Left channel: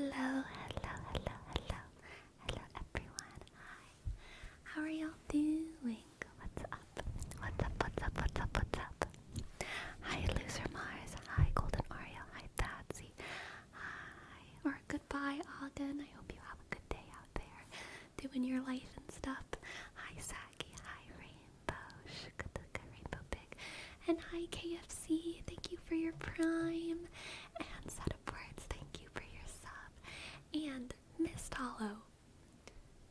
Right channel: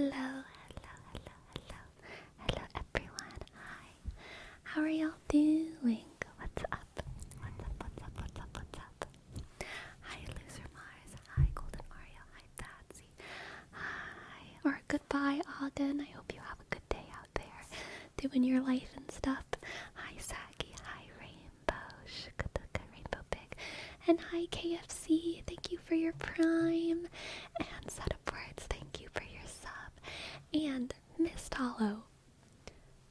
Hello, hello, hello, hello, hello everyone. Hi. How are y'all doing? What's up? What's up? What's up? What's up? What's up? Hi, Loser Mars. Hi, Golden Oreo. Hi, Patsy. Hi. Or goodbye, Ogden. I hope you have a good day out there, doing your life and stuff. Hi, Saki. Hi, Rainbow. Shukadaka, Rainbow Pig. And hi, KFC. Thank you for your Prime. And Set of Words. Thank you for your sub. And Mist Hollow.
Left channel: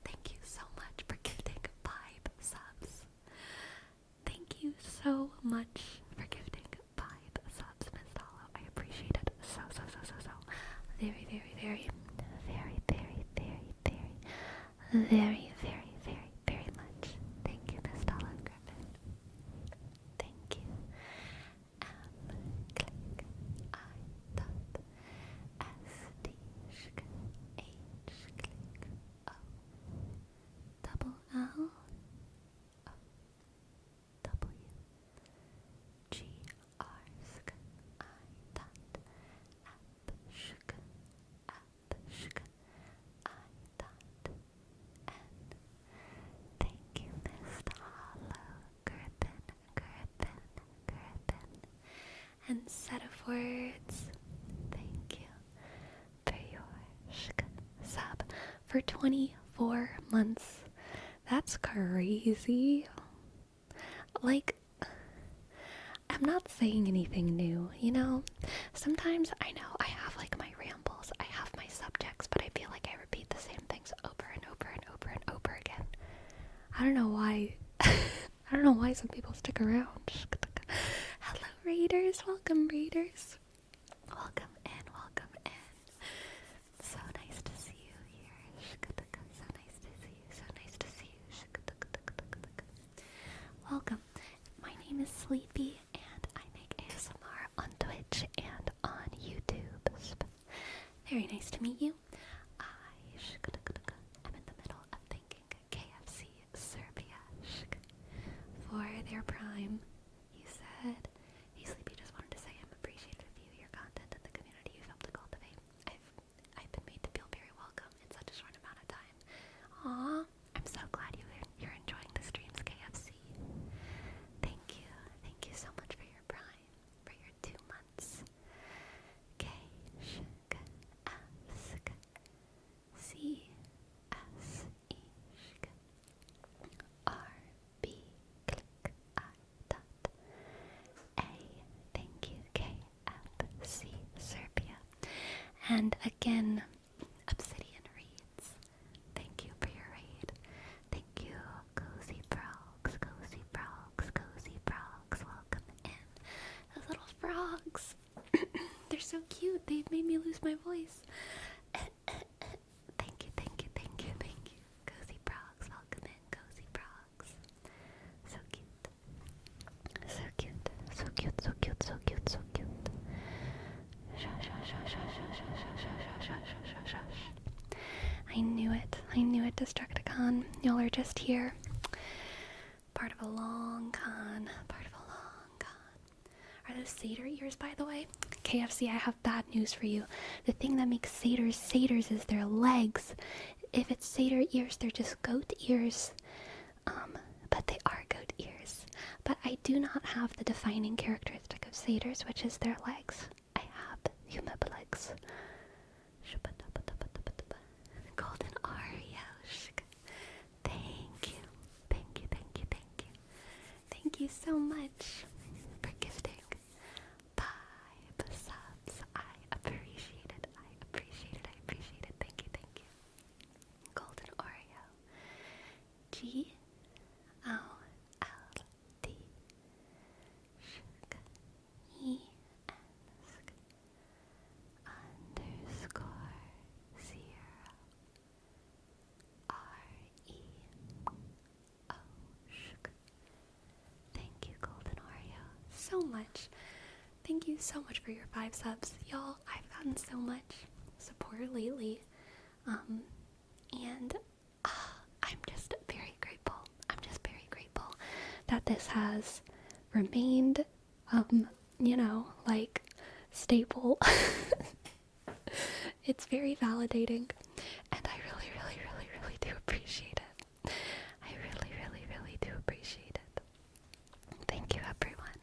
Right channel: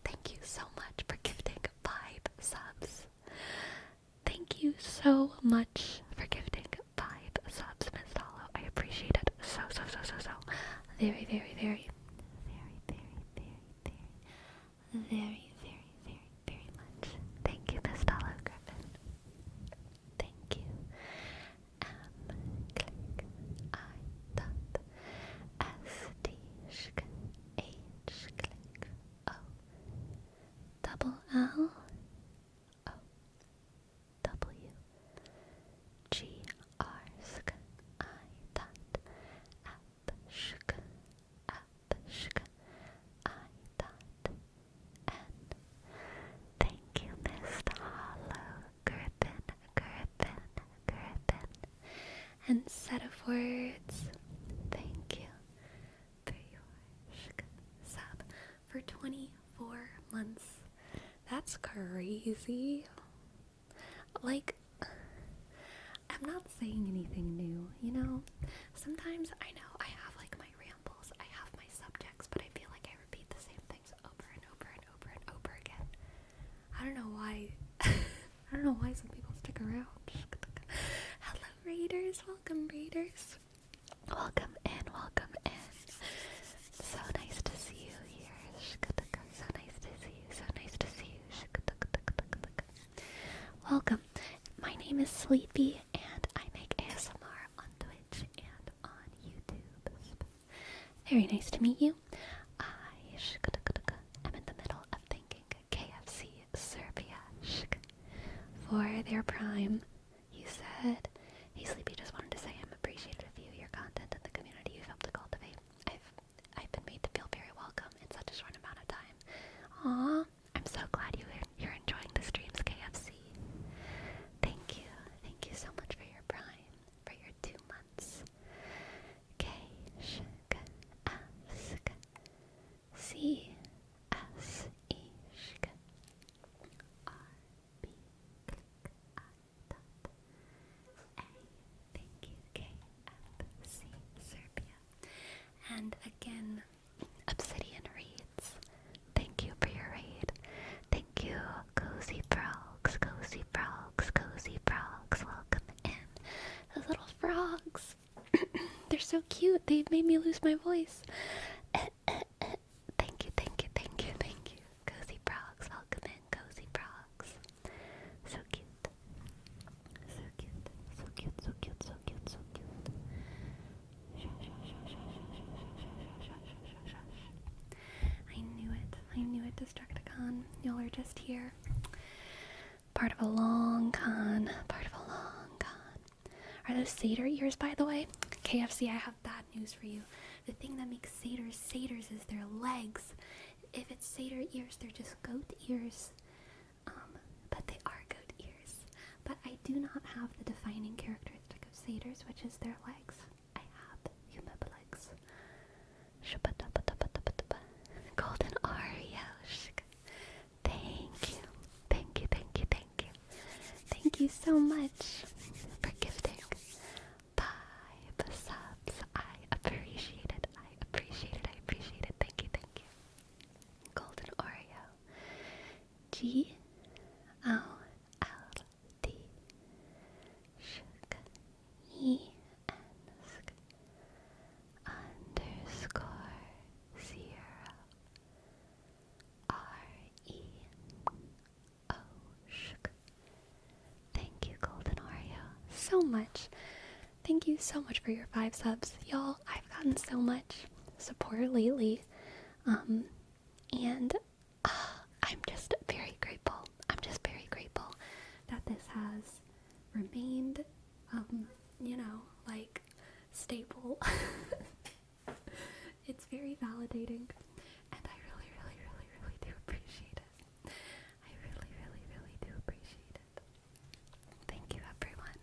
Thank you so much for gifting 5 subs. Thank you so much for gifting 5 subs, Miss Hollow. I appreciate it so very, very, very, very, very, very, very, very, very, very, very much. Thank you, Miss Hollow Griffin. Thank you. Click, I, dot, S, D, sh, H, click, O, double L, O, W, G, R, sk, I, dot, app, shk, I, dot, N. Thank you, Mist Hollow, Griffin, and Set of Words. Thank you for your sub for 24 months. That's crazy. Like, I'm not saying anything new, you know? Sometimes I know I have like my rambles, I have my subjects, but I feel like I repeat the same things over and over and over and over again. I don't know why. I don't know why some people stick around. Hello, Raiders. Welcome, Raiders. Welcome in, welcome in. So nice to see you here. So nice to see you, so nice to see you. Welcome. My name is Sleepy, and I make ASMR on Twitch and on YouTube. Very nice to meet you. I'm in the middle of thanking KFC Serbia for their Prime. You said, "Hey Sleepy, just wanted to say I'm appreciative of you, your content, and the community you've helped to cultivate. I've been made to feel very welcome in such a short amount of time." Aw, I'm so glad you're enjoying the streams, KFC. Thank you so much for your Prime, for your 2 months. K, sh, k, S, k, C, S, E, sh, k, R, B, click, I, dot, A. Thank you, KFC Serbia. And again, Obsidian Reads. Thank you for your raid. Thank you, Cozy Frogs, Cozy Frogs, Cozy Frogs. Welcome in. Those little frogs. They're so cute. They've made me lose my voice. Thank you, thank you, thank you, thank you. Cozy Frogs. Welcome in, Cozy Frogs. So cute. So cute. So cute, so cute, so cute, so cute. I knew it. I knew it, Destructicon. Y'all are just here. Part of a long con. Part of a long con. Are those satyr ears, by the way? KFC, I have bad news for you. The thing that makes satyrs is their legs. If it's satyr ears, they're just goat ears. But they are goat ears. But I do not have the defining characteristic of satyrs, which is their legs. I have human legs. Golden Oreo. Thank you. Thank you, thank you, thank you. Thank you so much for gifting 5 subs. I appreciate it. I appreciate it. I appreciate it. Thank you, thank you. Golden Oreo. G O L D E N underscore 0 R-E-O. Thank you, Golden Oreo, so much. Thank you so much for your 5 subs. Y'all, I've gotten so much support lately. And I'm just very grateful. I'm just very grateful that this has remained, like, staple It's very validating, and I really, really, really, really do appreciate it. I really, really, really do appreciate it. Thank you, everyone.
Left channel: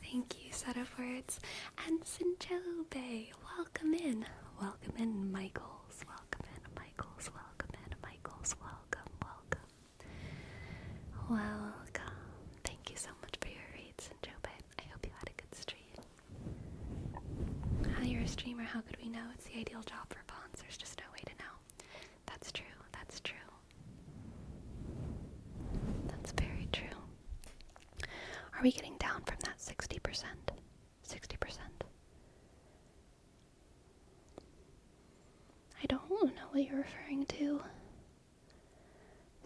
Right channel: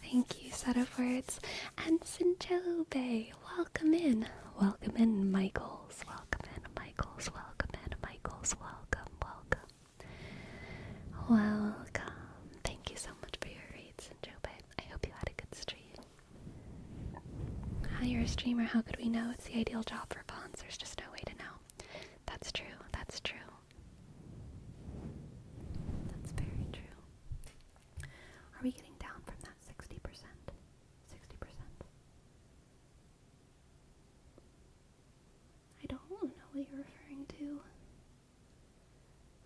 Thank you, Set of Words. And Sinjobe, welcome in. Welcome in, Michaels. Welcome in, Michaels. Welcome in, Michaels. Welcome, welcome. Welcome. Thank you so much for your reads, Sinjobe. I hope you had a good stream. Hi, you're a streamer. How could we know? It's the ideal job for pawns. There's just no way to know. That's true. That's true. That's very true. Are we getting down from that 60%? 60%. I don't know what you're referring to.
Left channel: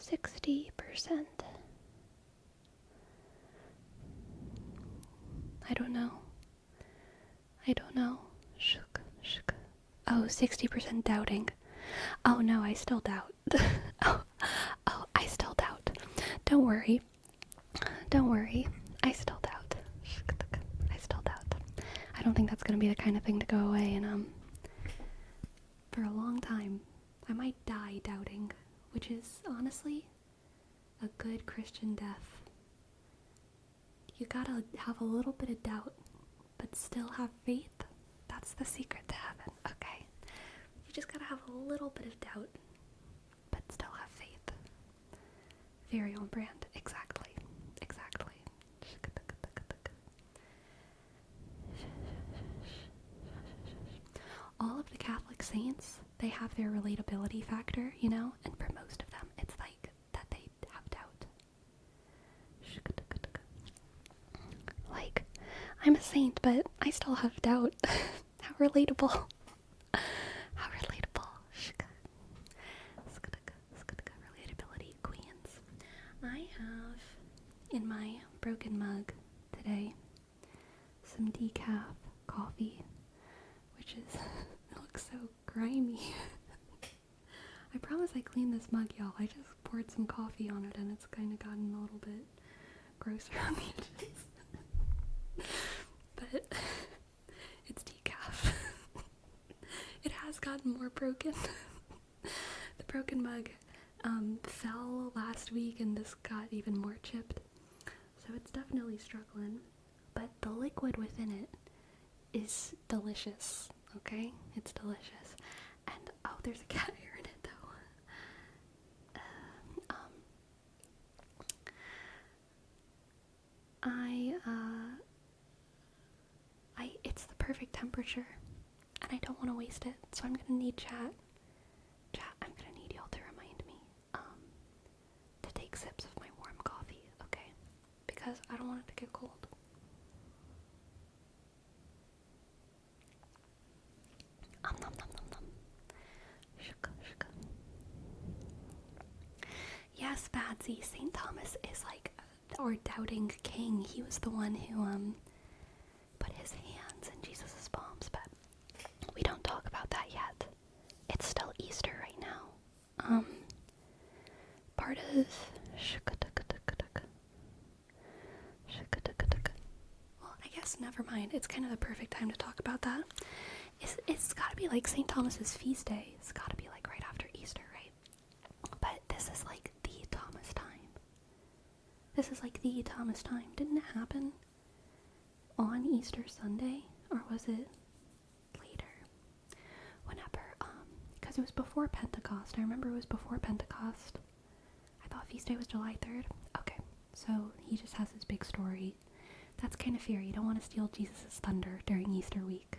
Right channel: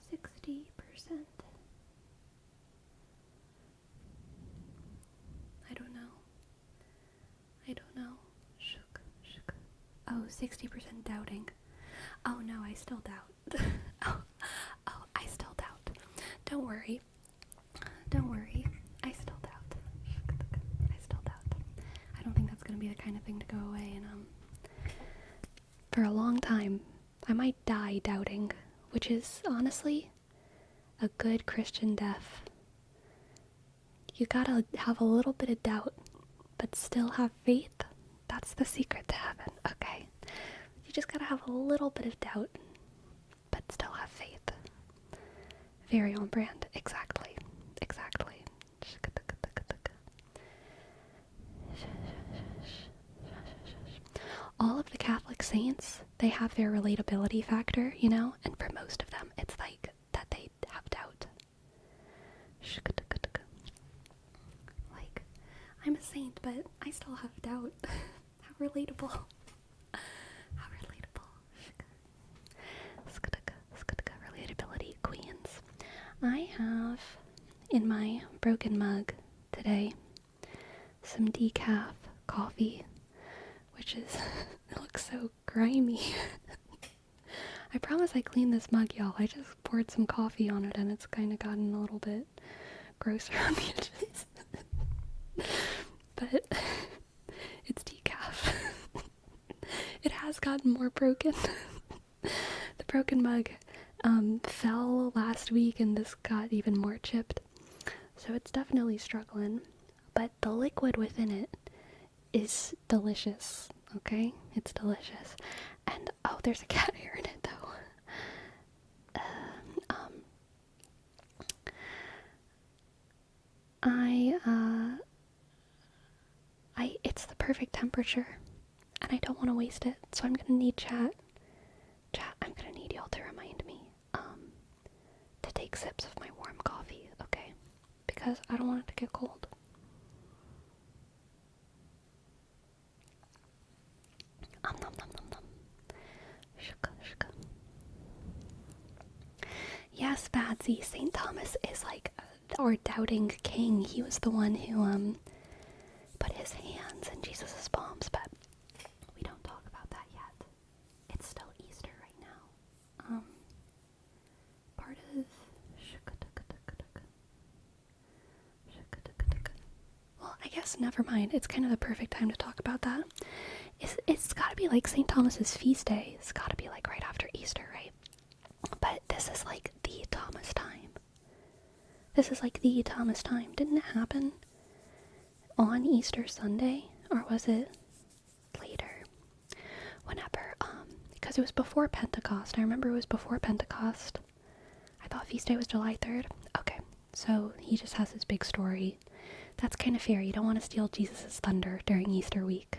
60%. I don't know. Shook. Oh, 60% doubting. Oh no, I still doubt. oh, I still doubt. Don't worry. I still doubt. I don't think that's gonna be the kind of thing to go away, and for a long time, I might die doubting, which is honestly a good Christian death. You gotta have a little bit of doubt, but still have faith. That's the secret to heaven, okay? You just gotta have a little bit of doubt, but still have faith. Very on brand. Exactly. All of the Catholic saints, they have their relatability factor, you know? And for most of them, it's like that they have doubt. Like, I'm a saint, but I still have doubt. How relatable. How relatable. Relatability queens. I have in my broken mug today some decaf coffee, which is, it looks so grimy. I promise I cleaned this mug, y'all. I just poured some coffee on it and it's kind of gotten a little bit gross around the edges. But it's decaf. It has gotten more broken. The broken mug fell last week and this got even more chipped. So it's definitely struggling. But the liquid within it is delicious, okay? It's delicious. And, oh, there's a cat hair in it, though. It's the perfect temperature, and I don't want to waste it, so I'm gonna need chat, I'm gonna need y'all to remind me, to take sips of my warm coffee, okay? Because I don't want it to get cold. Nom nom nom. Shuka. Yes, Badsy, St. Thomas is like our doubting king. He was the one who, put his hands in Jesus' palms, but we don't talk about that yet. It's still Easter right now. Part of... Well, I guess never mind. It's kind of the perfect time to talk about that. It's gotta be like St. Thomas's feast day. It's gotta be like right after Easter, right? But this is like the Thomas time. Didn't it happen on Easter Sunday? Or was it later? Whenever, because it was before Pentecost. I remember it was before Pentecost. I thought feast day was July 3rd. Okay, so he just has this big story. That's kind of fair. You don't want to steal Jesus' thunder during Easter week.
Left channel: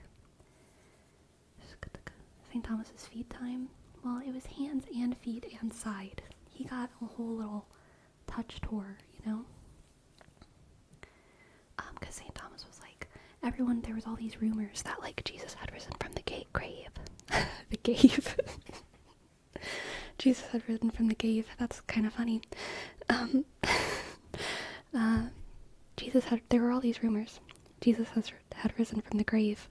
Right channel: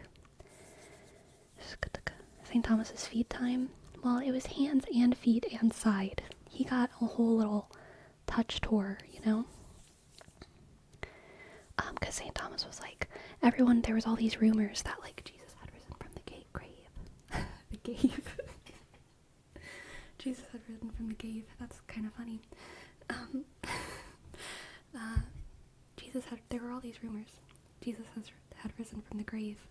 St. Thomas's feet time. Well, it was hands and feet and side. He got a whole little touch tour, you know? Because St. Thomas was like, there was all these rumors that, like, Jesus had risen from the grave. The cave. Jesus had risen from the cave. That's kind of funny. There were all these rumors. Jesus had risen from the grave.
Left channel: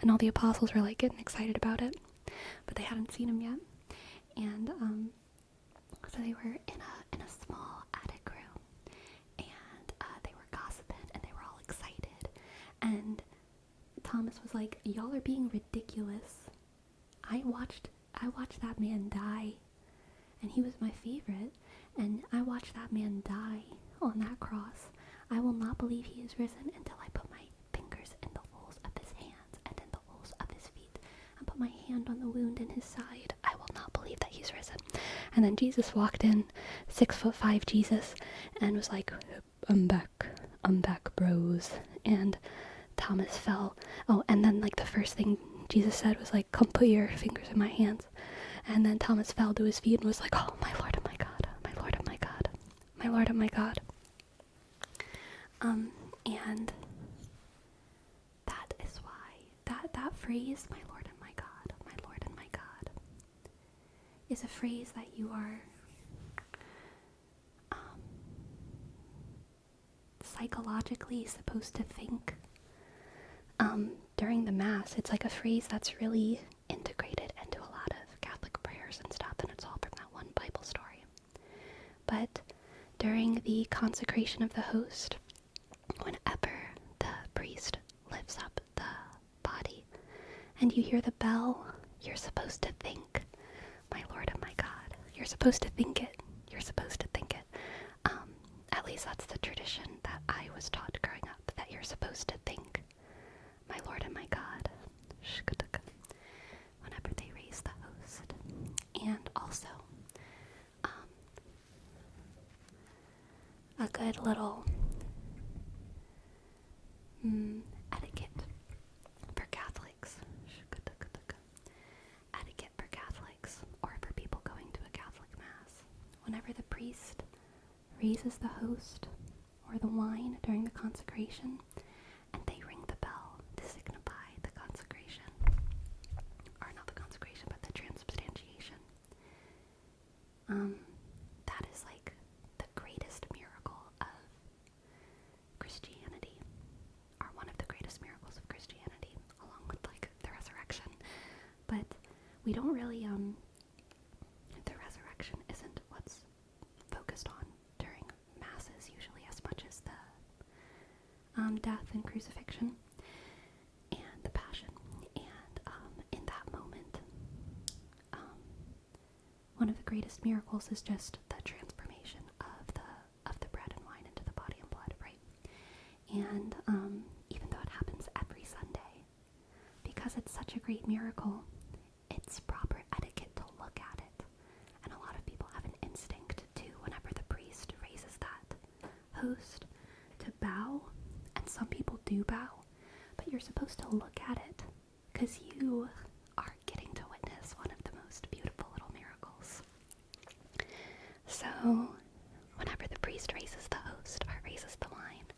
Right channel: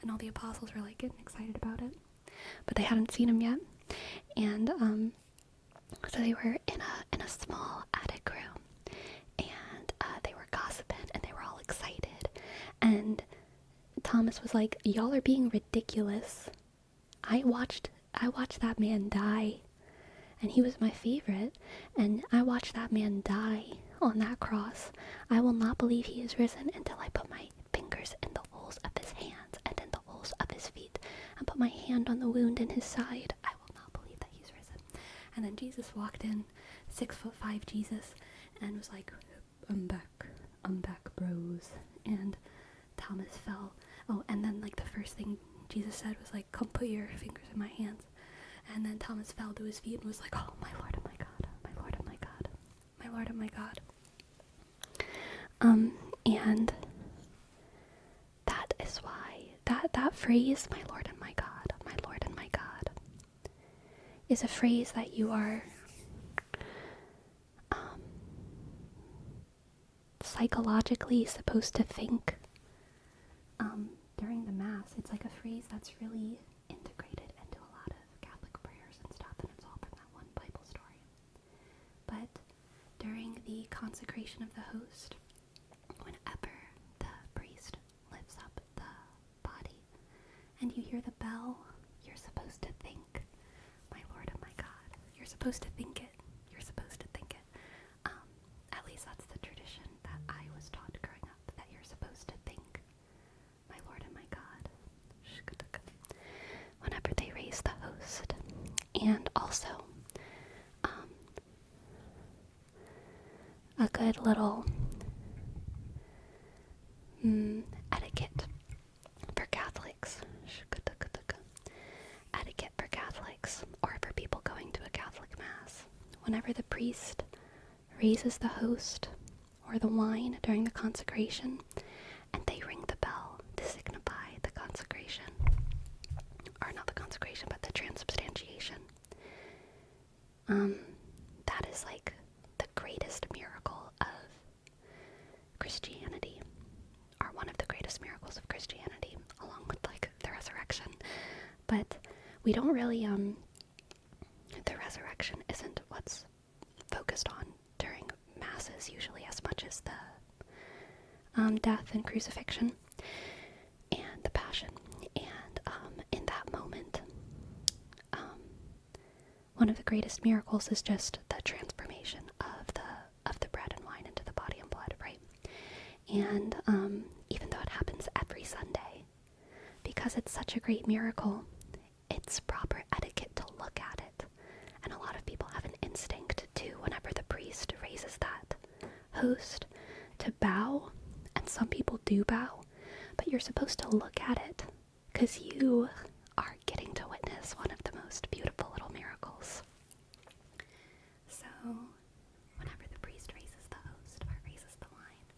And all the apostles were, like, getting excited about it. But they hadn't seen him yet. And, so they were in a small attic room. And, they were gossiping. And they were all excited. And Thomas was like, y'all are being ridiculous. I watched that man die, and he was my favorite, and I watched that man die on that cross. I will not believe he is risen until I put my fingers in the holes of his hands and in the holes of his feet and put my hand on the wound in his side. I will not believe that he's risen. And then Jesus walked in, 6'5" Jesus, and was like, I'm back, bros. And Thomas fell. Oh, and then like the first thing Jesus said was like, come put your fingers in my hands. And then Thomas fell to his feet and was like, oh, my Lord and my God, my Lord and my God, my Lord and my God. And that is why that phrase, my Lord and my God, my Lord and my God, is a phrase that you are psychologically supposed to think during the Mass. It's like a phrase that's really integrated into a lot of Catholic prayers and stuff, and it's all from that one Bible story. But during the consecration of the host, whenever the priest lifts up the body and you hear the bell, you're supposed to think, my Lord and my God. You're supposed to think it. You're supposed to think it. At least that's the tradition that I was taught growing up, that you're supposed to think, my Lord and my God, whenever they raise the host. And also, a good little etiquette for Catholics. Etiquette for Catholics, or for people going to a Catholic Mass. Whenever the priest raises the host or the wine during the consecration, and they ring the bell to signify the consecration, or not the consecration, but the transubstantiation, that is like the greatest miracle of Christianity, or one of the greatest miracles of Christianity, along with like the resurrection. But we don't really, the resurrection isn't what's focused on during Masses usually as much as the death and crucifixion and the passion. And in that moment, one of the greatest miracles is just the transformation of the bread and wine into the body and blood, right? And even though it happens every Sunday, because it's such a great miracle, it's proper etiquette to look at it. And a lot of people have an instinct to, whenever the priest raises that host, to bow. And some people do bow, but you're supposed to look at it, because you are getting to witness one of the most beautiful little miracles. So, whenever the priest raises the host or raises the wine,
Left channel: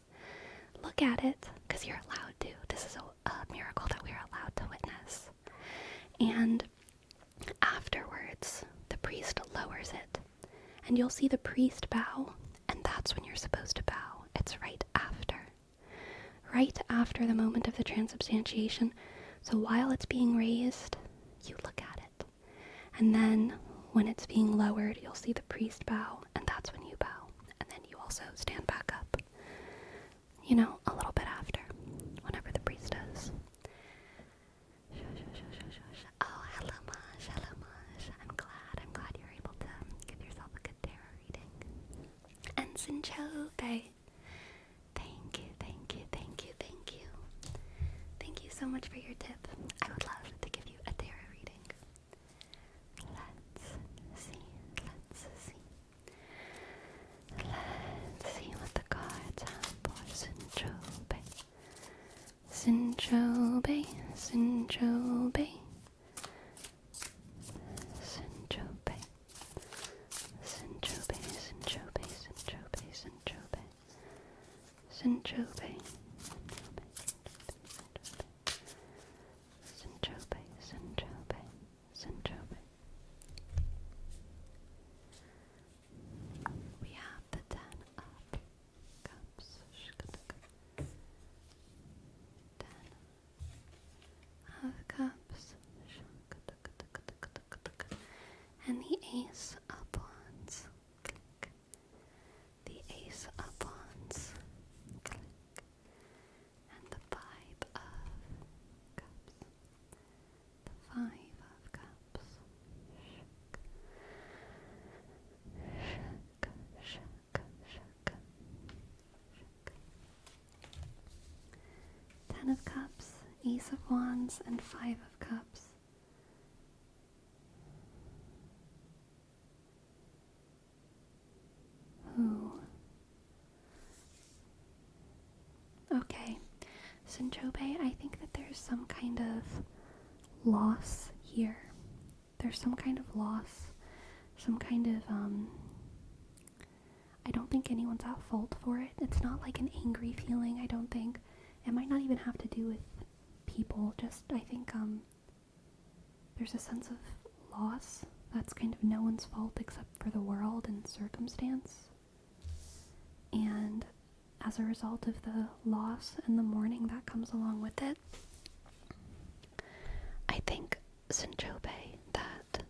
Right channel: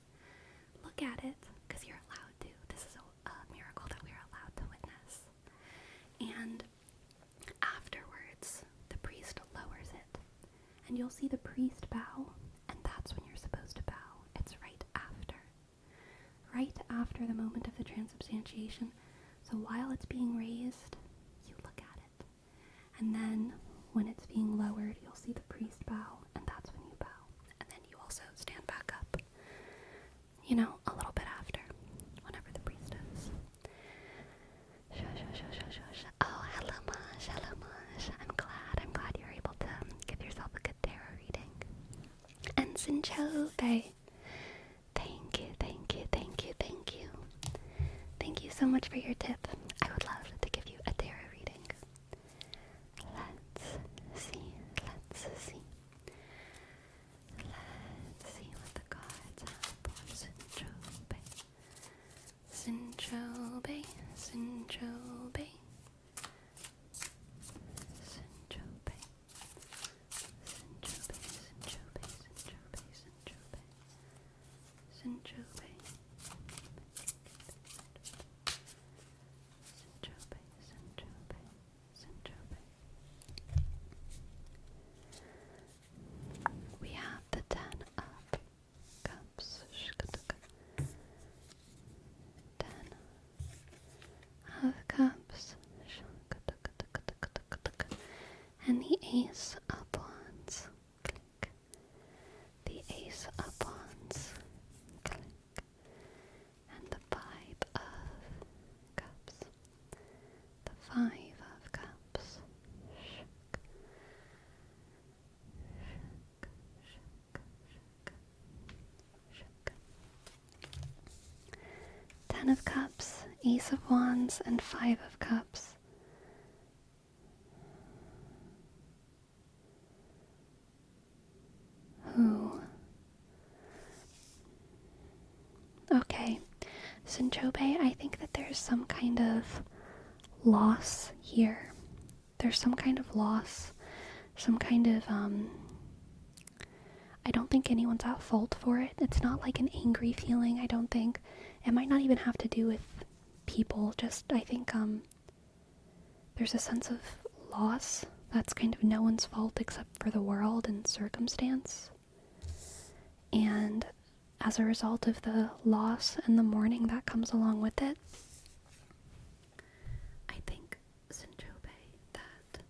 look at it, because you're allowed to. This is a miracle that we're allowed to witness. And afterwards, the priest lowers it, and you'll see the priest bow, and that's when you're supposed to bow. It's right after the moment of the transubstantiation. So while it's being raised, you look at it. And then when it's being lowered, you'll see the priest bow, and that's when you bow. And then you also stand back up, a little bit after, whenever the priest does. Oh, hello, Maj. I'm glad you're able to give yourself a good tarot reading. And Sinchobe, thank you. Thank you so much for your tip. I would love to give you a tarot reading. Let's see what the cards have for Sinchobe. Sinchobe. We have the 10 of Cups. 10 of Cups. And the Ace of Wands. Click. The Ace of Wands. Click. And the 5 of Cups. The 5 of Cups. Ten of Cups, Ace of Wands, and Five of Cups. Ooh. Okay, Sinchobe, I think that there's some kind of loss here. There's some kind of loss, some kind of, I don't think anyone's at fault for it. It's not like an angry feeling, I don't think. It might not even have to do with people, just, I think, there's a sense of loss that's kind of no one's fault except for the world and circumstance. And as a result of the loss and the mourning that comes along with it, I think, Sinchobe, that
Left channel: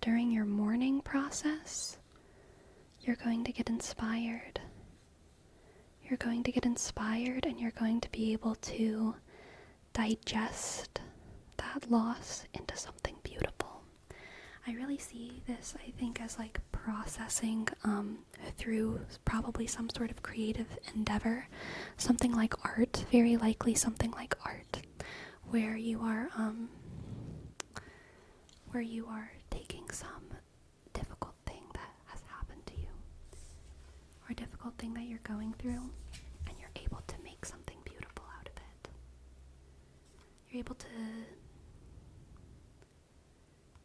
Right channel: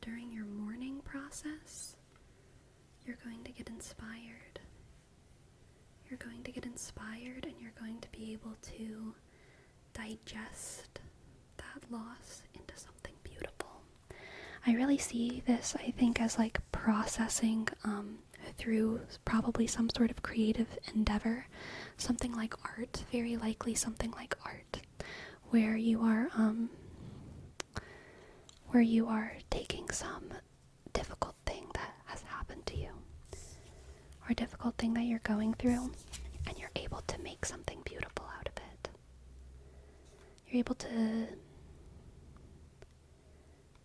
during your mourning process, you're going to get inspired. You're going to get inspired and you're going to be able to digest that loss into something beautiful. I really see this, I think, as like processing through probably some sort of creative endeavor, something like art, very likely something like art, where you are taking some difficult thing that has happened to you, or a difficult thing that you're going through, and you're able to make something beautiful out of it. You're able to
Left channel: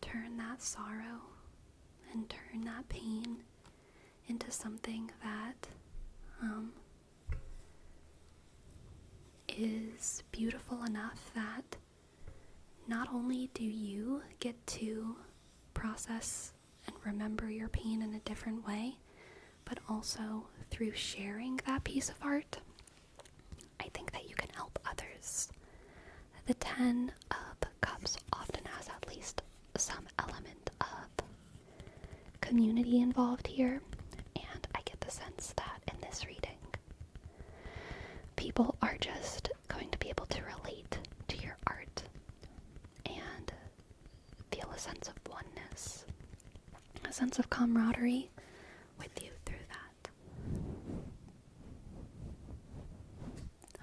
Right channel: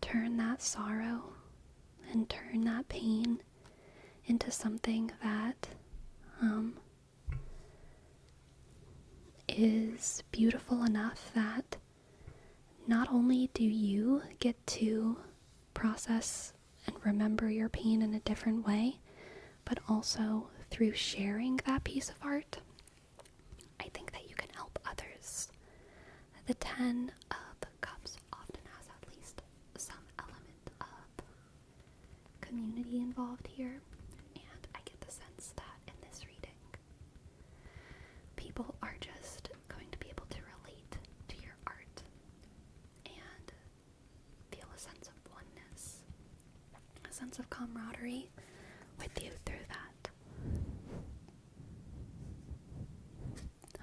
turn that sorrow and turn that pain into something that is beautiful enough that not only do you get to process and remember your pain in a different way, but also through sharing that piece of art, I think that you can help others. The Ten of Cups often has at least some element of community involved here, and I get the sense that in this reading, people are just going to be able to relate to your art and feel a sense of oneness, a sense of camaraderie with you through that.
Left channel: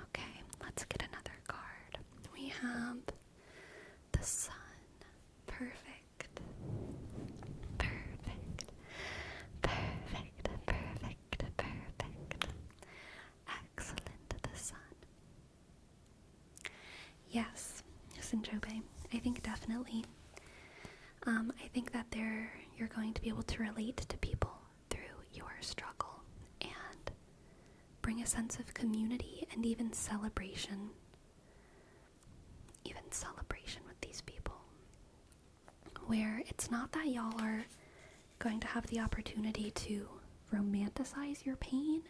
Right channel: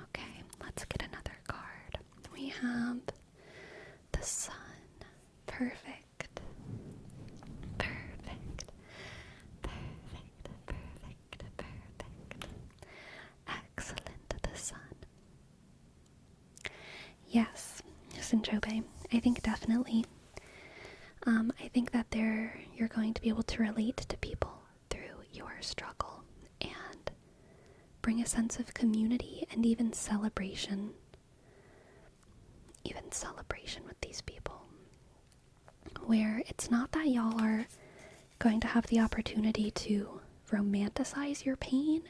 Okay, let's get another card. We have the Sun. Perfect. Perfect. Perfect. Perfect. Perfect. Excellent. The Sun. Yes, Sinchobe. I think definitely. I think that you're going to be able to relate to people through your struggle and bring a sense of community and even celebration with these people, where it's not that y'all are going to have the opportunity to romanticize your pain.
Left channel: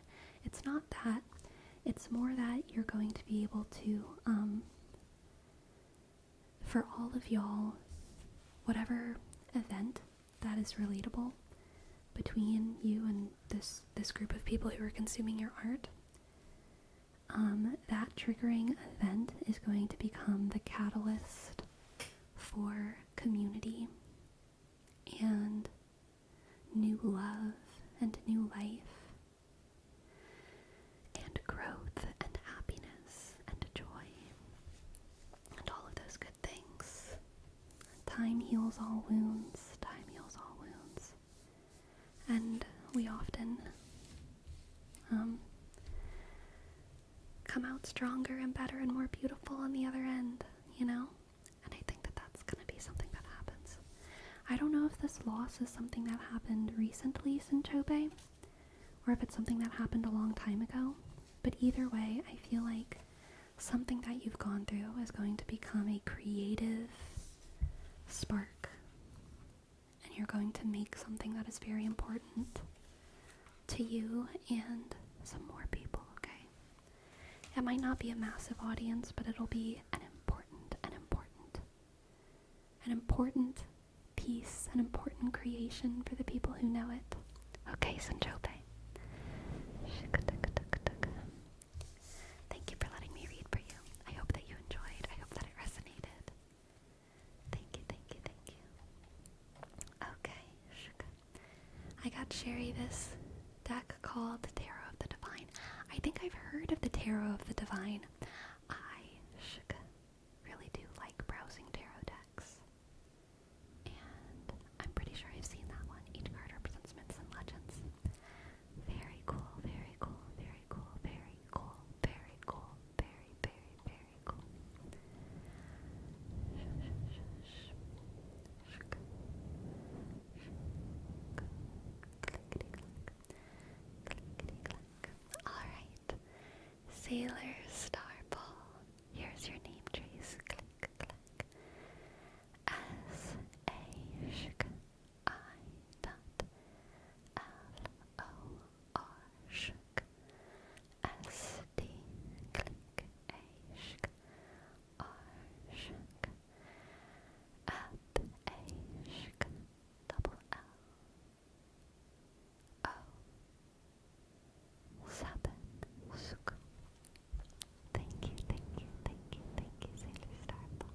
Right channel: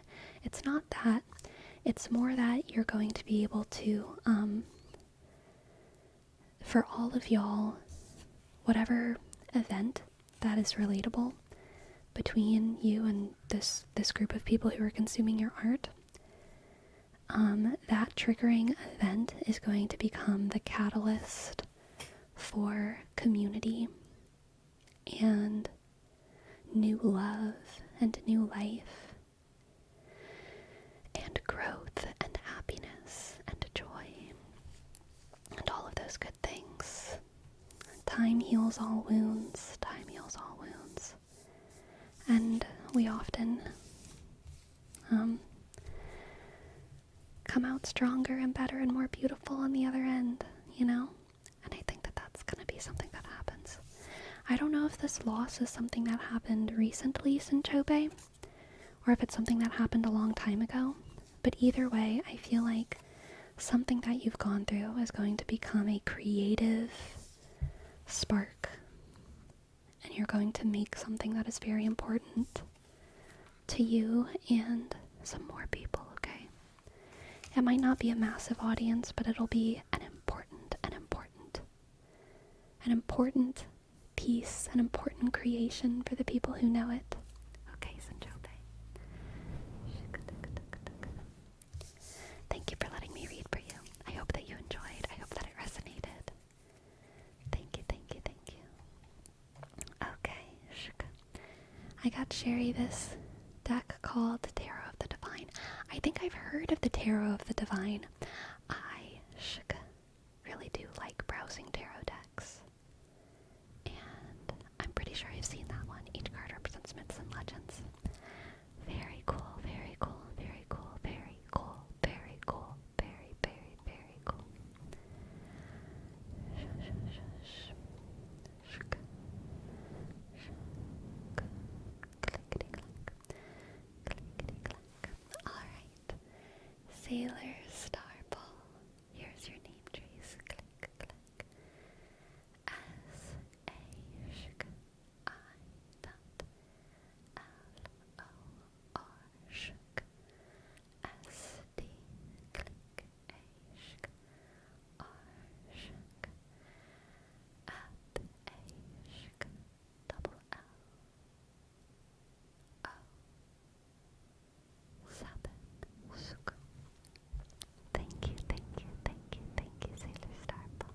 It's not that. It's more that you're going to be able to, for all of y'all, whatever event that is relatable between you and this group of people who are consuming your art, that triggering event is going to become the catalyst for community and new love and new life and growth and happiness and joy and all of those good things. Time heals all wounds. Time heals all wounds. And we often come out stronger and better and more beautiful on the other end, you know? And I think that that's going to be something that happens. I don't know if this loss is something that happened recently, Sinchobe, or if it's something that happened a long time ago. But either way, I feel like something that you've gone through is going to become a creative spark. And you're going to make something that is very important to you and some more people, okay? It might not be a massive audience, but it'll be an important piece, an important creation for the people who know it. Okay, Sinchobe. Thank you for letting me read for you. I hope that you enjoyed. I hope that it resonated. Thank you, thank you, thank you. Okay, I got Sherry this deck called Tarot of the Divine. I think I've heard of the Tarot of the Divine. I really do like browsing tarot decks. And I'm pretty sure I've seen that one. Each card represents myths and legends. Very cool, very cool, very cool, very cool, very cool, very, very, very cool. Alright. Sailor Starball. Here's your name trace. Click, click. S-A-I dot L-O-R shk. S-D click A-shk. R-shk. Up-A-shk. Double L-O. 7 shk. Thank you, thank you, thank you, thank you, Sailor Starball.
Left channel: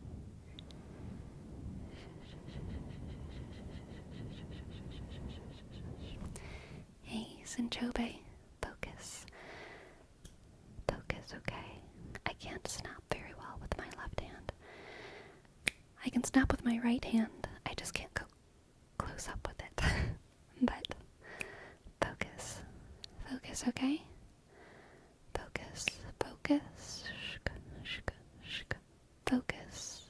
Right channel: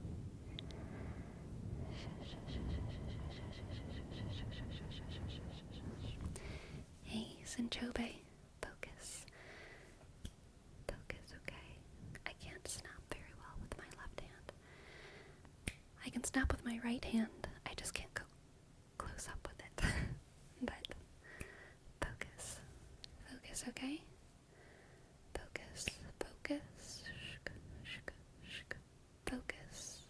Hey, Sinchobe, focus. Focus, okay? I can't snap very well with my left hand. I can snap with my right hand. I just can't go close up with it. But focus. Focus, okay? Focus, focus. Shk, shk, shk. Focus.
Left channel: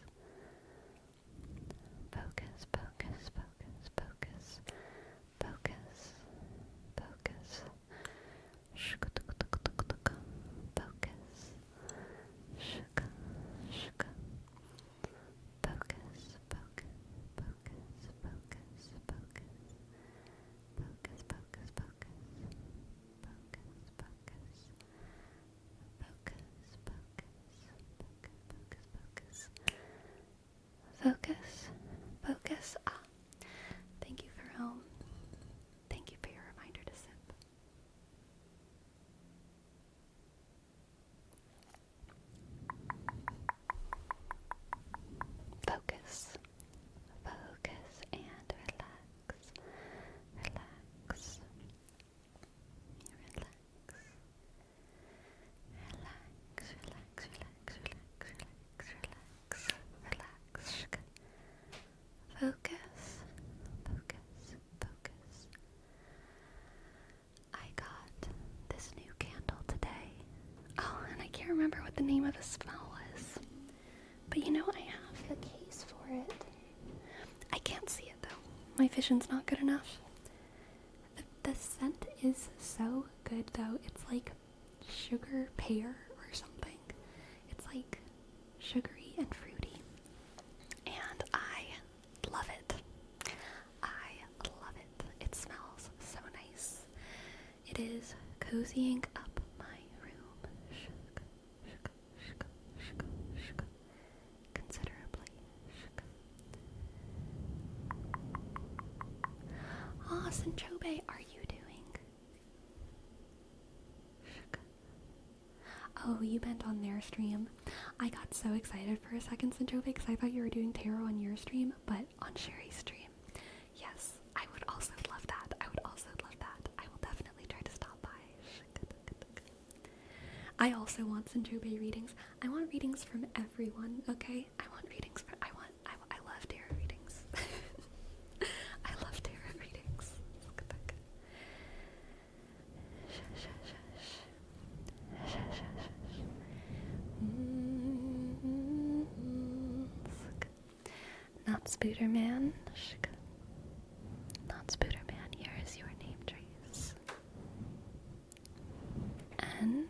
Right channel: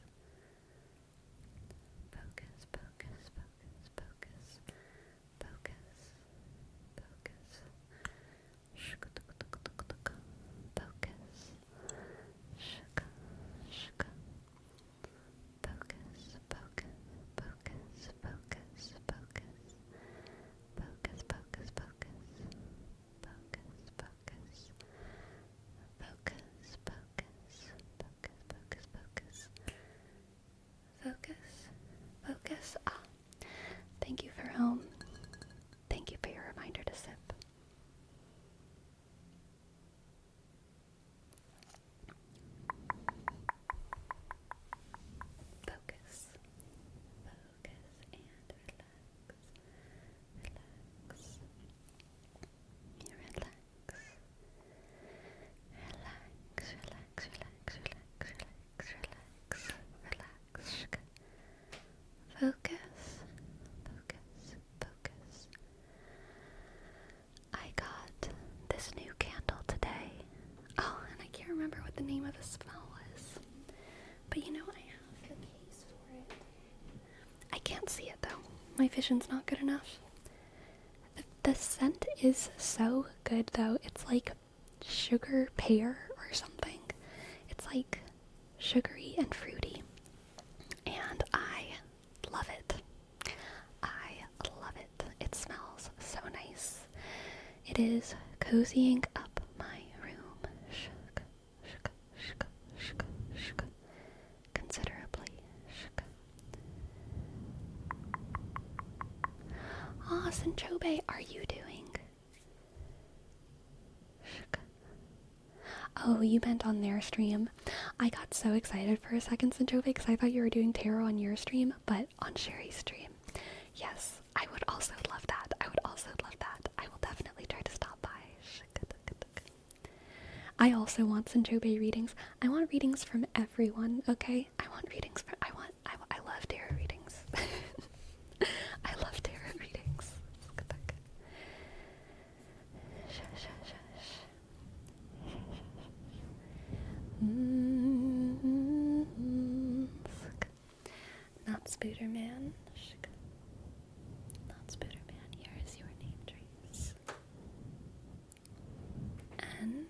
Focus, focus, focus, focus. Focus. Focus. Shk, tuk, tuk, tuk, tuk. Focus. Shk, shk. Focus, focus, focus, focus, focus. Focus, focus, focus. Focus, focus. Focus, focus. Focus, focus, focus. Focus, focus. Ah, thank you for home. Thank you for your reminder to sip. Focus. Focus and relax. Relax. Relax. Relax, relax, relax, relax, relax, relax, relax. Focus, focus, focus. I got this new candle today. Oh, and I can't remember what the name of the smell was. But you know, I have the case for it. I can't see it though. My vision's not good enough. The scent is so good though. It's like sugar pear or something. It's like sugary and fruity. And I love it. I love it. It smells so nice. It is cozying up my room. Shuk, shuk, shuk, shuk, shuk. Considerably. Shuk. Ah, Sinchobe, are you doing? Shuk. Oh, you meant on their stream. I got so excited for a second, Sinchobe, because I thought you were doing tarot on your stream, but on Sherry's stream. Yes, I would also love that. I would also love that. I will definitely try to stop by. I also want Sinchobe readings. I want readings from everyone, okay? I want readings from, I love tarot readings. I love tarot readings. Not Spooderman. Not Spooderman. Here is your name trace. N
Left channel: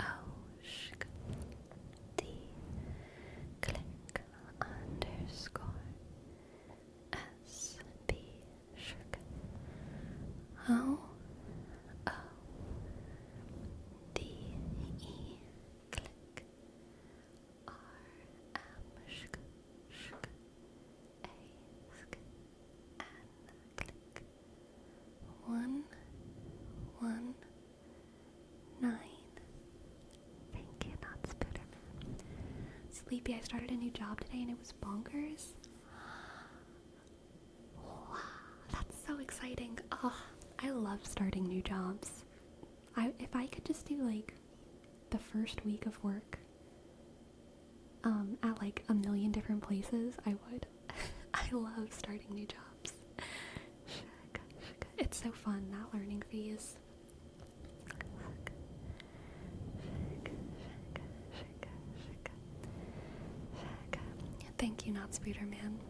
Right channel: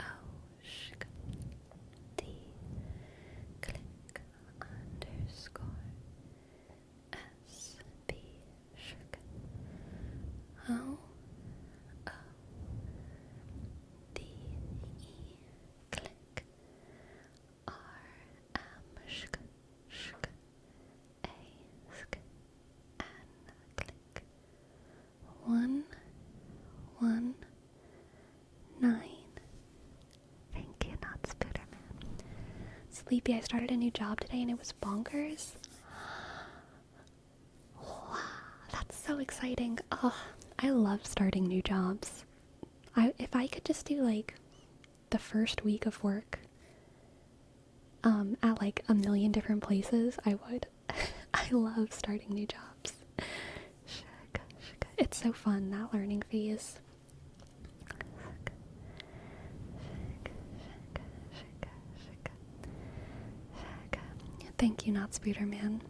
O D click underscore S B O O D E click R M shk shk A sk N click 119. Thank you, not Spooderman. Sleepy, I started a new job today and it was bonkers. Wow, that's so exciting. Oh, I love starting new jobs. If if I could just do, like, the first week of work, at, like, a million different places, I would. I love starting new jobs. It's so fun, that learning phase. Thank you, Not Spooderman.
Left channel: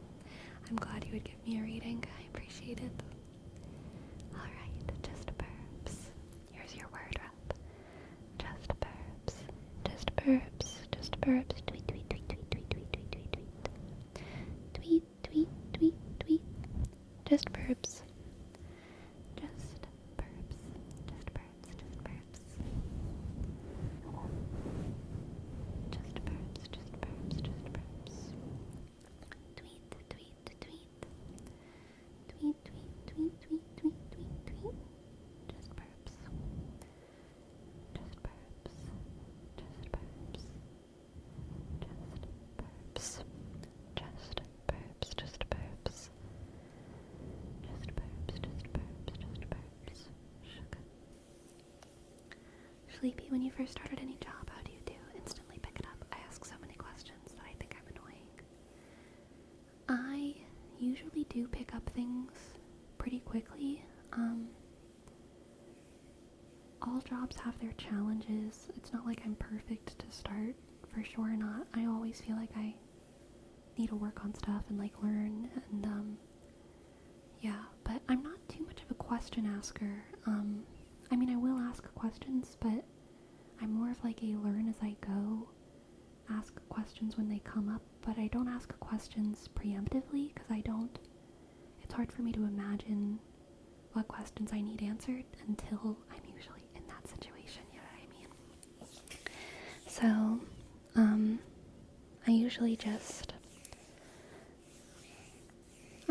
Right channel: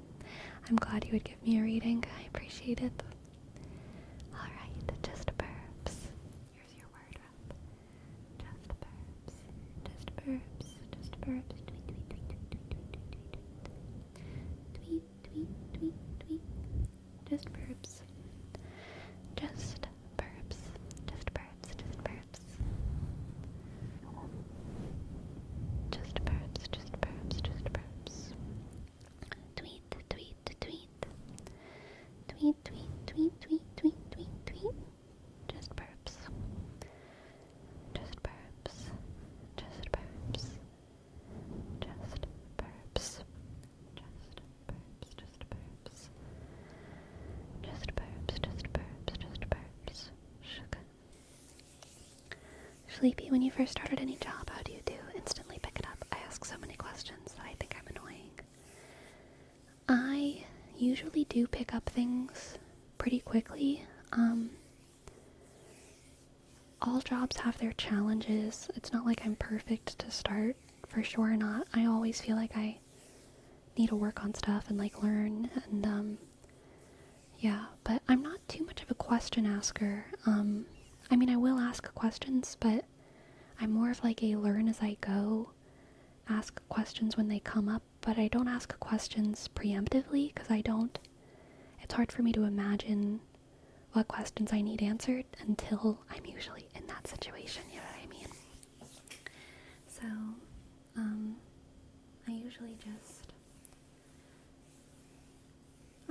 I'm glad you would give me a reading. I appreciate it. Alright, just burps. Here's your word rep. Just burps. Just burps. Just burps. Tweet, tweet, tweet, tweet, tweet, tweet, tweet, tweet, tweet. Tweet, tweet, tweet, tweet. Just burps. Just burps. Just burps. Just burps. Just burps. Just burps. Just burps. Tweet, tweet, tweet. Tweet, tweet, tweet, tweet, tweet, tweet, tweet. Just burps. Just burps. Just burps. Just burps. Just burps. Just burps. Just burps. Just burps. Just burps. Sugar. Sleepy, when you first started any job, how do you do? Instantly pick it up. I ask so many questions that I think I'm annoying. I usually do pick up things pretty quickly. All jobs have their challenges. It's not like I'm perfect to start, for sure not. I always feel like I need to work on stuff and, like, learn, and yeah, but I'm not too much of a question asker. I mean, I will ask questions, but I'm more of like a learn as I go, ask questions when they come up, but I don't ask questions preemptively, because it's hard for me to imagine what questions I need answered until I'm usually in that situation, you know what I mean? So,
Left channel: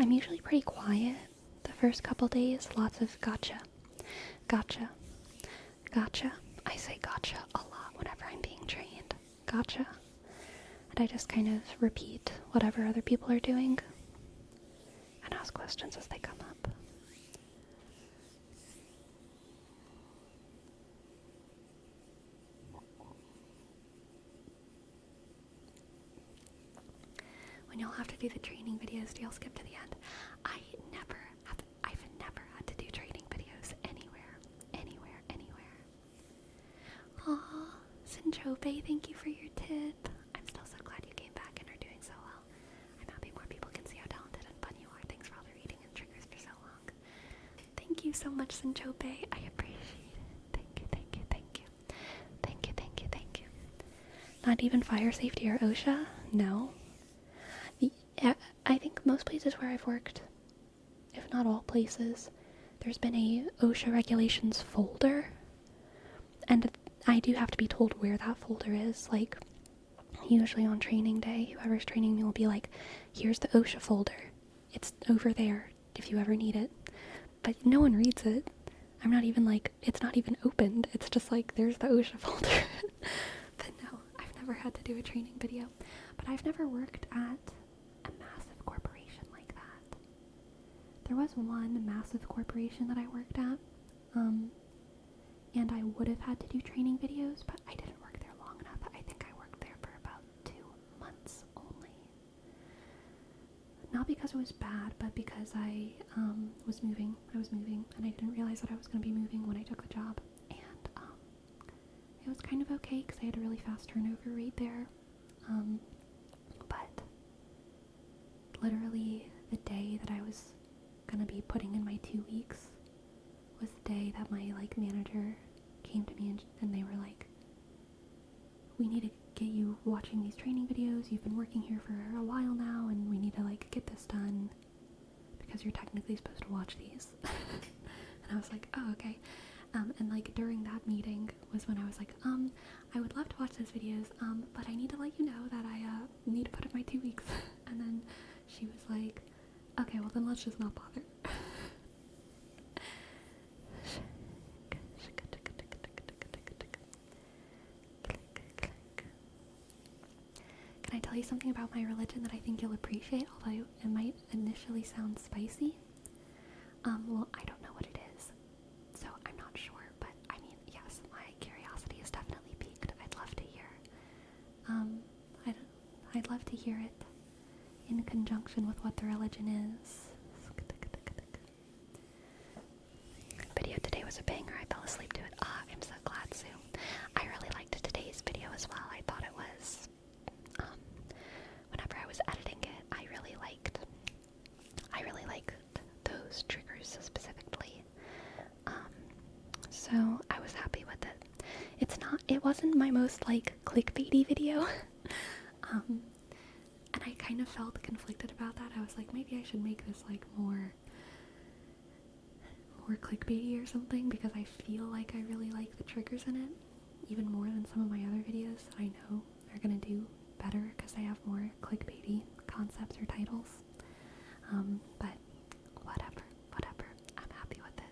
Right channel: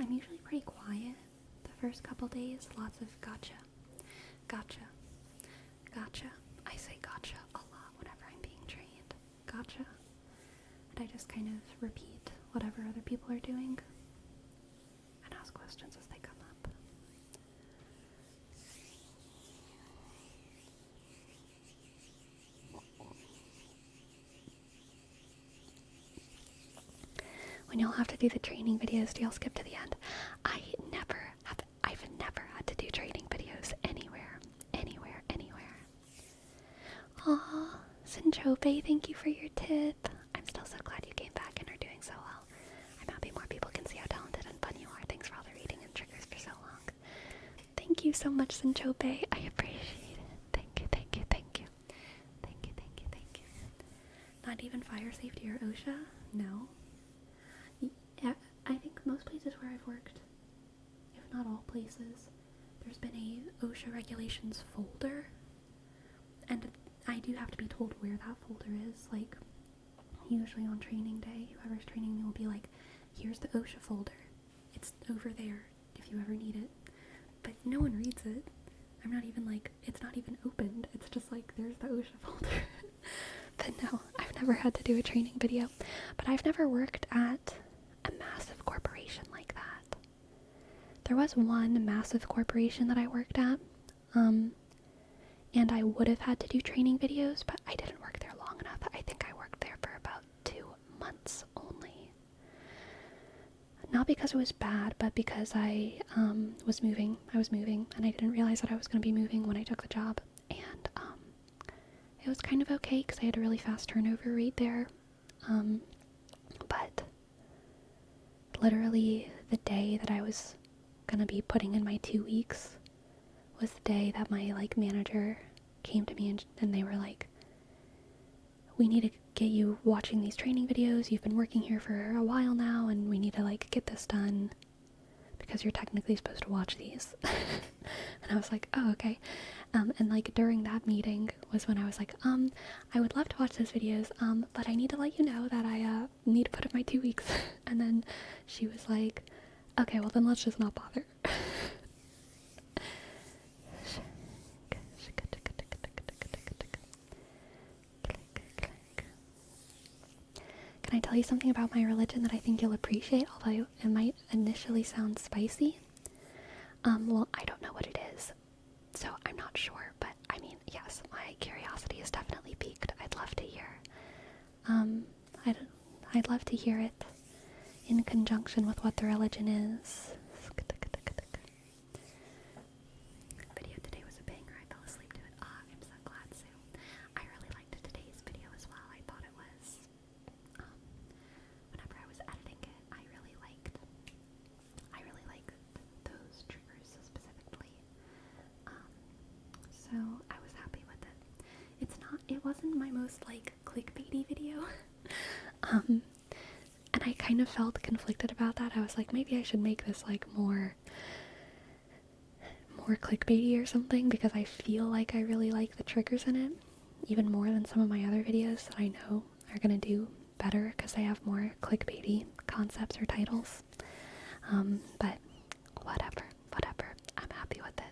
I'm usually pretty quiet the first couple days, lots of gotcha, gotcha, gotcha. I say gotcha a lot whenever I'm being trained, gotcha. And I just kind of repeat whatever other people are doing and ask questions as they come up. When y'all have to do the training videos, do y'all skip to the end? I've never had to do training videos anywhere. Aw, Sinchobe, thank you for your tip. I'm still so glad you came back and are doing so well. I'm happy more people can see how talented and fun you are. Thanks for all the reading and triggers for so long. Thank you so much, Sinchobe. I appreciate it. Thank you, thank you, thank you. Thank you, thank you, thank you. Not even fire safety or OSHA? No. I think most places where I've worked, if not all places, there's been a OSHA regulations folder, and I do have to be told where that folder is. Like, usually on training day, whoever's training me will be like, here's the OSHA folder. It's over there if you ever need it. But no one reads it. I'm not even like, it's not even opened. It's just like, there's the OSHA folder. But no, I've never had to do a training video. But I've never worked at a massive corporation like that. There was one massive corporation that I worked at, and I would have had to do training videos, but I didn't work there long enough. I think I worked there for about 2 months only. Not because it was bad, but because I was moving. I was moving, and I didn't realize that I was going to be moving when I took the job. And it was kind of okay, because I had a really fast turnover rate there. But literally the day that I was gonna be putting in my 2 weeks was the day that my, like, manager came to me and they were like, we need to get you watching these training videos. You've been working here for a while now, and we need to, like, get this done because you're technically supposed to watch these. And I was like, oh, okay. And, like, during that meeting was when I was like, I would love to watch those videos, but I need to let you know that I need to put in my 2 weeks. And then she was like, okay, well then let's just not bother. Can I tell you something about my religion that I think you'll appreciate, although it might initially sound spicy? Well, I don't know what it is, so I'm not sure, but I mean, yes, my Um, I'd, I'd love to hear it in conjunction with what the religion is. Video today was a banger. I fell asleep to it. Ah, I'm so glad, Sue. I really liked today's video as well. I thought it was, whenever I was editing it, I really liked those triggers specifically. So I was happy with it. It wasn't my most, like, clickbaity video. And I kind of felt conflicted about that. I was like, maybe I should make this, like, more clickbaity or something, because I feel like I really like the triggers in it, even more than some of my other videos that I know are gonna do better because they have more clickbaity concepts or titles. But whatever. I'm happy with it.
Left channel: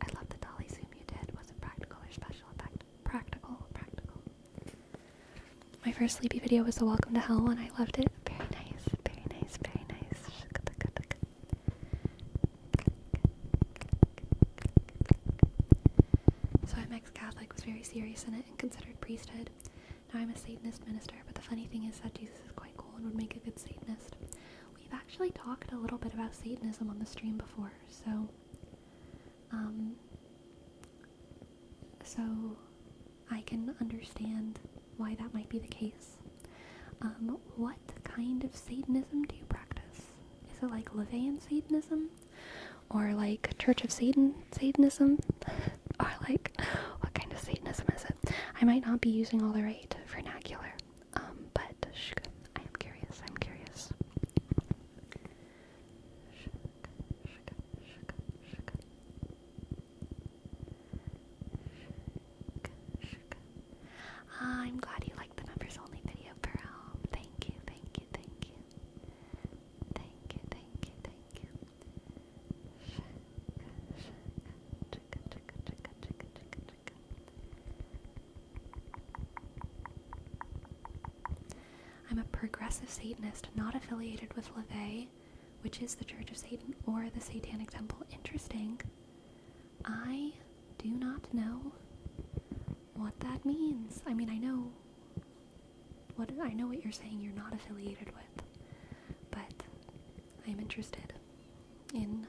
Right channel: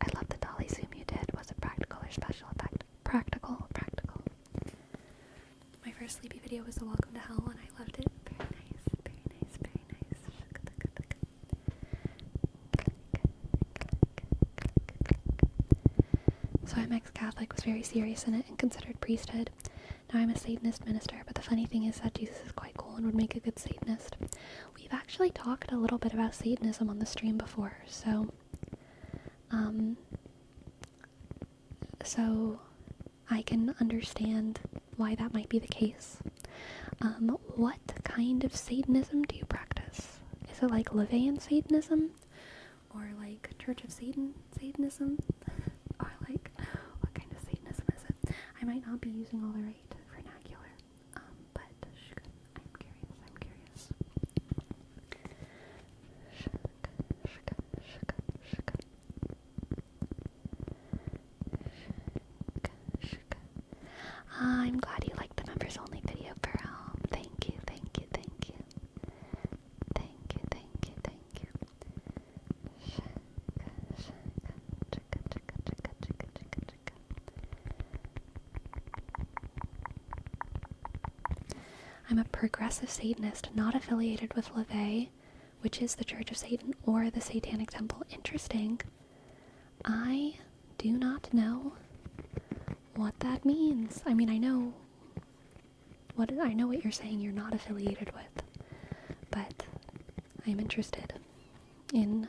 I love the dolly zoom you did. Was it practical or special effect? Practical. My first sleepy video was the Welcome to Hell one. I loved it. Very nice. So I'm ex-Catholic, was very serious in it, and considered priesthood. Now I'm a Satanist minister, but the funny thing is that Jesus is quite cool and would make a good Satanist. We've actually talked a little bit about Satanism on the stream before, so I can understand why that might be the case. What kind of Satanism do you practice? Is it like Levian Satanism? Or like Church of Satanism? Or like, what kind of Satanism is it? I might not be using all the right vernacular, but I am curious. I'm glad you liked the members only video, Pearl. Thank you. I'm a progressive Satanist, not affiliated with LaVey, which is the Church of Satan, or the Satanic Temple. Interesting. I do not know what that means. I mean, I know what you're saying you're not affiliated with, but I'm interested in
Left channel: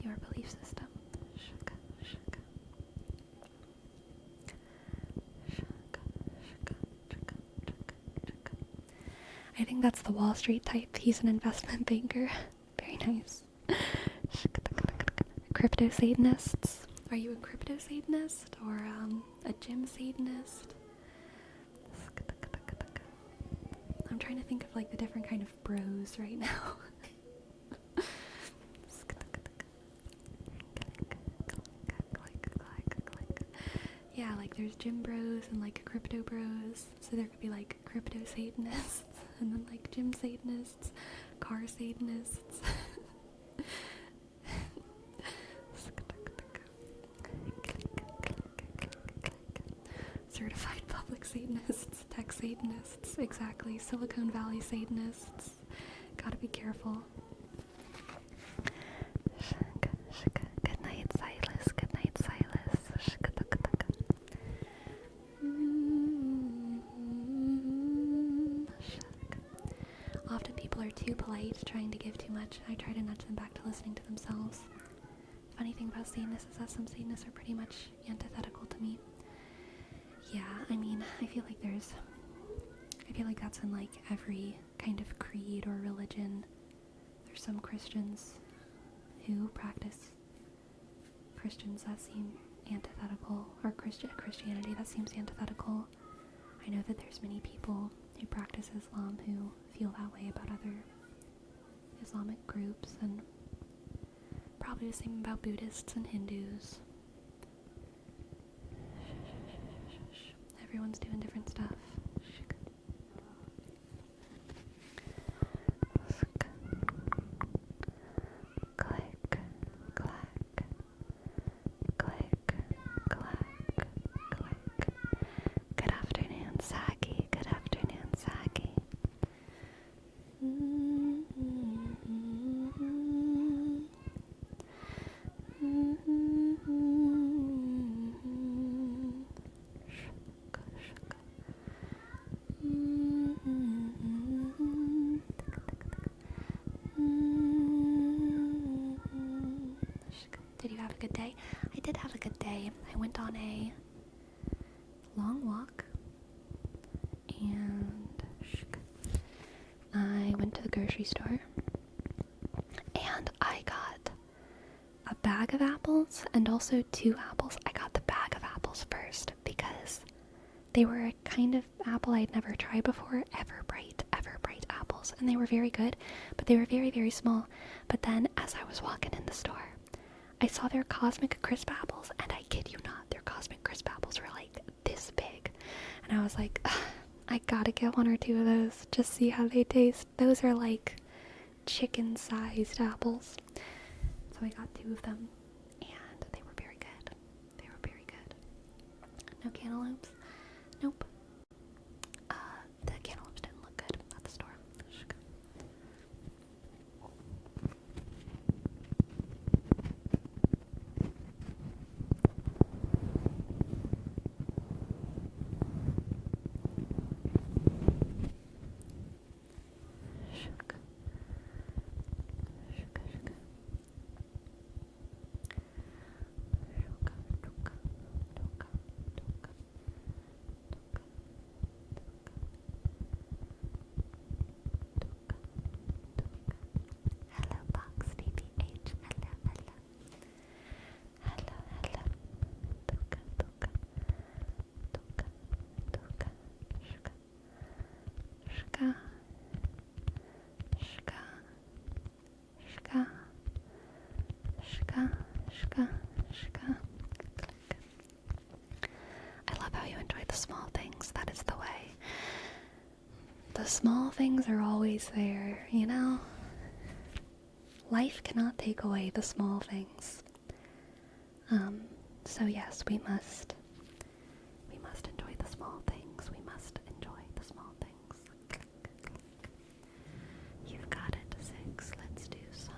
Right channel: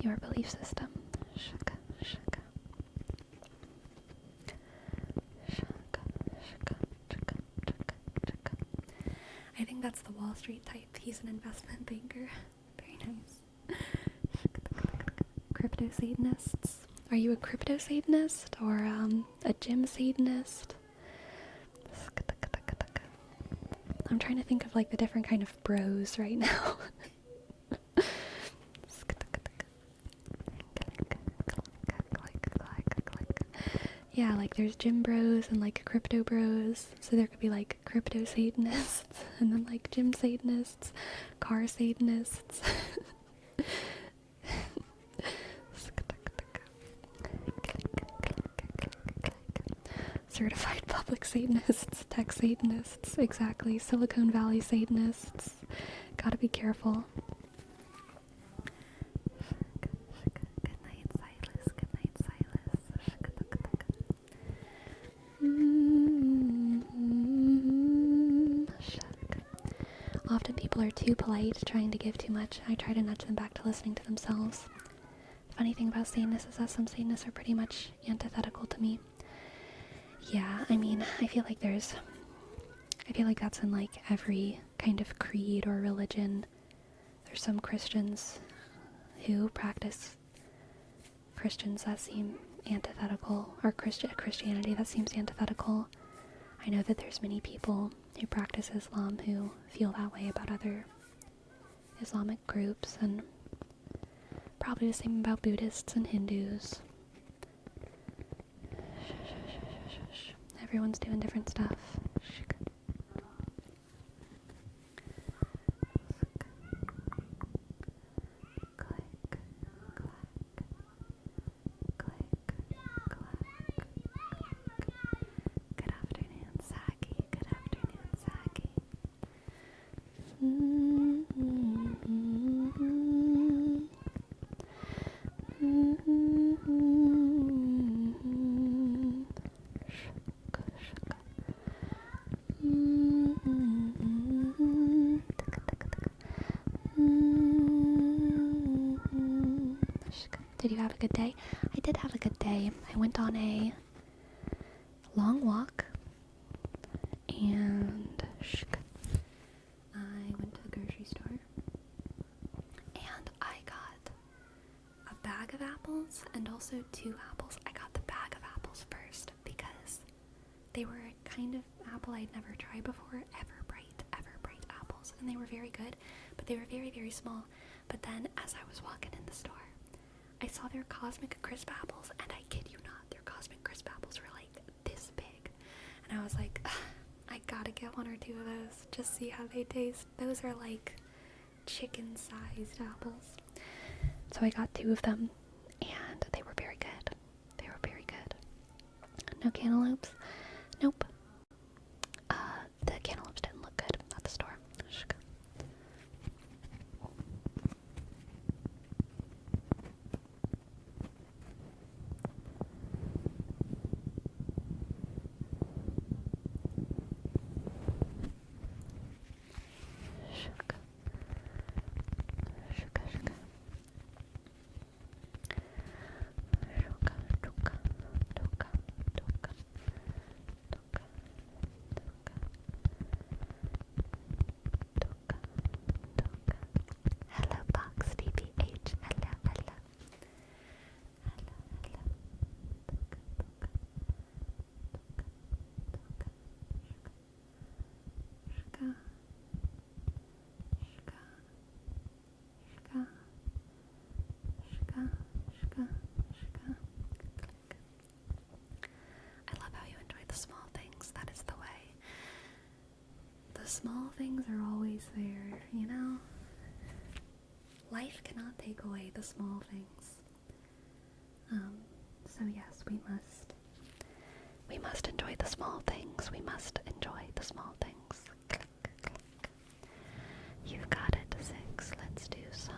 your belief system. I think that's the Wall Street type. He's an investment banker. Very nice. Crypto Satanists. Are you a crypto Satanist or a gym Satanist? I'm trying to think of like the different kind of bros right now. Yeah, like there's gym bros and like crypto bros. So there could be like crypto Satanists and then like gym Satanists, car Satanists. Certified public Satanists, tech Satanists, exactly. Silicon Valley Satanists. Gotta be careful. Good night, Silas. Often people are too polite, trying to give too much. I try to nudge them back to listening to themselves. Funny thing about Satanists is that some Satanists are pretty much antithetical to me. Yeah, I mean, I feel like that's in like every kind of creed or religion. There's some Christians who practice Christians that seem antithetical, or Christianity that seems antithetical. I know that there's many people who practice Islam who feel that way about other Islamic groups, and probably the same about Buddhists and Hindus. Everyone's doing different stuff. Click, clack, click, clack, click. Good afternoon, Saki. Good afternoon, Saki. a good day? I did have a good day. I went on a long walk, and I went to the grocery store, and I got a bag of apples and also 2 apples. I got the bag of apples first because they were a kind of apple I'd never tried before, Everbright apples, and they were very good, but they were very, very small. But then as I was walking in the store, I saw their Cosmic Crisp apples, and I kid you not, their Cosmic Crisp apples were like this big. And I was like, I gotta get 1 or 2 of those, just see how they taste. Those are like chicken-sized apples. So I got 2 of them, and they were very good. They were very good. No cantaloupes? Nope. The cantaloupes didn't look good at the store. Hello, Box DBH. Hello, hello. Hello, hello. Tuka, tuka. Tuka, tuka. Shka. Shka. Shka. Shka. Shka. Shka. Shka. Click. I love how you enjoy the small things. That is the way. The small things are always there, you know? Life cannot take away the small things. So yes, we must enjoy the small things. We must enjoy the small things. Click, click. You've got it, 6. Let's do some.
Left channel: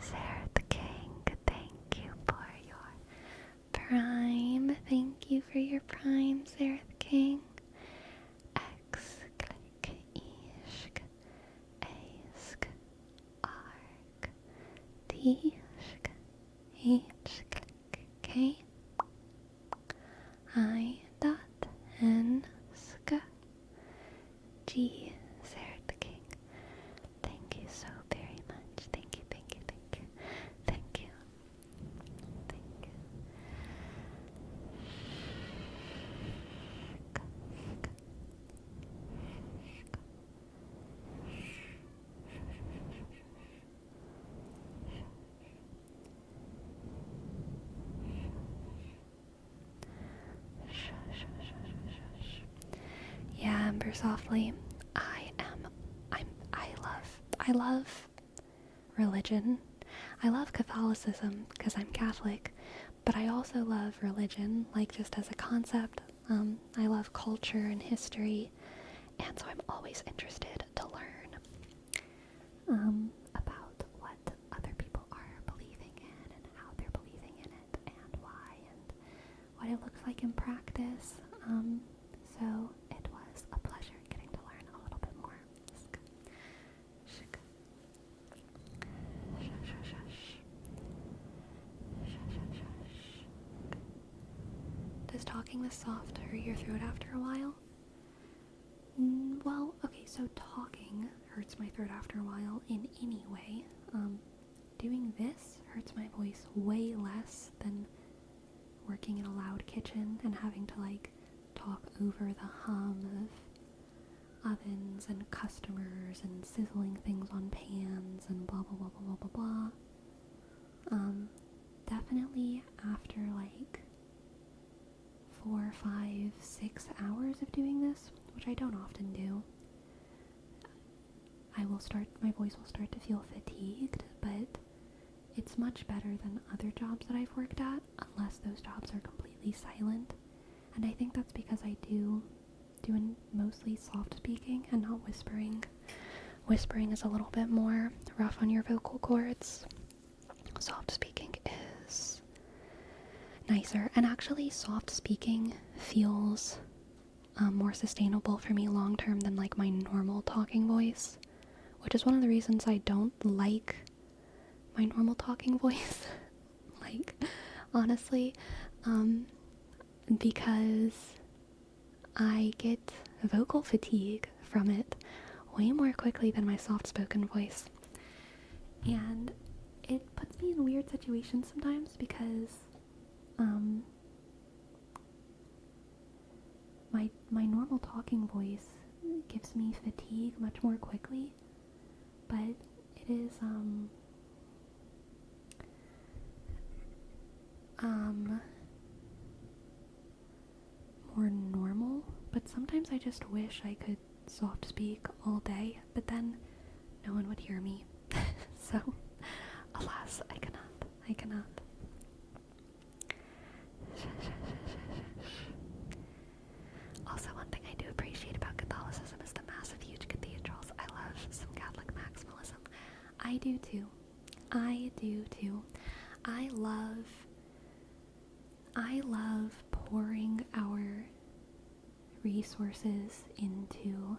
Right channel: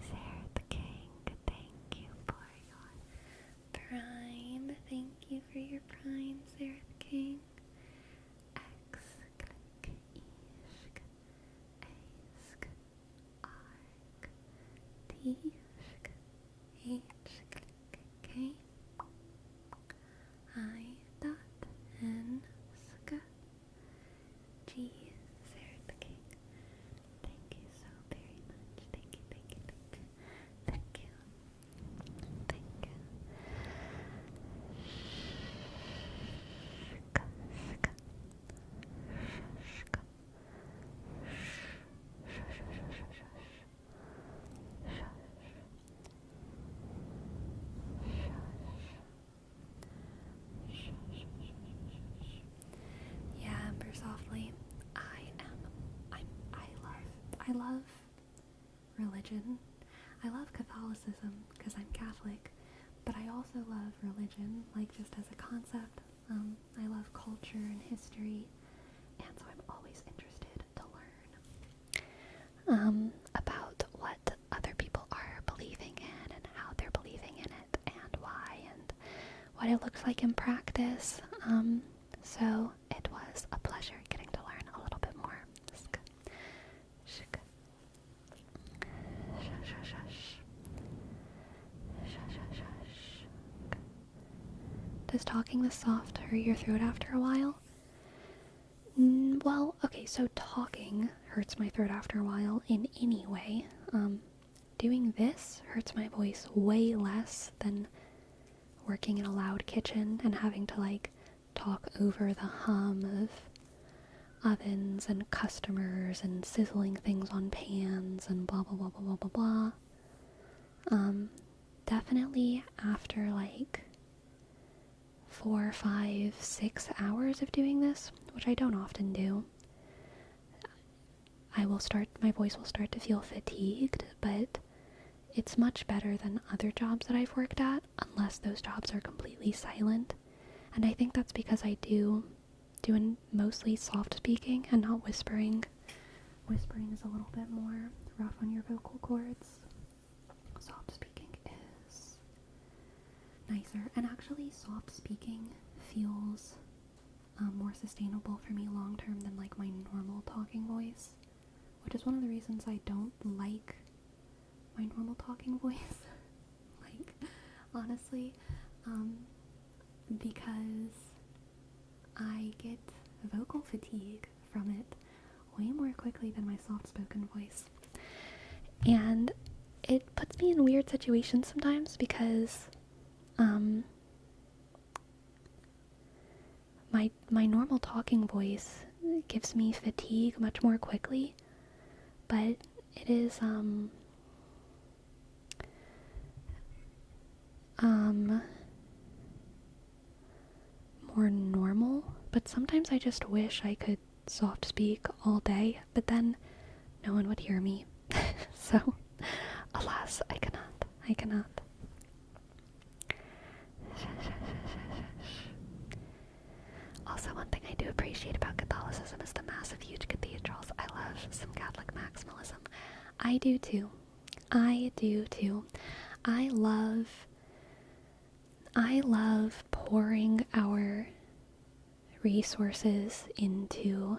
Sarah the King, thank you for your Prime. Thank you for your Prime, Sarah the King. X, click, ishk, ask, ark, tishk, h, click, k, I, dot, n, sk, g, Sarah the King. Thank you so very much. Thank you, thank you, thank you. Thank you. Thank you. Yeah, Ember Softly. I love religion. I love Catholicism because I'm Catholic, but I also love religion, like just as a concept. I love culture and history, and so I'm always interested to learn about what other people are believing in and how they're believing in it and why and what it looks like in practice. So it was a pleasure getting to learn a little bit more. Does talking this soft hurt your throat after a while? Well, okay, so talking hurts my throat after a while in any way. Doing this hurts my voice way less than working in a loud kitchen and having to, like, talk over the hum of ovens and customers and sizzling things on pans and blah blah blah blah blah blah blah. Definitely after like 4, 5, 6 hours of doing this, which I don't often do, my voice will start to feel fatigued, but it's much better than other jobs that I've worked at, unless those jobs are completely silent. And I think that's because I do doing mostly soft speaking and not whispering. Whispering is a little bit more rough on your vocal cords. Soft speaking is nicer. And actually, soft speaking feels more sustainable for me long term than like my normal talking voice, which is one of the reasons I don't like my normal talking voice. Like, honestly, because I get vocal fatigue from it way more quickly than my soft-spoken voice. And it puts me in weird situations sometimes because my normal talking voice gives me fatigue much more quickly, but it is more normal. But sometimes I just wish I could soft speak all day, but then no one would hear me. So, alas, I cannot. Also, one thing I do appreciate about Catholicism is the massive, huge cathedrals. I love some Catholic maximalism. I do too. I love pouring our resources into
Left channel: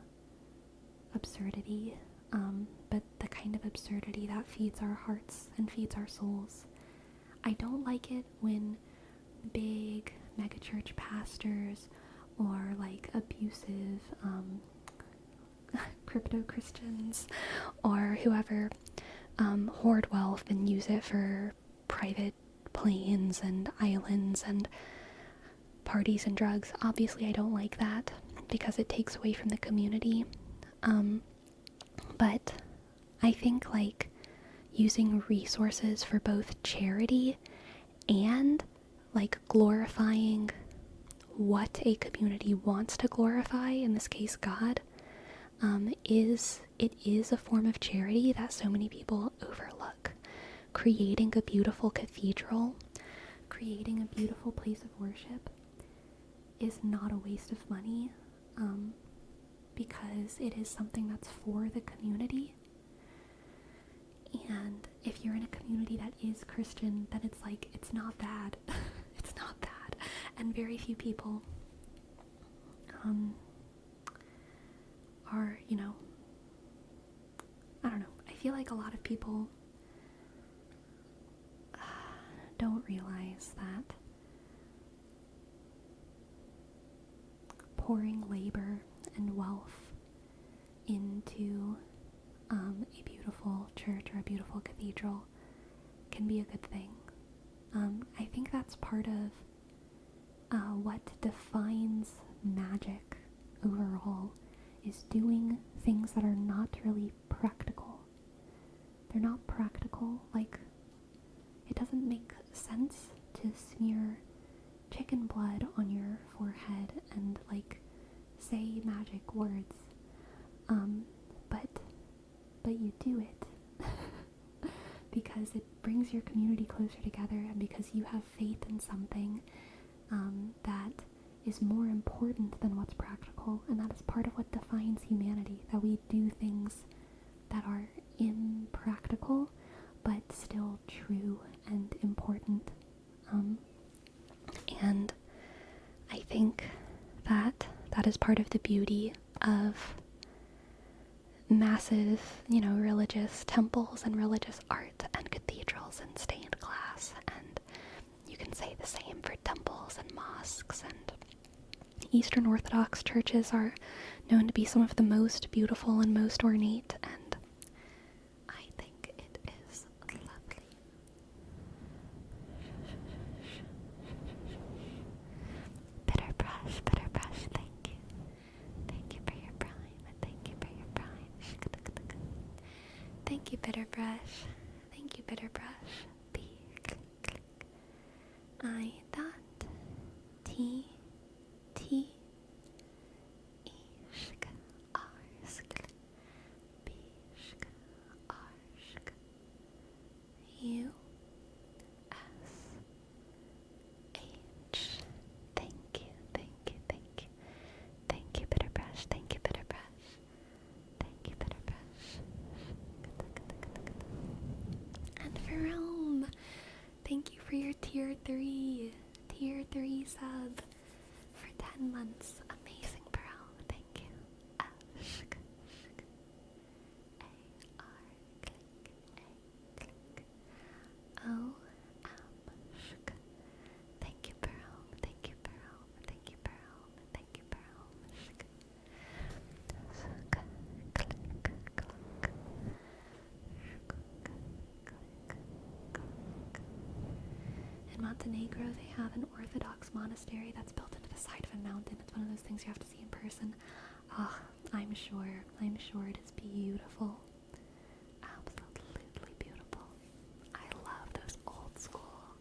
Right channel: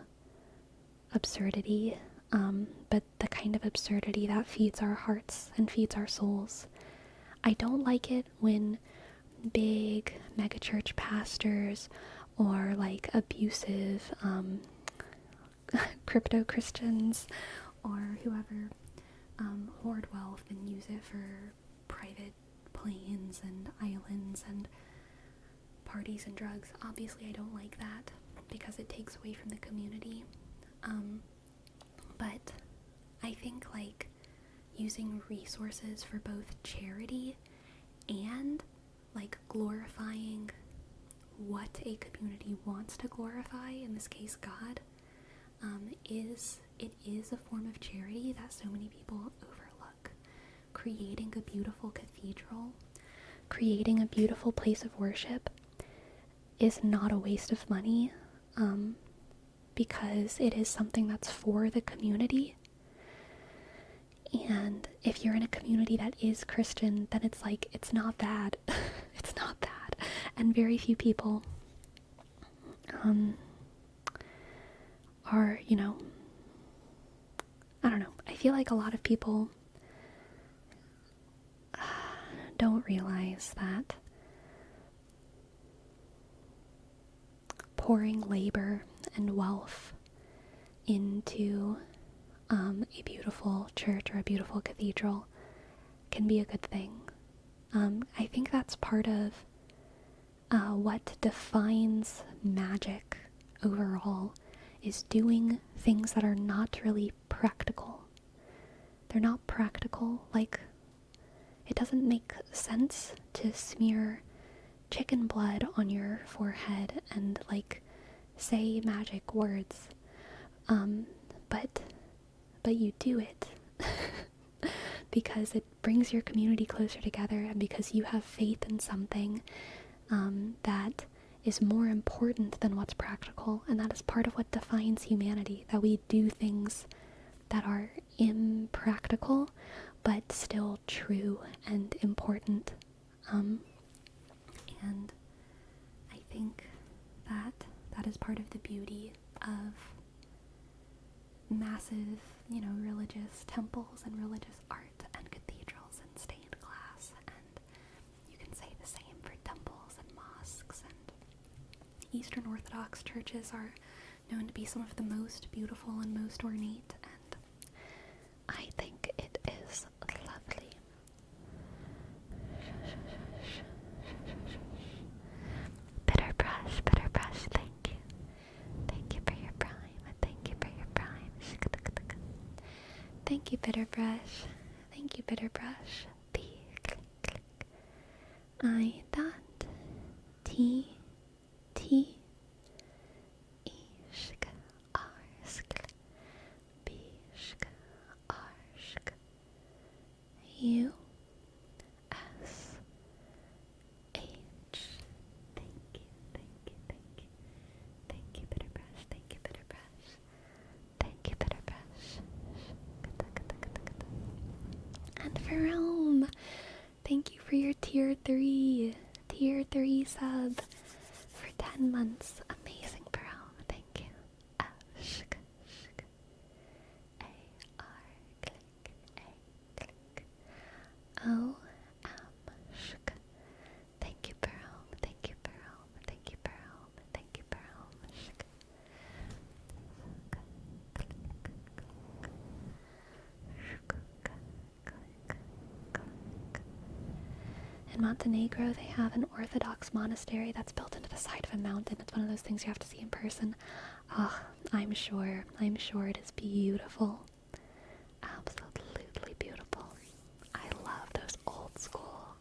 absurdity, but the kind of absurdity that feeds our hearts and feeds our souls. I don't like it when big megachurch pastors or like abusive crypto Christians or whoever hoard wealth and use it for private planes and islands and parties and drugs. Obviously, I don't like that because it takes away from the community. But I think like using resources for both charity and like glorifying what a community wants to glorify, in this case God, is a form of charity that so many people overlook. Creating a beautiful cathedral, creating a beautiful place of worship is not a waste of money, because it is something that's for the community. And if you're in a community that is Christian, then it's like, it's not bad. It's not bad. And very few people are, I don't know. I feel like a lot of people don't realize that pouring labor and wealth into a beautiful church or a beautiful cathedral can be a good thing. I think that's part of what defines magic overall, is doing things that are not really practical. They're not practical. Like, it doesn't make sense to smear chicken blood on your forehead and like say magic words, but you do it because it brings your community closer together, and because you have faith in something that is more important than what's practical. And that is part of what defines humanity, that we do things that are impractical but still true and important. And I think that is part of the beauty of massive, religious temples and religious art and cathedrals and stained glass. And you can say the same for temples and mosques, and Eastern Orthodox churches are known to be some of the most beautiful and most ornate, and I think it is lovely. Bitter brush, thank you. Thank you for your prime. Thank you for your prime. Thank you, Bitter Brush. Thank you, Bitter Brush. B. Click, click. I dot. T. T. Ishk. Arsk. Bishk. Arsk. U. S. H. Thank you, thank you, thank you. Thank you, Bitter 10 months. Amazing, bro. Thank you. F, shk, shk. A, R, click, A, click. O, M, shk. Thank you, bro. Thank you, bro. Thank you, bro. Thank you, bro. Shk. Shk, click, click. Shk, click, click. In Montenegro, they have an Orthodox monastery that's built into the side of a mountain. It's one of those things you have to see in person. I'm sure it is beautiful. Absolutely beautiful. I love those old school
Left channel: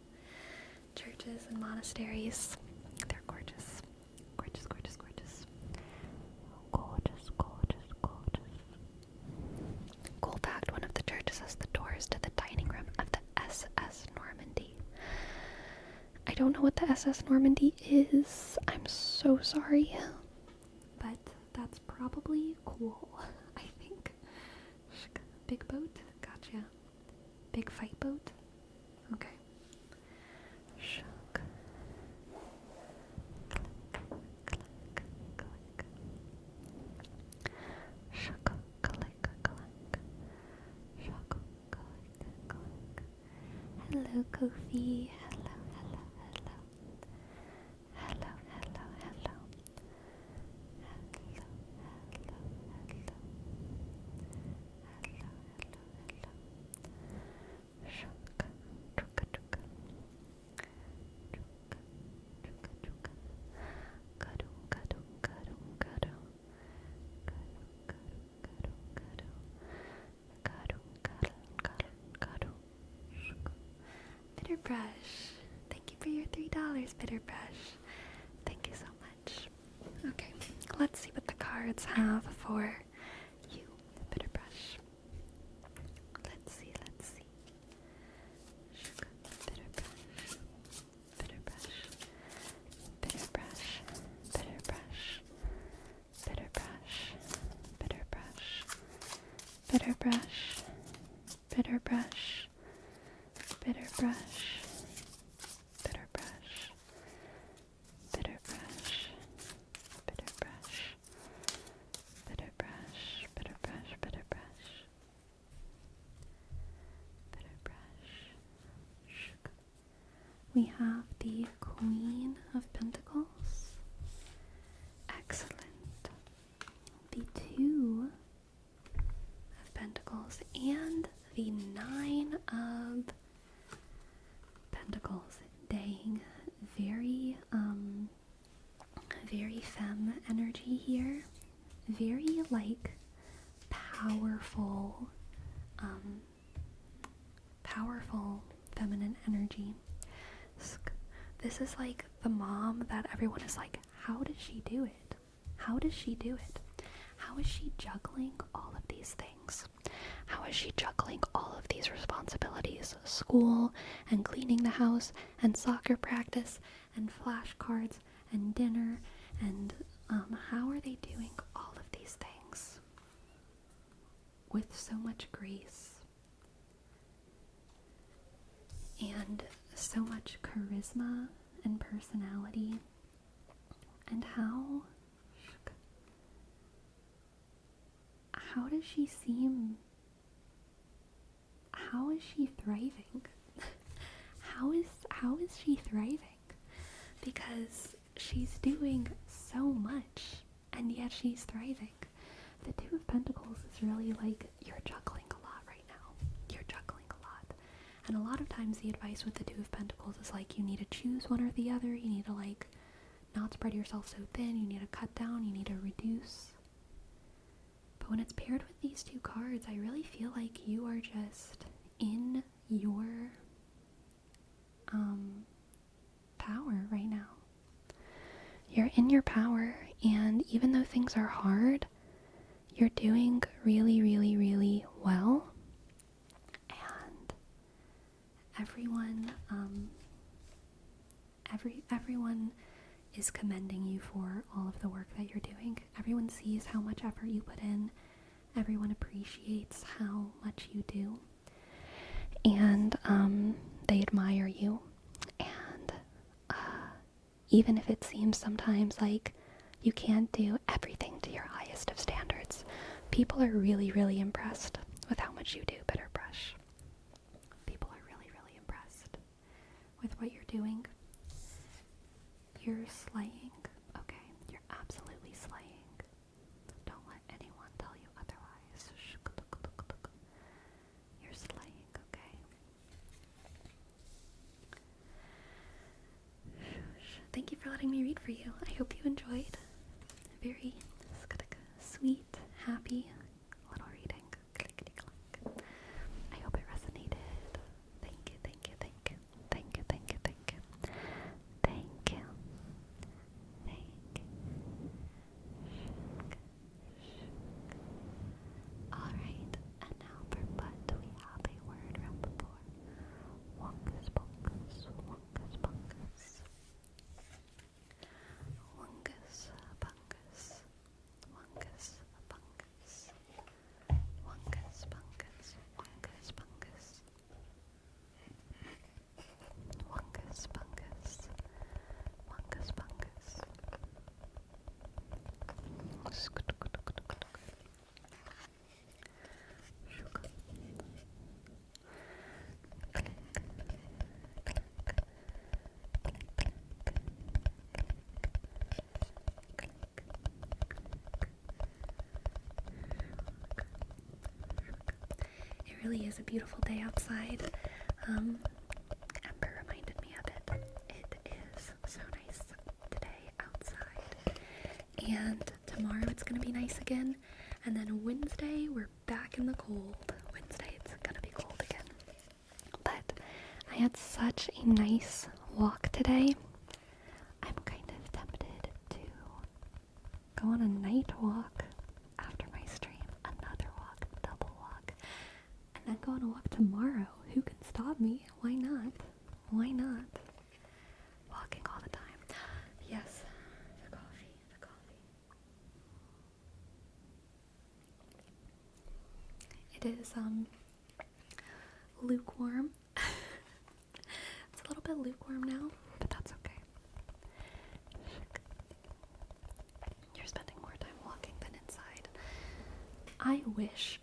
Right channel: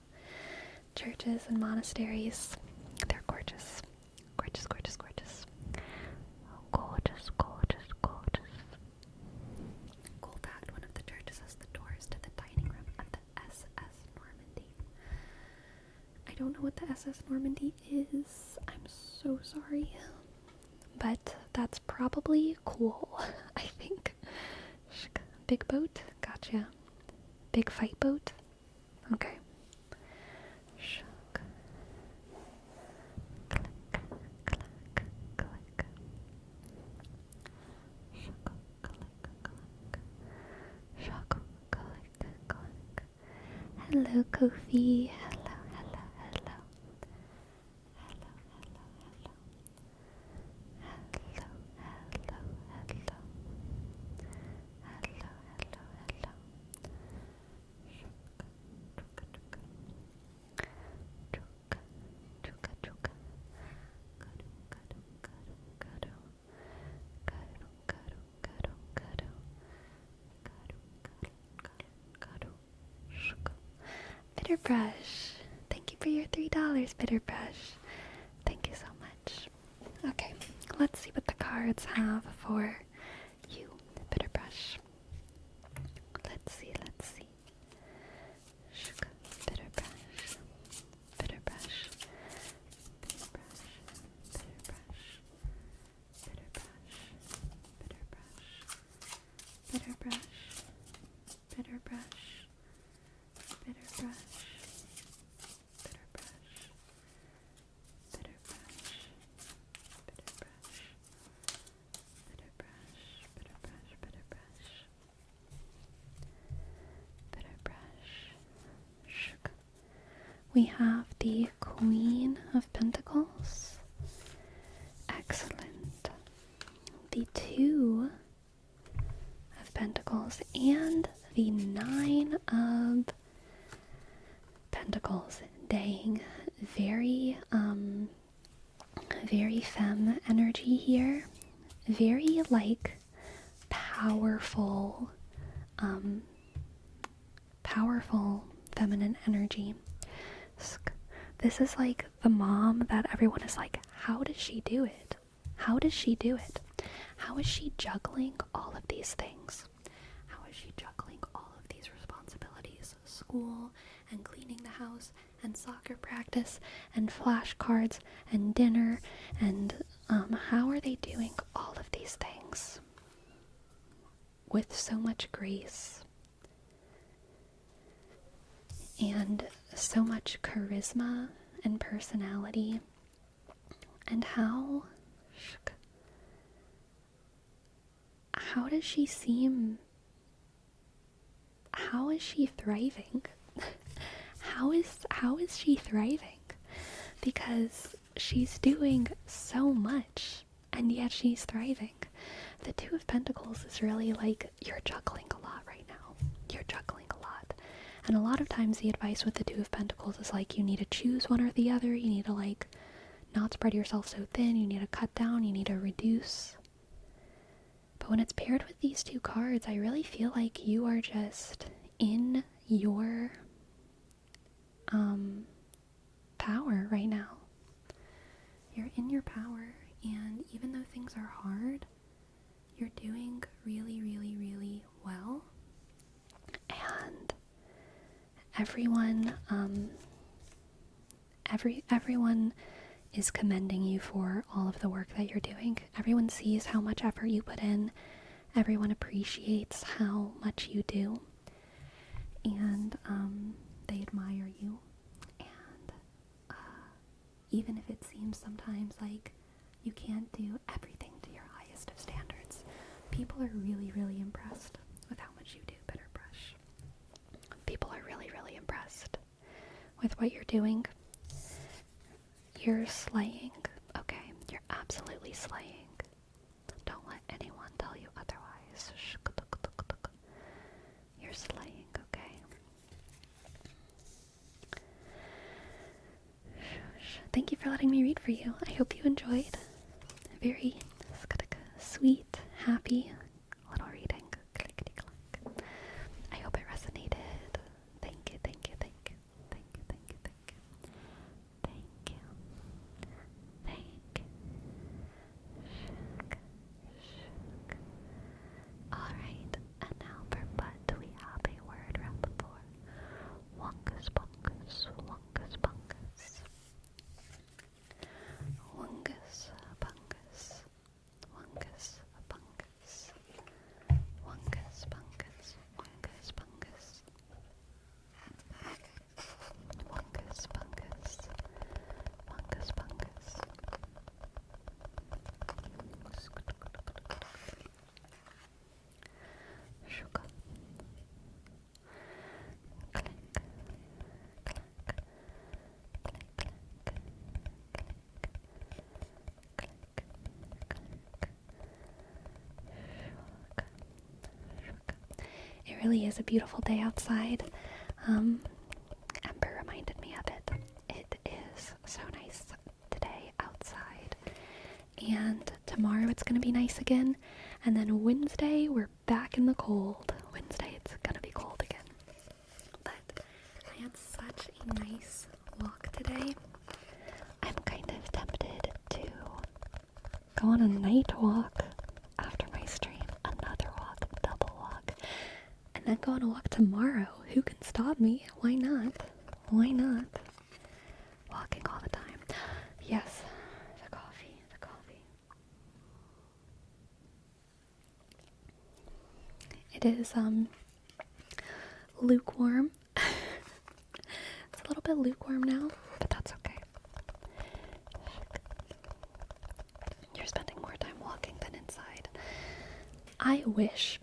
churches and monasteries. They're gorgeous. Gorgeous, gorgeous, gorgeous. Gorgeous, gorgeous, gorgeous. Cool fact, one of the churches has the doors to the dining room of the SS Normandy. I don't know what the SS Normandy is. I'm so sorry. But that's probably cool, I think. Big boat? Gotcha. Big fight boat? Okay. Click, click, click. Shuck, click, click. Shuck, click, click. Hello, Kofi. Hello, hello, hello. Hello, hello, hello. Hello, hello, hello. Hello, hello, hello. Shuck, chuka, chuka. Chuka, chuka, chuka. Gadu, gadu, gadu, gadu. Gadu, gadu, gadu, gadu. Gadu, gadu, gadu, gadu. Shuka. Bitter Brush. Thank you for your $3, Bitter Brush. Thank you so much. Okay, let's see what the cards have for you, Bitter Brush. Let's see. Shuka. Bitter Brush. Bitter Brush. Bitter Brush. Bitter Brush. Bitter Brush. Bitter Brush. Bitter Brush. Bitter Brush. Bitter Brush. Bitter Brush. Bitter Brush. Bitter Brush. Bitter Brush. Bitter Brush. Bitter Brush. Bitter Brush. Shk. We have the Queen of Pentacles. Excellent. The Two of Pentacles and the Nine of Pentacles. Dang, very femme energy here. Very like powerful feminine energy. This is like the mom that everyone is like, how does she do it? How does she do it? How is she juggling all of these things? How is she juggling all of these responsibilities? School and cleaning the house and soccer practice and flashcards and dinner and how are they doing all of these things with so much grace and so much charisma and personality? And how does she seem? How is she thriving? How is she thriving? Because she's doing so much and yet she's thriving. The Two of Pentacles is really like, you're juggling a lot right now. You're juggling a lot. And a lot of times the advice with the Two of Pentacles is like, you need to choose one or the other. You need to like not spread yourself so thin. You need to cut down. You need to reduce. But when it's paired with these two cards, I really feel like you are just in your power right now. You're in your power, and even though things are hard, you're doing really, really, really well. And everyone is commending you for all of the work that you're doing. Everyone sees how much effort you put in. Everyone appreciates how much you do. And they admire you. And even if it seems sometimes like you can't do everything to your highest of standards, people are really, really impressed with how much you do bitter brush. People are really, really impressed with what you're doing. You're slaying, okay? You're absolutely slaying. Don't let anyone tell you otherwise. You're slaying, okay? Thank you for letting me read for you. I hope you enjoyed. Very sweet, happy little reading. Clickety-clack. I hope it resonated. Thank you, thank you, thank you. Thank you, thank you, thank you. Thank you. Thank you. Alright, and now for Bud, we have a word wrap for Wongus Bungus, Wongus Bungus. Wongus Bungus, Wongus Bungus, Wongus Bungus, Wongus Bungus, Wongus Bungus, Wongus Bungus. Shuka. Click, click, click, click. It really is a beautiful day outside. Ember reminded me of it. It is so nice today outside. And tomorrow it's going to be nice again. And then Wednesday we're back in the cold. Wednesday it's going to be cold again. But I had such a nice walk today. I'm kind of tempted to go on a night walk after my stream. Another walk, double walk. And then go on a walk tomorrow. Who can stop me? Why not? Why not? Walking all the time. Yes, the coffee, the coffee. It is, lukewarm. It's a little bit lukewarm now, but that's okay. You're spending more time walking than inside. I wish,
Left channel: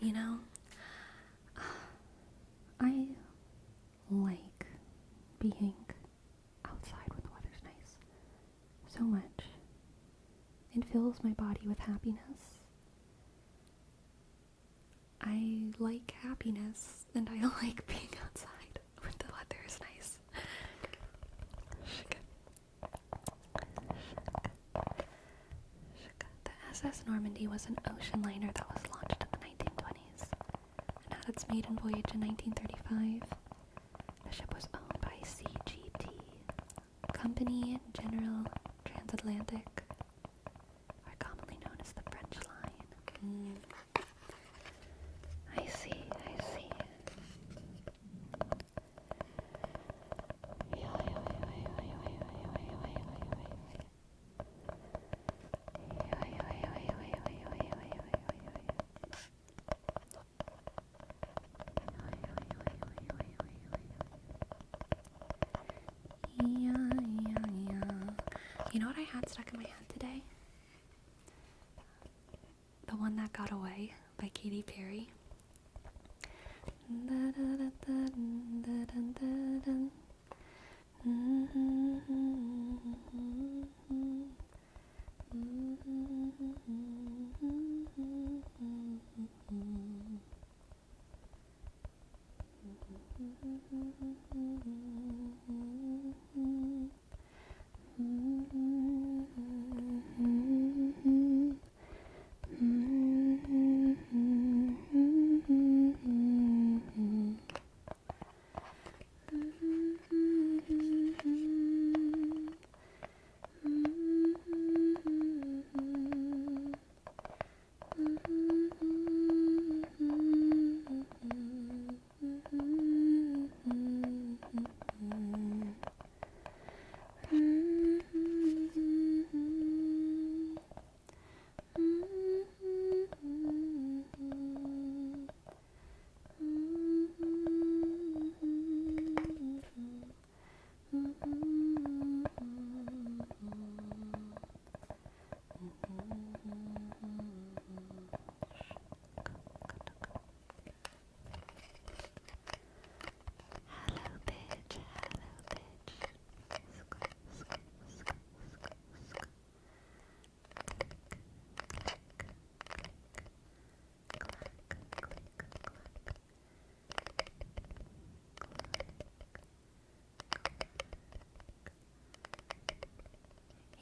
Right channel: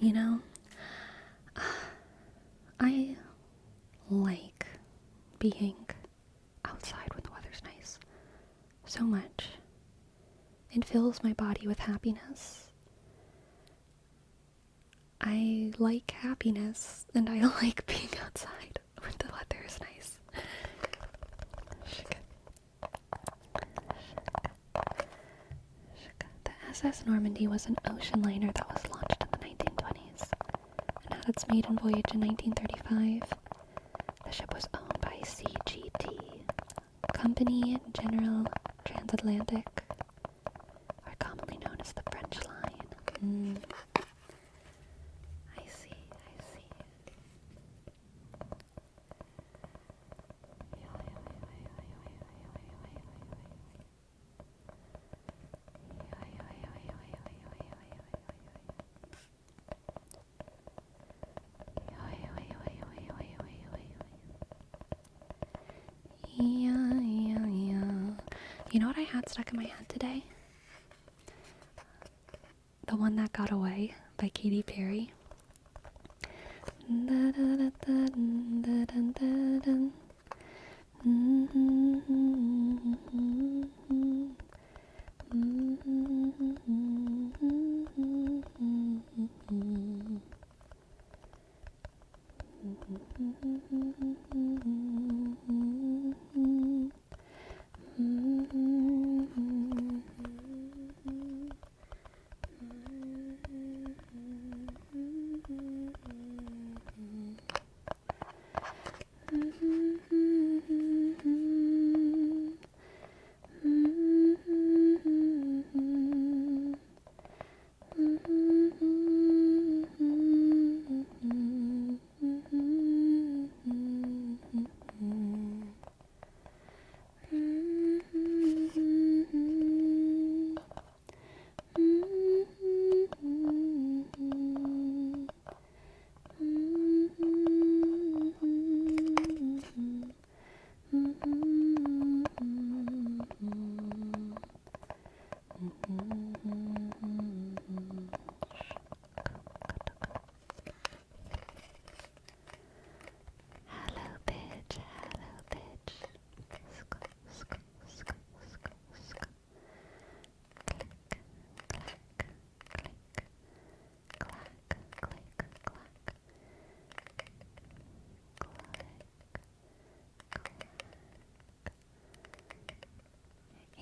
you know, I like being outside when the weather's nice so much. It fills my body with happiness. I like happiness, and I like being outside when the weather is nice. The SS Normandy was an ocean liner that was launched in the 1920s and had its maiden voyage in 1935. The ship was owned by CGT, Company General Transatlantic, or commonly known as the French Line. I see. Yeah. You know what I had stuck in my head today? The One That Got Away by Katy Perry.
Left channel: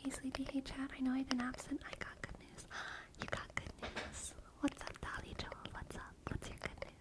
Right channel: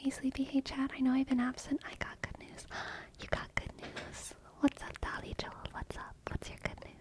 Hey Sleepy, hey Chad, I know I've been absent. I got good news. You got good news. What's up, Dolly Joel? What's up? What's your good news?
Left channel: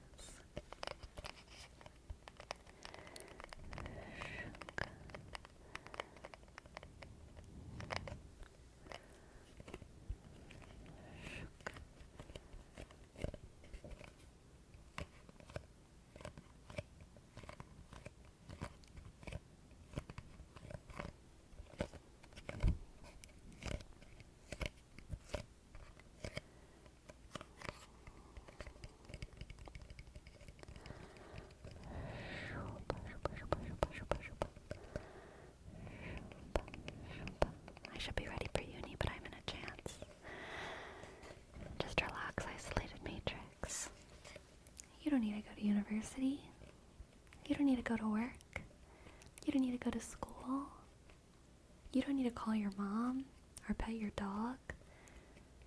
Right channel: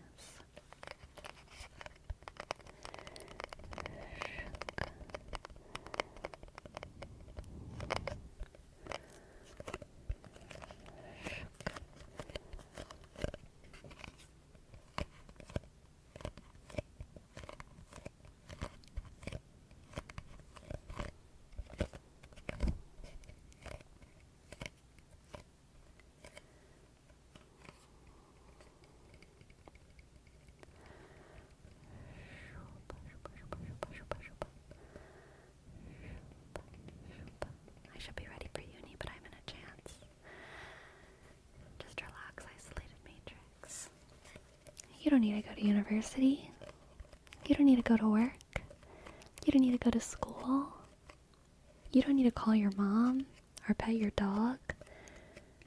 I should be ready for uni, but I'm in a chance. Just relax, isolated matrix. You don't need to go to university. You don't need to go to work. You don't need to go to school. You don't need to call your mom, or pet your dog,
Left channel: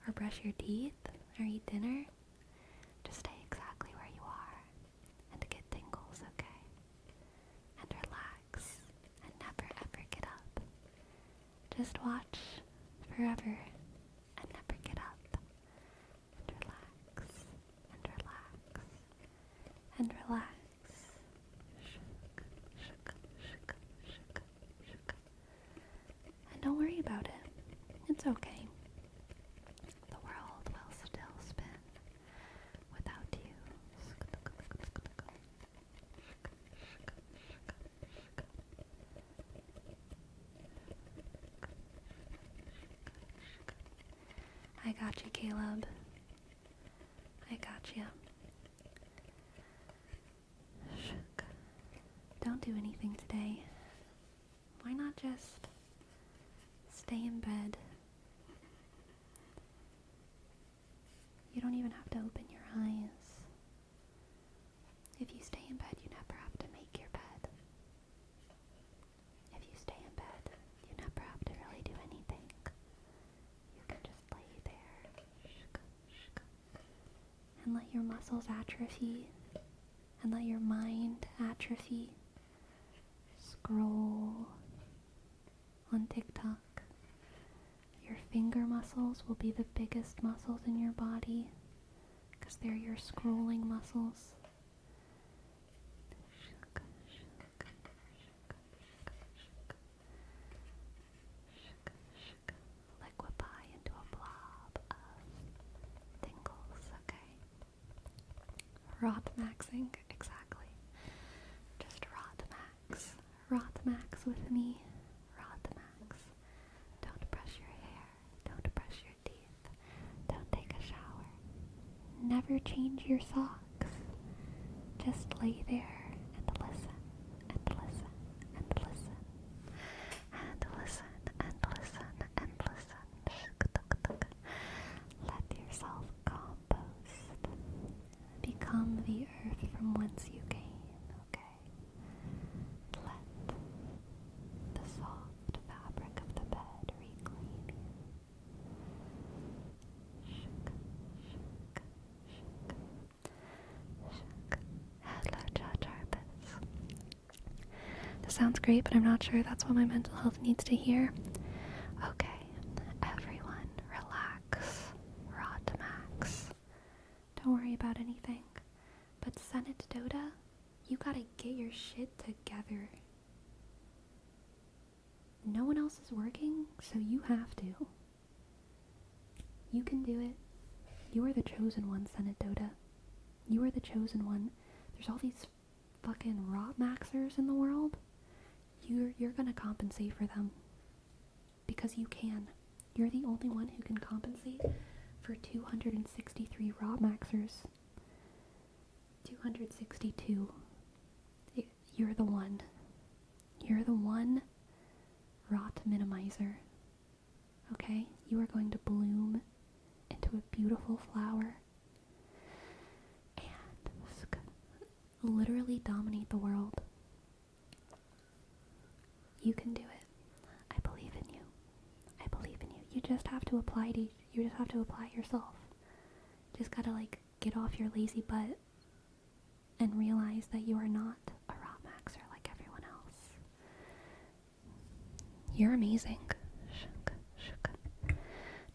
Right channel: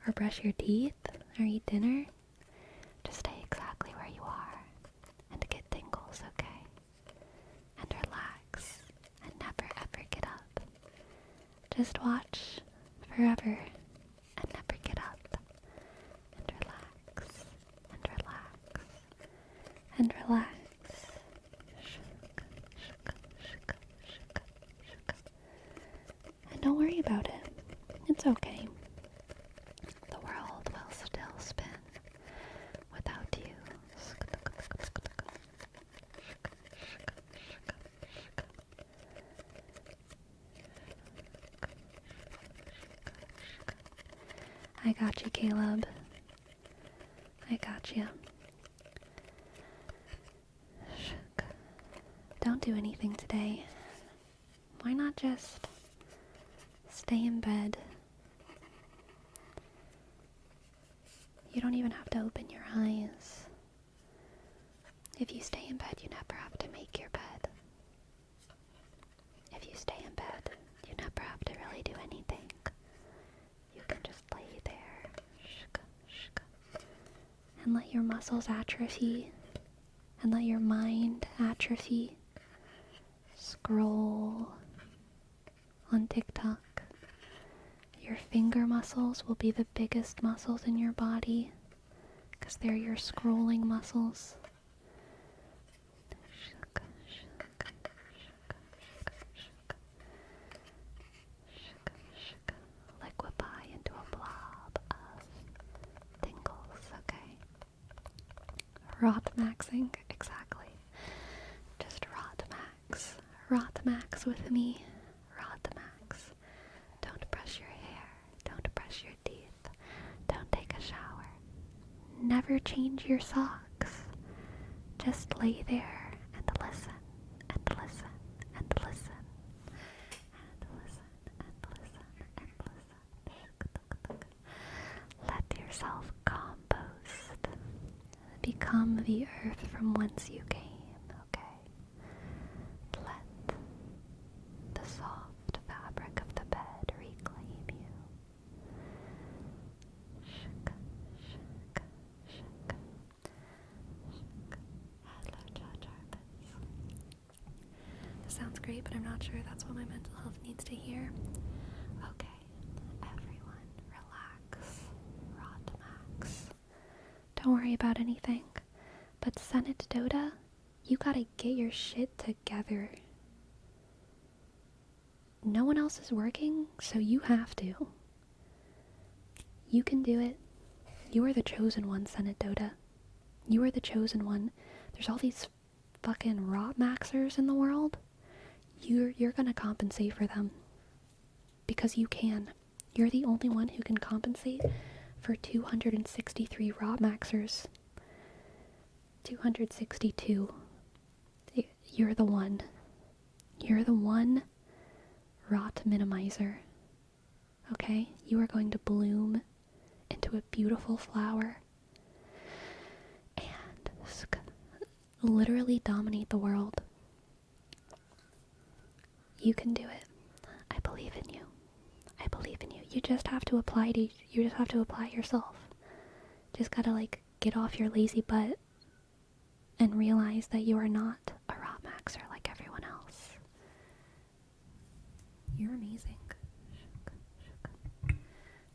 or brush your teeth, or eat dinner. Just stay exactly where you are, and get tingles, okay? And relax, and never ever get up. Just watch forever, and never get up. And relax, and relax, and relax. And don't worry about it. It's okay. The world will still spin without you. I got you, Caleb. I got you. Don't do anything today. Why not just stay in bed? You don't even have to open your eyes. If you stay in bed, you never have to make your bed. If you stay in bed, you never have to really do anything. You can just lay there and let your muscles atrophy and let your mind atrophy. Scroll on TikTok. Your finger muscles will be the biggest muscles in your body because they're your scrolling muscles. Liquefy into a blob of tingles, okay? Rot maxing, exactly. Just rot max. Rot max with me. Rot max. Don't brush your hair. Don't brush your teeth. Don't take a shower. Never change your socks. Just lay there and listen and listen and listen and listen and listen and listen. Let yourself compost. Become the earth from whence you came, okay? Let the soft fabric of the bed reclaim you. Shuk, shuk, shuk, shuk. Hello, Jarvis. This sounds great, but I'm not sure that's what my mental health needs to hear. Okay, everyone, relax. Rot max. Don't worry about anything. But Senate Dota, you gotta get your shit together. No one else is working, so you have to. You can do it. You are the chosen one, Senate Dota. You are the chosen one. There's all these fucking rot maxers in the world. You're gonna compensate for them. Because you can. You're the only one who can compensate for 263 rot maxers. 262. You're the one. You're the one rot minimizer. Okay? You are going to bloom into a beautiful flower and literally dominate the world. You can do it. I believe in you. I believe in you. You just have to apply yourself. Just gotta get off your lazy butt and realize that you are not a rot maxer like everyone else. You're amazing.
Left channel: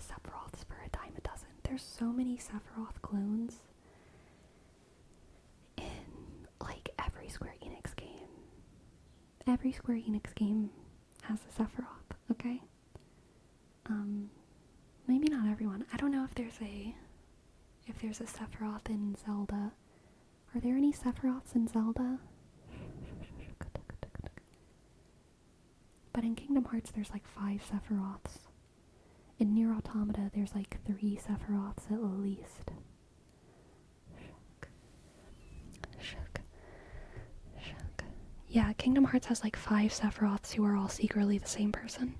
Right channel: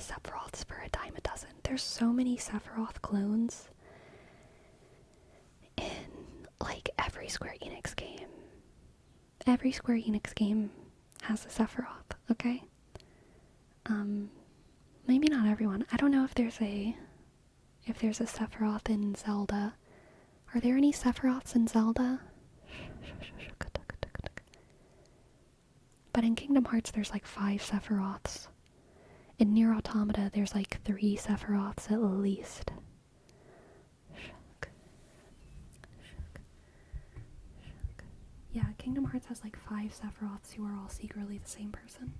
Sephiroths for a dime a dozen. There's so many Sephiroth clones in, like, every Square Enix game. Every Square Enix game has a Sephiroth, okay? Maybe not everyone. I don't know if there's a Sephiroth in Zelda. Are there any Sephiroths in Zelda? But in Kingdom Hearts, there's like 5 Sephiroths. In Nier Automata, there's like 3 Sephiroths at least. Yeah, Kingdom Hearts has like 5 Sephiroths who are all secretly the same person.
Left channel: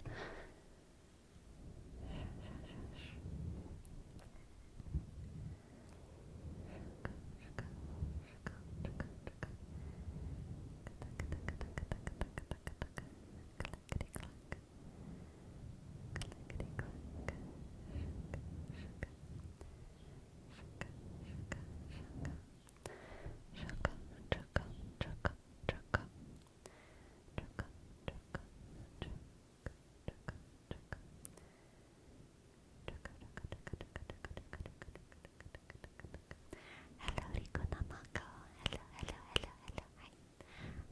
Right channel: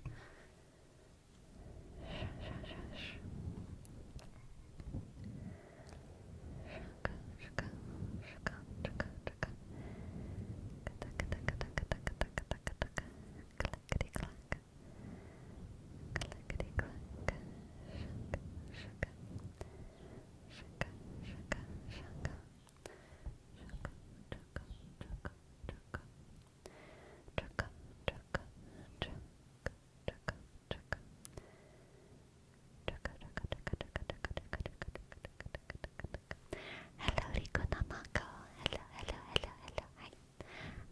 Hello, Rico Namako. Hello.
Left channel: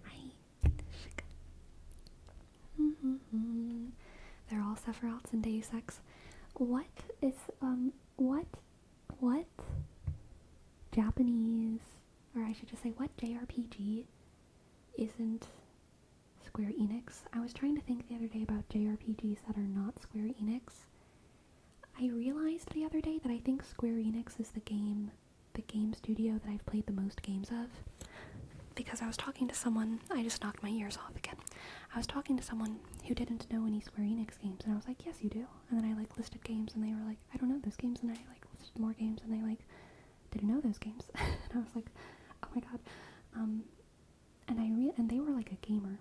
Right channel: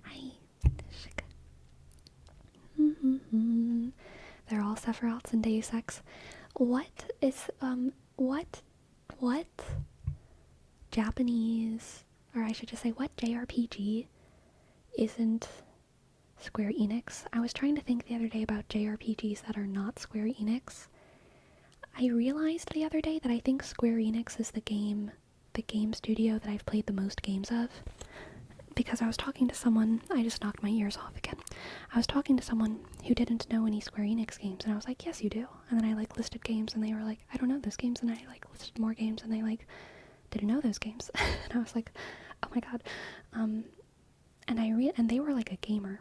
Hi. They're all Sephiroths and Deus Ex. What Japanese, or I should just say, what JRPG isn't Square Enix? I was trying to think the other day about JRPGs that are not Square Enix. I realized the other day that I think Square Enix is the game studio that I've played the most games of. Because I was talking to someone, I just knocked my ears off again. I was talking to someone who didn't know any Square Enix games, and I was like, yes, you do. And then I like listed games, and they were like, I don't know those games, and I like listed more games, and they like didn't know those games. And I was like, oh my god. And they were like a gamer,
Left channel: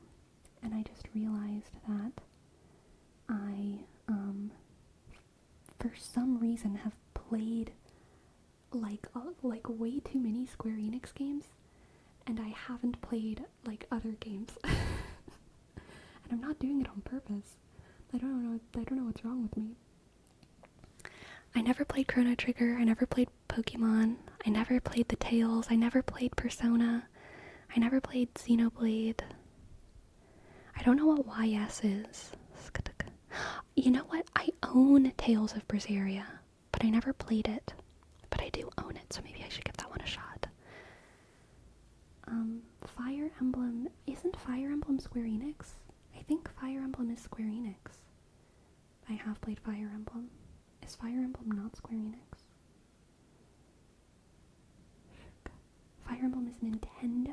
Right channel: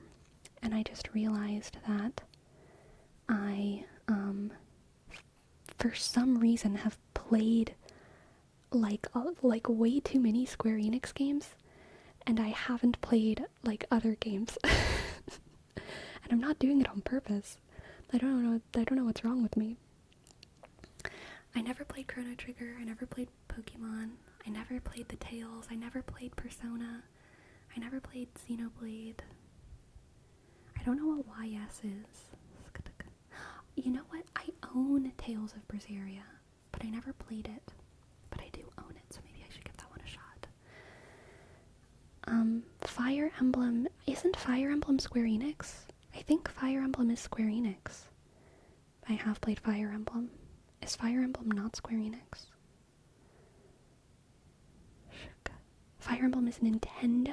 and I just realized that I for some reason have played like way too many Square Enix games, and I haven't played like other games. And I'm not doing it on purpose. I don't know what's wrong with me. I never played Chrono Trigger, I never played Pokemon, I never played the Tales, I never played Persona, I never played Xenoblade. I don't know what YS is. You know what? I own Tales of Berseria, but I never played it. But I do own it, so maybe I should give that one a shot. Fire Emblem, isn't Fire Emblem Square Enix? I think Fire Emblem is Square Enix. I have played Fire Emblem. Is Fire Emblem not Square Enix? Fire Emblem is Nintendo.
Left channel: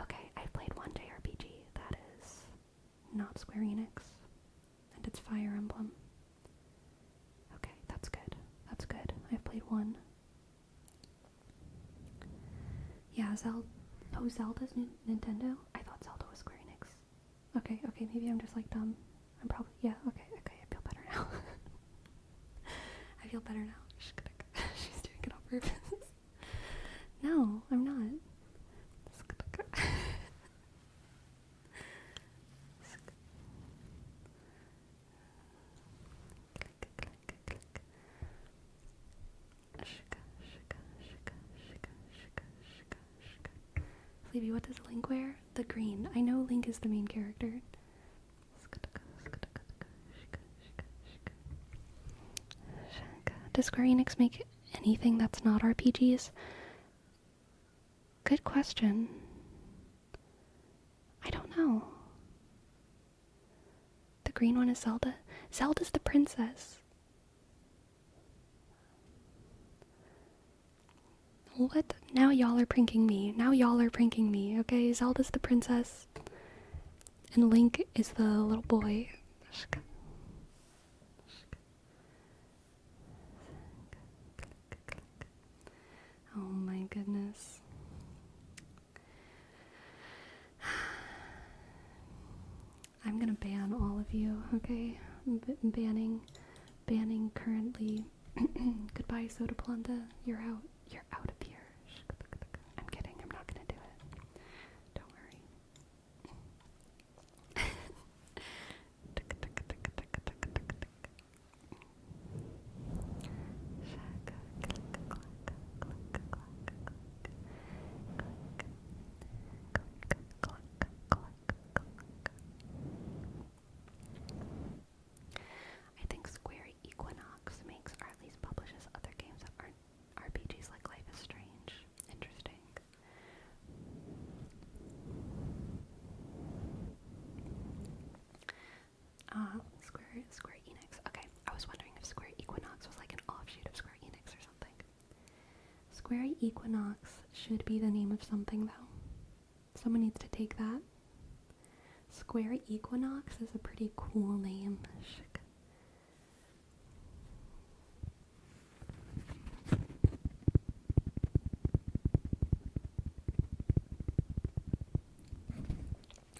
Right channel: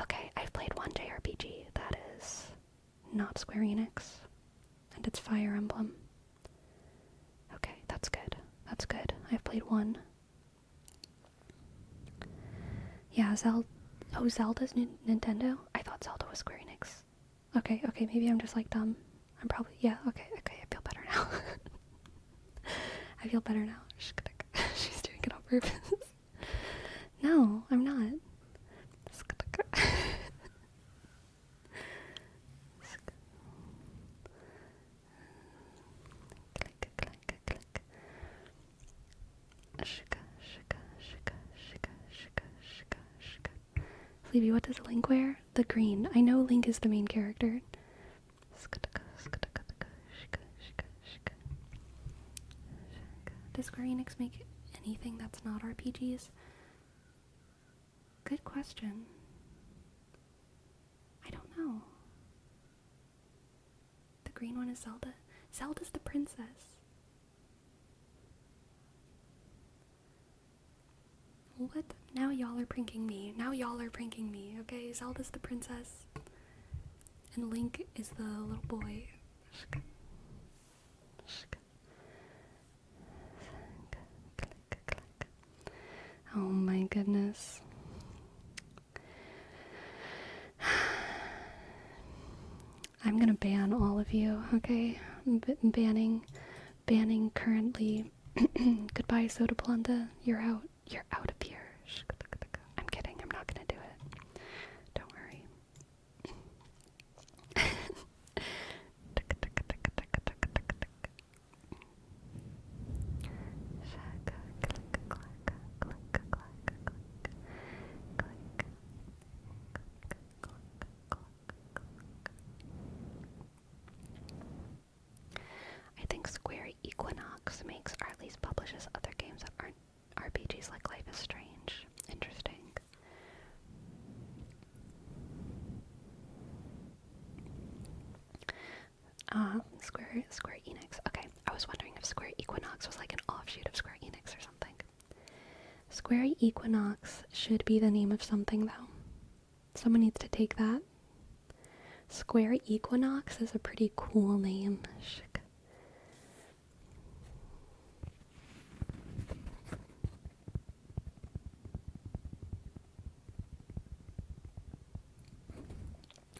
Okay, I've played one JRPG that is not Square Enix, and it's Fire Emblem. Okay, that's good. That's good. I've played one. Yeah, Zelda's Nintendo? I thought Zelda was Square Enix. Okay, maybe I'm just like dumb. I'm probably, yeah, okay, I feel better now. I feel better now. She's doing it on purpose. No, I'm not. Sleepy, what does Link wear? The green. I know Link is the main character. Does Square Enix make anything that's not RPGs? Good question. I don't know. The green one is Zelda. Zelda's the princess. What? Now y'all are pranking me. Okay? Zelda's the princess. And Link is the little boy. Oh my goodness. I'm gonna ban all of you, okay? I'm banning currently. Goodbye, Soda Planta. You're out. You're out of here. I'm kidding. I'm not gonna do it. Don't worry. Square Enix. Okay, I was wondering if Square Equinox was like an offshoot of Square Enix or something. Square Equinox should be the name of something, though. Someone needs to take that. Square Equinox is a pretty cool name.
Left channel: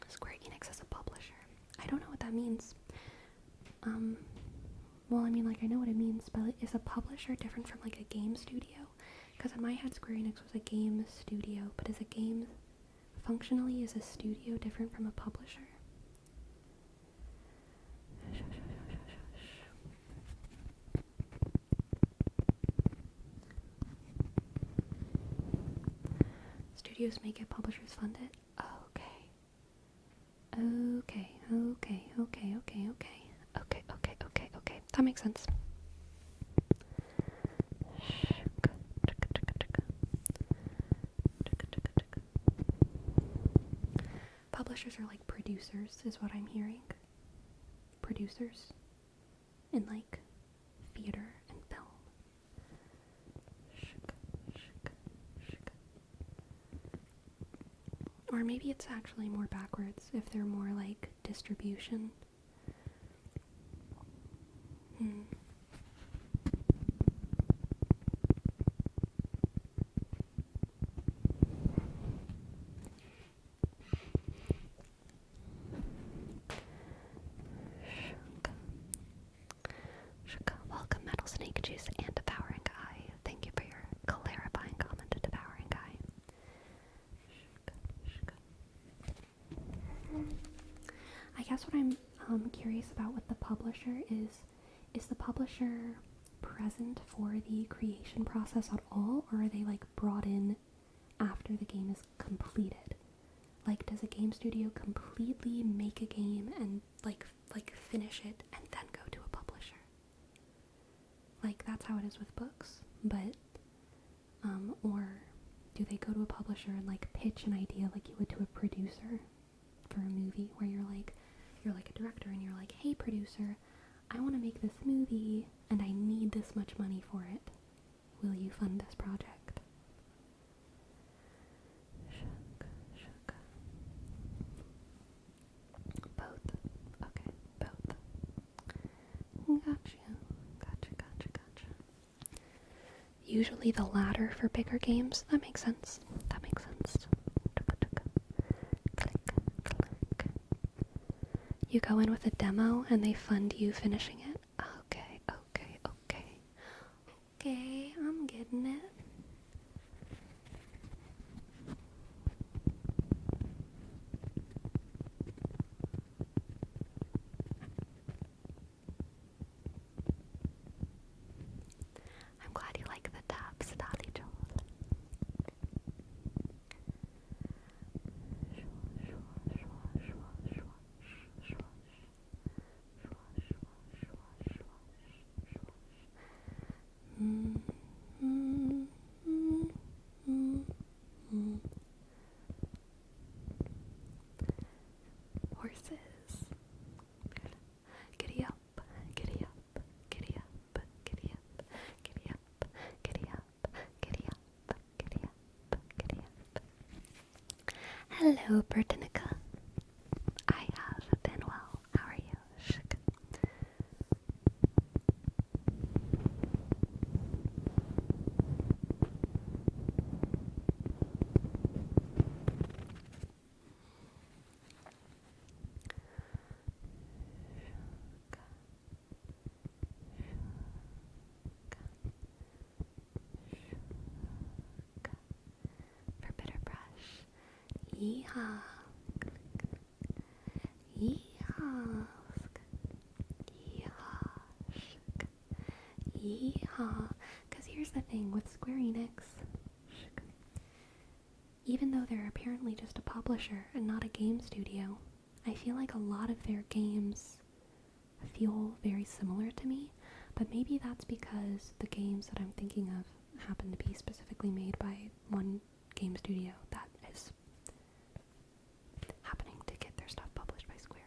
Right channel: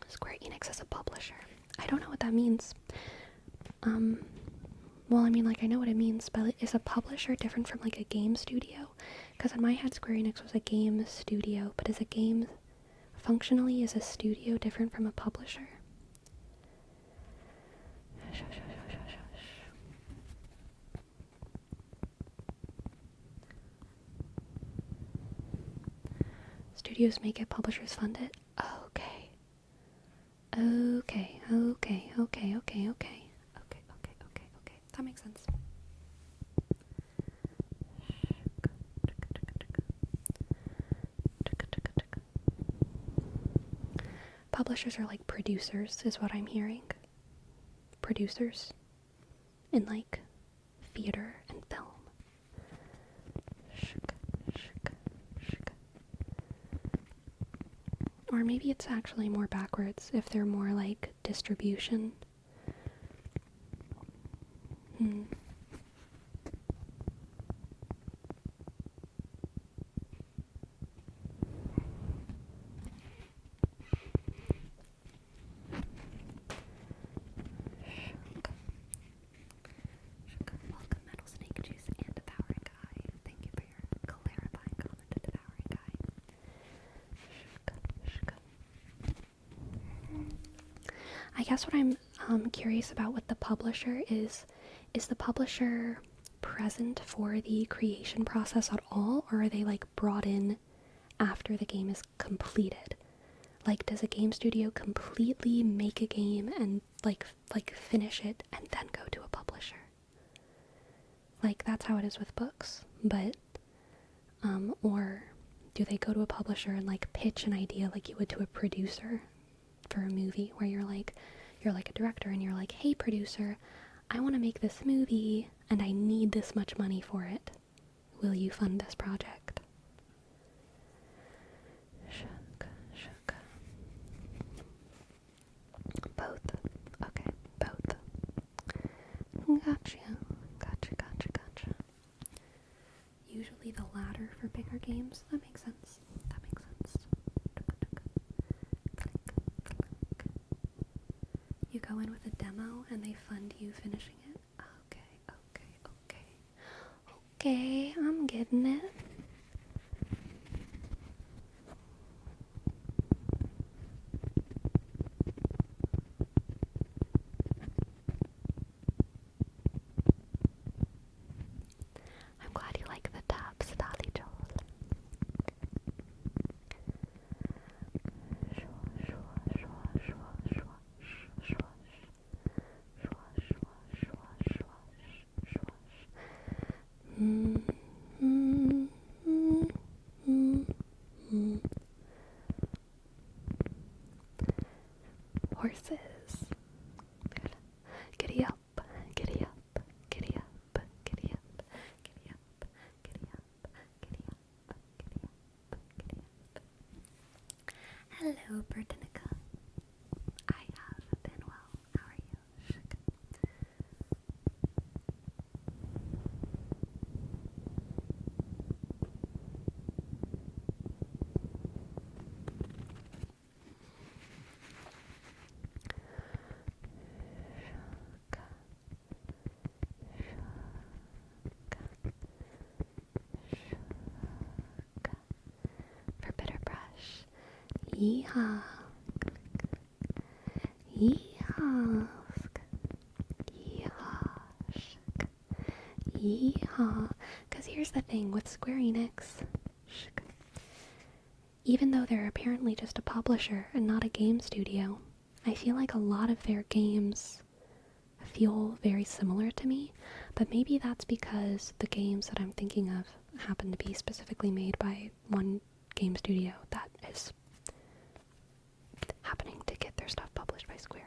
Square Enix is a publisher. I don't know what that means. Well, I mean, like, I know what it means, but is a publisher different from, like, a game studio? Because in my head, Square Enix was a game studio, but is a game, functionally, is a studio different from a publisher? Studios make it, publishers fund it? Okay. Okay. That makes sense. Publishers are like producers, is what I'm hearing. Producers in like theater and film. Or maybe it's actually more backwards if they're more like distribution. Welcome, Metal Snake Juice and Devouring Eye. Thank you for your clarifying comment, Devouring Eye. I guess what I'm curious about with the publisher is the publisher present for the creation process at all, or are they like brought in after the game is completed? Like, does a game studio completely make a game and like finish it and then go to a publisher? Like, that's how it is with books, but or do they go to a publisher and like pitch an idea like you would to a producer for a movie, where you're like a director and you're like, hey producer, I want to make this movie and I need this much money for it. Will you fund this project? Both. Okay, both. Gotcha. Usually the latter for bigger games. That makes sense. You go in with a demo and they fund you finishing it. Okay, I'm getting it. I'm glad you like the taps, Daddy Joel. Horses. Giddy up, giddy up, giddy up, giddy up, giddy up, giddy up, giddy up, giddy up, giddy up. Hello, Bertinica. I have been well. How are you? Shk. For bitter brush. Yeehaw. Yeehaw. Yeehaw. Because here's the thing with Square Enix. Even though they're apparently just a publisher and not a game studio, I feel like a lot of their games feel very similar to me, but maybe that's because the games that I'm thinking of happen to be specifically made by one game studio that is happening to get their stuff published by Square.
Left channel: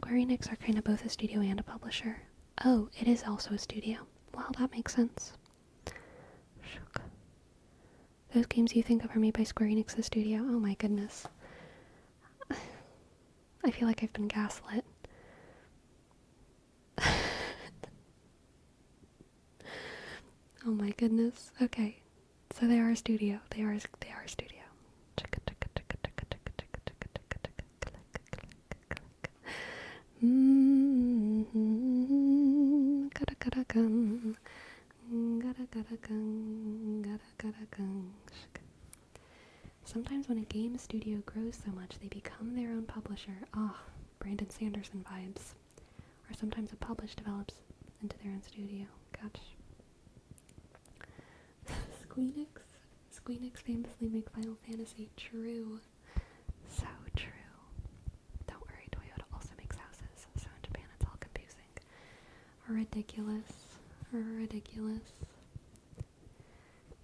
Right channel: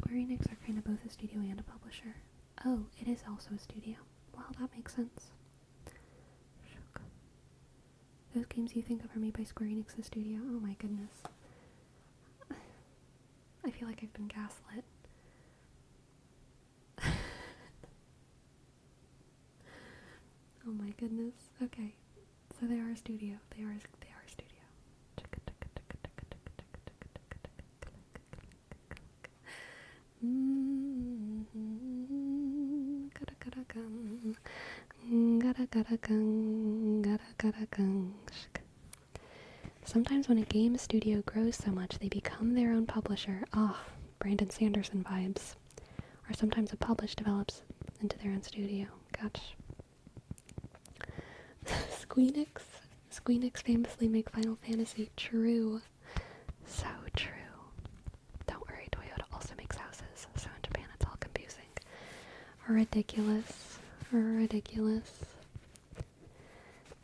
Square Enix are kind of both a studio and a publisher. Oh, it is also a studio. Well, that makes sense. Those games you think of are made by Square Enix's studio? Oh my goodness. I feel like I've been gaslit. Oh my goodness. Okay. So they are a studio. They are a studio. Sometimes when a game studio grows so much they become their own publisher. Brandon Sanderson vibes. Or sometimes a publish develops into their own studio. Gosh. Squeenix famously make Final Fantasy. True. So true. Don't worry, Toyota also makes houses, so in Japan it's all confusing. Ridiculous.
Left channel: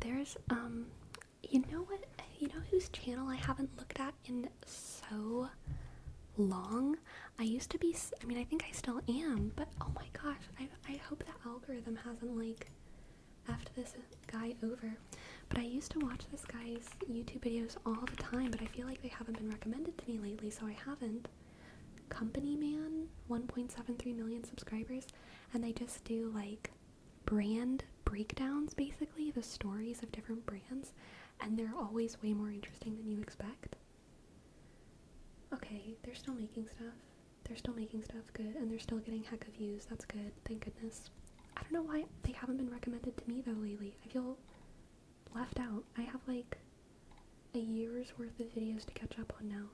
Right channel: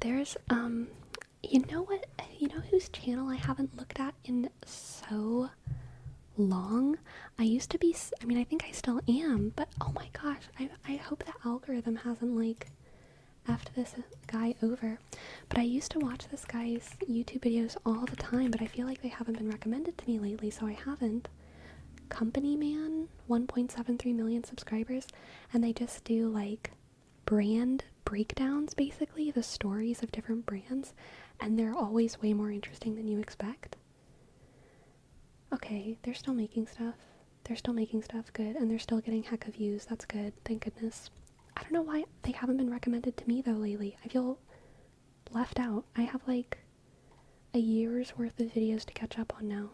There's, you know what? You know whose channel I haven't looked at in so long? I think I still am, but oh my gosh, I hope the algorithm hasn't, like, effed this guy over. But I used to watch this guy's YouTube videos all the time, but I feel like they haven't been recommended to me lately, so I haven't. Company Man, 1.73 million subscribers, and they just do, like, brand breakdowns, basically, the stories of different brands, and they're always way more interesting than you expect. Okay, they're still making stuff. Good, and they're still getting heck of views. That's good, thank goodness. I don't know why they haven't been recommended to me, though, lately. I feel left out. I have, like, a year's worth of videos to catch up on now.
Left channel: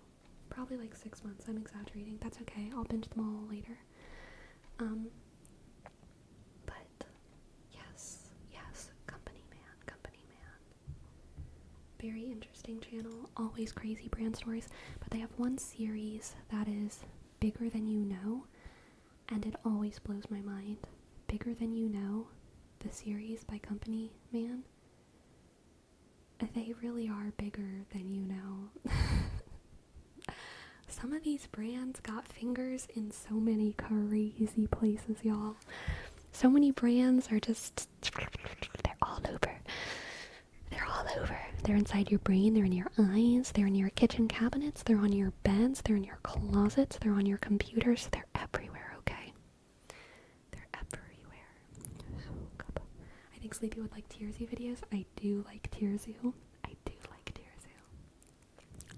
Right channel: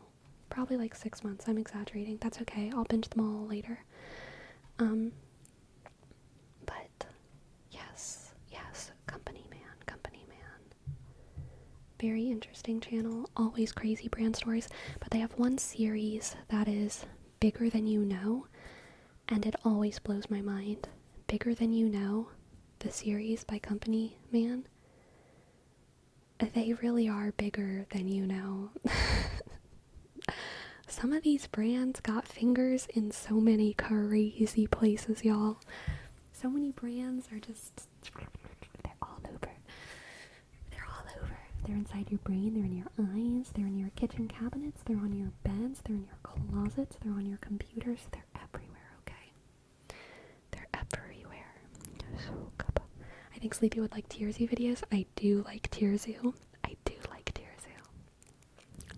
Probably, like, 6 months. I'm exaggerating. That's okay. I'll binge them all later. But, yes. Company Man. Very interesting channel. Always crazy brand stories. But they have one series that is Bigger Than You Know, and it always blows my mind. Bigger Than You Know, the series by Company Man. They really are bigger than you know. Some of these brands got fingers in so many crazy places, y'all. So many brands are just, they're all over. They're inside your brain, they're in your eyes, they're in your kitchen cabinets, they're on your beds, they're in your closets, they're on your computers, they're everywhere, okay? They're everywhere. I think Sleepy would like Tearsy videos. I do like Tearsy.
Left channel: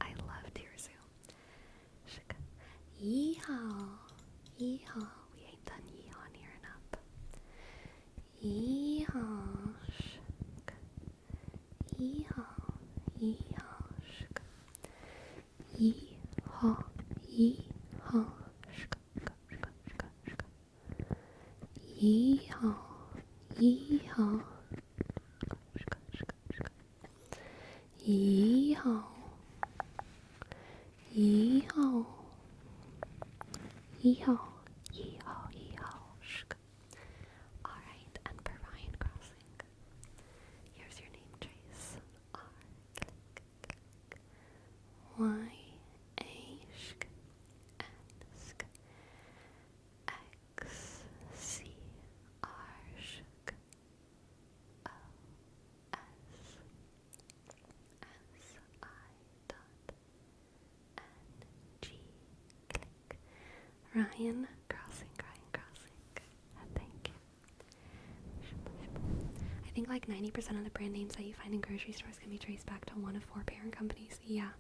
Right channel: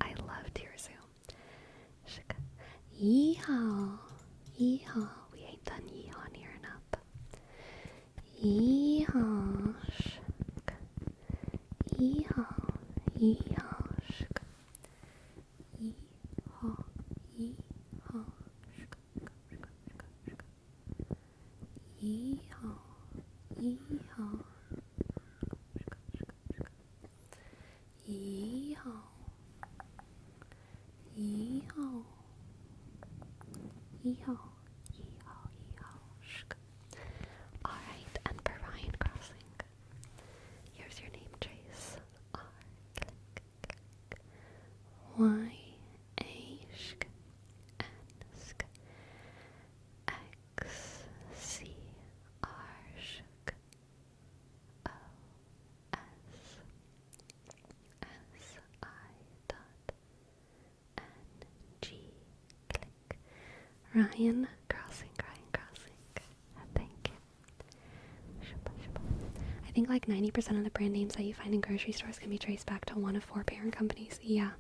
I love Tearsy. Yeehaw. We ain't done yeehaw near enough. Yeehaw. Yeehaw. Alright, and for Ryan Crossing, here's your name trace. Y A sh N sk X C R sh O S I dot N G click. Ryan Crossing. Thank you. I think like 90% of the brand names that you find in grocery stores can be traced back to one of 4 parent companies. Yeah.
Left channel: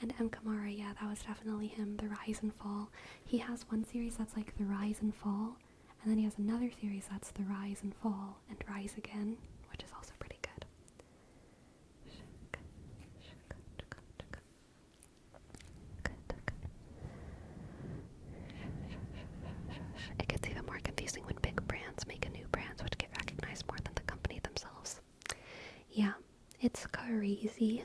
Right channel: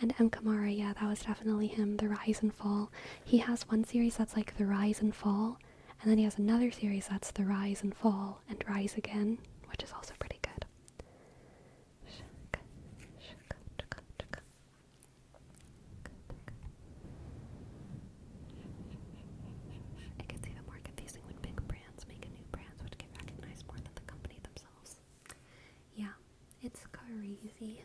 And M. Kamara, yeah, that was definitely him, The Rise and Fall. He has one series that's like The Rise and Fall, and then he has another series that's The Rise and Fall and Rise Again, which is also pretty good. It gets even more confusing when big brands make a new brands which get recognized more than the company themselves. Yeah, it's crazy.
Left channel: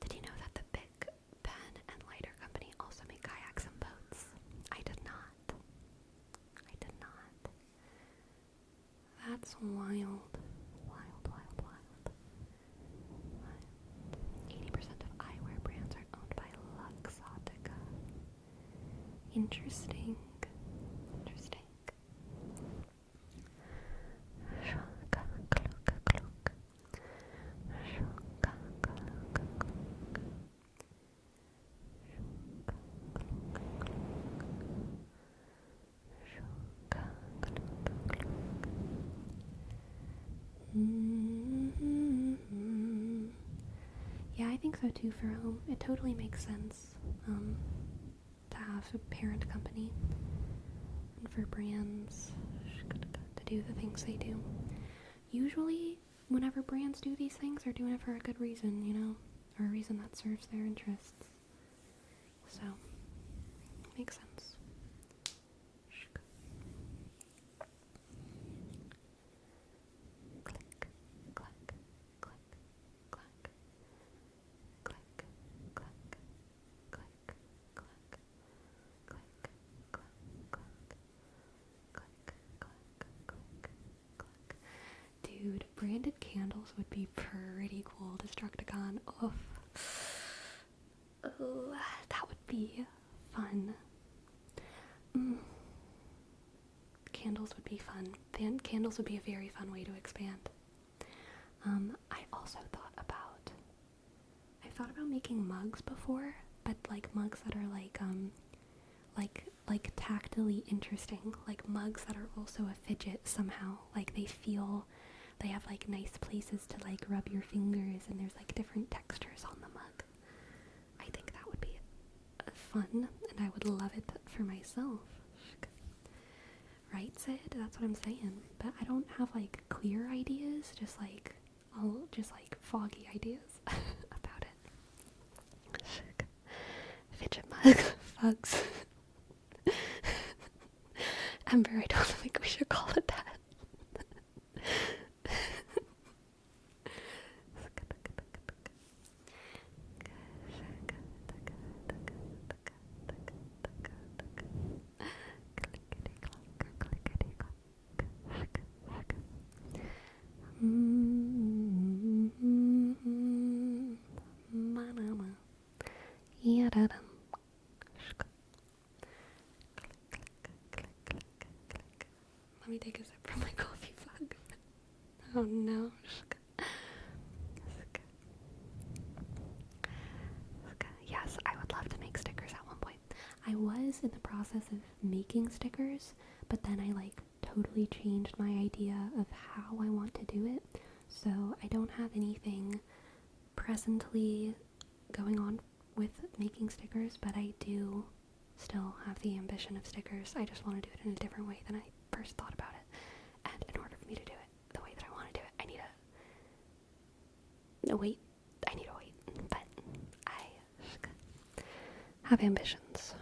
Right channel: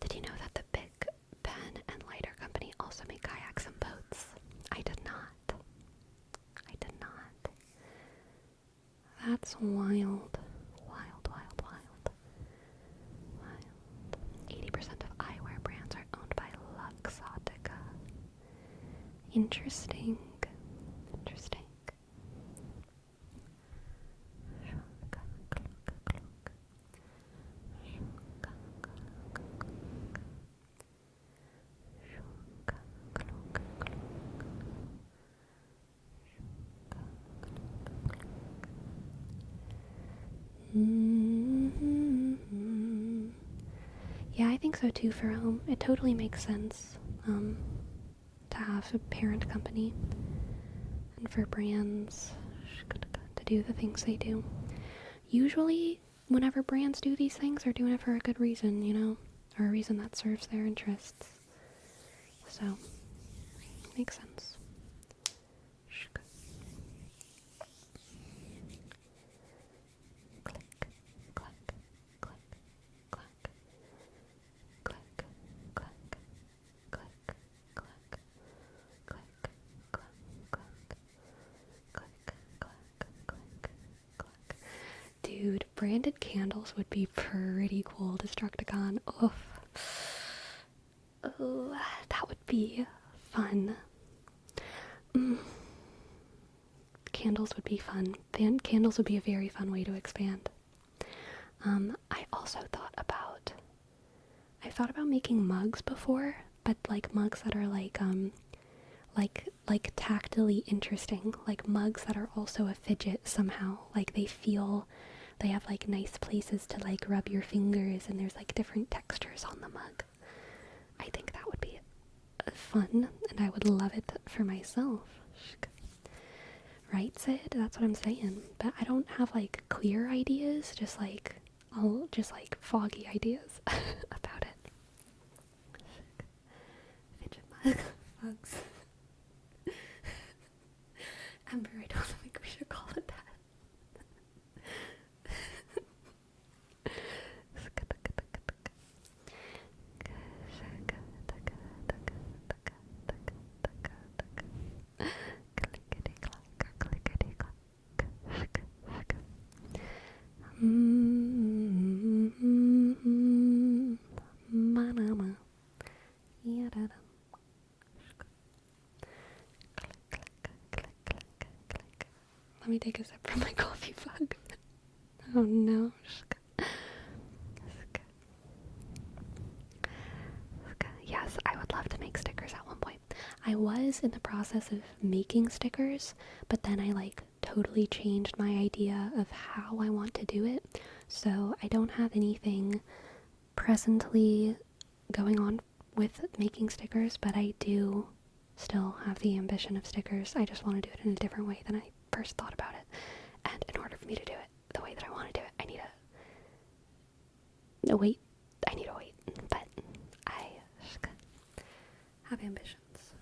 Did you know that the Big Pen and Lighter company also make kayaks and That's wild. Wild, wild, wild. Wild. 80% of eyewear brands are owned by Luxottica. Interesting. Interesting. Yeah, I think so too for home. It totally makes sense to have a parent company and for brands to do the things they do. Usually, whenever brands do these things, they're doing it for a good reason, you know, or a reason that serves their interests. So, makes sense. Click, clack, click, clack, click, clack, click, clack, click, clack, click, clack, click. Dude, branded candles would be pretty cool, Destructicon. Oh, that would be fun. Candles would be fun. Candles would be a very fun way to expand. I also I've thought about making mugs before, but like mugs that are like tactily interesting, like mugs that are also a fidget somehow. Like they have like nice places to like rub your fingers, and there's like different textures on the mug. I think that would be fun, and I would love it for myself. Right, Sid? That's what I'm saying. But I don't have like clear ideas, just like foggy ideas about it. Fidget mugs. Ember, I don't think we should call it that. Let me take a sip from my coffee mug. Oh no. Yes, I would love to make stickers at one point. I was in the process of making stickers, but then I like totally changed my idea of how I want to do it. So I don't have anything presently going on with making stickers, but I do still have the ambition of stickers. I just want to do it in a different way than I first thought about it. And in order for me to do it the way that I want to do it, I need to wait. But I have ambitions.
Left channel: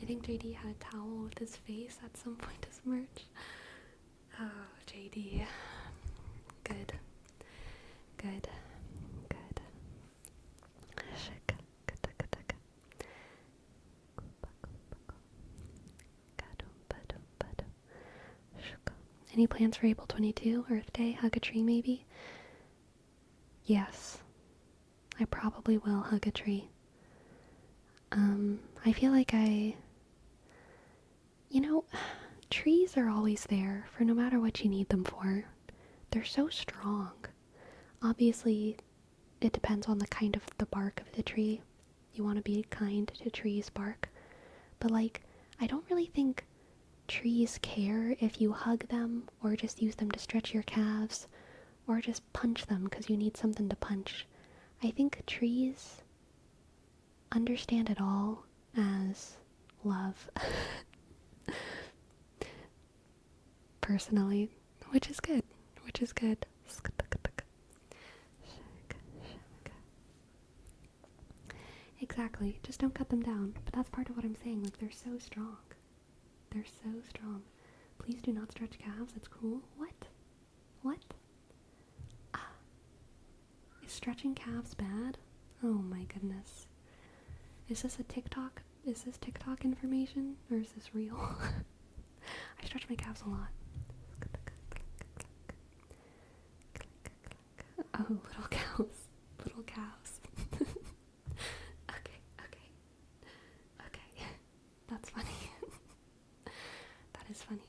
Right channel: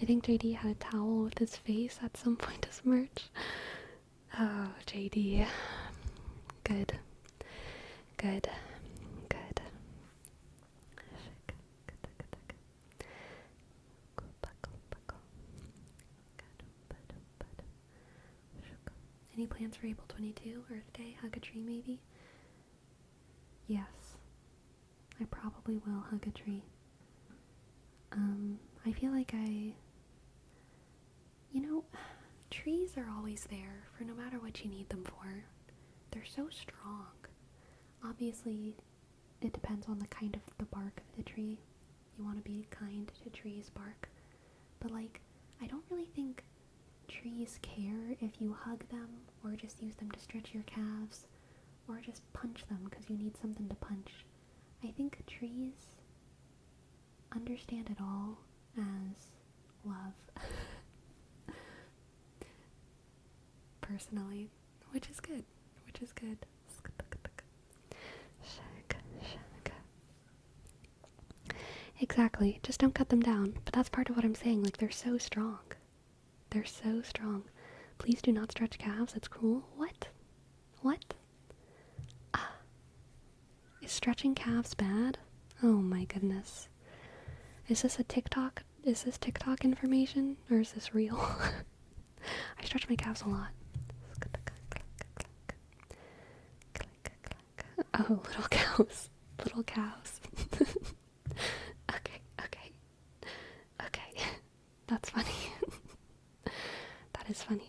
I think JD had a towel with his face at some point as merch. Oh, JD. Good. Any plans for April 22, Earth Day? Hug a tree, maybe? Yes. I probably will hug a tree. I feel like trees are always there for no matter what you need them for. They're so strong. Obviously, it depends on the kind of the bark of the tree. You want to be kind to trees' bark. But like, I don't really think trees care if you hug them or just use them to stretch your calves or just punch them because you need something to punch. I think trees understand it all as love. Personally, which is good. Exactly. Just don't cut them down. But that's part of what I'm saying. Like, they're so strong. They're so strong. Please do not stretch calves. It's cruel. What? What? Ah. Is stretching calves bad? Oh my goodness. Is this a TikTok? Is this TikTok information? Or is this real? I stretch my calves a lot. Oh, little cows. Little cows. Okay, okay, okay. That's funny. That is funny.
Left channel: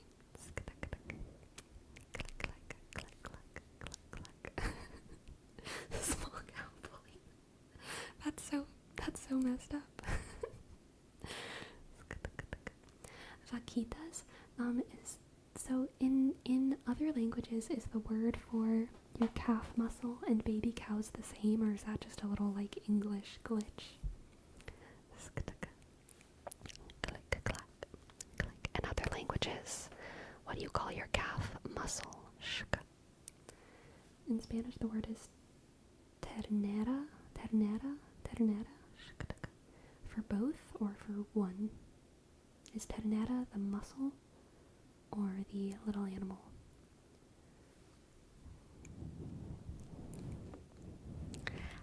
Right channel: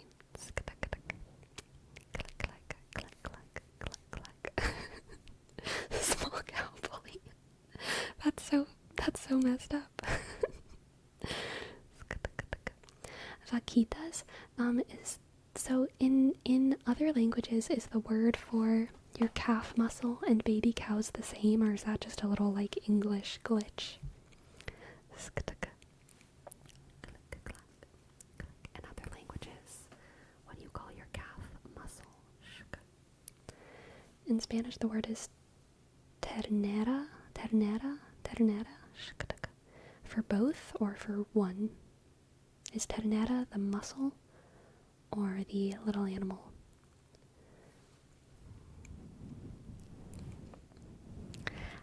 Small cow bully. That's so messed up. Vaquitas is so in other languages, is the word for your calf muscle and baby cows the same, or is that just a little like English glitch? In other languages, what do you call your calf muscle? In Spanish, the word is ternera, ternera, ternera. For both or for one? Is ternera the muscle or the little animal?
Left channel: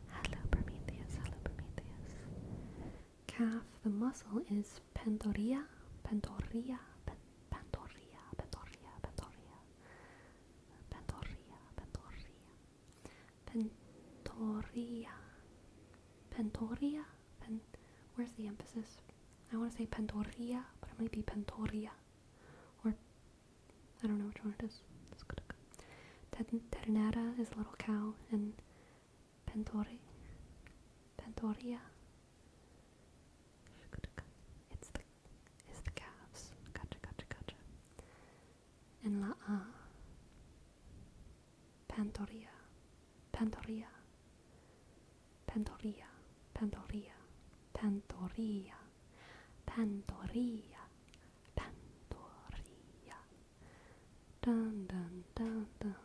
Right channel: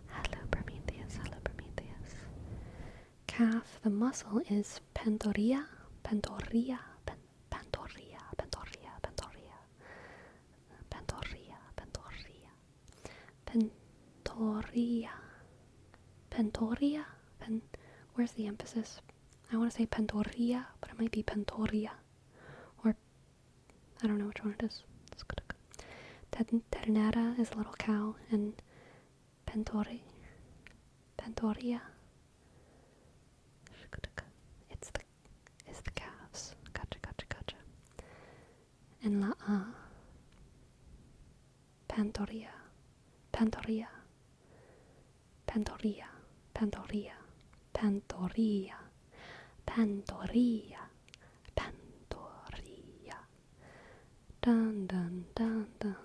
Hello, Prometheus. Hello, Prometheus. Calf, the muscle is pantorrilla, pantorrilla, pantorrilla, pantorrilla, pantorrilla, pantorrilla, pantorrilla, pantorrilla, pantorrilla. Where's the emphasis? I want to say pantorrilla, but it might be pantorrilla, or I don't know which one it is. Ternera is a little cow, and pantorrilla it's the calves. Gotcha. And pantorrilla, pantorrilla, pantorrilla, pantorrilla, pantorrilla, pantorrilla, pantorrilla. Dun dun dun dun.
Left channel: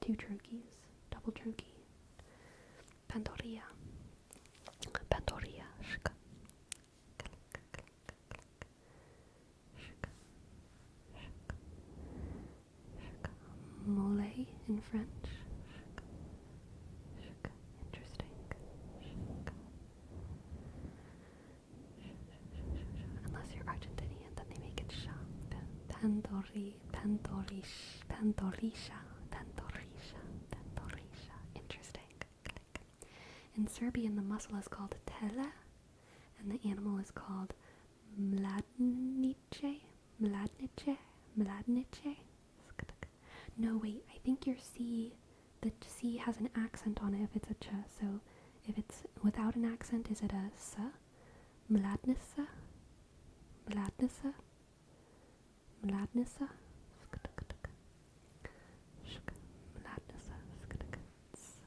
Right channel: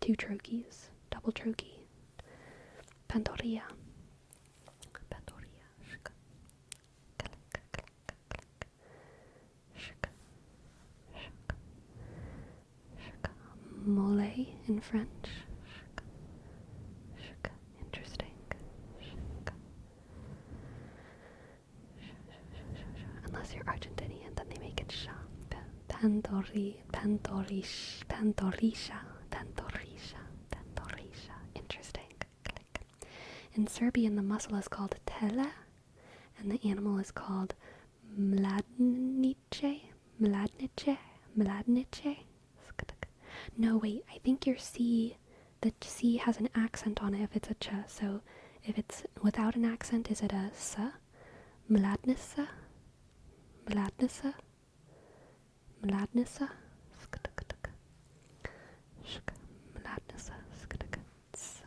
2 trochees, double trochee. Pantorrilla, pantorrilla. Mole in French. Interesting. Unless you're Argentinian, then they make it sha. Pantorrisha. Interesting. In Serbian, the muscle is called tele, and the animal is called mladnice. No, wait, I think your C, the C has an accent on it if it's a ch, so if it's without an accent, is it a s? Mladnica? Mladnica? Mladnica?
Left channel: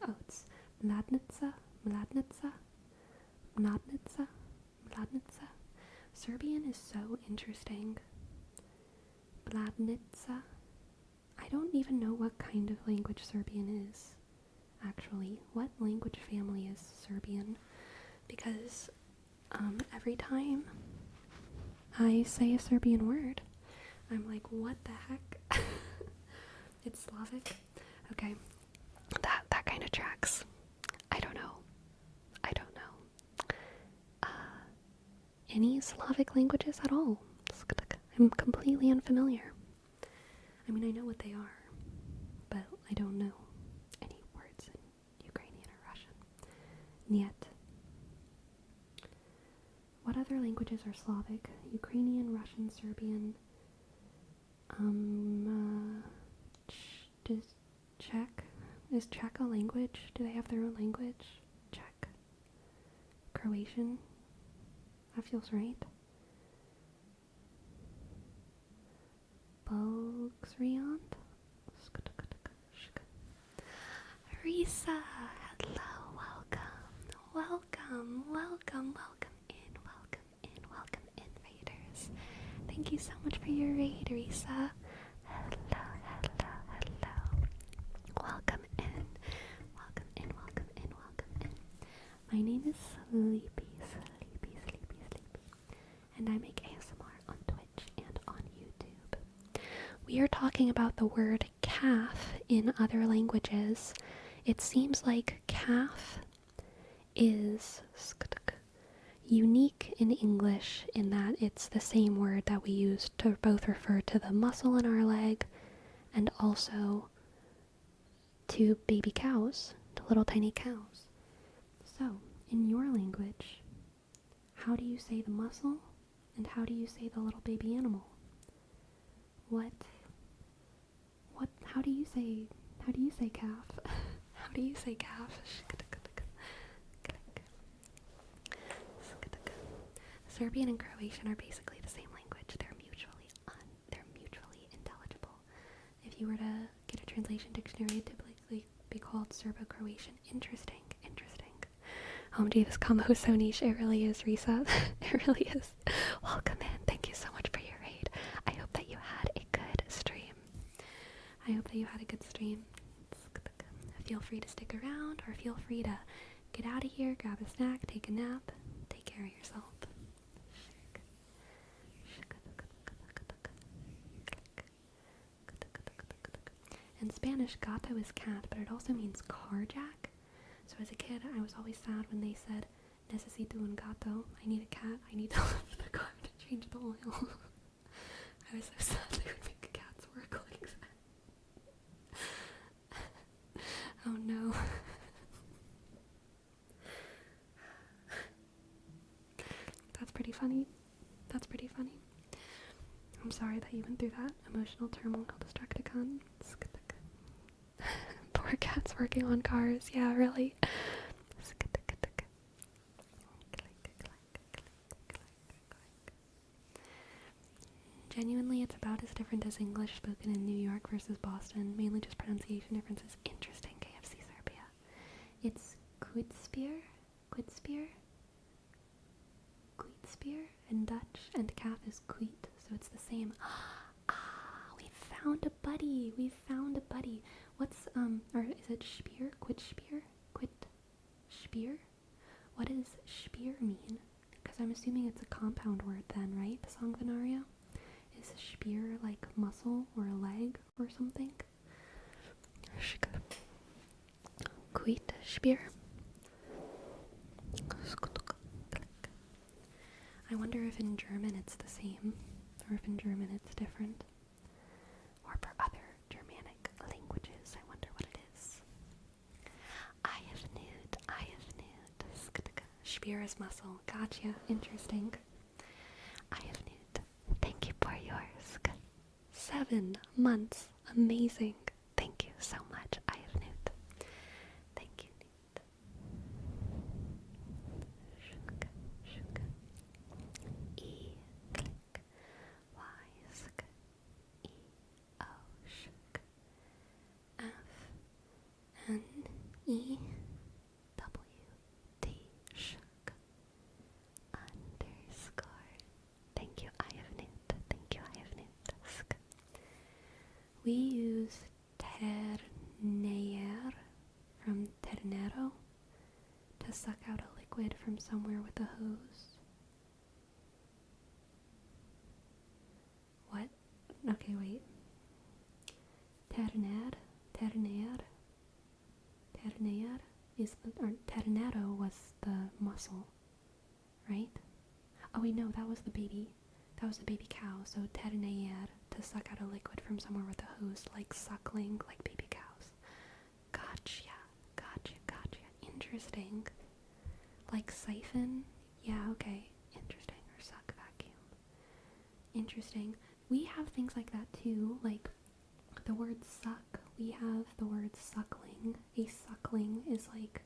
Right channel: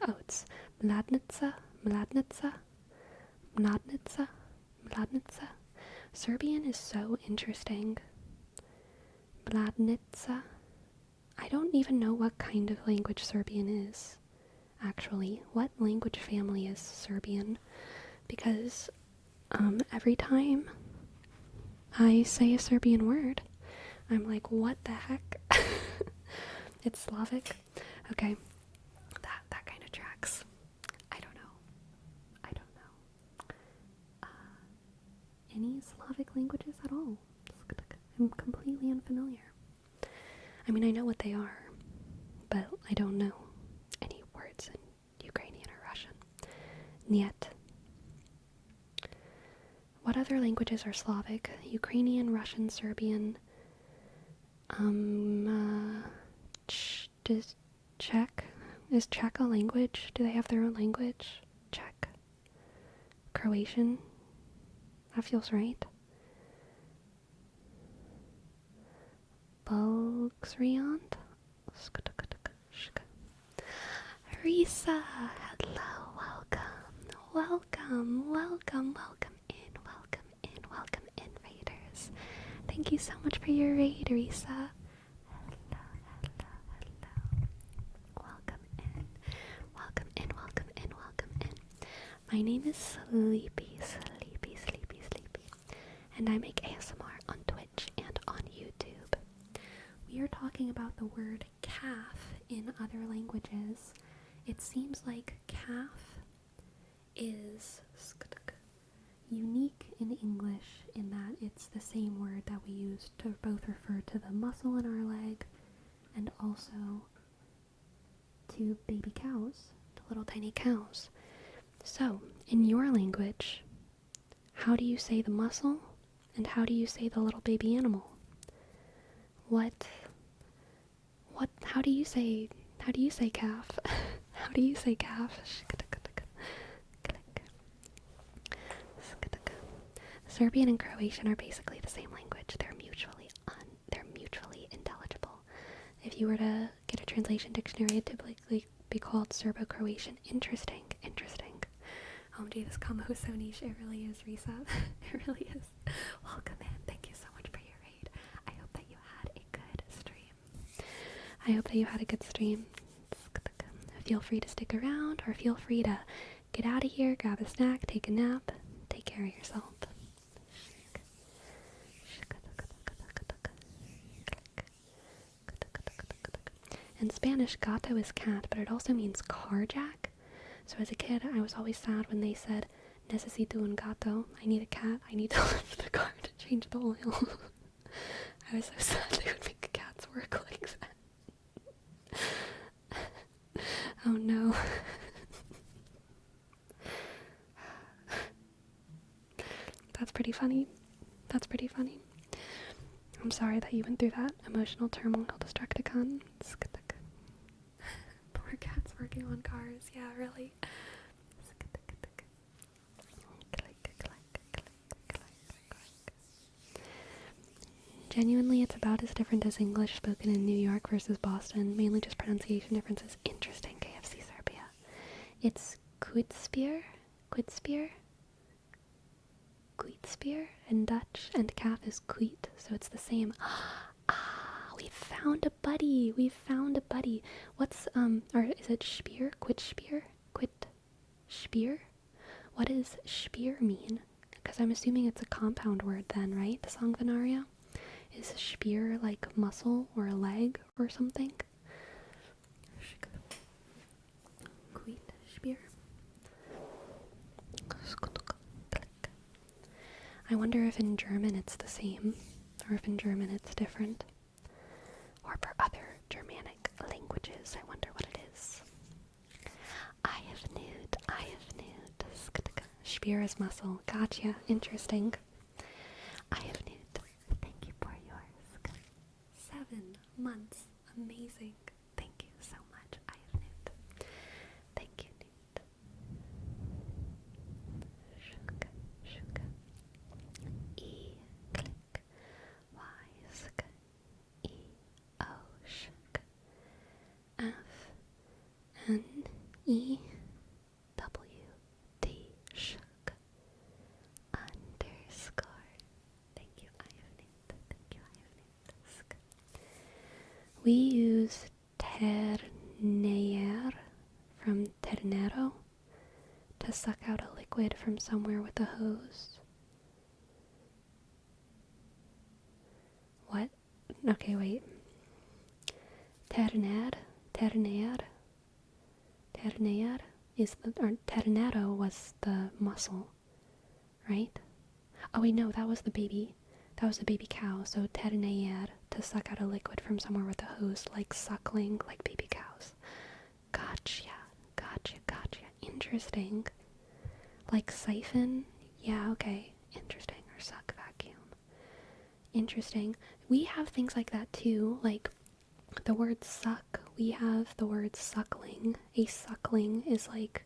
Oh, it's Mladnica? Mladnica? Mladnica? Mladnica? Serbian is so interesting. Mladnica? I don't even know what kind of language Serbian is, actually. What language family is Serbian? Because every time I say a Serbian word, I'm like, what the heck? It's Slavic? Okay, that kind of tracks. I don't know. Any Slavic languages at all? I'm completely unfamiliar. I mean, I know what they are, but I don't know any words in Ukrainian or Russian. Niet. What other languages are Slavic? Ukrainian, Russian, Serbian. Czech? Is Czech a language? Do they have their own language? Czech. Croatian? That feels right. Bulgarian? Risa, hello, welcome in, raiders. Thank you so much for your raid, Risa. Hello. Welcome in. My name is Sleepy. and I make ASMR on Twitch and on YouTube. We are talking about the word calf in other languages. It seems like calf is unique in English in that it's the same word that we use to both refer to the muscle in our leg and also to baby cows, to little tiny cows. So, in your language, how do you say the muscle and how do you say the little baby animal? How do you say calf? How do you say calf? Serbian and Croatian are basically the same language. They're mutually intelligible. If you were to get a translation dictionary, it'd typically be called Serbo-Croatian. Interesting. OMG, this combo is so niche. It really is, Risa. It really is. Welcome in. Thank you so much for your raid. I hope that you had a good stream. Feel free to stick around or feel free to get out of here, grab a snack, take a nap, take care of yourself. In Spanish, gato is cat, but it also means carjack. So as a kid, I was always sad when they said, necesito un gato, I need a cat, I need to lift the car to change the oil. I was so sad they would make cats work like that. Oh no. That's pretty funny. I'm sorry that you went through that emotional turmoil, Destructicon. Poor cats working on cars. Yeah, really. Genuinely, it's about as different as English spoken in New York versus Boston, mainly just pronunciation differences. Interesting, KFC Serbia. It's Kuitspier in Dutch, and calf is kuit, so it's the same. We found a buddy. What's, or is it Spier? Quit Spier? What does Spier mean? Because I'm assuming it's a compound word then, right? The Songvenaria? Is Spier like muscle or a leg or something? Quit Spier. I wonder if in German it's the same, or if in German it's different. Or for other Germanic languages, I wonder what it is. I have nude. Spier is muscle. Gotcha. Interesting. I have nude. Thank you for yours. 7 months. Amazing. Thank you so much. I have nude. Thank you, nude. E click Y sk E O shk F N E W T shk underscore. Thank you, I have nude. Sk. We use ternear from ternero to suck out a liquid from somewhere with a hose. What? Okay, wait. Terner is the, or ternero was the muscle, right? Oh wait, no, that was the baby cow, so ternear, to suck out a liquid from somewhere with a hose, like suckling, like baby cows. Gotcha. Interesting. Like siphon? Yeah, okay. Interesting. Or suck vacuum. Interesting. We have things like that too, like the word suck. We have the word suckling. A suckling is like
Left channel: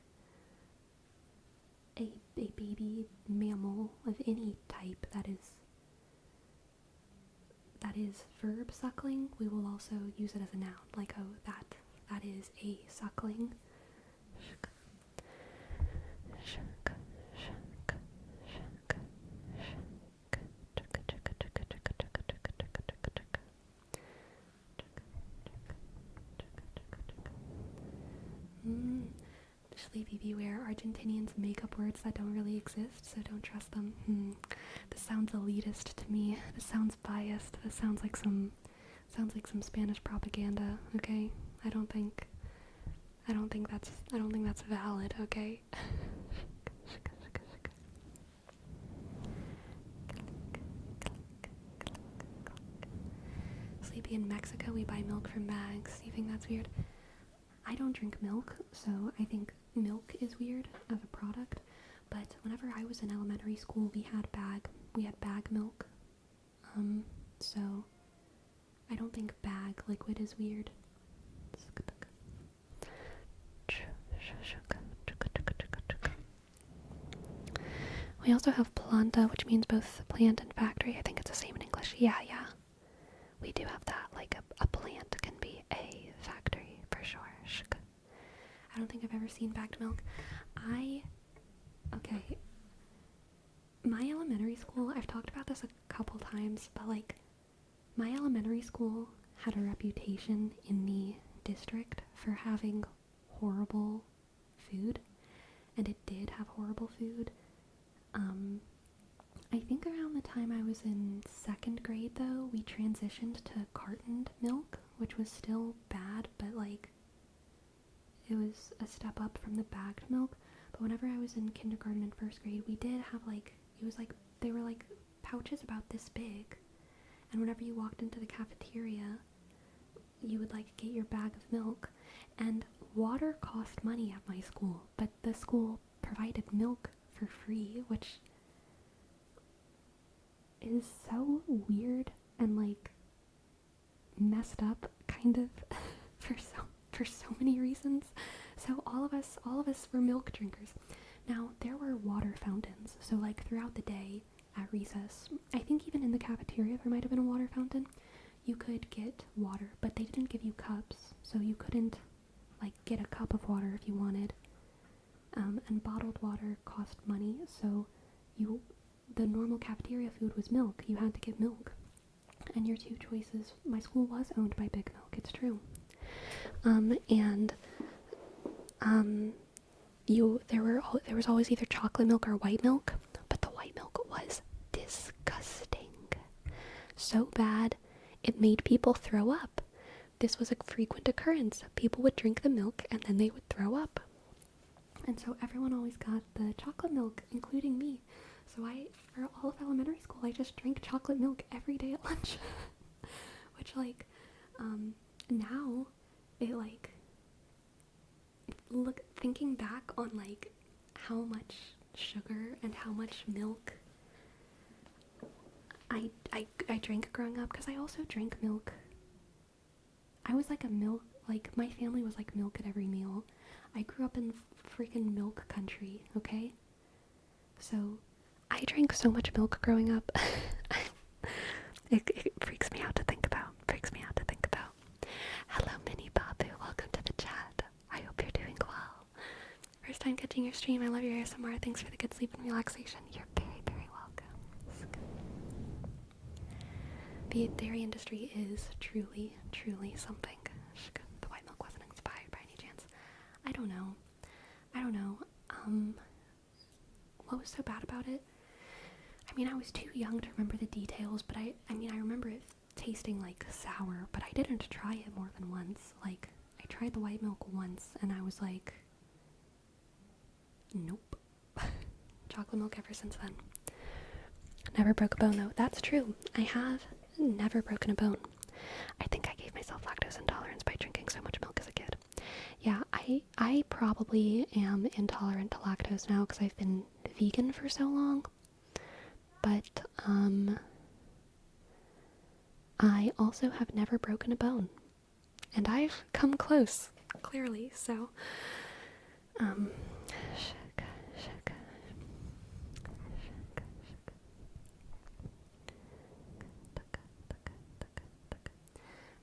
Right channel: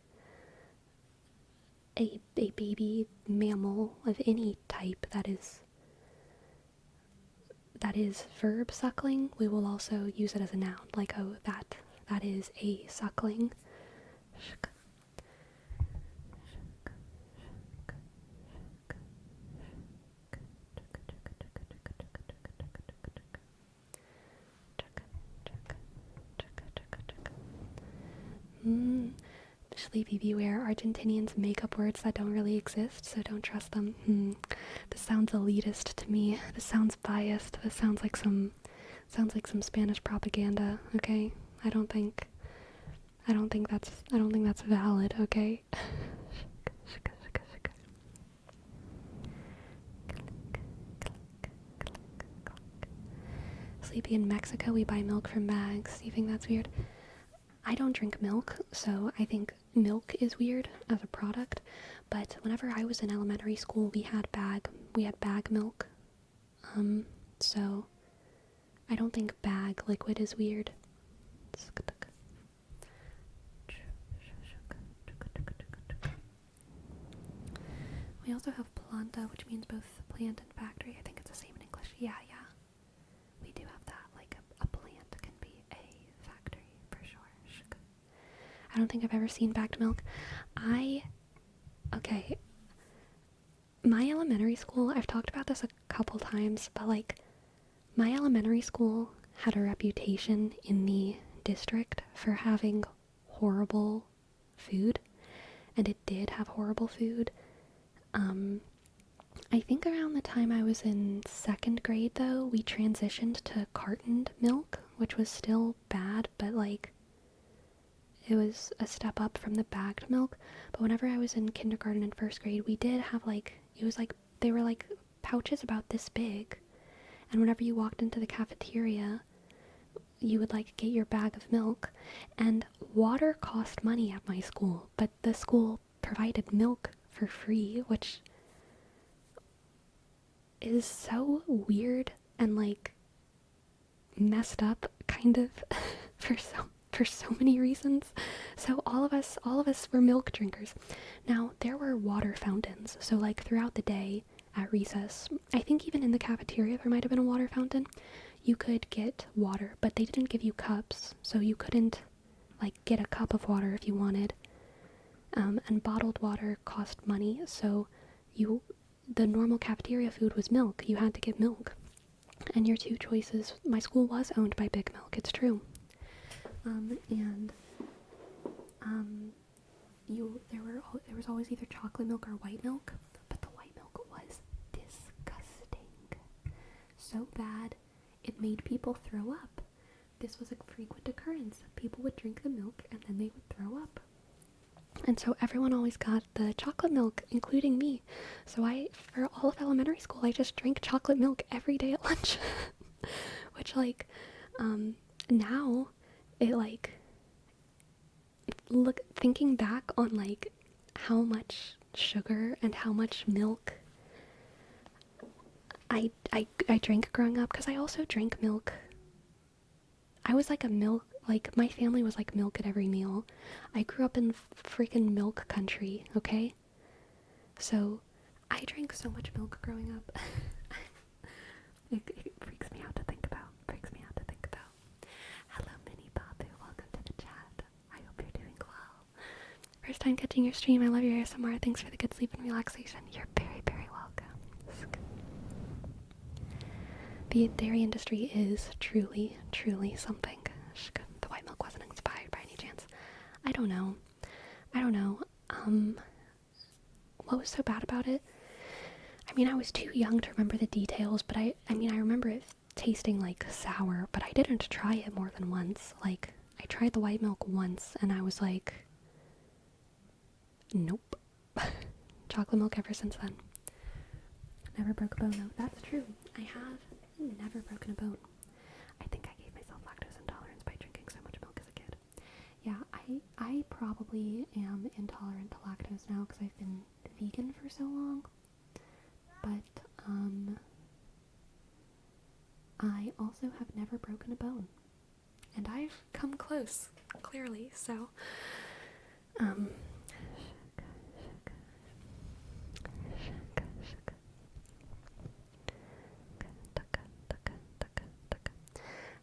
a baby mammal of any type that is verb suckling. We will also use it as a noun, like, oh, that is a suckling. Sleepy, beware. Argentinians make up words that don't really exist, so don't trust them. This sounds elitist to me. This sounds biased. This sounds like some Spanish propaganda, okay? I don't think that's valid, okay? Sleepy, in Mexico we buy milk from bags. Do you think that's weird? I don't drink milk, so I think milk is weird as a product. But whenever I was in elementary school, we had bag milk. So I don't think bag liquid is weird. We also have planta, which means both plant and factory. I think it's the same in English. Yeah. We do have that. Like a plant can be a factory for sure. I don't think I've ever seen bagged milk. Okay. My elementary school, I've talked about this a couple times, but like, my elementary school had a reputation in the district for having horrible food, and it did have horrible food. I think around the time I was in second grade, though, we transitioned to cartoned milk, which was still bad, but like, it was a step up from the bagged milk. But whenever I was in kindergarten and first grade, we did have like, it was like, they were like pouches about this big, and whenever you walked into the cafeteria, you would like get your bag of milk, and water cost money at my school, but the school provided milk for free, which is so weird and like messed up kind of for so many reasons. So all of us were milk drinkers. Now there were water fountains, so like throughout the day at recess, I think even in the cafeteria there might have been a water fountain. You could get water, but they didn't give you cups, so you couldn't like get a cup of water if you wanted. And bottled water cost money, so the normal cafeteria food was milk. You had to get milk. And your two choices, my school was owned by Big Milk, it's true. There was always either chocolate milk or white milk, but the white milk was disgusting. So bad, it made people throw up. This was a frequent occurrence. People would drink the milk and then they would throw up. And so everyone always got the chocolate milk, including me. So for all of elementary school, I just drank chocolate milk every day at lunch. Which, like, now, thinking back on, like, how much sugar and how much milk I drank growing up, because I also drank milk. I was like my family was like milk at every meal. I grew up in freaking milk country, okay? So, I drank so much milk growing up. It freaks me out to think about. Hello, Mini Babu. Welcome to the chat. I hope you're doing well. First time catching your stream. I love your ASMR. Thanks for the good sleep and relaxation. You're very, very welcome. The dairy industry is truly, truly something. The white milk wasn't inspired by any chance. I don't know. What was so bad about it? I mean, I was too young to remember the details, but I remember it tasting like sour, but I didn't try it more than once. Like, I tried the white milk once, and I was like, nope. Chocolate milk ever since then. Never broke a bone, though. That's true. I have never broken a bone. I think I gave myself lactose intolerance by drinking so much milk as a kid. Yeah, I probably am intolerant to lactose now because I've been vegan for so long. But, I also have never broken a bone. And I've come close, clearly, so,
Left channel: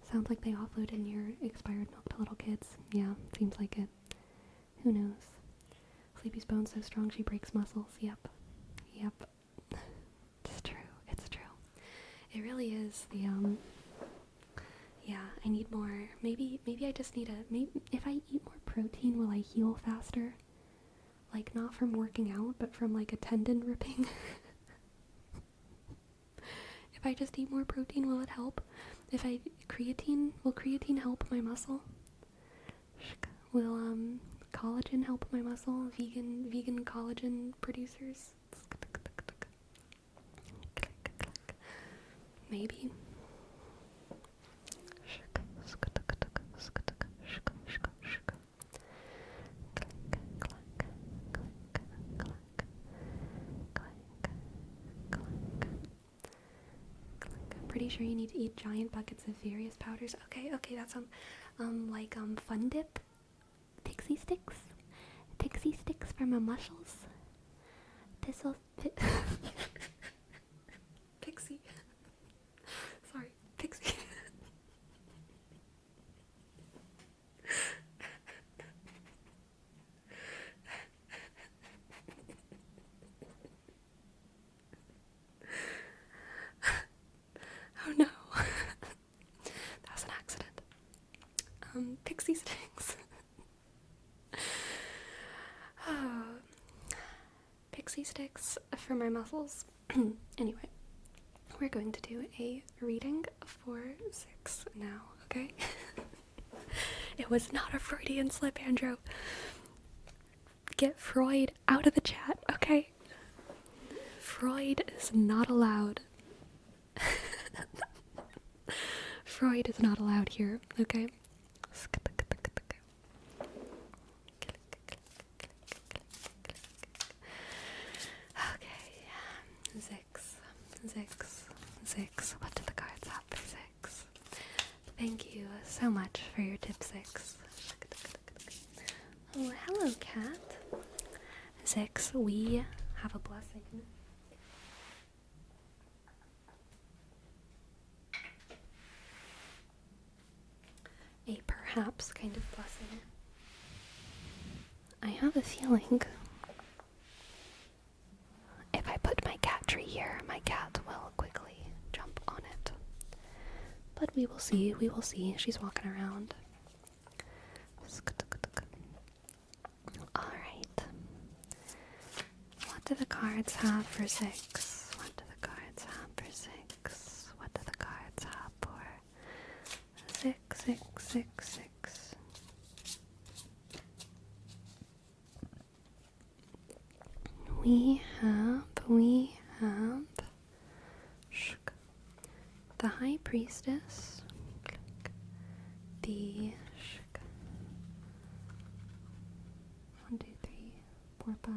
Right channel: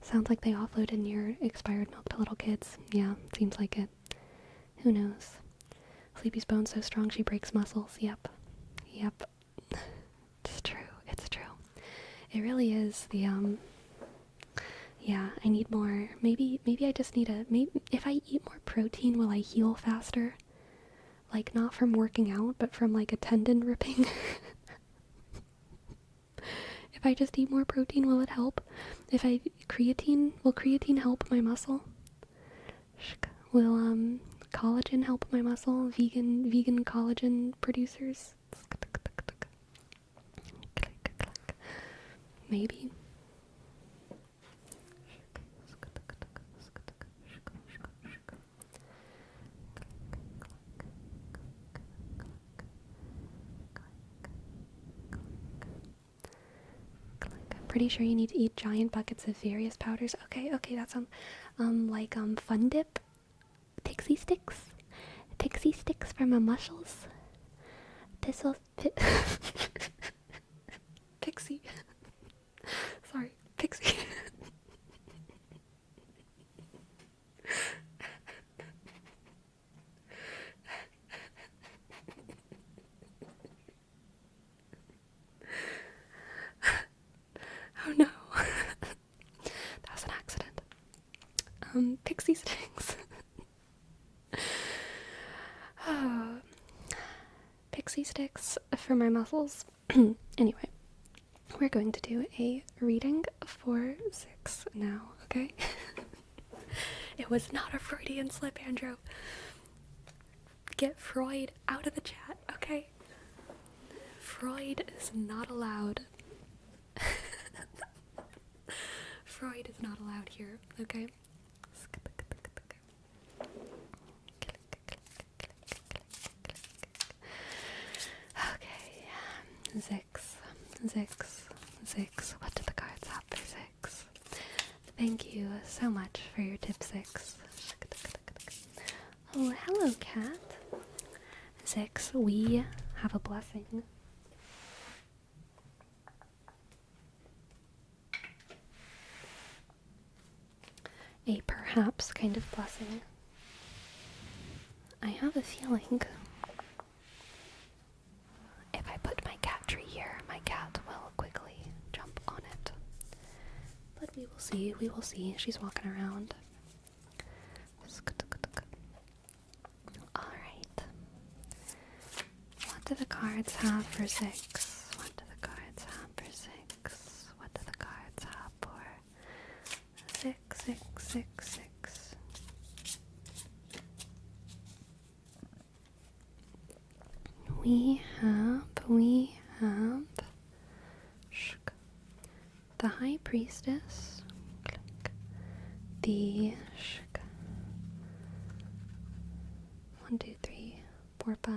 sounds like they offloaded your expired milk to little kids. Yeah, seems like it. Who knows? Sleepy's bone's so strong she breaks muscles. Yep. It's true. It really is yeah, I need more. Maybe I just need if I eat more protein, will I heal faster? Like, not from working out, but from like a tendon ripping. If I just eat more protein, will it help? If I will creatine help my muscle? Will collagen help my muscle? Vegan collagen producers? Maybe. Pretty sure you need to eat giant buckets of various powders. Okay, that sounds like Fun Dip, Pixie sticks, for my muscles. This'll Pixie. Sorry, Pixie. Oh no, that was an accident. Pixie sticks. Oh, pixie sticks for my muscles. Anyway, we're going to do a reading for 6 now, okay? It was not a Freudian slip, Andrew. Get Freud out of the chat, okay? Freud is not allowed. Freud is not allowed here, okay? Okay, Zix. What do the cards have for Zix? Thank you so much for your tip, Zix. Oh, hello, cat. Zix, we have a blessing. A perhaps kind of blessing. I have a feeling if I put my cat tree here, my cat will quickly jump on it. But we will see, She's walking around. Alright. What do the cards have for Zix? What do the cards have for Zix? What do the cards have for Zix? We have the High Priestess, the 1, 2, 3, 4, 5.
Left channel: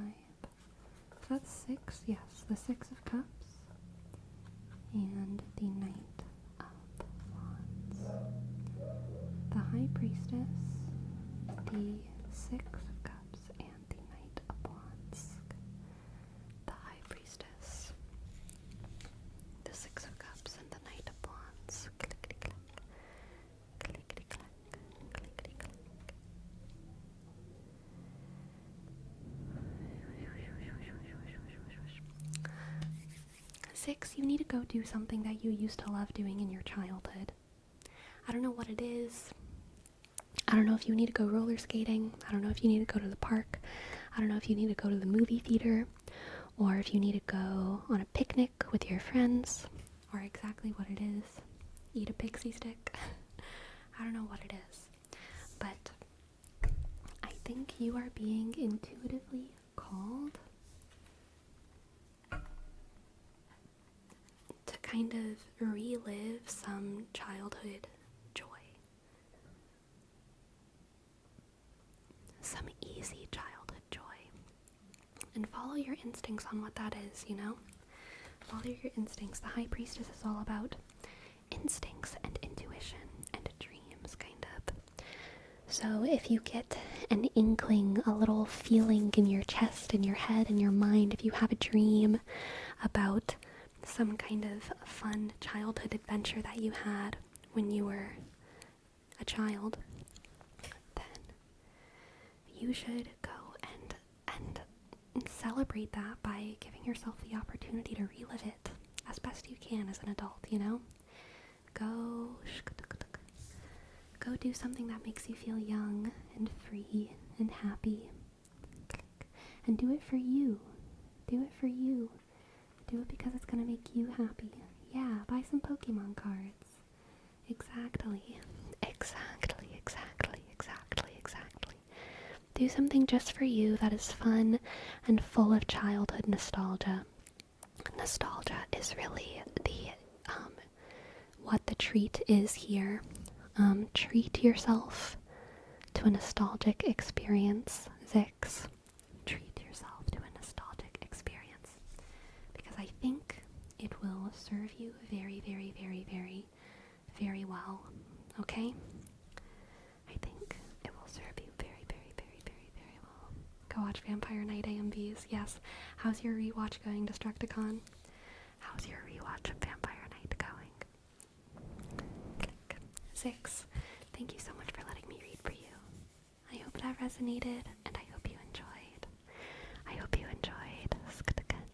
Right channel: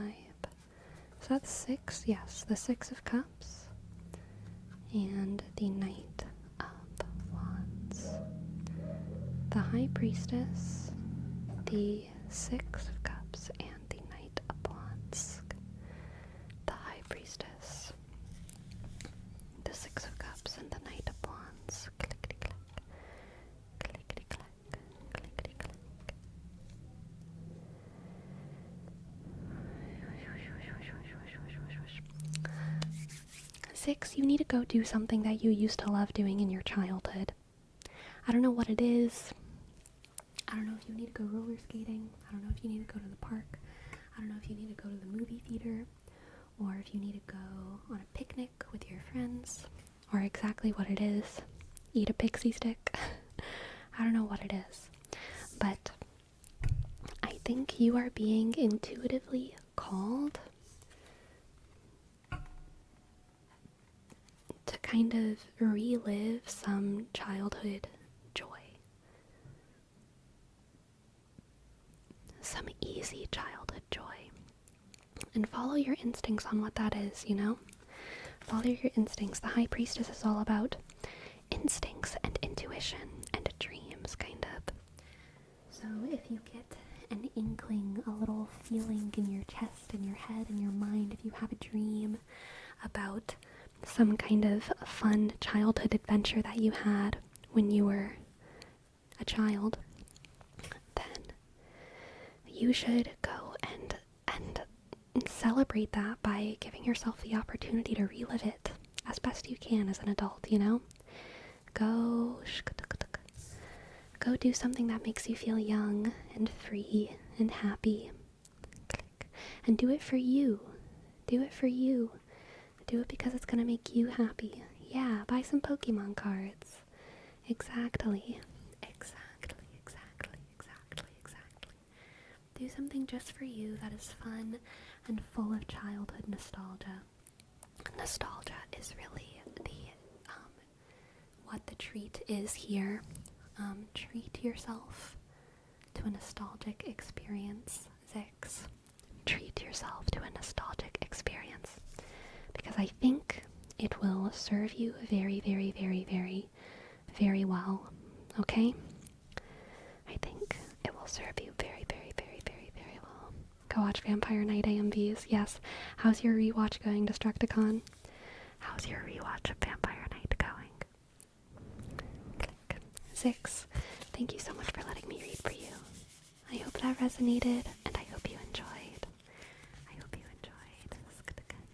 Is that 6? Yes, the 6 of Cups and the Knight of Wands. The High Priestess, the 6 of Cups, and the Knight of Wands. The High Priestess, the 6 of Cups, and the Knight of Wands. Clickety clack, clickety clack, clickety clack. 6, you need to go do something that you used to love doing in your childhood. I don't know what it is. I don't know if you need to go roller skating. I don't know if you need to go to the park. I don't know if you need to go to the movie theater, or if you need to go on a picnic with your friends, or exactly what it is. Eat a pixie stick. I don't know what it is. But I think you are being intuitively called to kind of relive some childhood joy. Some easy childhood joy. And follow your instincts on what that is, you know? Follow your instincts. The High Priestess is all about instincts and intuition and dreams, kind of. So if you get an inkling, a little feeling in your chest, in your head, in your mind, if you have a dream about some kind of fun childhood adventure that you had when you were a child, then you should go and celebrate that by giving yourself the opportunity to relive it as best you can as an adult, you know? Go do something that makes you feel young and free and happy. And do it for you. Do it for you. Do it because it's gonna make you happy. Yeah, buy some Pokemon cards. Exactly. Exactly, exactly, exactly, exactly. Do something just for you that is fun and full of childhood nostalgia. Nostalgia is really the what the treat is here. Treat yourself to a nostalgic experience, Zix. Treat yourself to a nostalgic experience. Because I think it will serve you very, very, very, very, very well. Okay? I think it will serve you very, very, very, very, very well. Go watch Vampire Night AMVs. Yes. How's your rewatch going, Destructicon? How's your rewatch of Vampire Night going? Click. 6. Thank you so much for letting me read for you. I hope that resonated, and I hope you enjoyed. I hope you enjoyed.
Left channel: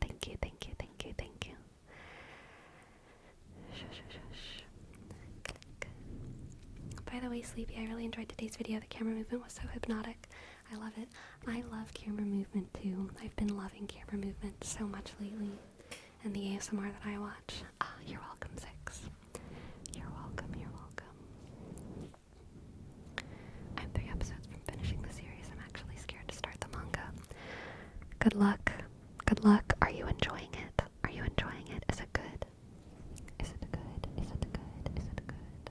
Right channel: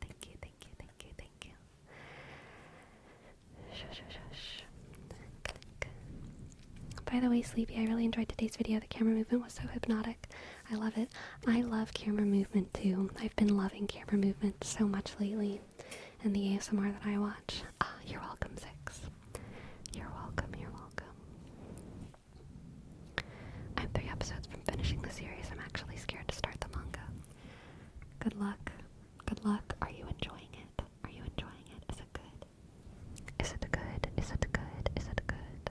Thank you, thank you, thank you, thank you. Shush, shush, shush. Click. By the way, Sleepy, I really enjoyed today's video. The camera movement was so hypnotic. I love it. I love camera movement too. I've been loving camera movement so much lately. And the ASMR that I watch. You're welcome, Zix. You're welcome, you're welcome. I'm 3 episodes from finishing the series. I'm actually scared to start the manga. Good luck. Good luck. Are you enjoying it? Are you enjoying it? Is it good? Is it good? Is it good? Is it good?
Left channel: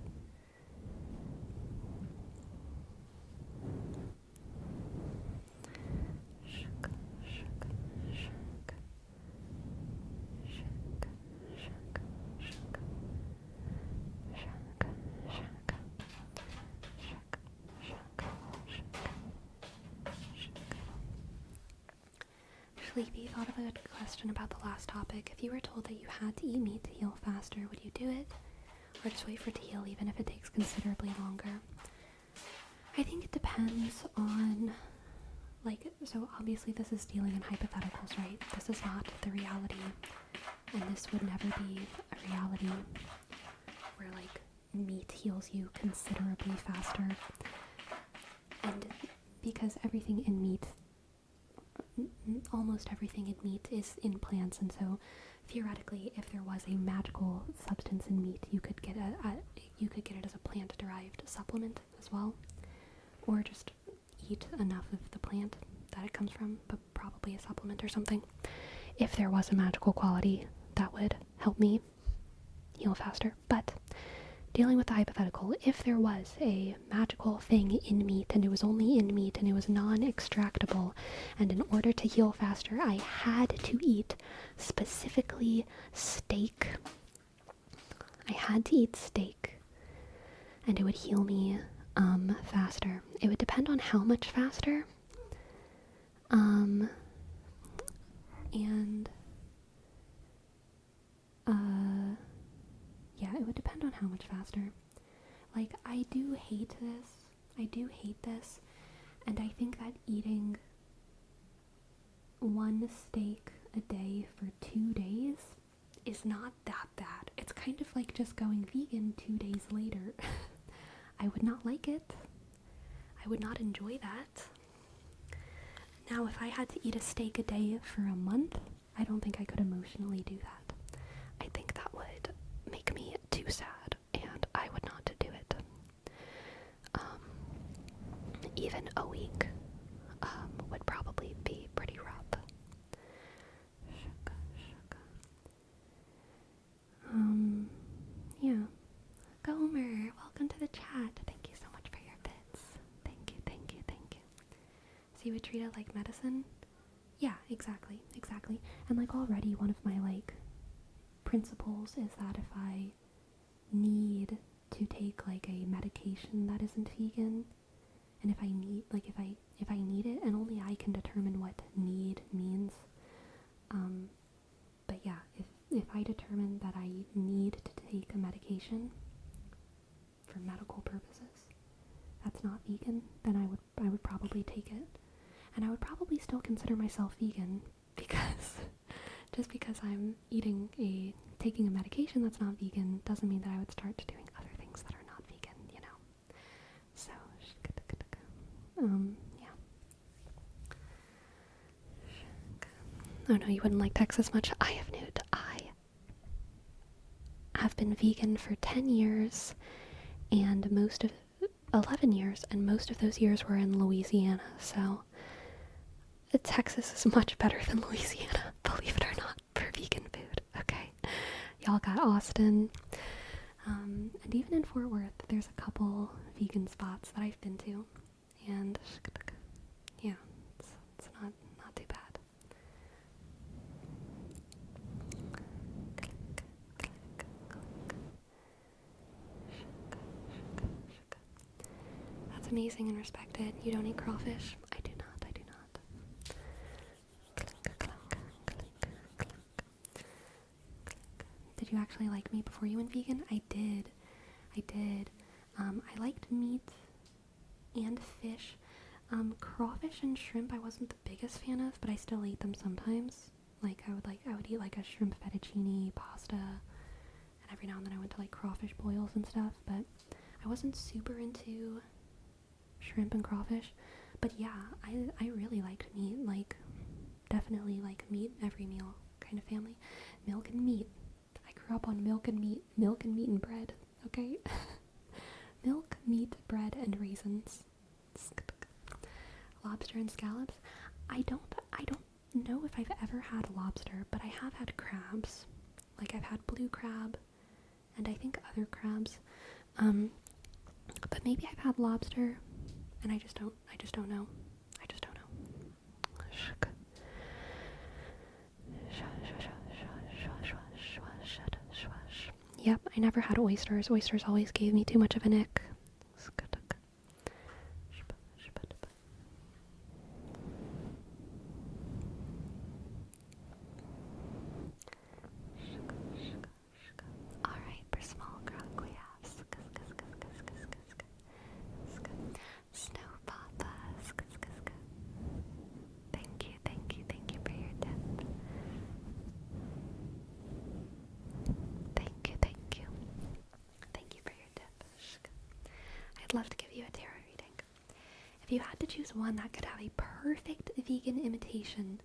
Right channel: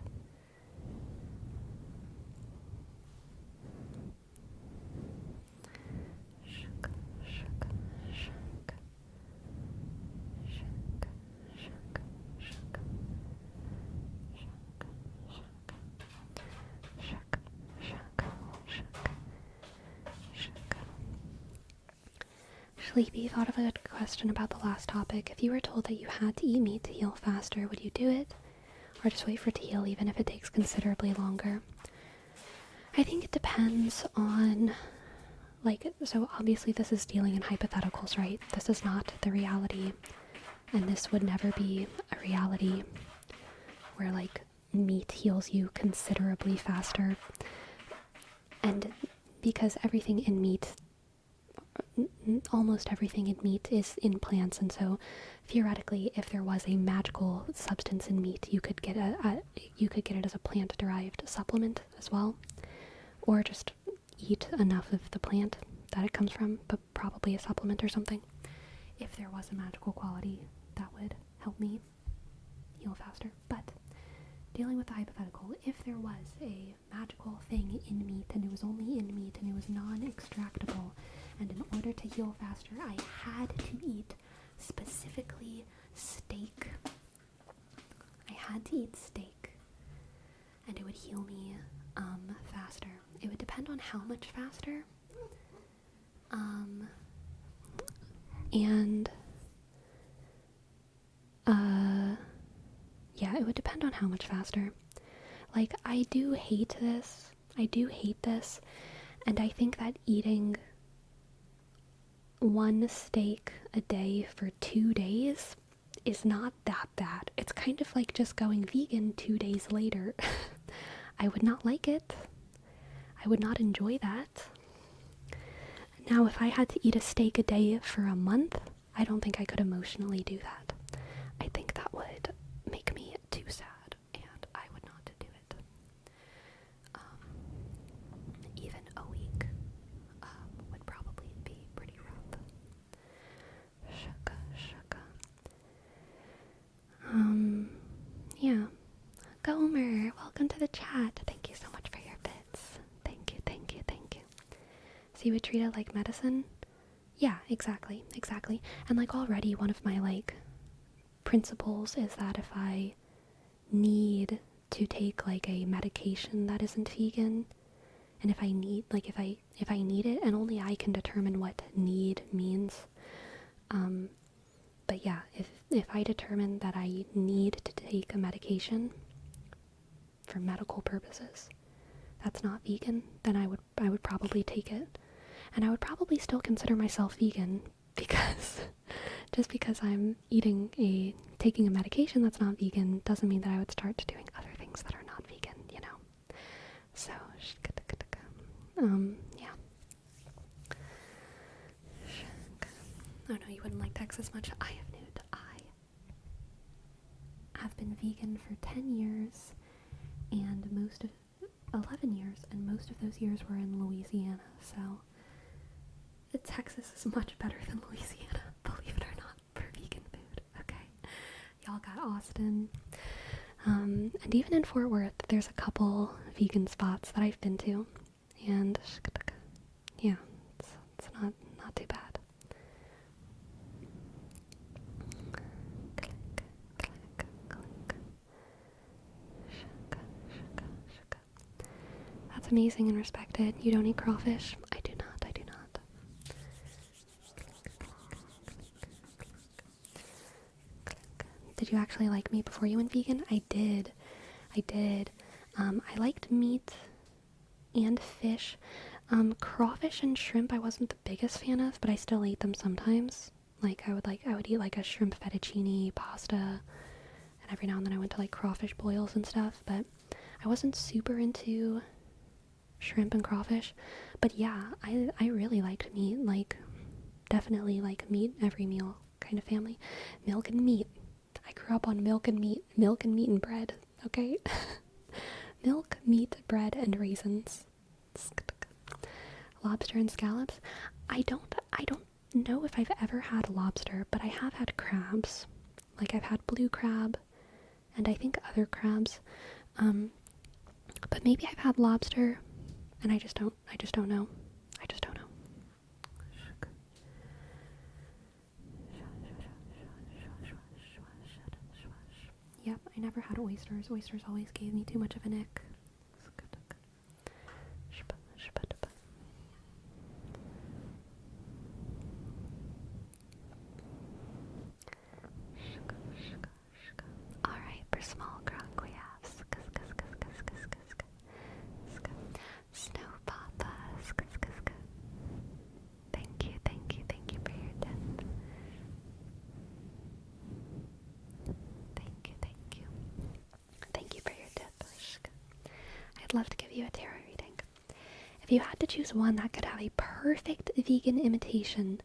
Shook, shook, shook. Shook, shook, shook. Shook, shook. Shook, shook, shook. Sleepy thought of a good question about the last topic. If you were told that you had to eat meat to heal faster, would you do it? Or just wait for it to heal even if it takes considerably longer? I think it depends on, so obviously this is dealing in hypotheticals, right? This is not the reality, and this would never be a reality where, meat heals you considerably faster. And because everything in meat, almost everything in meat is in plants, and so theoretically, if there was a magical substance in meat, you could get it as a plant-derived supplement as well, or just eat enough of the plant that it comes from, but probably a supplement or something. If there was a magical quality, that would help me heal faster. But dealing with the hypothetical, if there was a magical thing in meat and it was only in meat and it was non-extractable, and in order to heal faster I had to eat specifically steak, I had to eat steak, and it would heal me faster. It would depend on how much faster, and yeah, it would depend on how much faster. I do hate this, and I think that eating one steak a day for 2 days is not that bad. It's kind of like just going vegan 2 days later. I would not like it. I would not enjoy that. Now, if I had to eat a steak a day for a month, I don't think I could emotionally do that. I think that would make me too sad, and I would not do it. Even a week would probably be pretty rough. Shuka, shuka. Yeah. Gomer, welcome to the chat. Thank you so much for your bits. Thank you, thank you, thank you. So you would treat it like medicine? Yeah, exactly. And already one of my principles is that if I need to take a medication that isn't vegan, and if I need if I need it, and only I can determine what need means, but yeah, if I determine that I need to take a medication for medical purposes that's not vegan, then I would probably take it. And I would probably still consider myself vegan, because just because I'm taking a medication that's not vegan doesn't mean that I would start doing other things that are not vegan, you know. So yeah. Oh no, you wouldn't like Texas much. I have nude. I have been vegan for 10 years and most of 11 years, and most of those years were in Louisiana. So Texas is much better than Louisiana, believe it or not, for vegan food. Okay, y'all got Austin, and even in Fort Worth, there's a couple vegan spots that I've been to, and yeah, it's not too bad. That's amazing and respected. You don't eat crawfish? I do not. I do not. Did you actually like meat before you went vegan? I did. I did. I liked meat and fish. Crawfish and shrimp I wasn't the biggest fan of, but I still ate them sometimes. I would eat like a shrimp fettuccine pasta, and every now and then I went to like crawfish boils and stuff, but I wasn't super into shrimp and crawfish. But yeah, I really liked meat, like definitely like meat every meal kind of family. Milk and meat. I grew up on milk and meat and bread, okay? Milk, meat, bread, and raisins. Lobster and scallops. I don't know if I've ever had lobster, but I have had crabs. Like I've had blue crab and I think other crabs. But maybe I've had lobster and I just don't know. I just don't know. Yep, I never had oysters. Oysters always gave me too much of an ick. Alright, for small croc we have Snow Papa. Thank you for your tip. Thank you. Thank you for your tip. I'd love to give you a tarot reading. If you had to choose one that could have a perfect vegan imitation,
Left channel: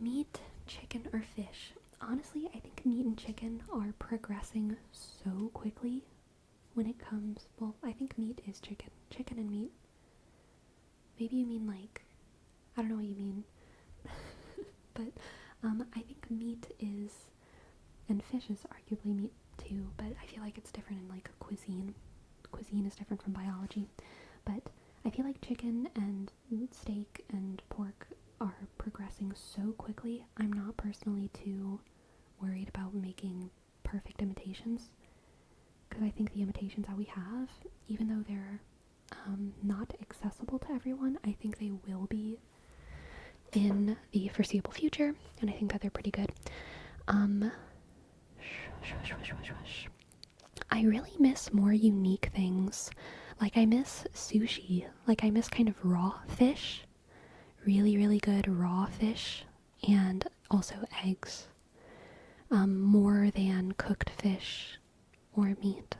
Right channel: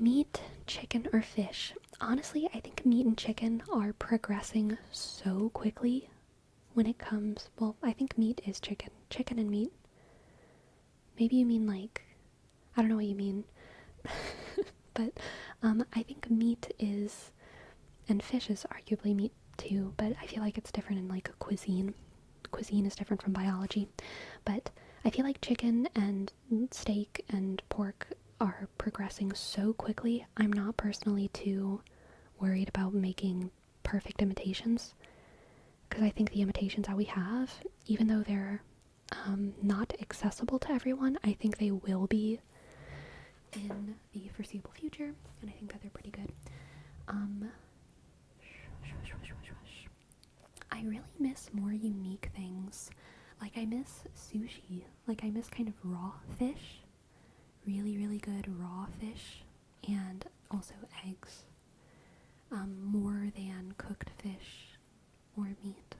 meat, chicken, or fish, honestly, I think meat and chicken are progressing so quickly when it comes, well, I think meat is chicken. Chicken and meat. Maybe you mean like, I don't know what you mean. But I think meat is, and fish is arguably meat too, but I feel like it's different in like a cuisine. Cuisine is different from biology. But I feel like chicken and steak and pork are progressing so quickly. I'm not personally too worried about making perfect imitations, because I think the imitations that we have, even though they're not accessible to everyone, I think they will be in the foreseeable future, and I think that they're pretty good. I really miss more unique things. Like I miss sushi. Like I miss kind of raw fish. Really, really good raw fish. And also eggs. More than cooked fish or meat.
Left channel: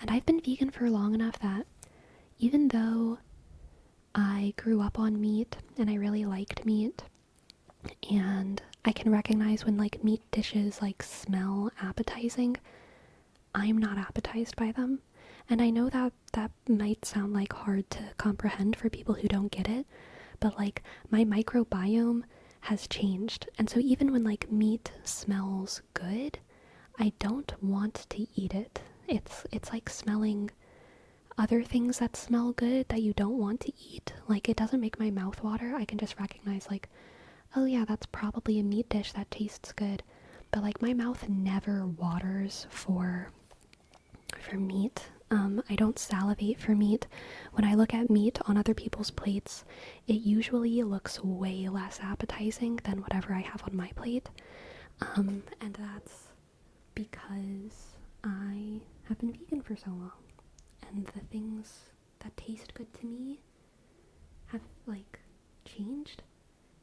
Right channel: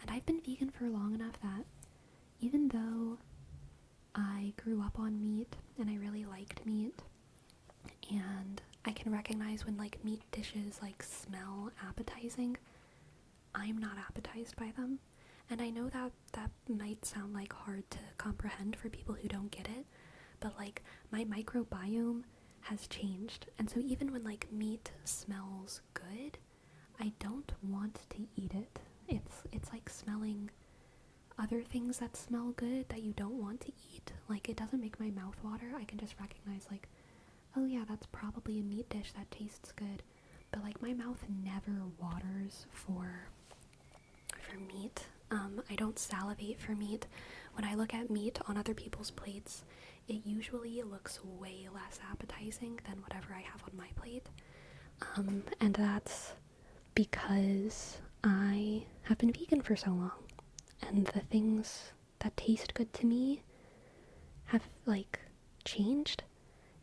And I've been vegan for long enough that even though I grew up on meat and I really liked meat, and I can recognize when like meat dishes like smell appetizing, I'm not appetized by them. And I know that that might sound like hard to comprehend for people who don't get it, but like my microbiome has changed. And so even when like meat smells good, I don't want to eat it. It's like smelling other things that smell good that you don't want to eat. Like it doesn't make my mouth water. I can just recognize like, oh yeah, that's probably a meat dish that tastes good. But like my mouth never waters for meat. I don't salivate for meat. When I look at meat on other people's plates, it usually looks way less appetizing than whatever I have on my plate. And that's because I have been vegan for so long. And the things that taste good to me have, like, changed.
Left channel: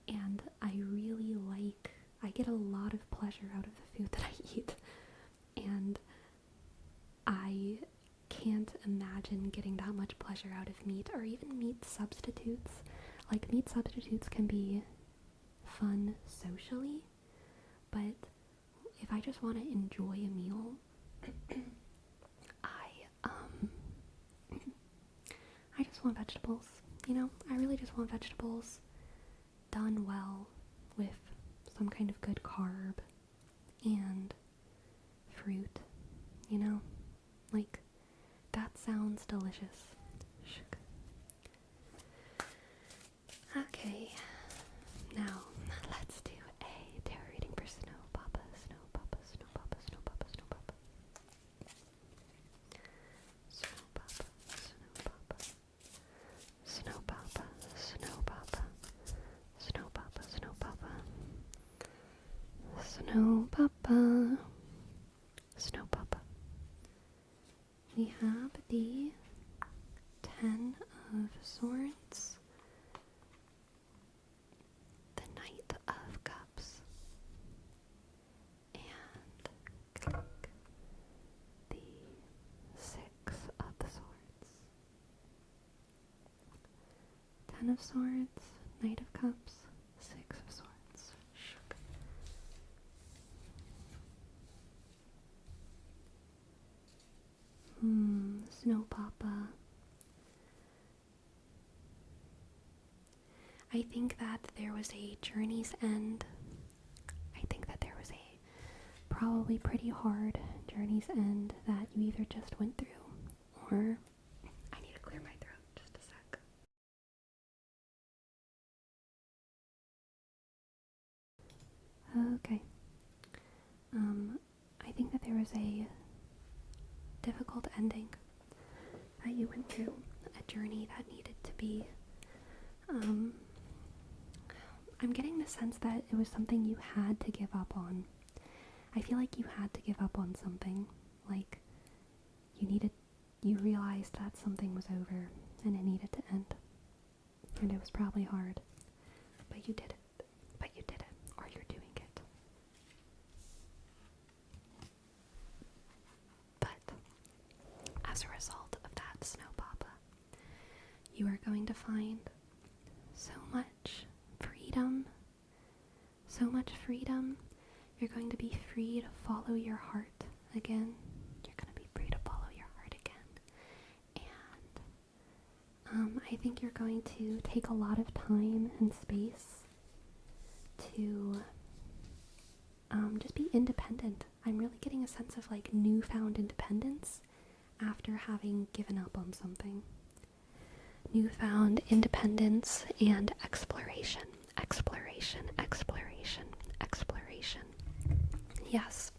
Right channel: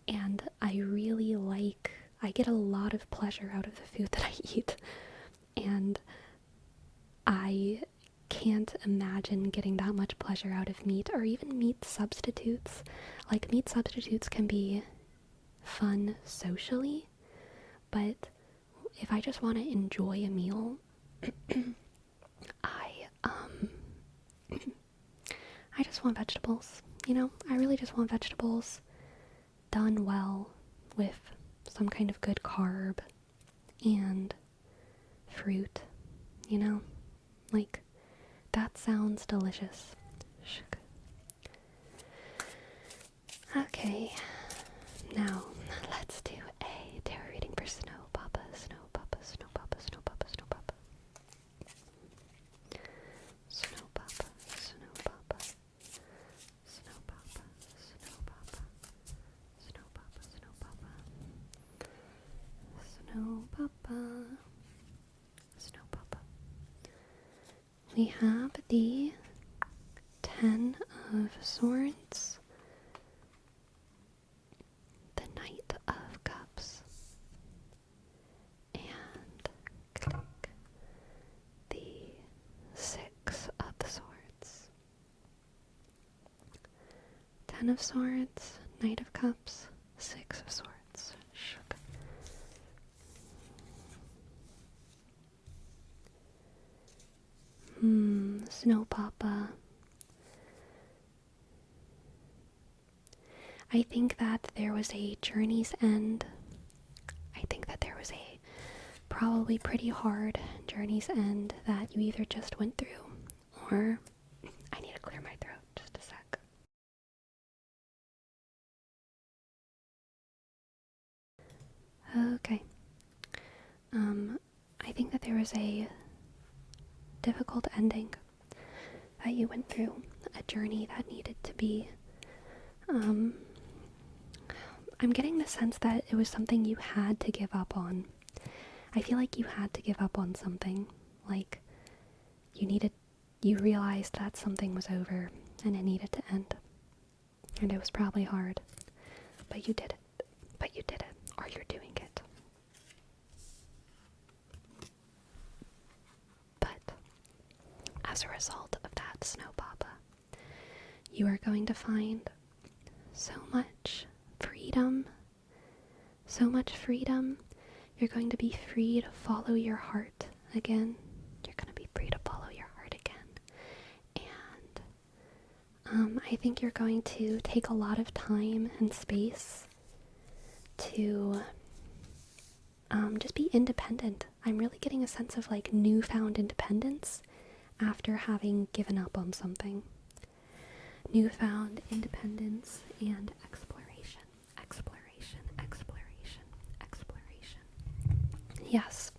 And I get a lot of pleasure out of the food that I eat. And I can't imagine getting that much pleasure out of meat or even meat substitutes. Like, meat substitutes can be fun socially, but if I just want to enjoy a meal, I I just want vegetables. I really just want vegetables done well with some kind of good carb and fruit, like that sounds delicious. Okay, now let's do a tarot reading for Snow Papa, Snow Papa, Snow Papa, Snow Papa, Snow Papa. Snow Papa, Snow Papa, Snow Papa, Snow Papa, Snow Papa, Snow Papa, Snow Papa, Snow Papa. We have the 10 of Swords, the Knight of Cups, and the 6 of the Swords. 10 of Swords, Knight of Cups, 6 of Swords. Snow Papa. I think that there was a journey's end. I think that there was a probably pretty hard journey's end that you either just went through, or I need to clear my throat, just a sec. Okay. I think that there was a difficult ending that you went through, a journey that needed to be, I'm getting the sense that it was something you had to give up on. I feel like you had to give up on something, like you realized that something was over and it needed to end. And it was probably hard, but you did it. Or you're doing it. But as a result of that, Snow Papa, you are going to find so much freedom. So much freedom. You're going to be free to follow your heart again. You're going to be free to follow your heart again. And I think you're going to take a lot of time and space to just be independent. I'm really getting a sense of like newfound independence after having given up on something. Newfound independence and exploration. Exploration, exploration, exploration. Yes,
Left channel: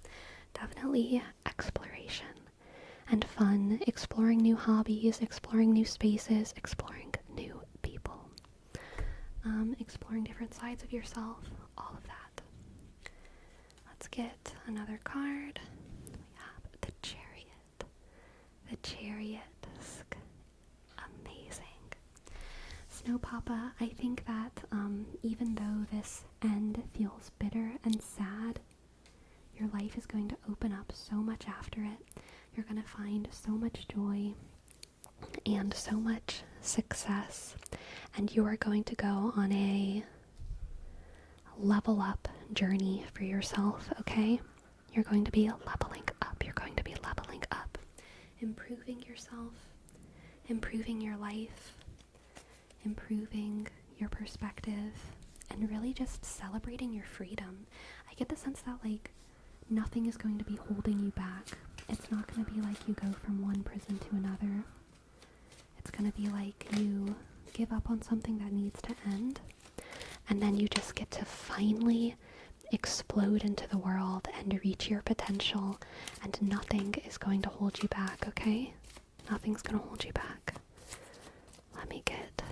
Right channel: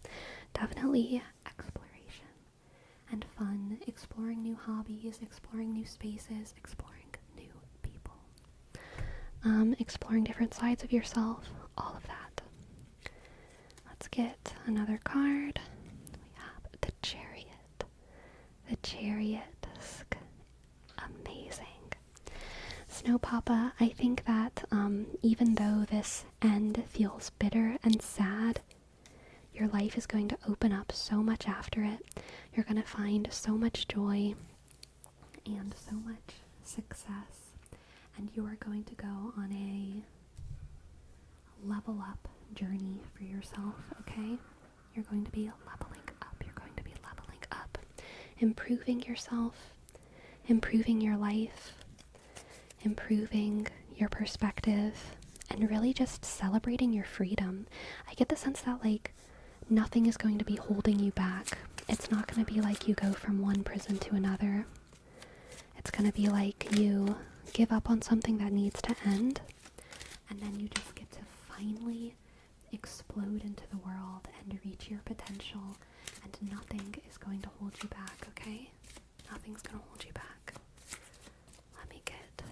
definitely exploration and fun, exploring new hobbies, exploring new spaces, exploring new people, exploring different sides of yourself, all of that. Let's get another card. We have the Chariot. The Chariot. Amazing. Snow Papa, I think that even though this end feels bitter and sad, your life is going to open up so much after it. You're going to find so much joy and so much success, and you are going to go on a level up journey for yourself, okay? You're going to be leveling up. You're going to be leveling up, improving yourself, improving your life, improving your perspective, and really just celebrating your freedom. I get the sense that like nothing is going to be holding you back. It's not going to be like you go from one prison to another. It's going to be like you give up on something that needs to end, and then you just get to finally explode into the world and reach your potential, and nothing is going to hold you back, okay? Nothing's going to hold you back. Let me get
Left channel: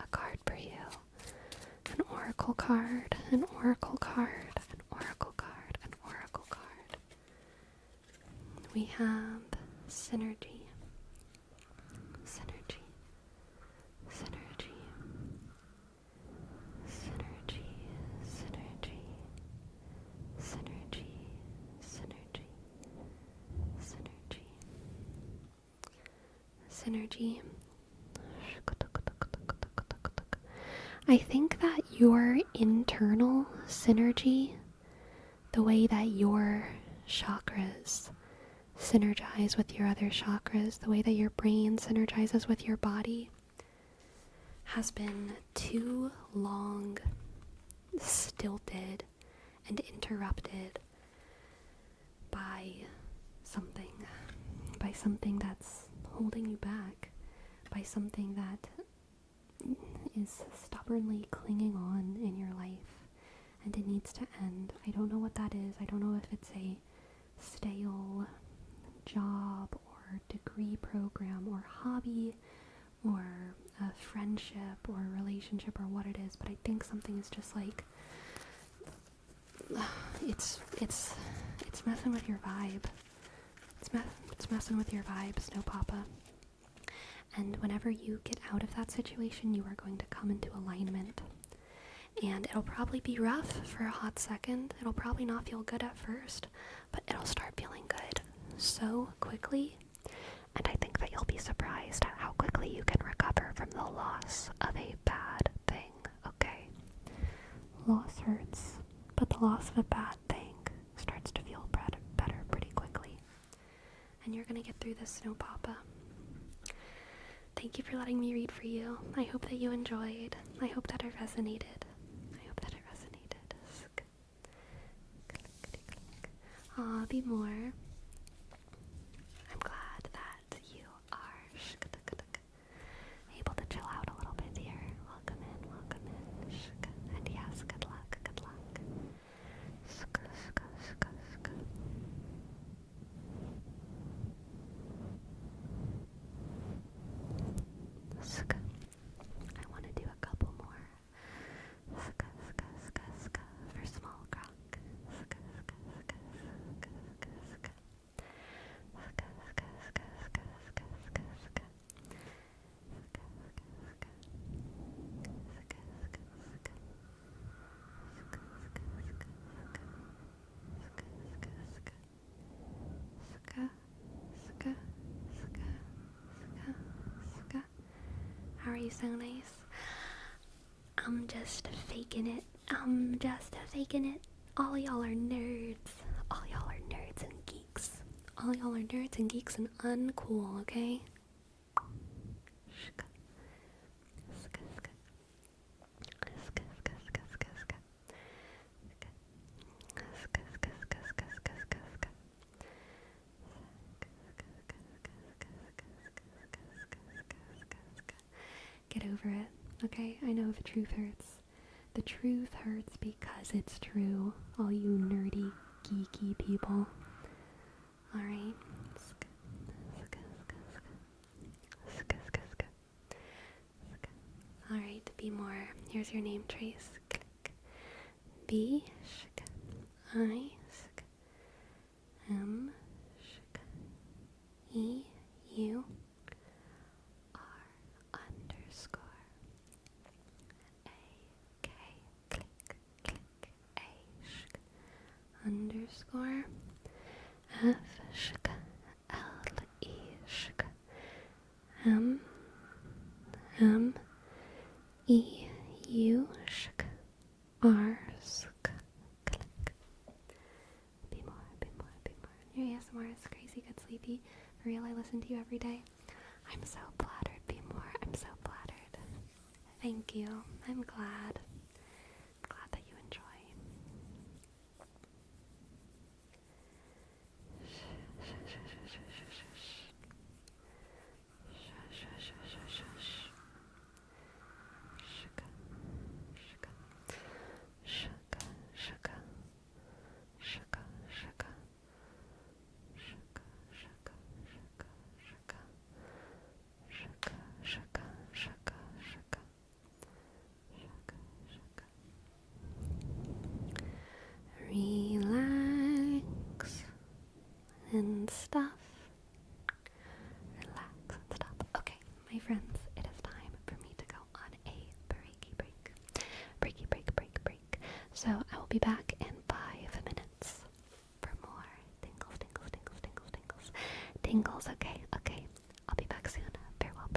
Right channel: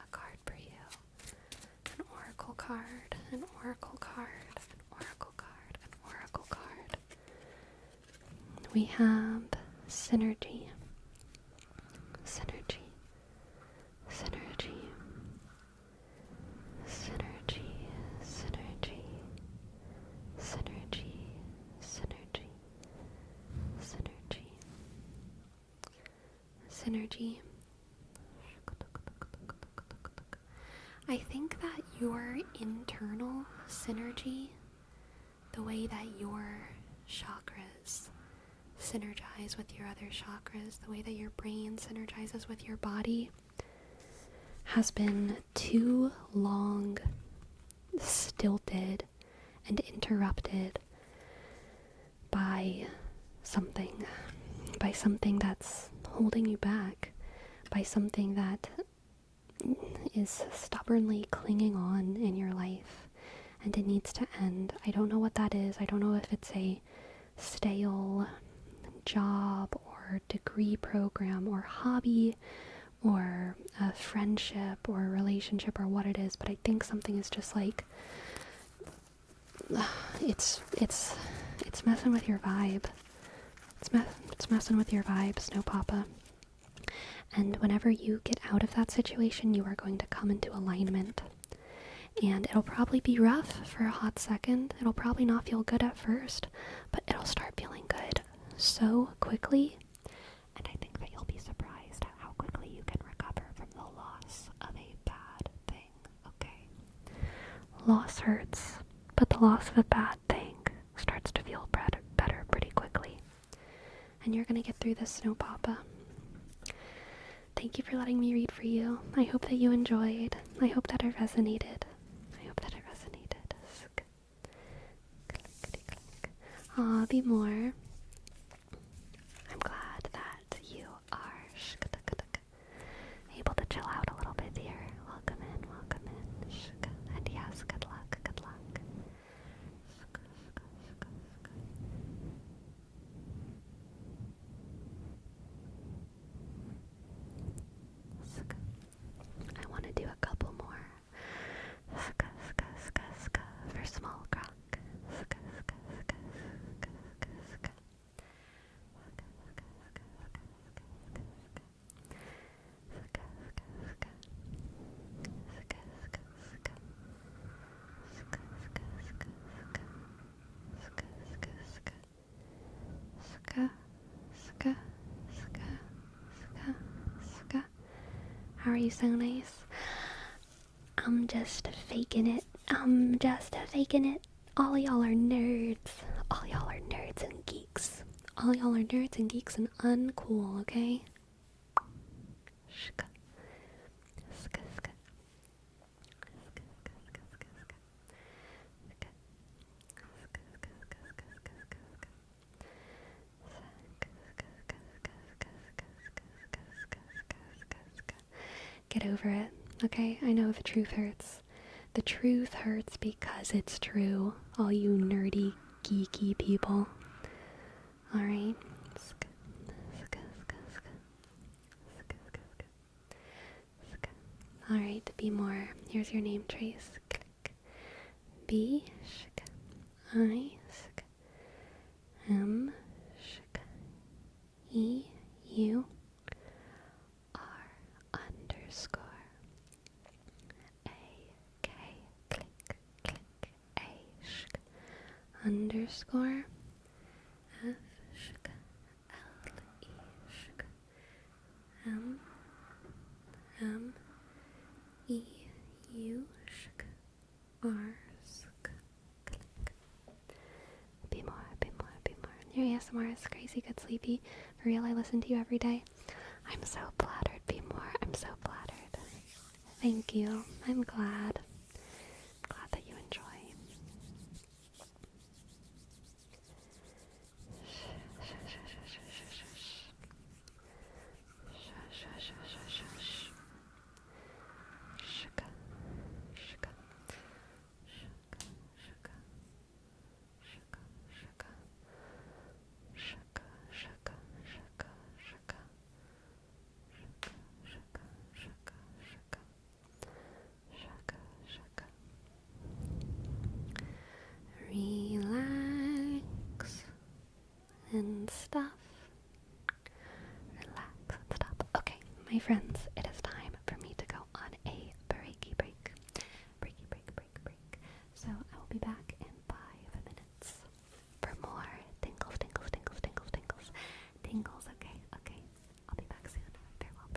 a card for you. An oracle card, an oracle card, an oracle card, an oracle card. We have synergy. Synergy. Synergy. Synergy. Synergy. Synergy. Synergy. Synergy. Synergy. I think that your internal synergy, the way that your chakras synergize with your other chakras, the way that your brain synergizes with your body, has been too long stilted and interrupted by something, by something that's holding you back, by something that is stubbornly clinging on in your life, and it needs to end. I don't know what that is. I don't know if it's a stale job or degree program or hobby or a friendship or a relationship or what it is, but I think something is just like it's messing with your vibe. It's messing with your vibe, Snow Papa. And whenever you get out of that situation, you are going to come into alignment. And it'll probably be rough for a hot second. It'll probably not feel good at first, but it'll start feeling good so quickly. And I think that you'll be surprised at how quickly you can recover from the loss of a bad thing, okay? Loss hurts, but the loss of a bad thing starts to feel better pretty quickly. And you're gonna get through this, Snow Papa. Thank you for letting me read for you. I hope that you enjoyed. I hope that it resonated. Aw, be more. I'm glad that you are able to chill out a little bit here. Welcome in. And yes, good luck. I want to do a couple more. For small croc. How are you so nice? I'm just faking it. All y'all are nerds. All y'all are nerds and geeks. All y'all are nerds and geeks and uncool, okay? Get over it, okay? I know the truth hurts. The truth hurts because it's true, all you nerdy, geeky people. Alright? Alright, be more. Here's your name trace. Click. B, I, M, E, U, R, underscore, A, K, click, A, underscore, F, L, E, M, E, U, R, click. Be more. Your ASMR is crazy good, sleepy. For real, I listen to you every day. I'm so flattered, Be more. I'm so flattered. Thank you. I'm glad. That you enjoy. Relax and stuff. Okay, my friends, it is time for me to go on a breaky break. So I will be back in 5 minutes for more tingles. Okay. I'll be back soon. Farewell.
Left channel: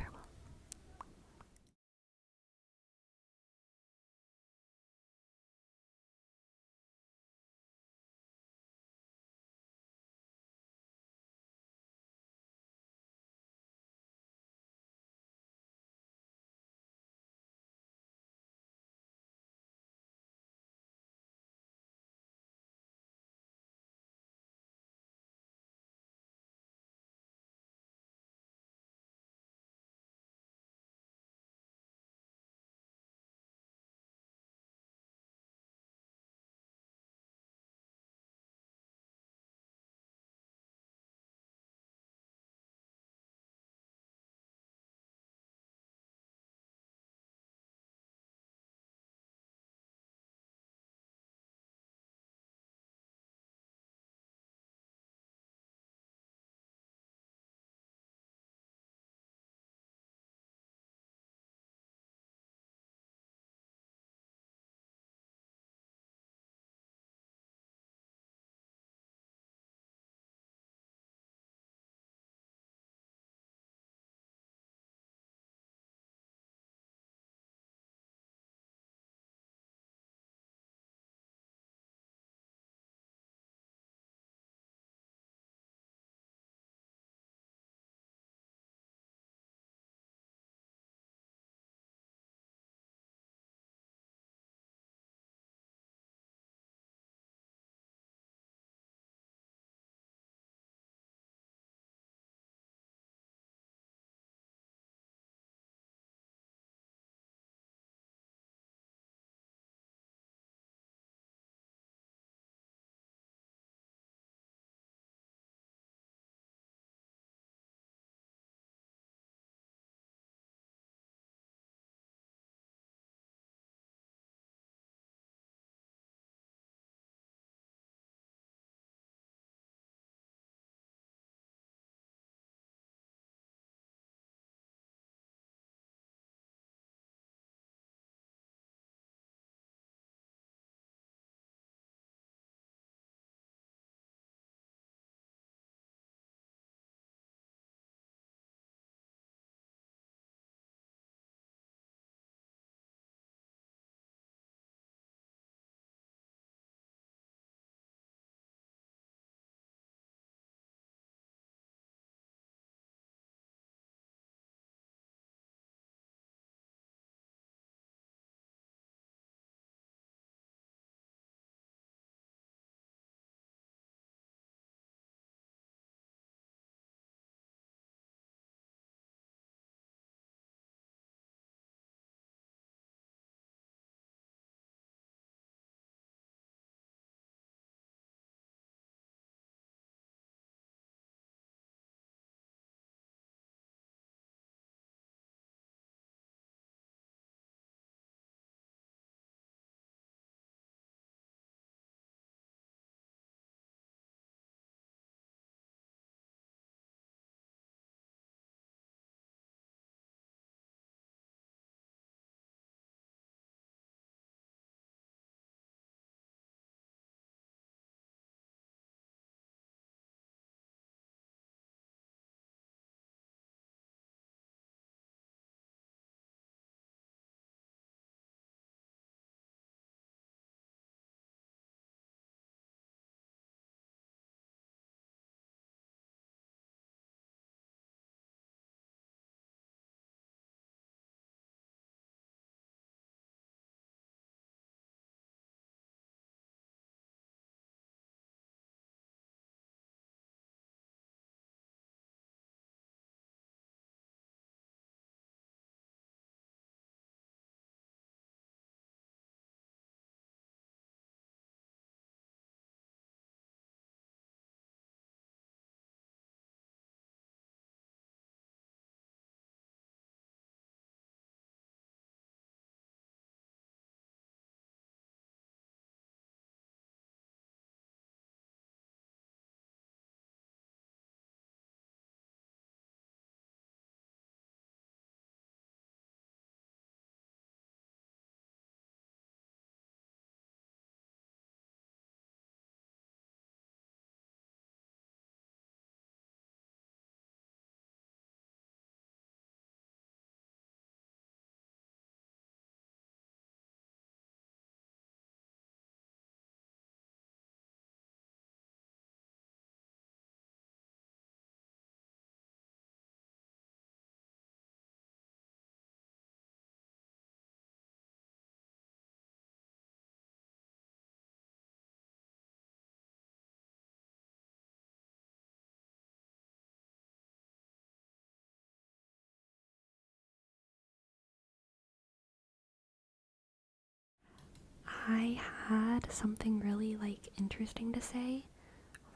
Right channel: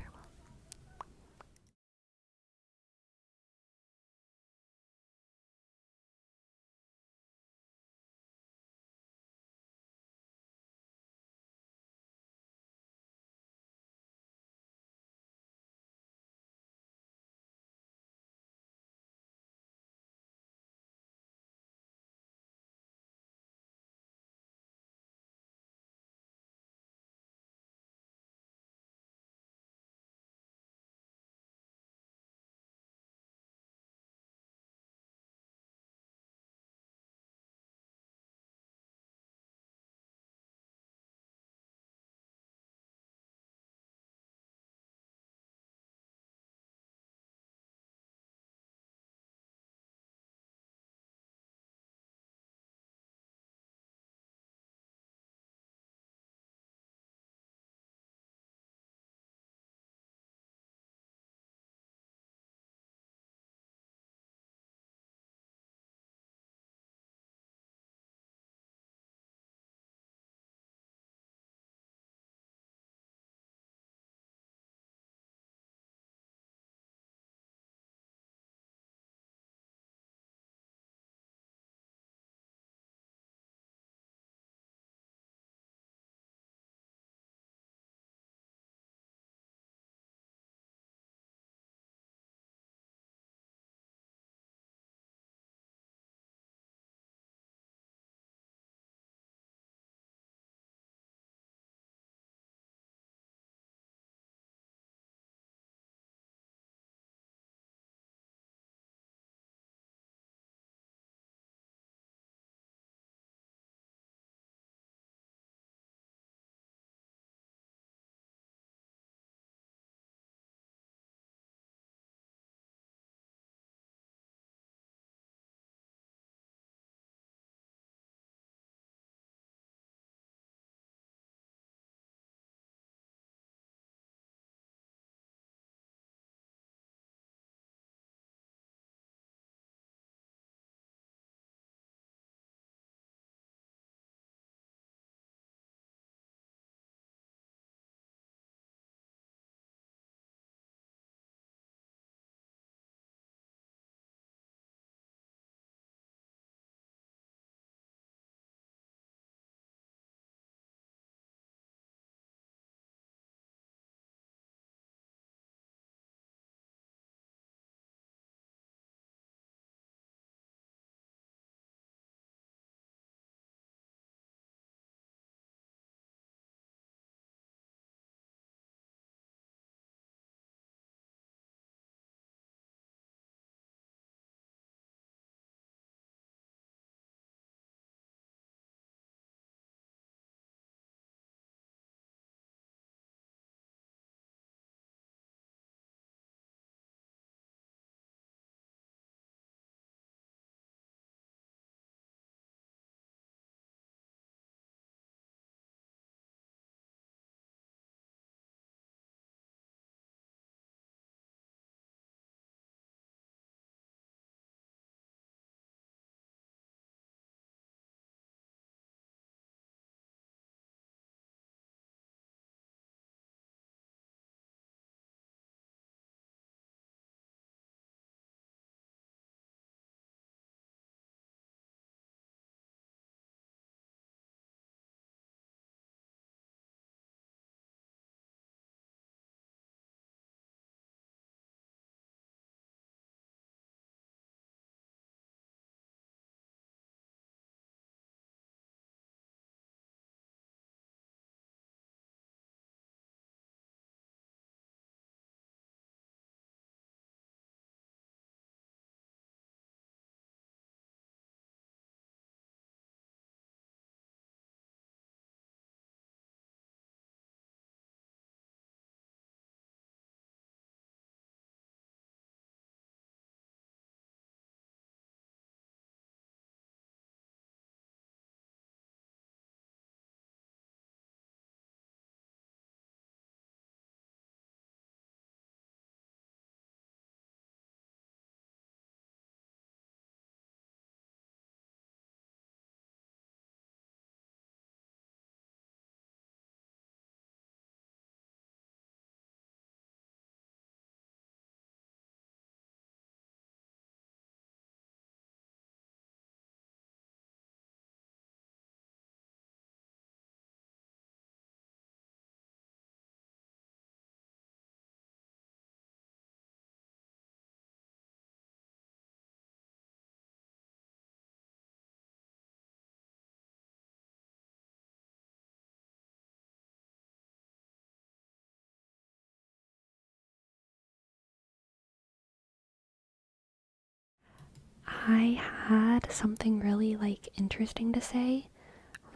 I had something really like interesting to say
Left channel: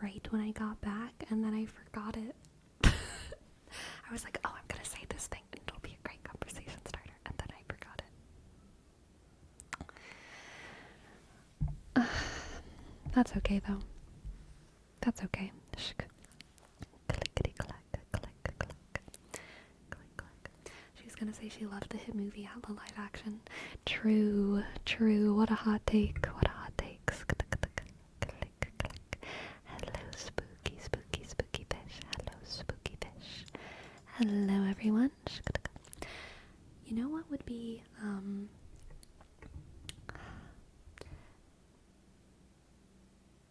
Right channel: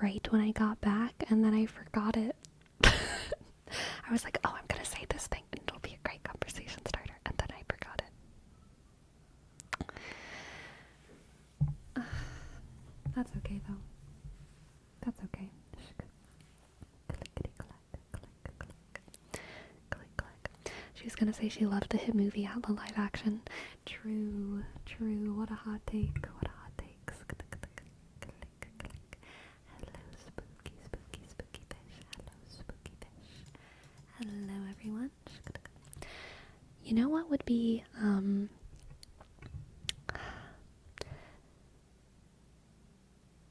right when I got back, and then I forgot it. I was like, oh, I'm gonna say this thing and it'll be a great conversation starter, and then I forgot it. That's okay though. That's okay. Clickety clack, click, click, click, click. She was gonna say she loved the hit movie out the live action. True, true. What a hot take. What a hot take. Click, click. Hello, spooky, spooky, spooky fish. Hello, spooky fish. Hello, everyone. You know what would be,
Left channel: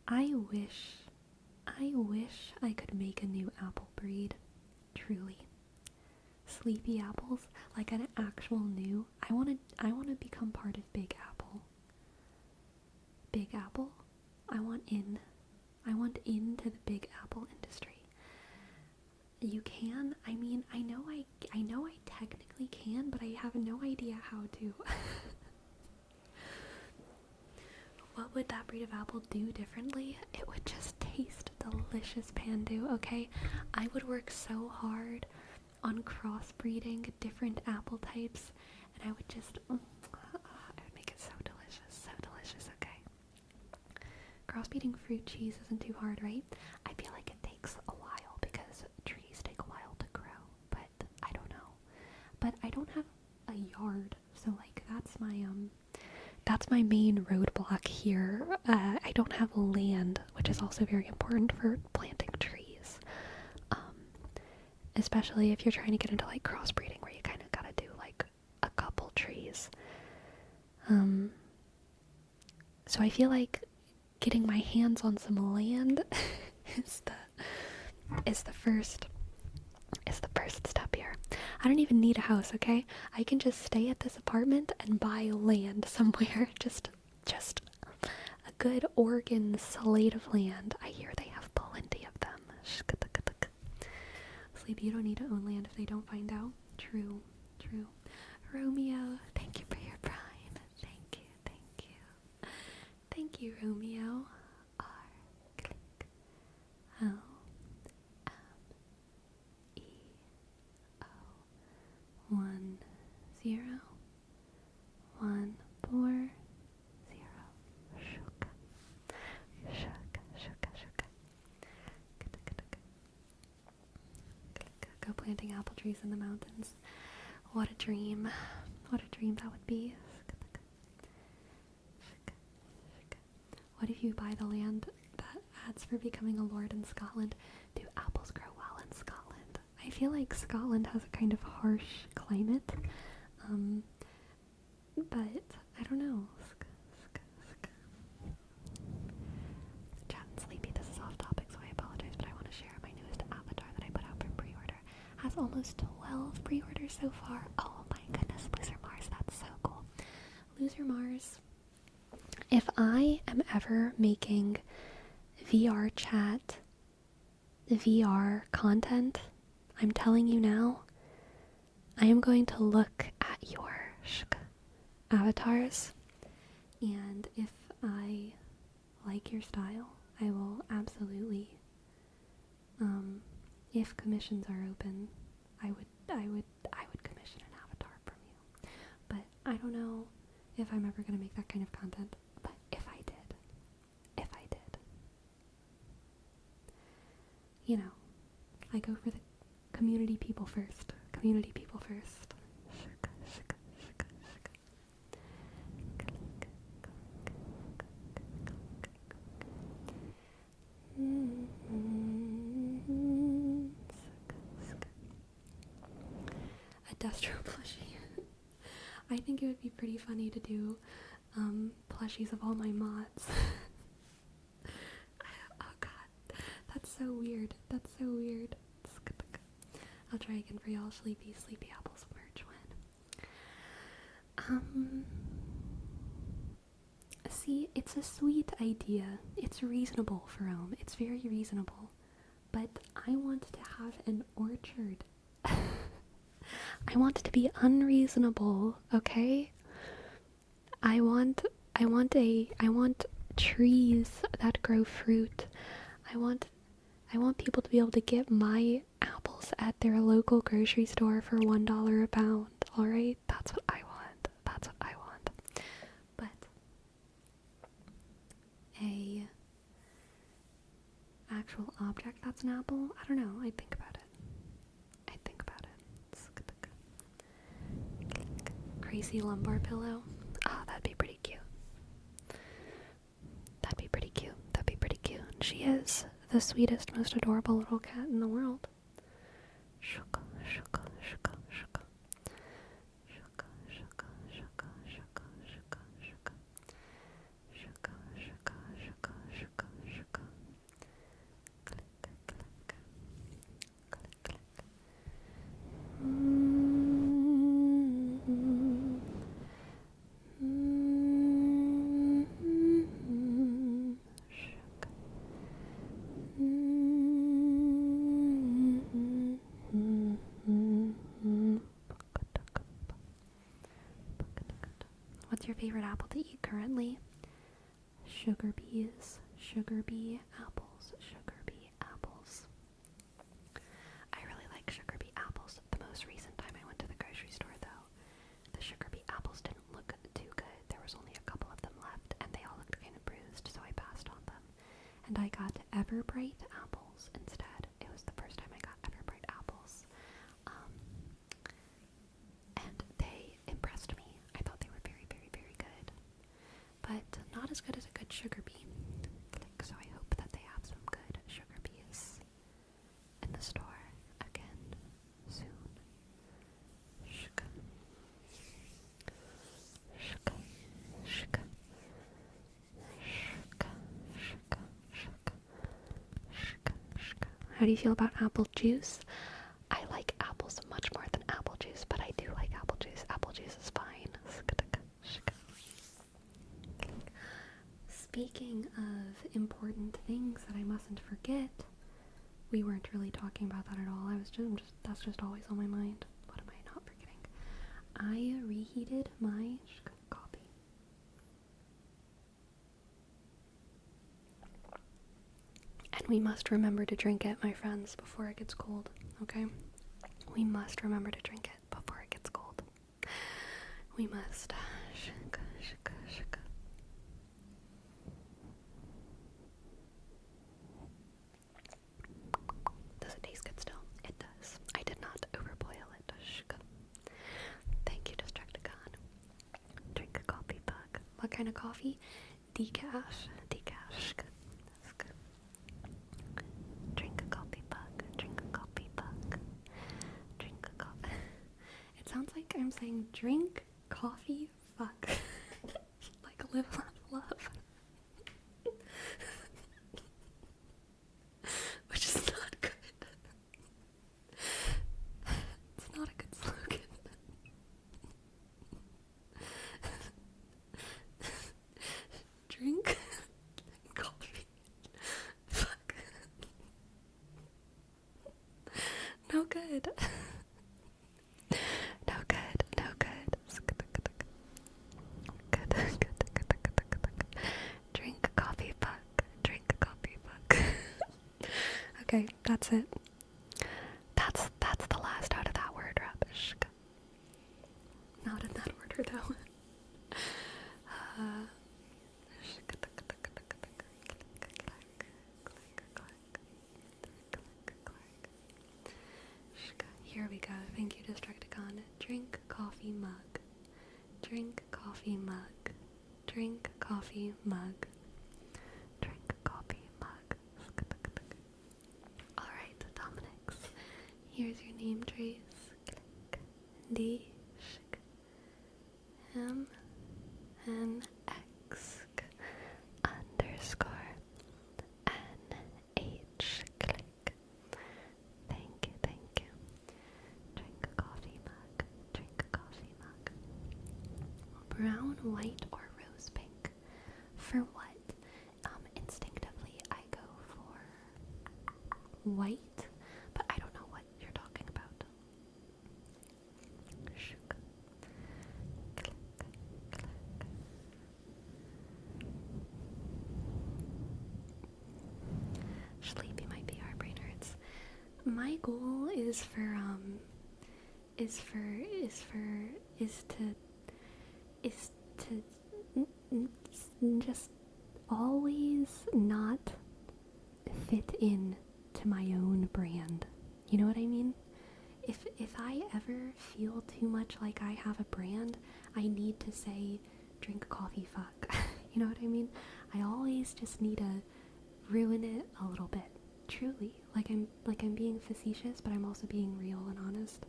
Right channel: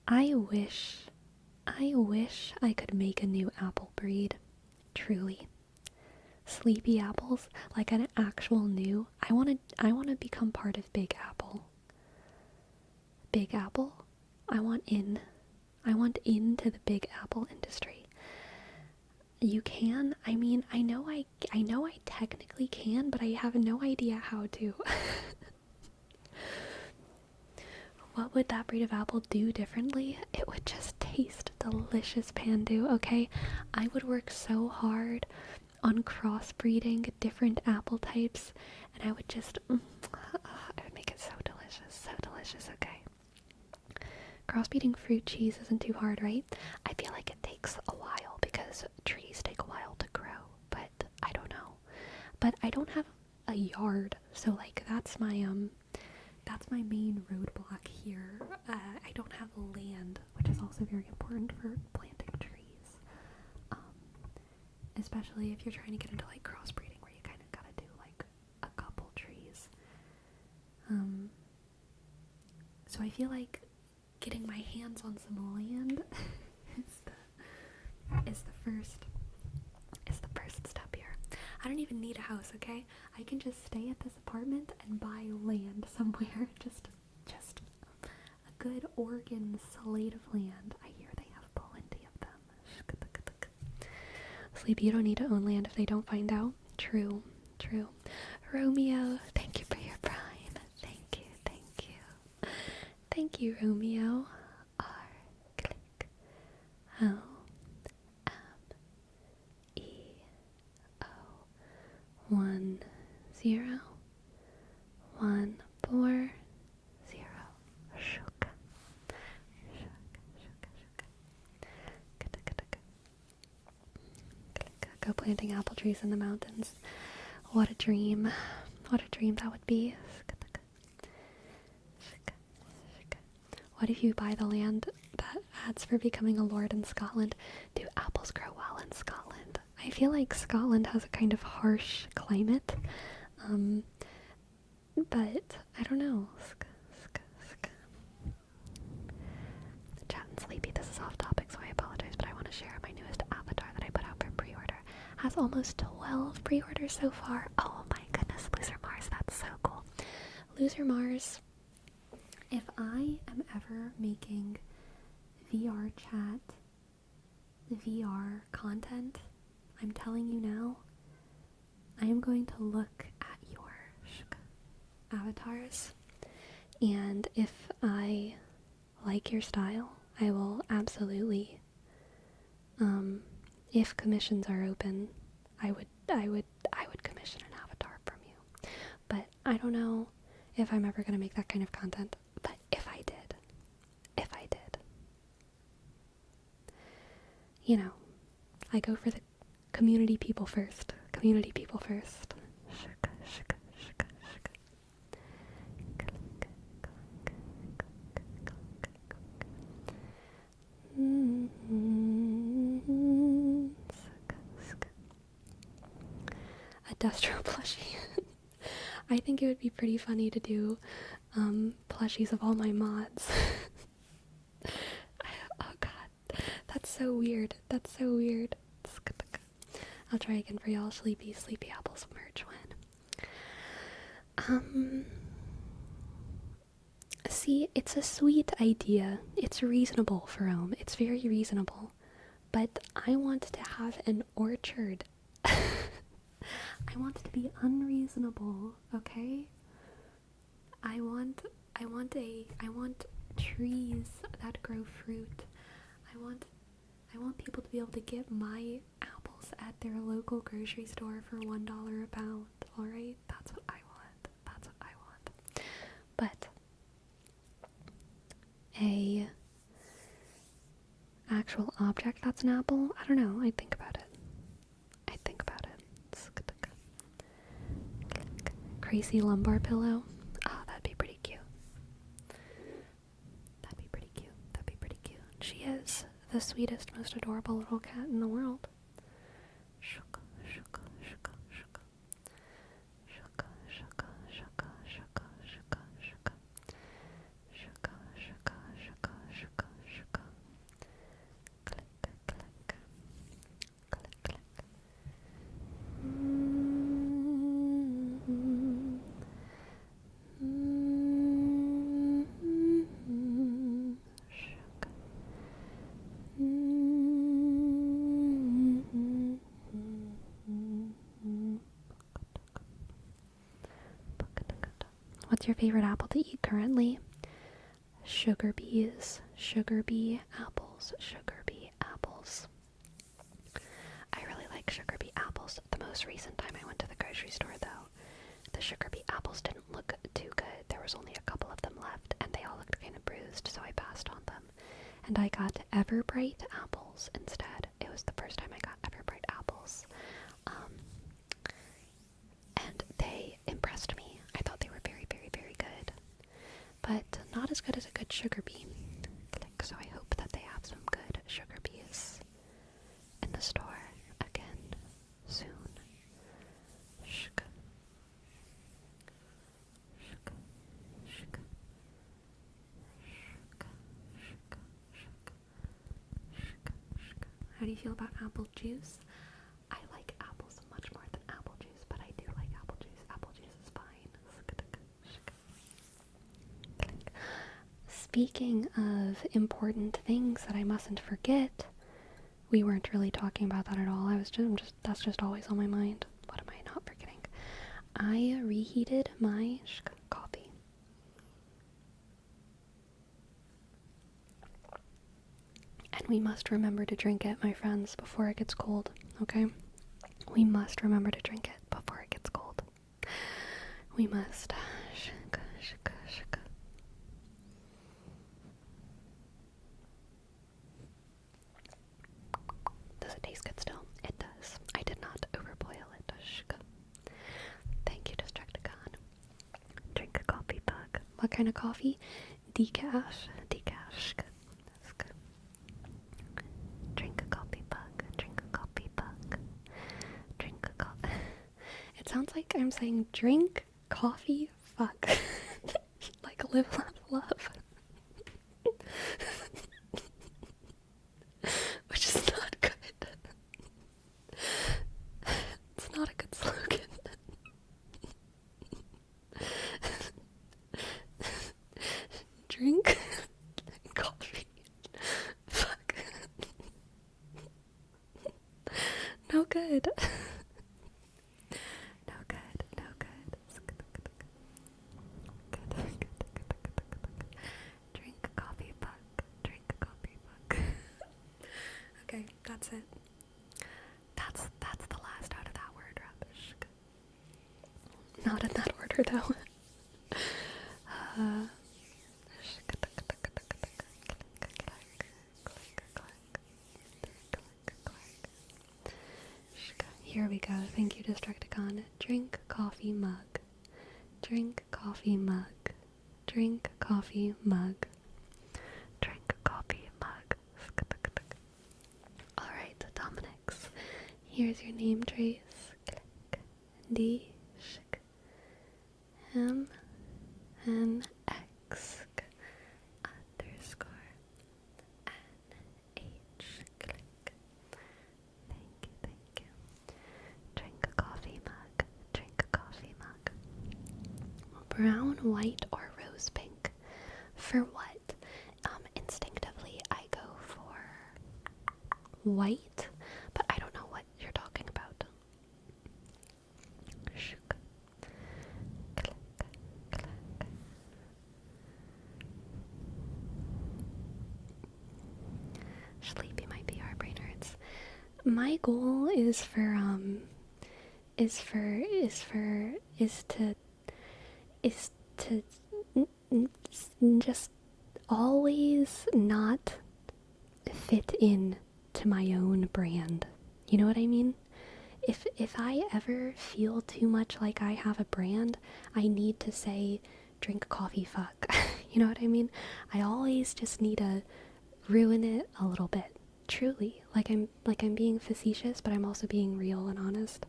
I wish I could make a new apple breed. Truly. Sleepy apples, like an actual new. I want to become part of Big Apple. Big Apple? I want in. I want into the Big Apple industry. You can? I mean, I know I technically can, but I have no idea how to. What would that breed of apple do differently? It would just taste delicious, Pandu, okay? I would work so hard on crossbreeding different apple types, and I would just, I would make it so delicious, okay? Crossbreeding fruit cheese isn't too hard, right? I feel like it takes a while because trees take a while to grow, but I don't know. But I don't have a yard, so like that's my main roadblock here. I don't have land, which is also very important for planting trees. Especially if you're trying to get into like crossbreeding where you kind of gotta do like a couple trees. So I feel like getting my hands on some land is the first step here. I don't even need a house, okay? I can just stay at this apartment and buy land somewhere. Just a good Oregon slate of land. I hear they have plenty of them. Sleepy, you don't need to own land if they don't find out. True. Romeo, thank you for your prime. Thank you, Romeo. R, click, O, M, E, O, 1, 0, 1, 4, 0. Shook. Go planting apple trees in the mountains. What a dream. What a dream that would be. What if you buy the land that adds for becoming a lord in Scotland? Do apples grow well in Scotland? I feel like Scotland has a kind of harsh climate. But I don't know. Chat and Sleepy, this is off topic, so I apologize, but I want to share my newest avatar that I put out for pre-order. Has almost 12 pre-orders so far. Oh my goodness, Loser Mars, that's so cool. Loser Mars, if I am ever making VR chat, VR content, I'm telling you now, I am going to look at your avatars, and if I like your style, I will absolutely, if commissions are open, I would commission an avatar from you. But I don't know if I'm ever gonna make that kind of content. But if I did, you know, I go for the community people first. Community people first. A Destro plushie. I think it would be pretty funny to do plushies of all my mods. Oh god, that's so weird. I'll try again for y'all. Sleepy Apples merch when. See, it's a sweet idea. It's reasonable, Ferome. It's very reasonable. But I want to have an orchard. I want it to be unreasonable, okay? I want I want trees that grow fruit. I want I want people to be able to get my apples at their local grocery store for $1 a pound. All right? That's what I want. That's what I want. But a actual object that's an apple, I don't know. I think about it. I think about it. Crazy lumbar pillow. Ah, that'd be pretty cute. That'd be pretty cute. That'd be pretty cute. She is the sweetest, most adorable little cat in the world. Shuka, shuka, shuka, shuka. Shuka, shuka, shuka, shuka, shuka, shuka. Shuka, shuka, shuka, shuka, shuka. Click, click. Click, click. What's your favorite apple to eat currently? Sugar bees, sugar bee apples, sugar bee apples. I really like sugar bee apples. The most recent time I went to the grocery store, though, the sugar bee apples didn't look too good. There was only a couple of them left, and they all looked kind of bruised, so I passed on them. And I got Everbright apples instead. It was the first time I got Everbright apples. And they impressed me. I thought they were very, very, very good. But not as good as a good sugar bee. So I hope that they have some good sugar bees in the store again soon. Shka. Shka. Shka. Shka. Shka. Shka. Shka. Shka. How do you feel about apple juice? I like apples much more than apple juice, but I do like apple juice. Apple juice is fine. Speaking of important things that I mustn't forget, we weren't really talking about that at all. That's just always on my mind. What am I not forgetting? I reheated my coffee. And we must remember to drink it, my friends, before it gets cold, okay? We must remember to drink it before it gets cold. We must. Does it taste good still? It does. I did not overboil it. Thank you, Destructicon. Drink a coffee bug. What kind of coffee? Decaf. Decaf. Drink a coffee bug. Drink a coffee bug. Drink a coffee. It sounds like I'm saying drink coffee fuck. Like live, laugh, love. Which is not good. It's not a good slogan. Drink coffee. Fuck. No good. No good. No good. Drink coffee fuck. Drink coffee fuck. Okay, that's it. That's the last out of that word, rubbish. Not in that order, though. Here we go. Thank you, Destructicon. Drink coffee mug. Drink coffee mug. Drink coffee mug. Drink coffee mug. Alright, Dominix. Here's your name trace. D M N X underscore N H click. Thank you. Drink a coffee mug. Drink a coffee mug. Brown, white, or rose pink? For what? Instinctively I go for white, but I don't know what you're talking about. Shook. Click, click. Sleepy might be our brain hurts. My goal is for is for is to just always not fit in to my own brand. You know what I mean? If I ever feel too much like I have a brand, I need to say drink coffee fuck. You know what I mean? I always just need to ruin it a little bit. Truly. Like I'm being facetious, but I'm also being real and honest.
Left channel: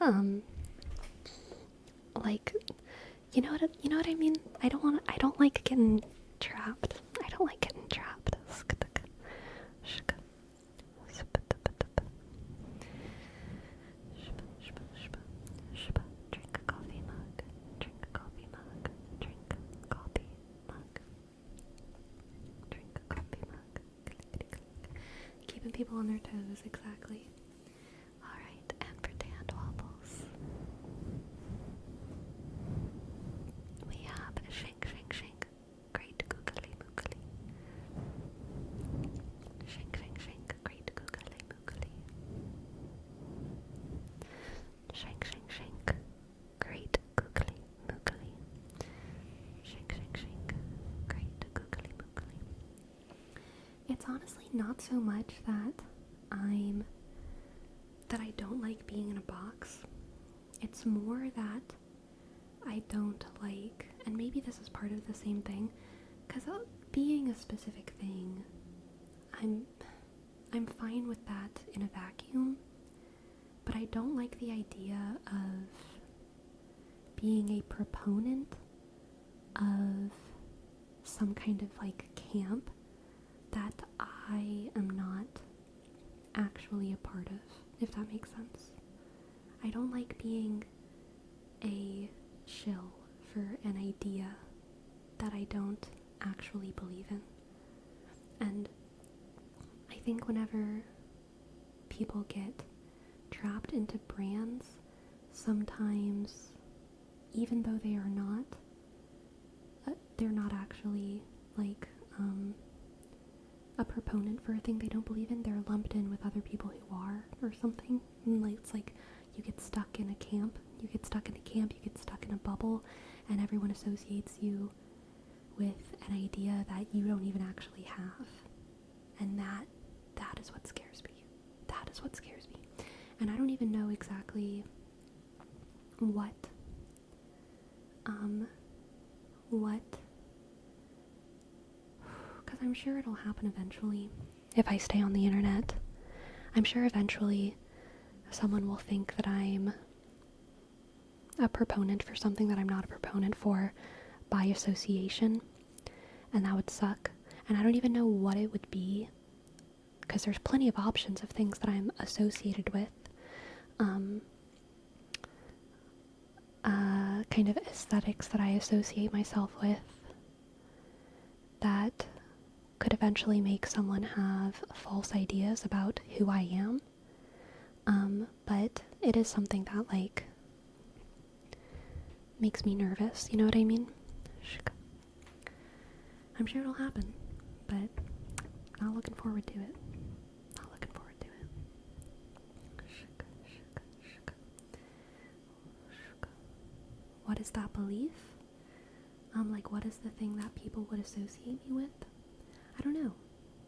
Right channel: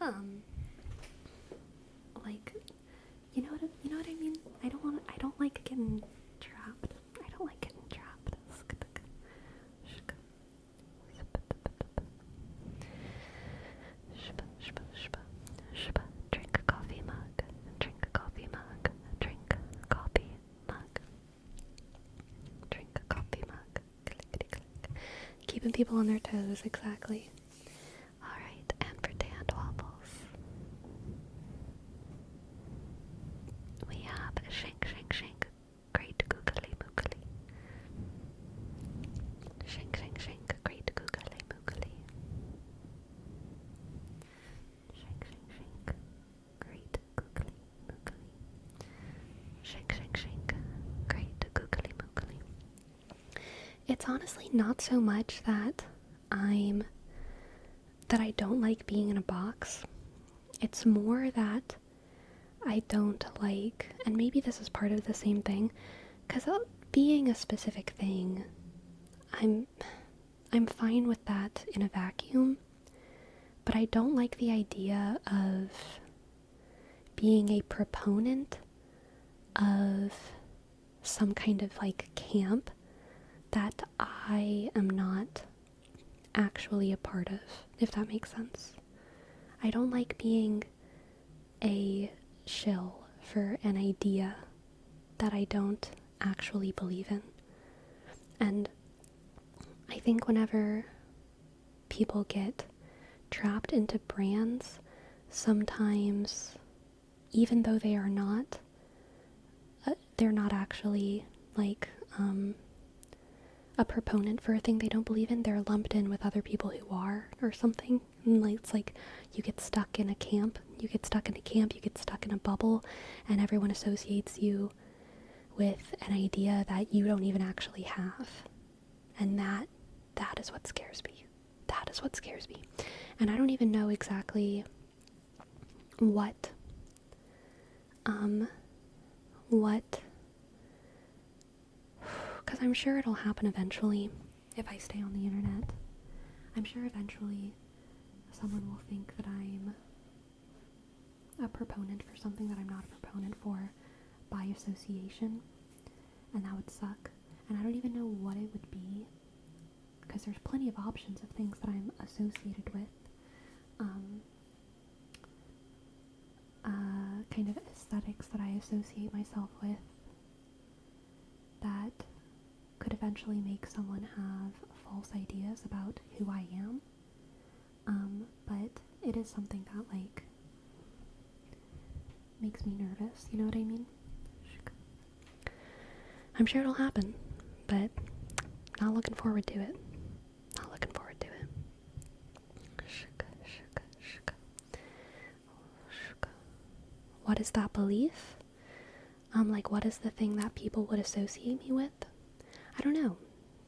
Um like you know what I mean? I don't like getting trapped. I don't like getting trapped. Drink a coffee mug. Drink a coffee mug. Drink a coffee mug. Drink a coffee mug. Clickety click. Keeping people on their toes, exactly. Alright, and pretend waffles. We have shink, shink, shink. Great googly moogly. Shink, shink, shink. Great googly moogly. Shink, shink, shink. Great googly moogly. Shink, shink, shink. Great googly moogly. It's honestly not so much that I don't like being in a box. It's more that I don't like, and maybe this is part of the same thing, because being a specific thing, I'm fine with that in a vacuum, but I don't like the idea of being a proponent of some kind of like camp that I am not actually a part of, if that makes sense. I don't like being a shill for an idea that I don't actually believe in. And I think whenever people get trapped into brands, sometimes, even though they are not, they're not actually like a proponent for a thing they don't believe in. They're lumped in with other people who are, or something. And like, it's like you get stuck in a camp. You get stuck in a camp. You get stuck in a bubble, and everyone associates you with an idea that you don't even actually have. And that is what scares me. That is what scares me. And I don't even know exactly what because I'm sure it'll happen eventually if I stay on the internet. I'm sure eventually someone will think that I'm a proponent for something that I'm not a proponent for by association, and that would suck. And I don't even know what it would be, because there's plenty of options of things that I'm associated with. Kind of aesthetics that I associate myself with that could eventually make someone have false ideas about who I am. But it is something that, like, makes me nervous, you know what I mean? I'm sure it'll happen, but not looking forward to it. Not looking forward to it. What is that belief? Like, what is the thing that people would associate me with? I don't know.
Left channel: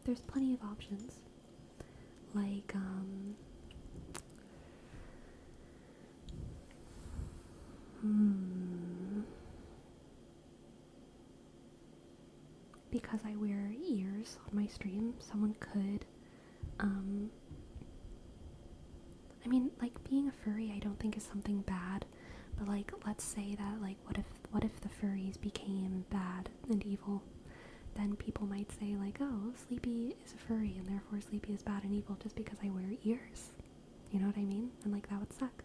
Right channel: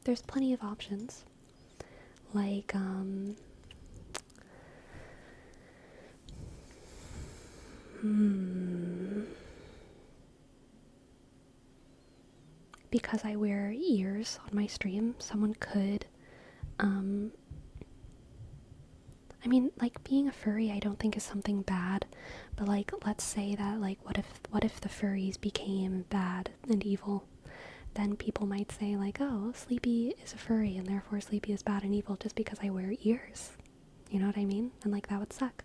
There's plenty of options. Like, because I wear ears on my stream, someone could, I mean, like, being a furry I don't think is something bad, but, like, let's say that, like, what if the furries became bad and evil? Then people might say, like, oh, Sleepy is a furry, and therefore Sleepy is bad and evil just because I wear ears. You know what I mean? And, like, that would suck.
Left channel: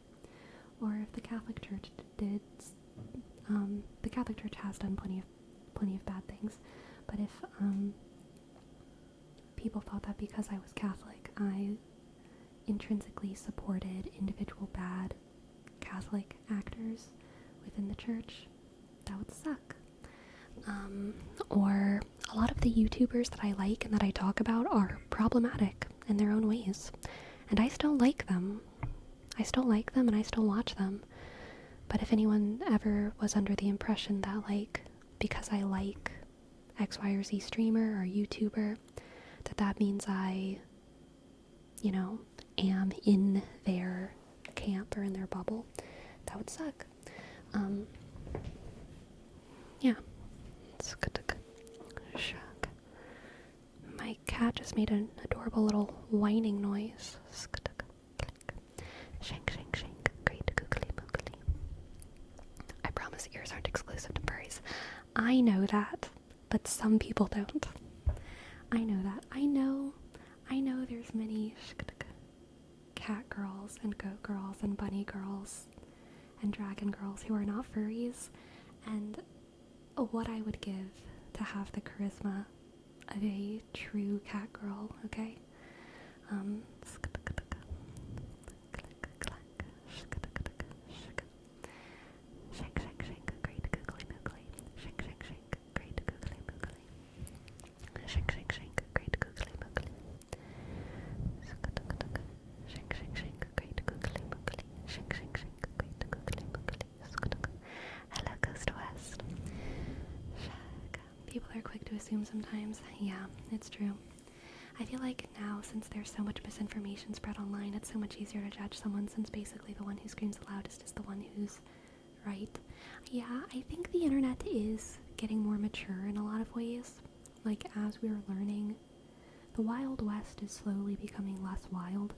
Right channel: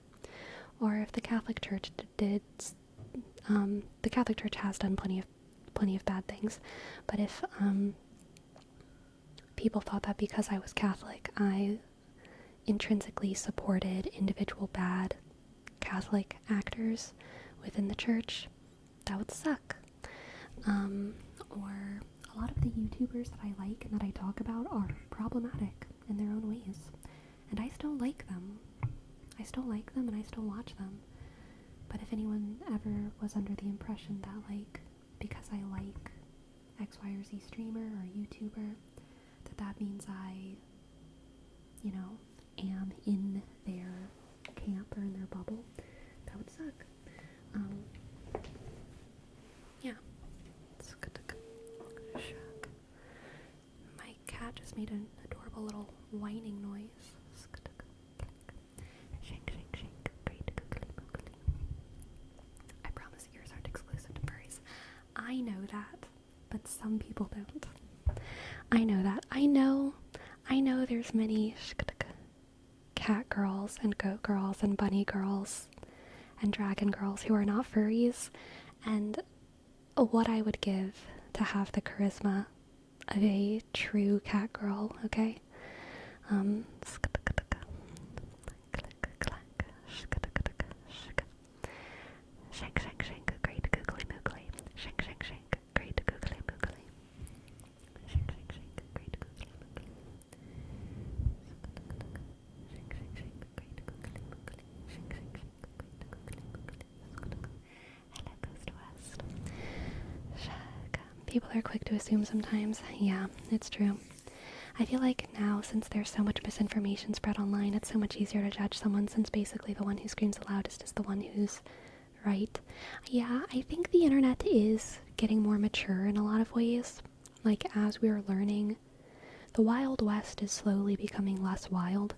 Or if the Catholic Church did, the Catholic Church has done plenty of bad things, but if, people thought that because I was Catholic, I intrinsically supported individual bad Catholic actors within the church, that would suck. Or a lot of the YouTubers that I like and that I talk about are problematic in their own ways. And I still like them. I still like them and I still watch them. But if anyone ever was under the impression that, like, because I like X, Y, or Z streamer or YouTuber, that means I, am in their camp or in their bubble, that would suck. Yeah. Shuck. My cat just made an adorable little whining noise. Shank, shank, shank. Great googly moogly. I promise ears aren't exclusive to furries. I know that, but some people don't. I know that. I know there's many cat girls and goat girls and bunny girls and dragon girls who are not furries, and what I would give to have the charisma of a true cat girl, okay? Shank, shank, shank, great googly moogly. Shank, shank, shank, great googly moogly. Shank, shank, shank, great googly moogly. Shank, shank, shank, great googly moogly. Shank, shank, shank, great googly moogly. Hello, Coast West. People are quick to assume sometimes. Yeah, it's true. I feel like now, since there's so much misinformation spread online, it's so much easier to judge someone, since basically the one who screams the loudest is the one who's right. Yeah, I think the internet is getting more mature in a lot of ways. Like, as we're learning, the Wild West is slowly becoming less wild.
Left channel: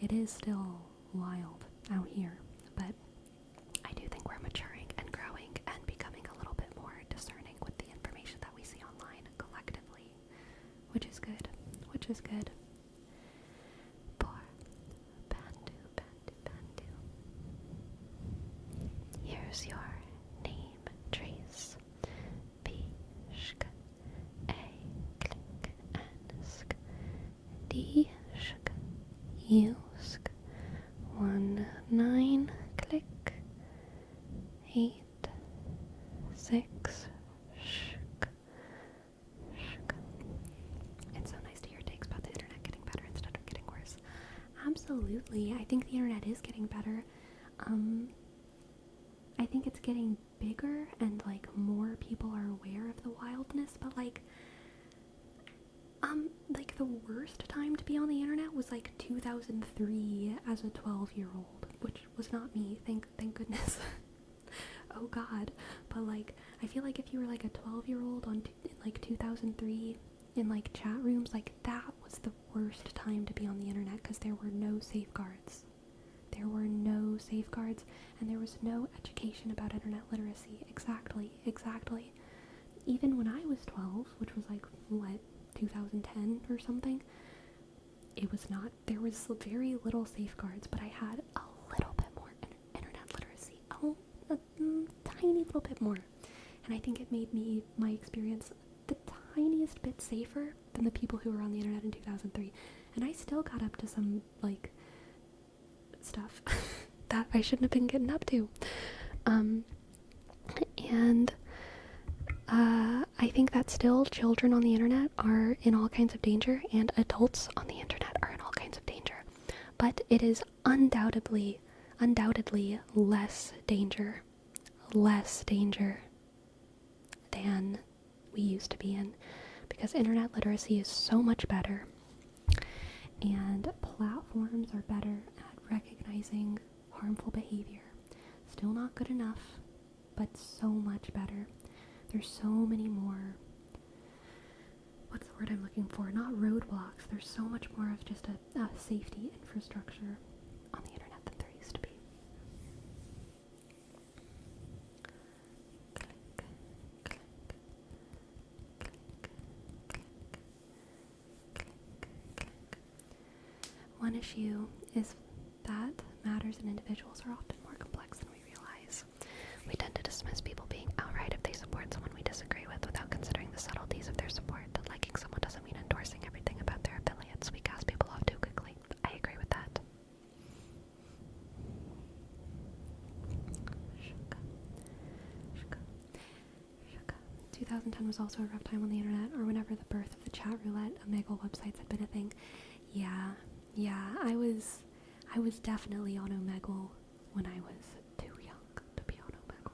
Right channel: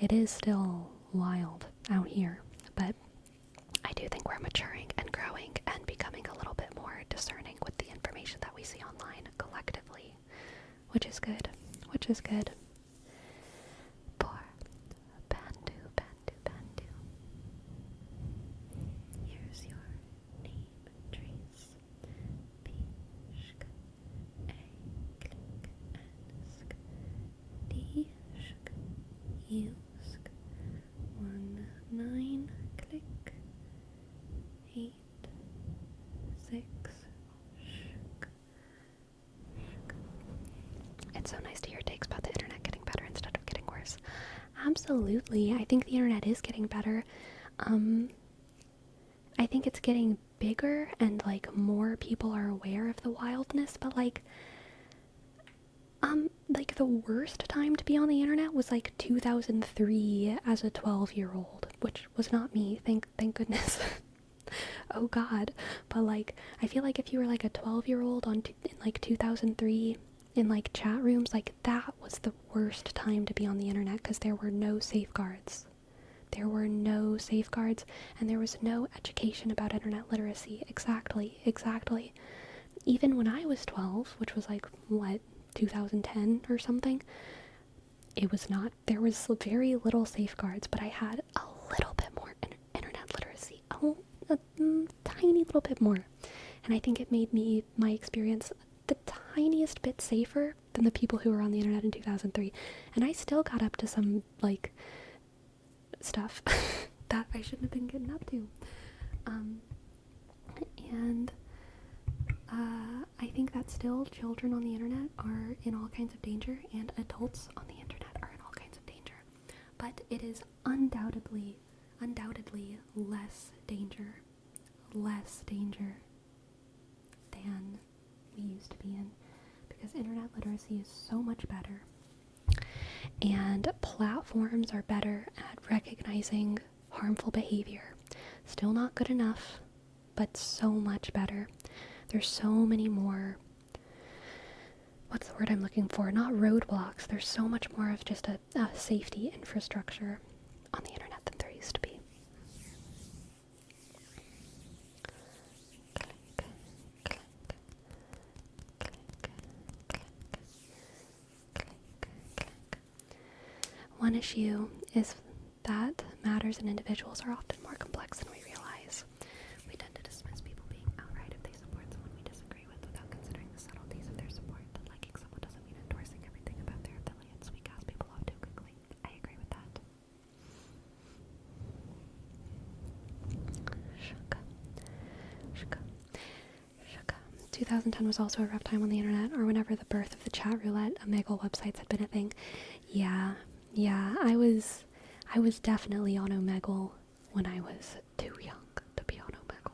It is still wild out here, but I do think we're maturing and growing and becoming a little bit more discerning with the information that we see online collectively, which is good. Which is good. Poor Bandu, Bandu, Bandu. Here's your name trace. B-shk, A-click, N-sk, D-shk, U-sk, 1-9, click, 8-6, shk, shk. It's so nice to hear takes about the internet getting better instead of getting worse. Absolutely. I think the internet is getting better. I think it's getting bigger and, like, more people are aware of the wildness, but, like, the worst time to be on the internet was, like, 2003 as a 12-year-old, which was not me, thank goodness. Oh god. But, like, I feel like if you were, like, a 12-year-old in, like, 2003 in, like, chat rooms, like, that was the worst time to be on the internet, because there were no safeguards. There were no safeguards, and there was no education about internet literacy. Exactly. Even when I was 12, which was, like, 2010 or something, it was not. There was very little safeguards, but I had a little bit more internet literacy. A tiny little bit more. And I think it made my experience the tiniest bit safer than the people who were on the internet in 2003. And I still got up to some, like, stuff that I shouldn't have been getting up to. I think that still children on the internet are in all kinds of danger, and adults on the internet are in all kinds of danger. But it is undoubtedly less danger than we used to be in, because internet literacy is so much better, and platforms are better at recognizing harmful behavior. Still not good enough, but so much better. There's so many more, what's the word I'm looking for? Not roadblocks. There's so much more of just a safety infrastructure on the internet than there used to be. Click, click, click, click, click, click. One issue is that matters in individuals are often more complex than we realize. We tend to dismiss people being outright if they support someone we disagree with without considering the subtleties of their support. That liking someone doesn't mean endorsing everything about their affiliates. We cast people off too quickly. I agree with that. Shaka. Shaka. Shaka. 2010 was also a rough time on the internet, or whenever the birth of the chat roulette, Omegle websites had been a thing. Yeah, I was definitely on Omegle when I was too young to be on Omegle.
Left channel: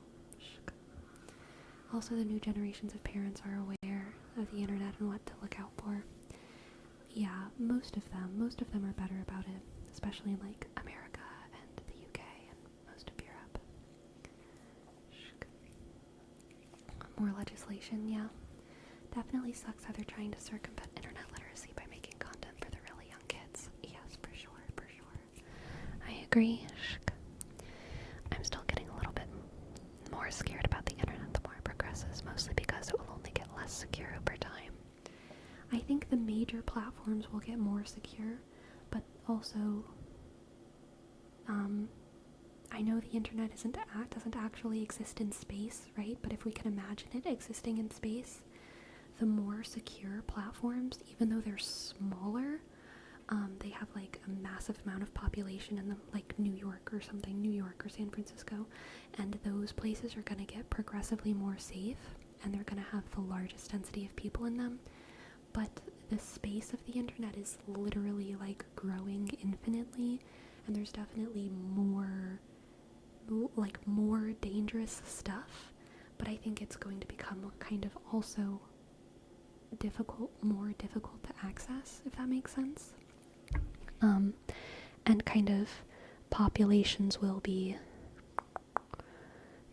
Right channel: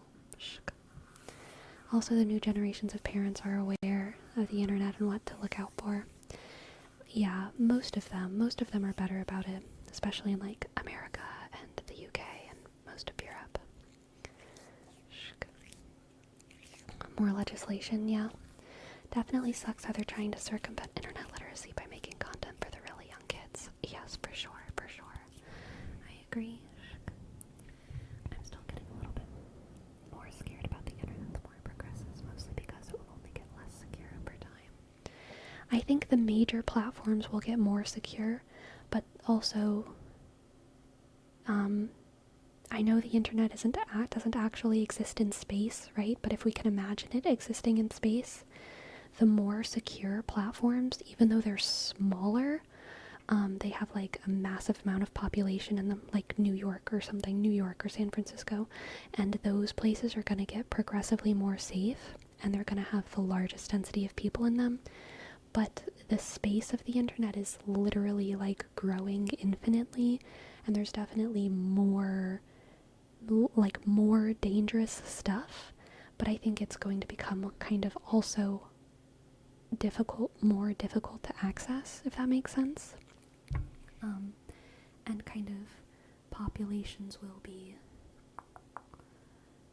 Also, the new generations of parents are aware of the internet and what to look out for. Yeah, most of them are better about it, especially in like America and the UK and most of Europe. More legislation, yeah. Definitely sucks how they're trying to circumvent internet literacy by making content for the really young kids. Yes, for sure. I agree. I'm still getting a little bit more scared about the internet the more it progresses, mostly because it will only get less secure over time. I think the major platforms will get more secure, but also, I know the internet doesn't actually exist in space, right? But if we can imagine it existing in space, the more secure platforms, even though they're smaller, they have like a massive amount of population in them, like New York or San Francisco, and those places are going to get progressively more safe, and they're going to have the largest density of people in them. But the space of the internet is literally like growing infinitely, and there's definitely more dangerous stuff, but I think it's going to become kind of also more difficult to access, if that makes sense. And kind of populations will be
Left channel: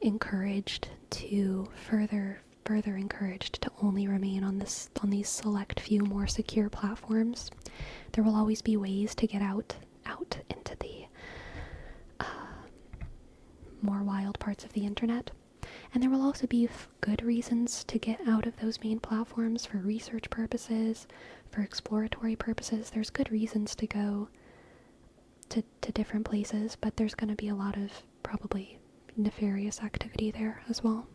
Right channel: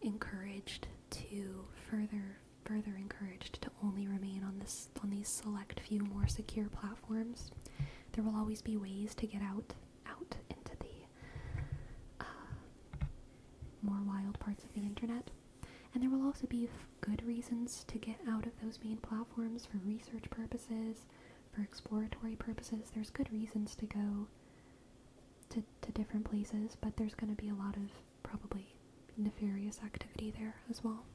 encouraged to further encouraged to only remain on these select few more secure platforms. There will always be ways to get out into the more wild parts of the internet. And there will also be good reasons to get out of those main platforms for research purposes, for exploratory purposes. There's good reasons to go to different places, but there's going to be a lot of probably nefarious activity there as well.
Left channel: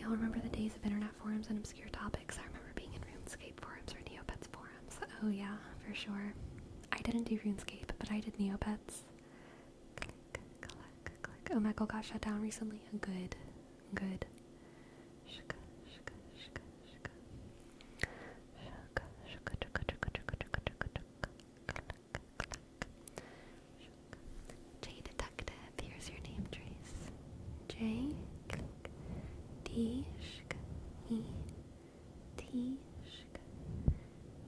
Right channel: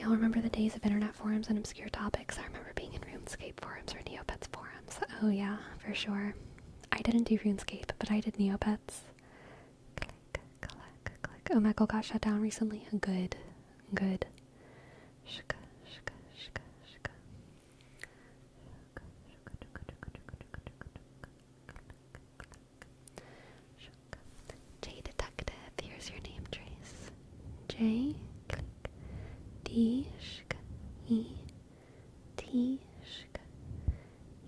Y'all remember the days of internet forums and obscure topics? I remember being in RuneScape forums or Neopets forums. Oh yeah, for sure. I didn't do RuneScape, but I did Neopets. Click. Omegle got shut down recently. Good. J Detective, here's your name trace. J, click, D, shk, E, T, shk,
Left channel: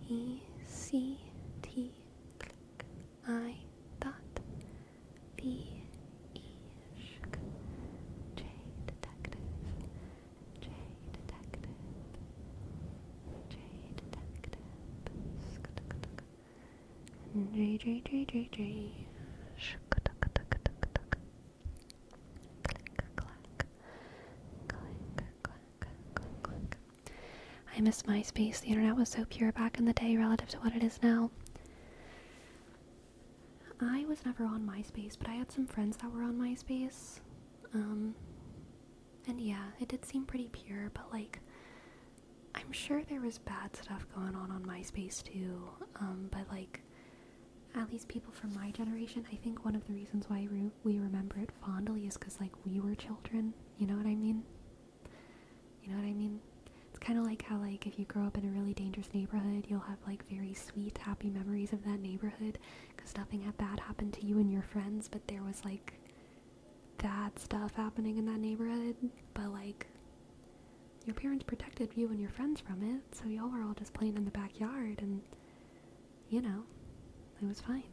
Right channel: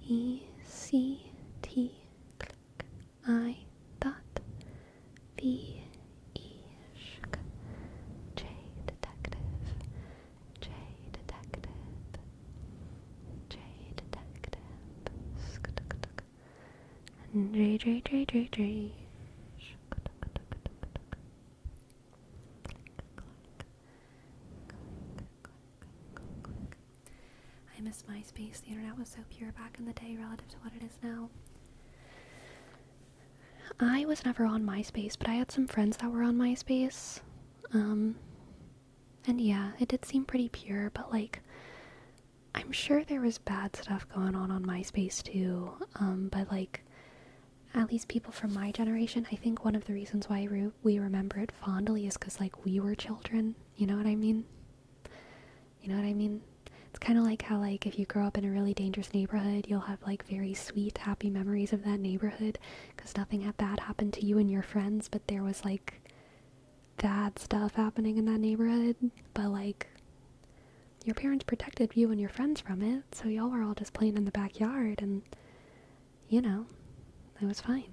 E, C, T, click, I, dot, B, E, shk, J Detective, J Detective, J Detective, and J. I miss MySpace. The internet was so pure back in the day relative to what it is now. I was never on MySpace, but I had some friends that were on MySpace. And yeah, it did seem pretty pure, but like, I'm sure there was bad stuff going on MySpace too. But like, at least people from my generation, I think one of the reasons why we remember it fondly is because like we were children. You know what I mean? It's kind of like how, like, if you grow up in a really dangerous neighborhood, you'll have, like, very sweet, happy memories of that neighborhood, because nothing bad happened to you and your friends, but there was, like, bad stuff happening in that neighborhood, but, like, your parents protected you and your friends from it, so y'all were all just playing in the backyard, and, you know, it was fine.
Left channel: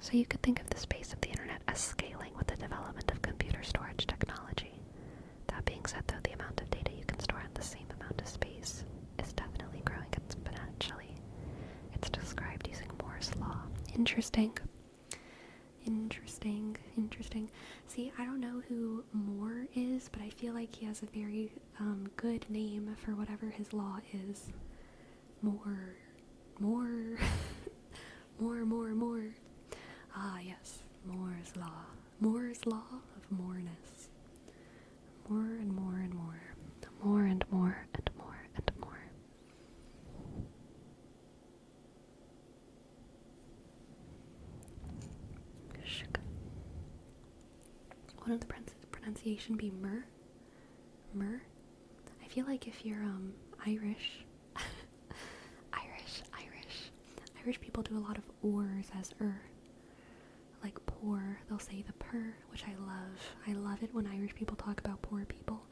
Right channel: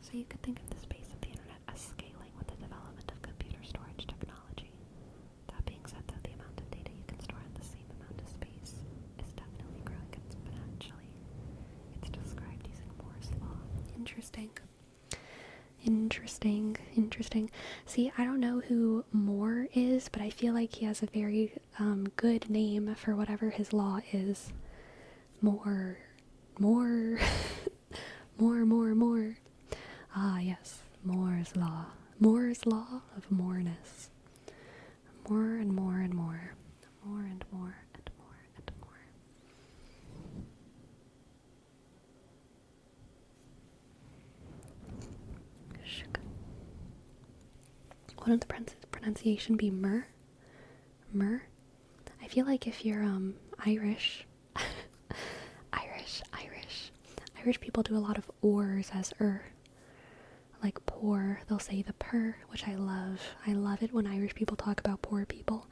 So you could think of the space of the internet as scaling with the development of computer storage technology. That being said, though, the amount of data you can store in the same amount of space is definitely growing exponentially. It's described using Moore's law. Interesting. See, I don't know who Moore is, but I feel like he has a very good name for whatever his law is. More. More. Ah, yes, Moore's law. Moore's law of moreness. More and more. wouldn't the pronunciation be mer? Mer? I feel like if you're Irish, Irish people do a lot of ors as like poor. They'll say the purr, which I love. I love it when Irish people talk about poor people.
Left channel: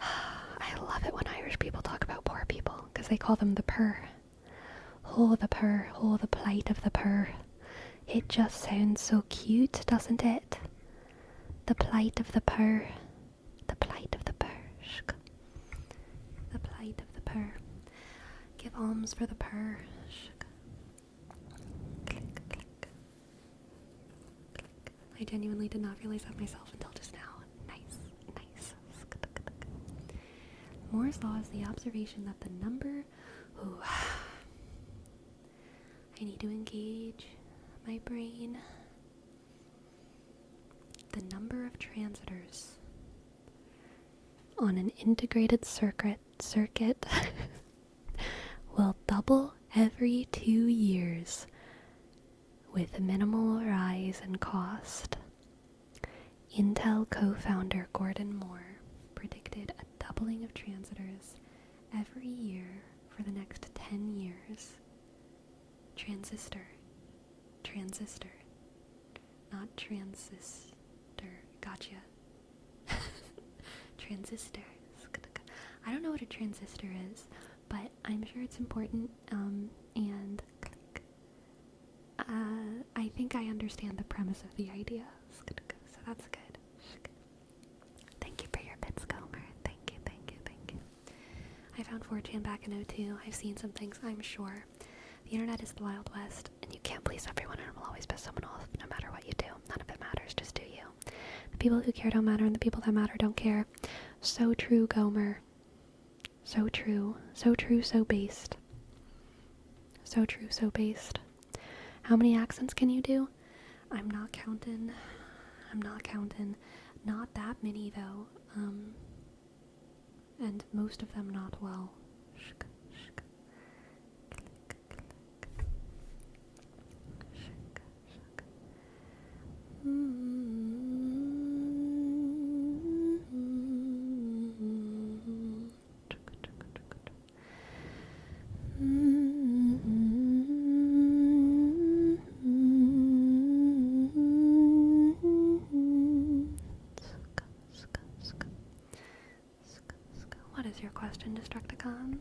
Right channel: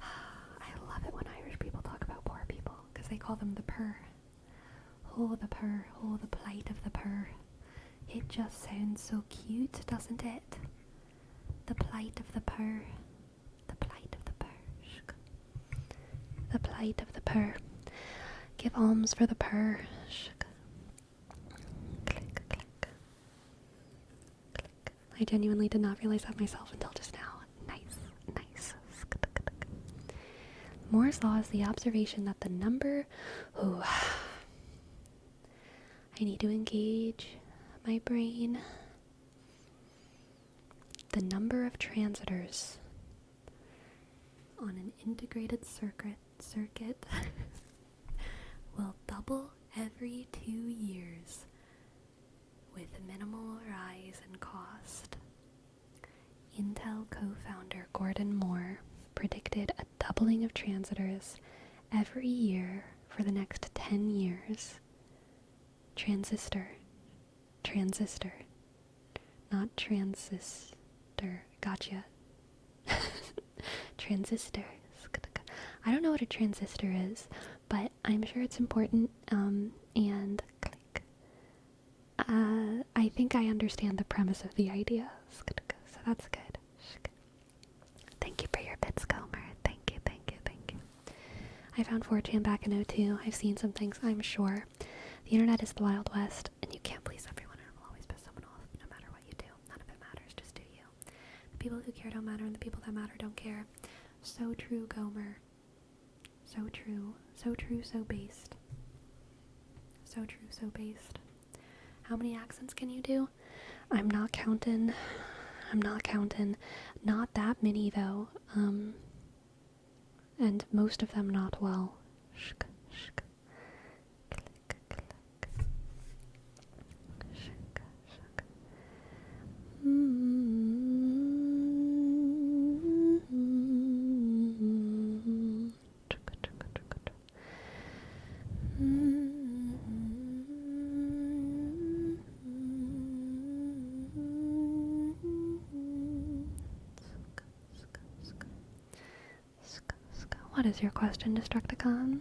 I love it when Irish people talk about poor people because they call them the purr. Oh, the purr. Oh, the plight of the purr. It just sounds so cute, doesn't it? The plight of the purr. The plight of the purr. The plight of the purr. Give alms for the purr. Click, click. Click. I genuinely did not realize that myself until just now. Nice. Moore's law is the observation that the number... Ooh. I need to engage my brain. The number of transitors on an integrated circuit will double every 2 years with minimal rise in cost. Intel co-founder Gordon Moore predicted a doubling of transitors every year for the next 10 years. Transistor, not transistor. Gotcha. Transistors. I don't know what a transistor is, but I'm sure it's important. And click. I think I understand the premise of the idea, so that's good. Thank you for your bits, Gomer. Thank you. I found 4chan back in '02. I've seen some things, I'm sure. The internet is the Wild West, and you can't please everyone, and it will always piss someone off, no matter what you do. None of it matters, just do you. The people who care don't matter, and the people that matter don't care. So true, Gomer. So true. So true, so based. So true, so based. How many accents can you do? I'm not counting. Not that many, though. And most of them not well. Click, click. What is your question, Destructicon?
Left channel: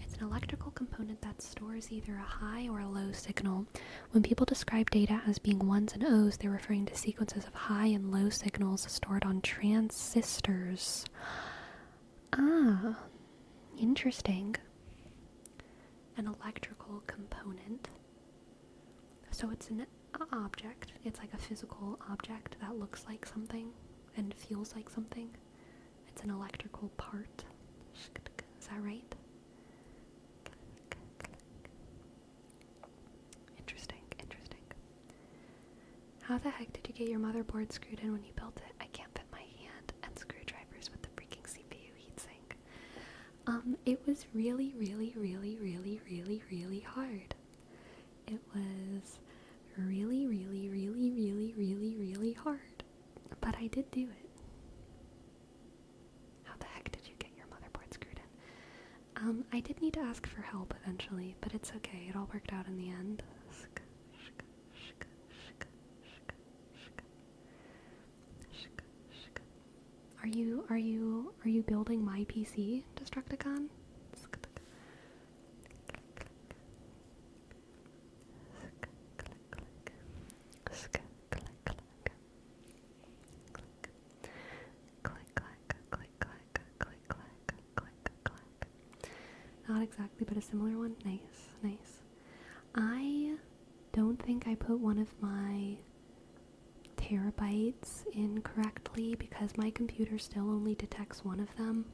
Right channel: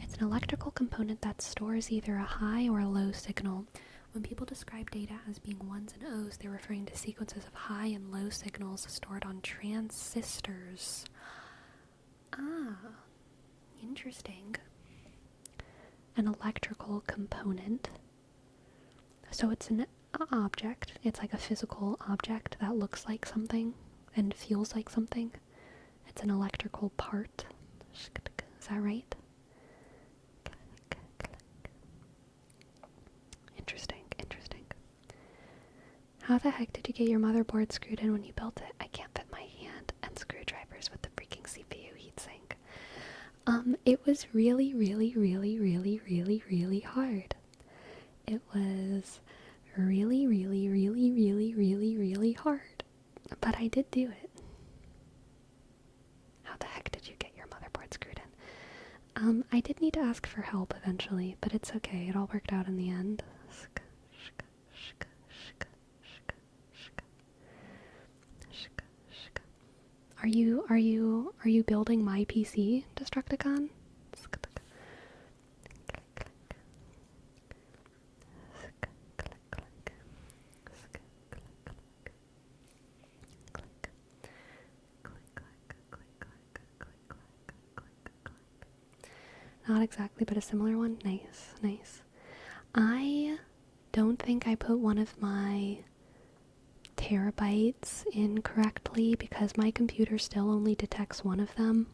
It's an electrical component that stores either a high or a low signal. When people describe data as being ones and O's, they're referring to sequences of high and low signals stored on transistors. Ah, interesting. An electrical component. So it's an object. It's like a physical object that looks like something and feels like something. It's an electrical part. Is that right? Interesting. How the heck did you get your motherboard screwed in when you built it? I can't fit my hand and screwdrivers with the freaking CPU heatsink. It was really hard. It was really hard. But I did do it. How the heck did you get your motherboard screwed in? I did need to ask for help eventually, but it's okay. It all worked out in the end. Are you building my PC, Destructicon? Not exactly, but a similar one. Nice. I don't think I put one of my terabytes in correctly because my computer still only detects one of them.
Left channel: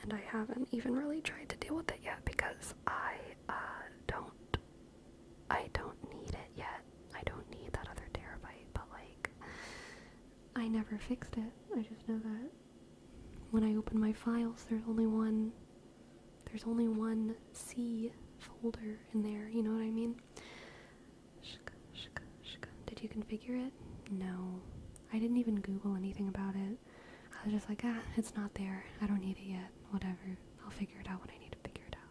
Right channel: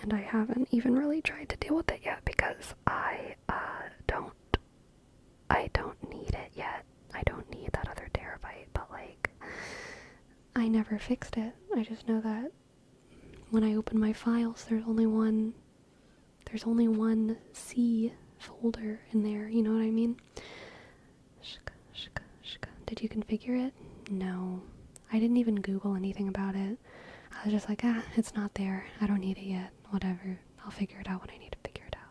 And I haven't even really tried to deal with it yet because I don't need it yet. I don't need that other terabyte, but like, I never fixed it. I just know that when I open my files, there's only one C folder in there, you know what I mean? Did you configure it? No. I didn't even Google anything about it. I was just like, it's not there. I don't need it yet. Whatever. I'll figure it out when I need to figure it out.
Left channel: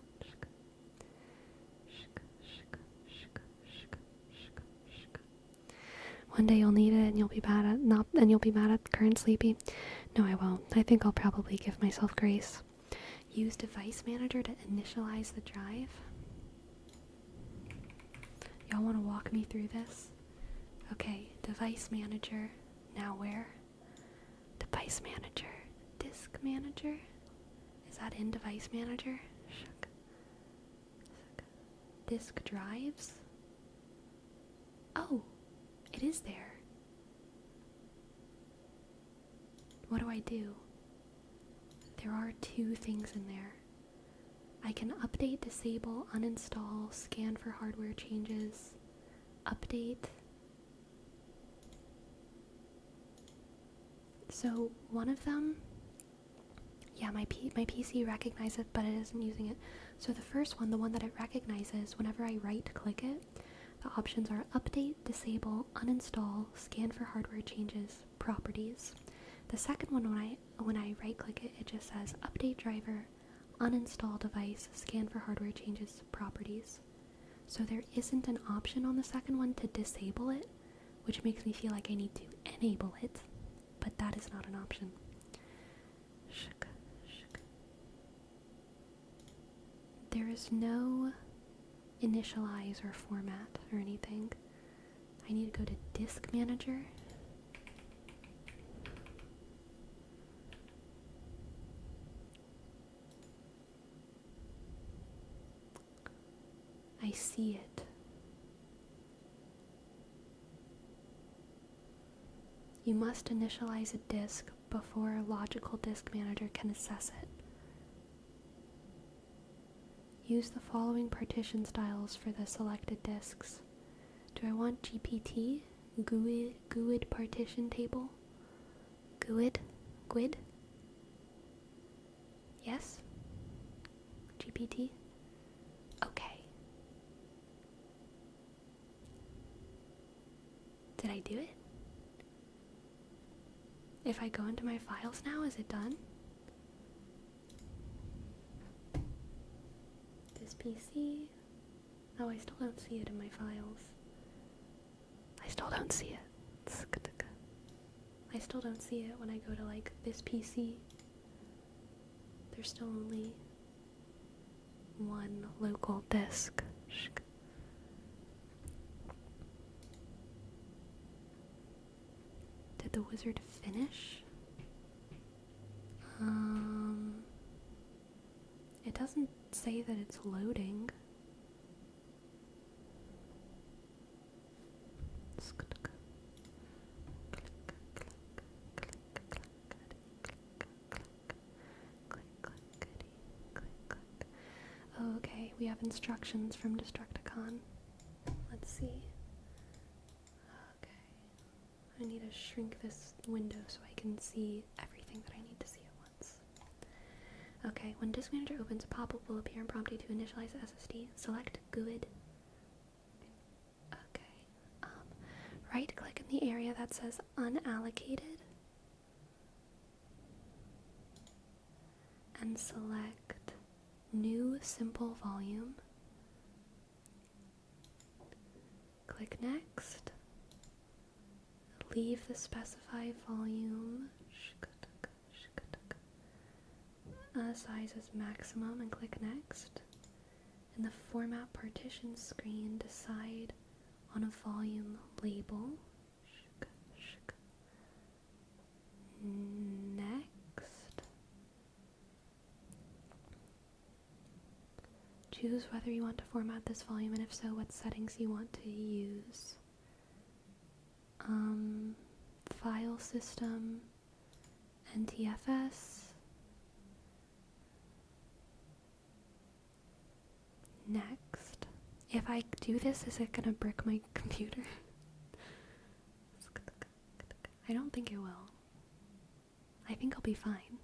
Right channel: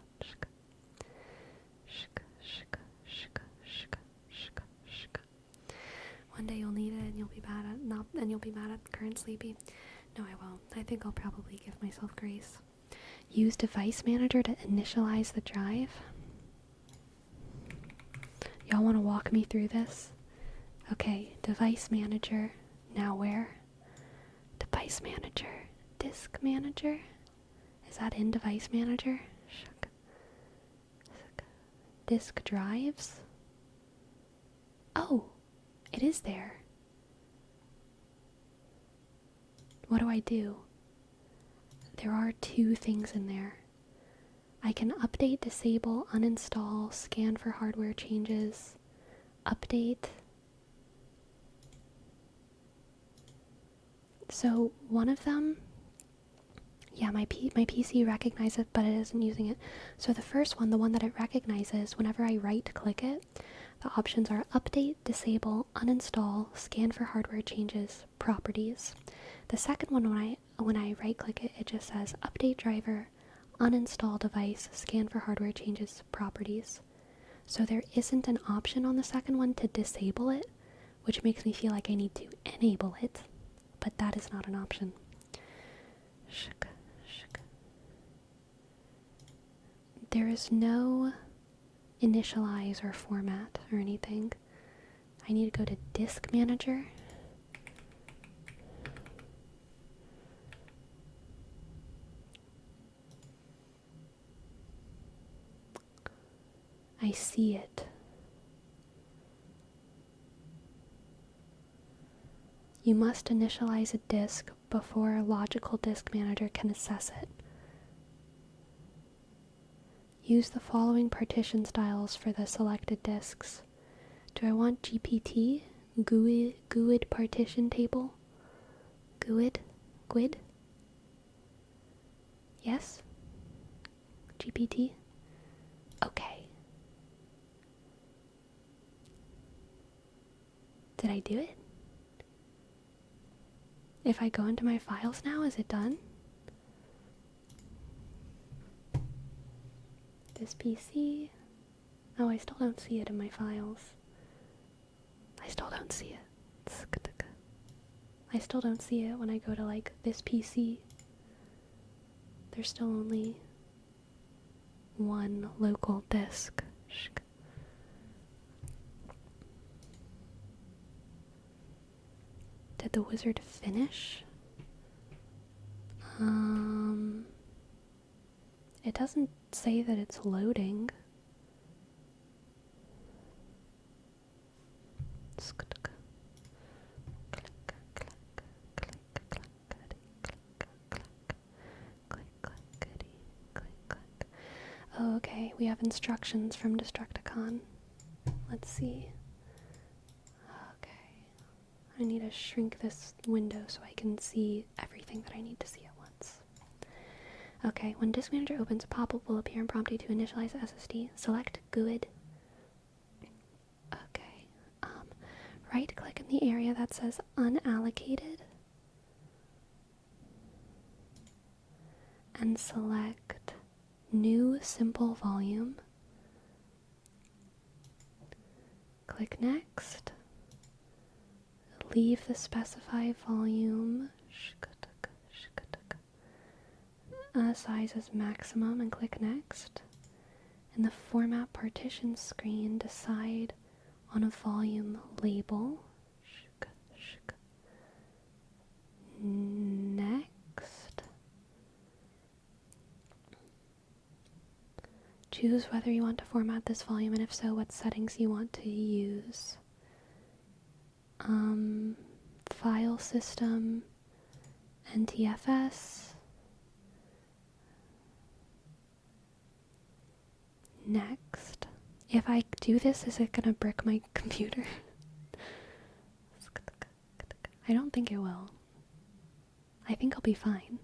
One day you'll need it and you'll be mad at current sleepy. No, I won't. I think I'll probably give myself grace. Use device manager to initialize the drive. Y'all want to walk me through this? Okay, device manager. Now where? Device manager. Disk manager? Is that in device manager? Disk drives? Oh, it is there. What do? There are two things in there. I can update, disable, uninstall, scan for hardware changes, update. So one of them, yeah, my PC recognizes it, but it isn't using it. So the first one, the one that it recognizes, whenever I right-click it, the options are update, disable, uninstall, scan for hardware changes, properties. The second one, when I right-click it, it just says update driver, uninstall device, scan for hardware changes, properties. So there isn't an option on the second one to disable it, which makes me feel like I need to enable it, but that is not an option. There is no initialize or format or anything. I need to go to disk manager. I see it. You must initialize a disk before a logical disk manager can assess it. Use the following partition styles for the selected disks. Do I want GPT? GUID partition table? GUID? Yes? GPT? Okay. Did I do it? If I go into my files now, is it done? This PC. Oh, I still don't see it in my files. I still don't see it. I still don't see it when I go to like this PC. There's still only one local disk. Did the wizard finish? It doesn't say that it's loading. Oh, okay, we have instructions from Destructicon. Let's see. Okay. I need to shrink this window so I can see everything that I need to see at once. Okay, when Disk Manager opens, a pop-up will appear and prompt you to initialize the SSD. Select GUID. Okay. Right-click in the area that says Unallocated. And select New Simple Volume. Click Next. Leave the specified volume. Size as maximum and click Next. In the Format Partition screen, decide on a volume label. Next. Choose whether you want to format this volume, and if so, what settings you want to use. File system, NTFS. Next. If I do this, is it gonna brick my computer? I don't think it will. I think I'll be fine,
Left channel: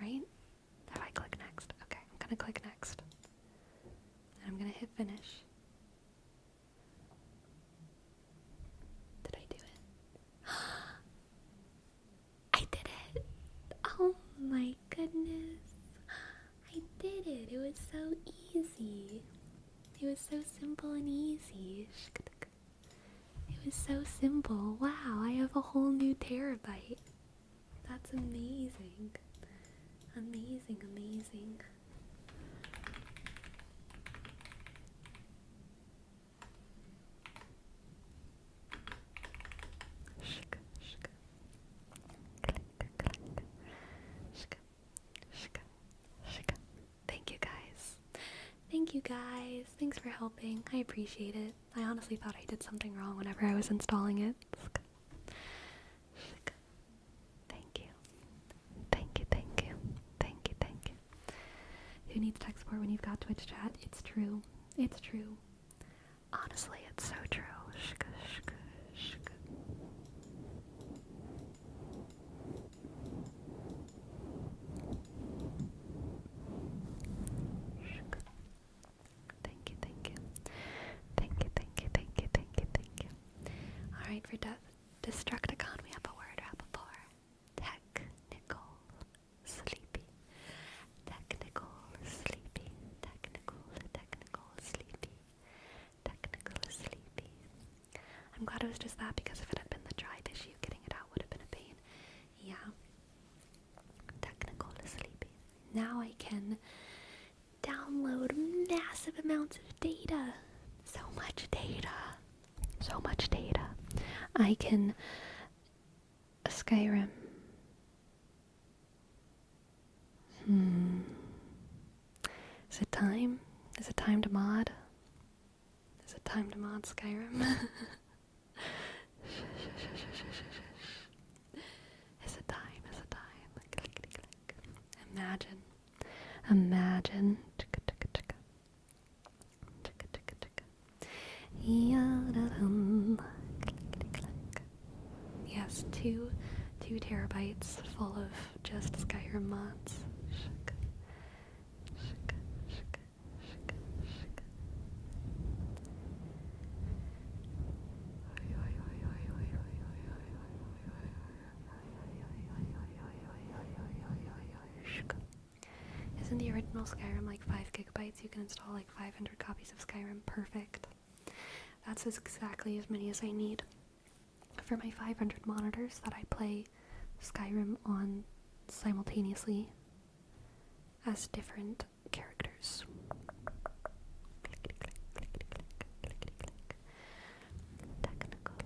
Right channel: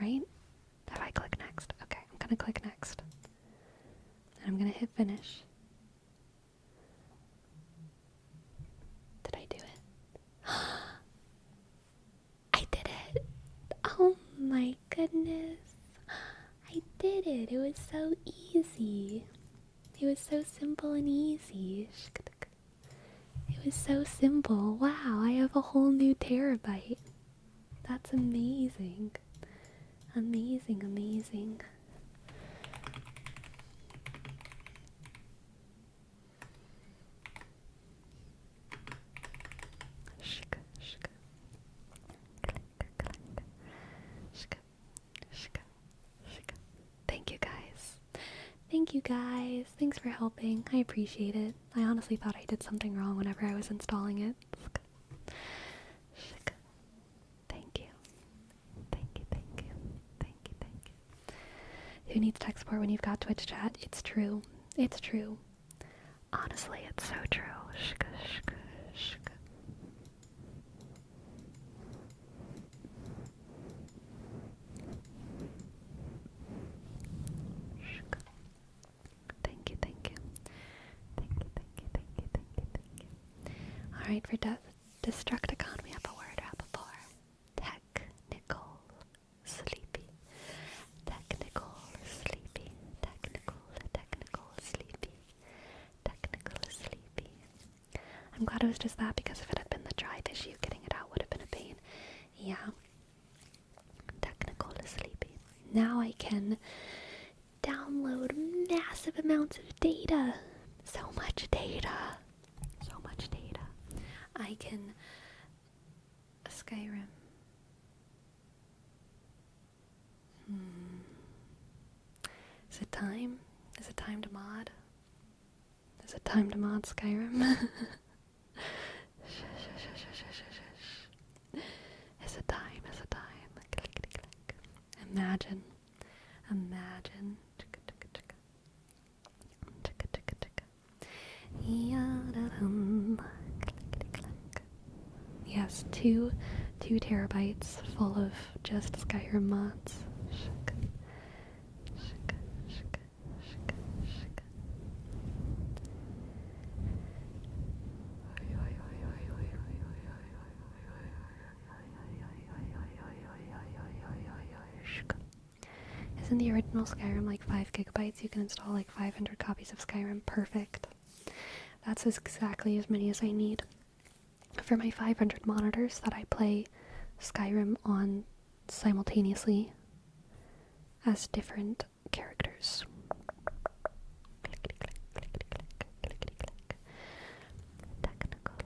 right? If I click next. Okay, I'm gonna click next. And I'm gonna hit finish. Did I do it? did. It was so easy. It was so simple and easy. It was so simple. Wow, I have a whole new terabyte. That's amazing. Amazing, amazing. Thank you guys. Thank you guys. Thanks for helping. I appreciate it. I honestly thought I did something wrong whenever I was installing it. Thank you. Thank you, thank you. Thank you, thank you. Who needs tech support when you've got Twitch chat? It's true. It's true. Honestly, it's so true. Thank you, thank you. Thank you, thank you, thank you, thank you, thank you. Alright, for Destructicon, we have a word wrap for technical sleepy. Technical sleepy. Technical sleepy. Technical sleepy. I'm glad it was just that, because if it had been the drive issue, getting it out would have been a pain. Yeah. Technical sleepy. Now I can download massive amounts of data. So much data. So much data. I can Skyrim. Is it time? Is it time to mod? Is it time to mod Skyrim? Is it time? Is it time? Imagine. Imagine. Yes, 2 terabytes full of just Skyrim mods. Isn't the original Skyrim like 5 gigabytes? You can install like 500 copies of Skyrim. Perfect. That's exactly as many as I need for my 500 monitors that I play Skyrim on simultaneously as different characters. Technical,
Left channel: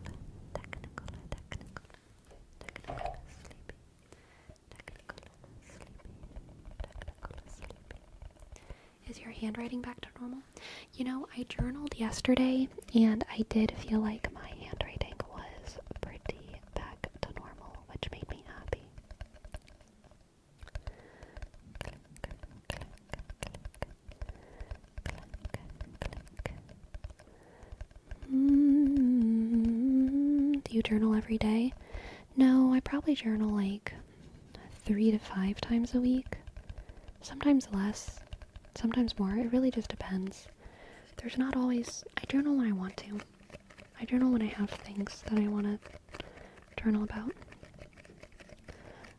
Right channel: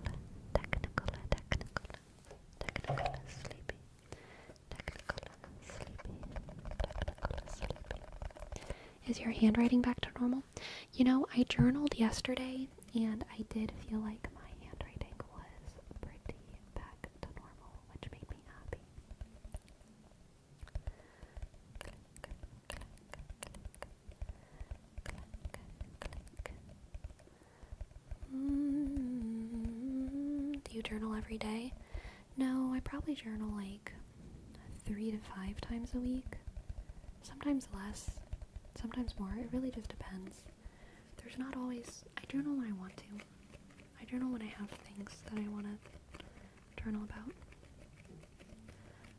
sleepy. Is your handwriting back to normal? You know, I journaled yesterday, and I did feel like my handwriting was pretty back to normal, which made me happy. Do you journal every day? No, I probably journal like 3 to 5 times a week. Sometimes less, sometimes more. It really just depends. There's not always... I journal when I want to. I journal when I have things that I want to journal about,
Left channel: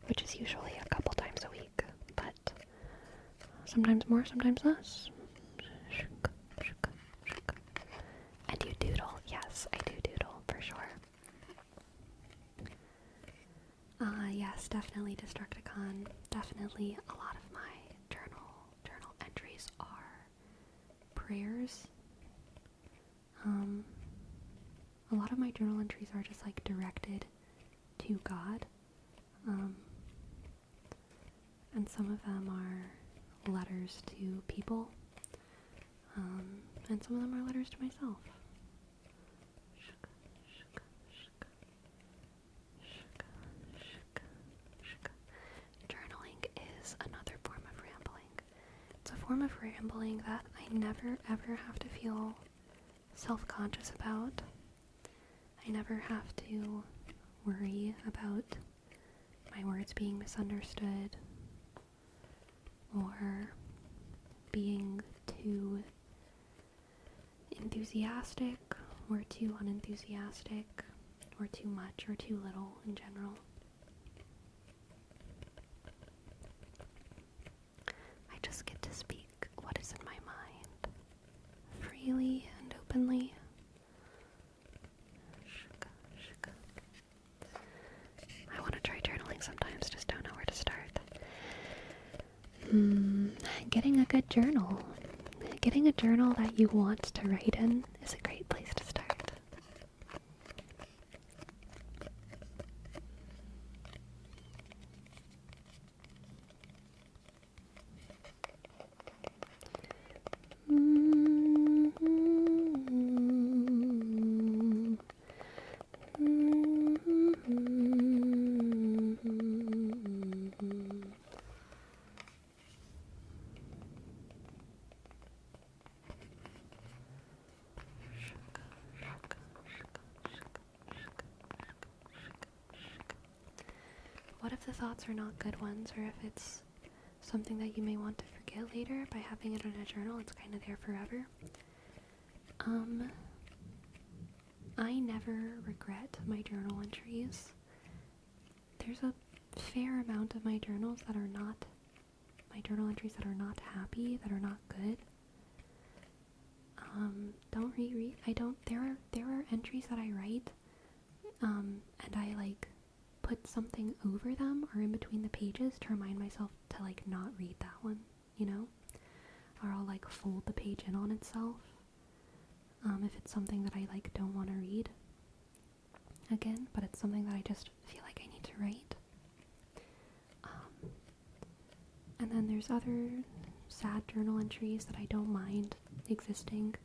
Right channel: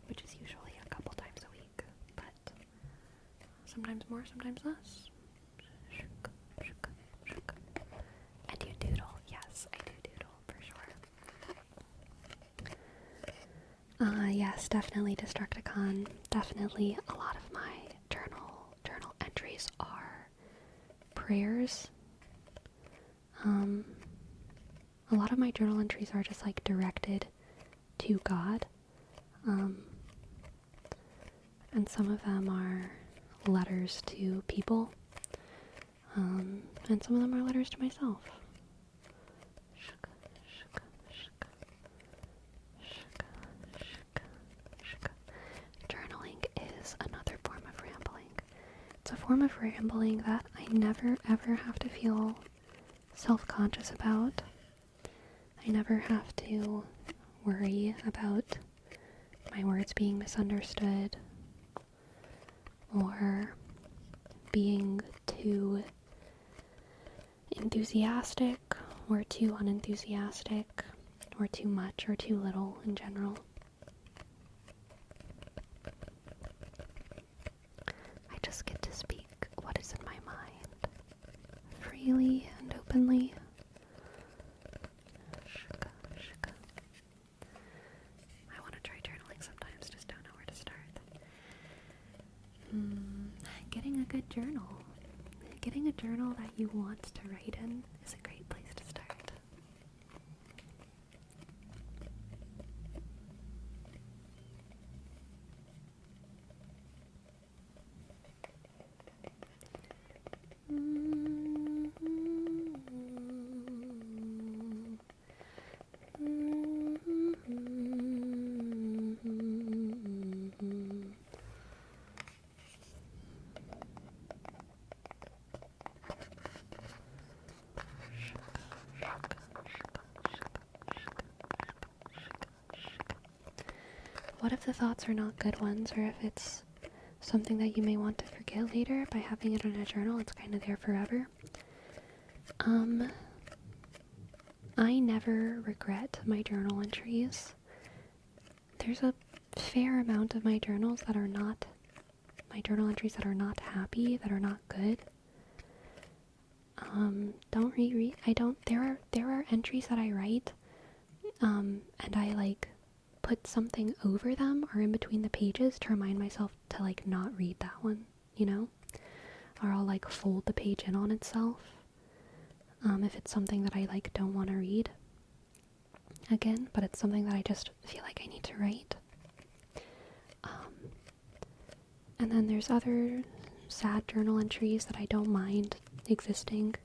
which is usually a couple times a week, but sometimes more, sometimes less. And you doodle. Yes, I do doodle, for sure. Yes, definitely Destructicon. Definitely a lot of my journal entries are prayers. A lot of my journal entries are just like directed to God. And some of them are letters to people. And some of them are letters to myself. Journaling is another form of rambling. It's a form of rambling that I never ever have to feel self-conscious about. I never have to worry about my words being misunderstood or being too enthusiastic or too unenthusiastic or too much or too little in general. I just get to speak freely and openly. I want to try journaling sometimes, just don't know where to start. Getting a good journal. Getting a journal that you want to write in is a great place to start. What if the thoughts are not good ones, or if it's something that you may want to forget later? By having it in a journal, it's kind of there forever. I never regret my journal entries. There's a fair amount of my journal entries that are not happy, that are not good. Don't reread. There are entries that I write, and I like put something over them or in between the pages to remind myself to like not read that one, you know? Or I'll like fold the page in on itself, if it's something that I like don't want to read again, but it's something that I just feel like I need to write. And then there's other sad journal entries that I don't mind existing.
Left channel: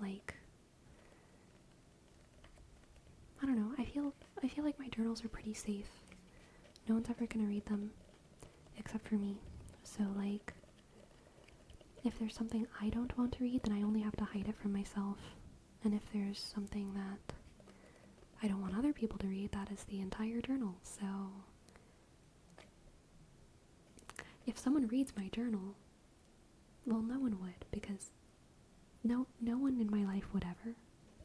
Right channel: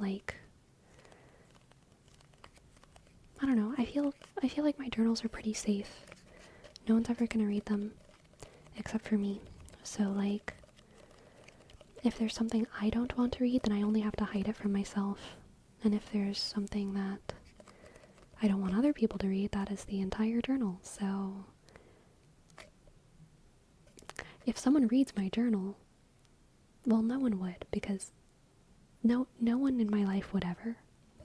Like, I don't know, I feel like my journals are pretty safe. No one's ever gonna read them except for me. So like, if there's something I don't want to read, then I only have to hide it from myself. And if there's something that I don't want other people to read, that is the entire journal. So if someone reads my journal, well, no one would, because no one in my life would ever.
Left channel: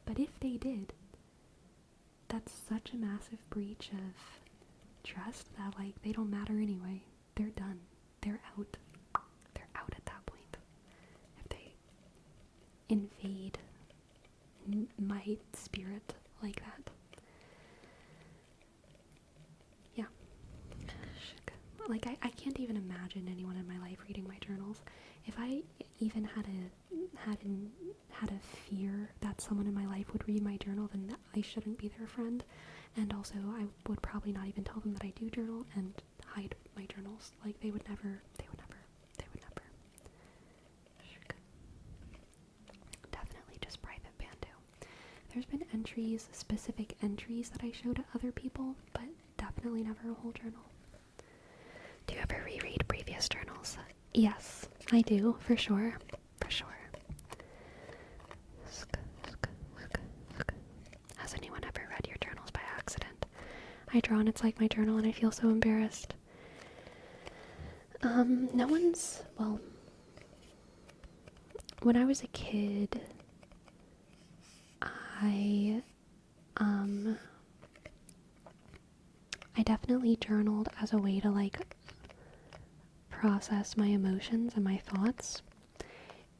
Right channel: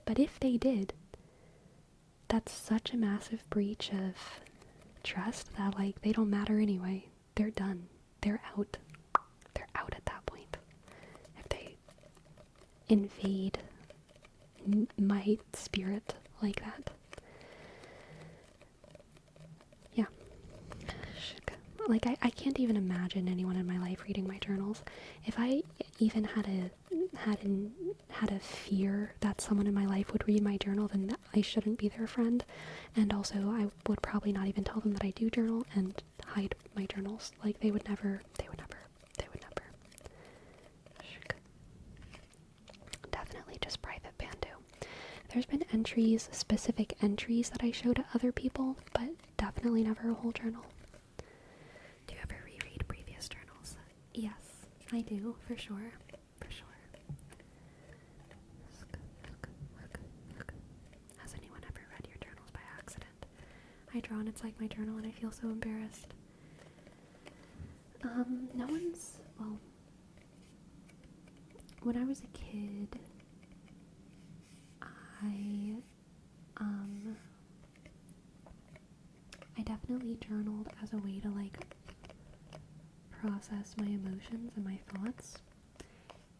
But if they did, that's such a massive breach of trust that like they don't matter anyway. They're done. They're out. They're out at that point. If they invade my spirit like that. Yeah. Like, I can't even imagine anyone in my life reading my journals. If I even had a fear that someone in my life would read my journal, then I shouldn't be their friend. And also, I would probably not even tell them that I do journal and hide my journals. Like, they would never. Definitely just private Bandu. There's been specific entries that I show to other people, but definitely never a whole journal. Do you ever reread previous journals? Yes, I do, for sure. Has anyone ever read your journals by accident? I draw and it's like my journal and I feel so embarrassed. No one's, well, when I was a kid, I definitely journaled as a way to like process my emotions and my thoughts.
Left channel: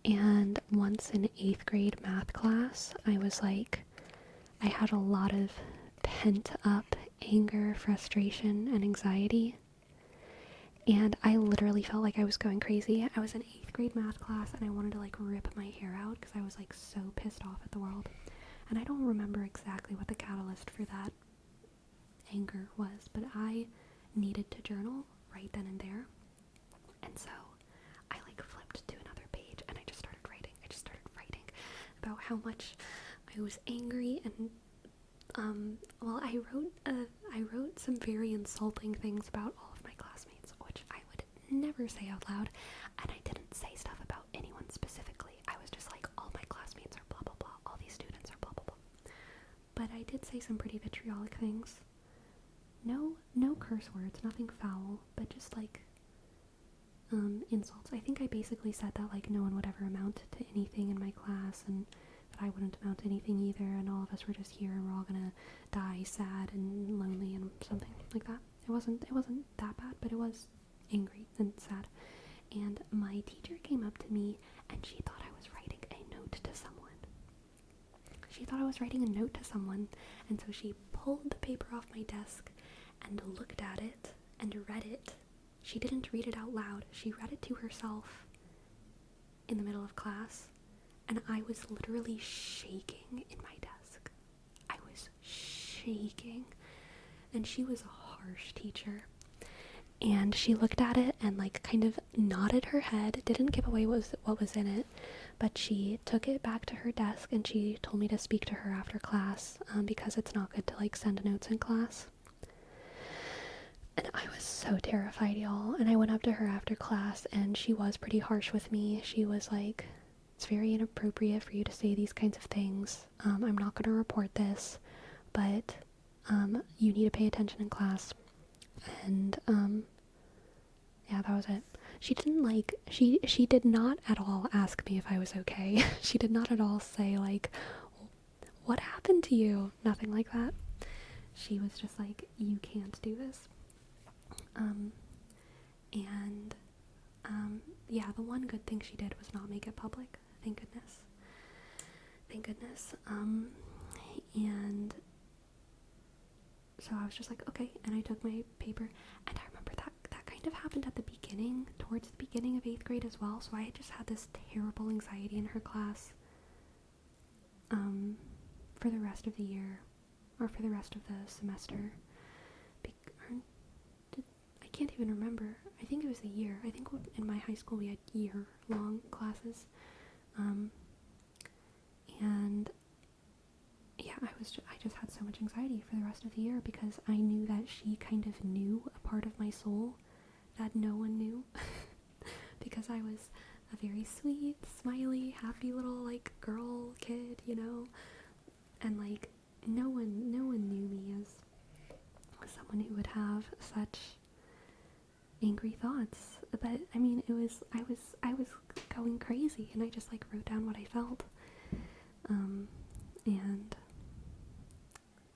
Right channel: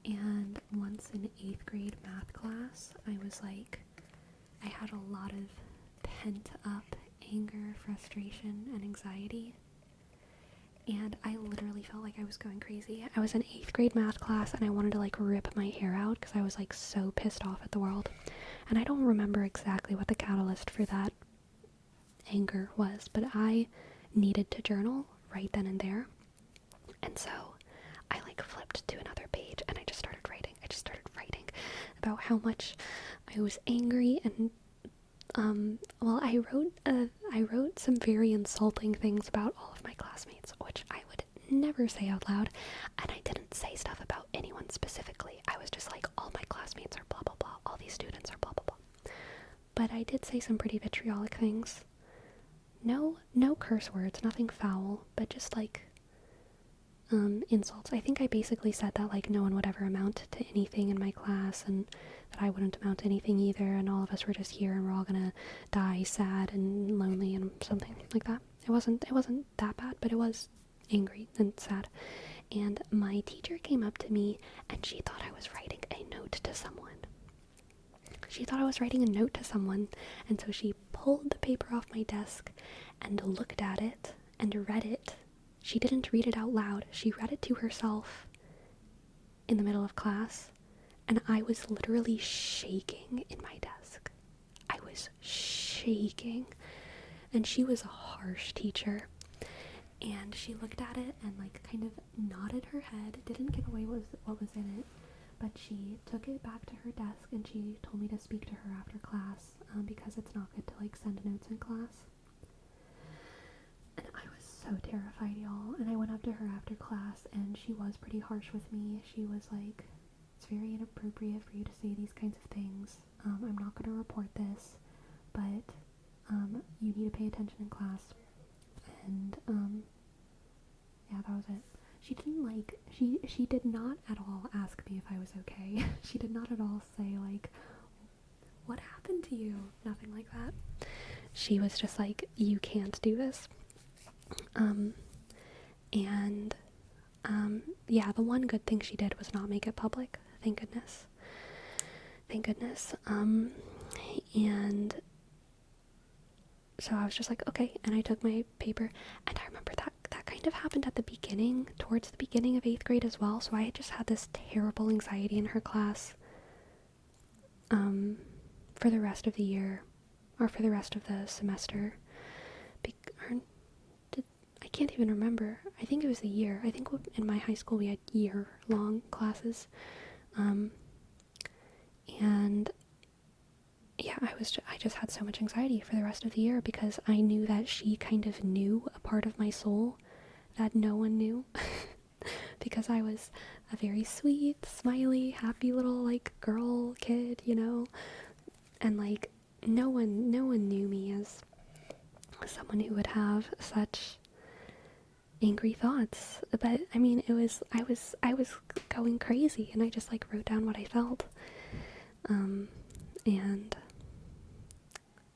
And once in 8th grade math class, I had a lot of pent up anger, frustration, and anxiety. And I literally felt like I was going crazy. I was in 8th grade math class and I wanted to like rip my hair out because I was like so pissed off at the world. And I don't remember exactly what the catalyst for that anger was, but I needed to journal right then and there. And so I like flipped to another page and I just started writing. About how much I was angry, and I wrote some very insulting things about all of my classmates, which I would never say out loud, and I didn't say stuff about anyone specifically. I was just like, all my classmates are blah blah blah, all these students are blah blah blah. But I did say some pretty vitriolic things. No curse words, nothing foul, but just like insults. I think I basically said that like no one would ever amount to anything in my class, and that I wouldn't amount to anything either, and all of us were just here and we're all gonna die sad and lonely and something like that. It wasn't that bad, but it was angry and sad. and my teacher came up to me and she thought I was writing a note to someone. She thought I was writing a note to someone, and so she pulled the paper off my desk and looked at it and read it. She didn't read it out loud. She read it to herself in the middle of class, and I was literally shaking in my desk. I was shaking. And she was a harsh teacher. And she looked at it and like kind of nodded her head, didn't give away what was in it, but she took it back to her desk and she told me to speak to her after class, because it's not good to like send notes in class. And I was so terrified, y'all. And I went up to her after class and she was pretty harsh with me. She was like, it's very inappropriate for you to say these kinds of things. I'm not going to report this, but you need to pay attention in class. And yeah, that was it. She didn't like, she did not at all ask me if I was okay. She did not at all say like, what happened to you? Nothing like that. She was just like, you can't do this. And yeah, the one good thing she did was not make it public. Thank goodness. Thank goodness. And so I was just like, okay, and I took my paper, and I remember that kind of happened at the beginning, towards the beginning of 8th grade as well, so I had just had this terrible anxiety in her class, for the rest of the year, or for the rest of the semester, I can't even remember. I think it was a year. I think in my high school we had year-long classes, and yeah, I just had so much anxiety for the rest of the year because I knew that she kind of knew a part of my soul that no one knew. Because I was a very sweet, smiley, happy little like girl kid, you know? And like no one knew me as someone who would have such angry thoughts. But I mean, I was going crazy and I just like wrote down what I felt. And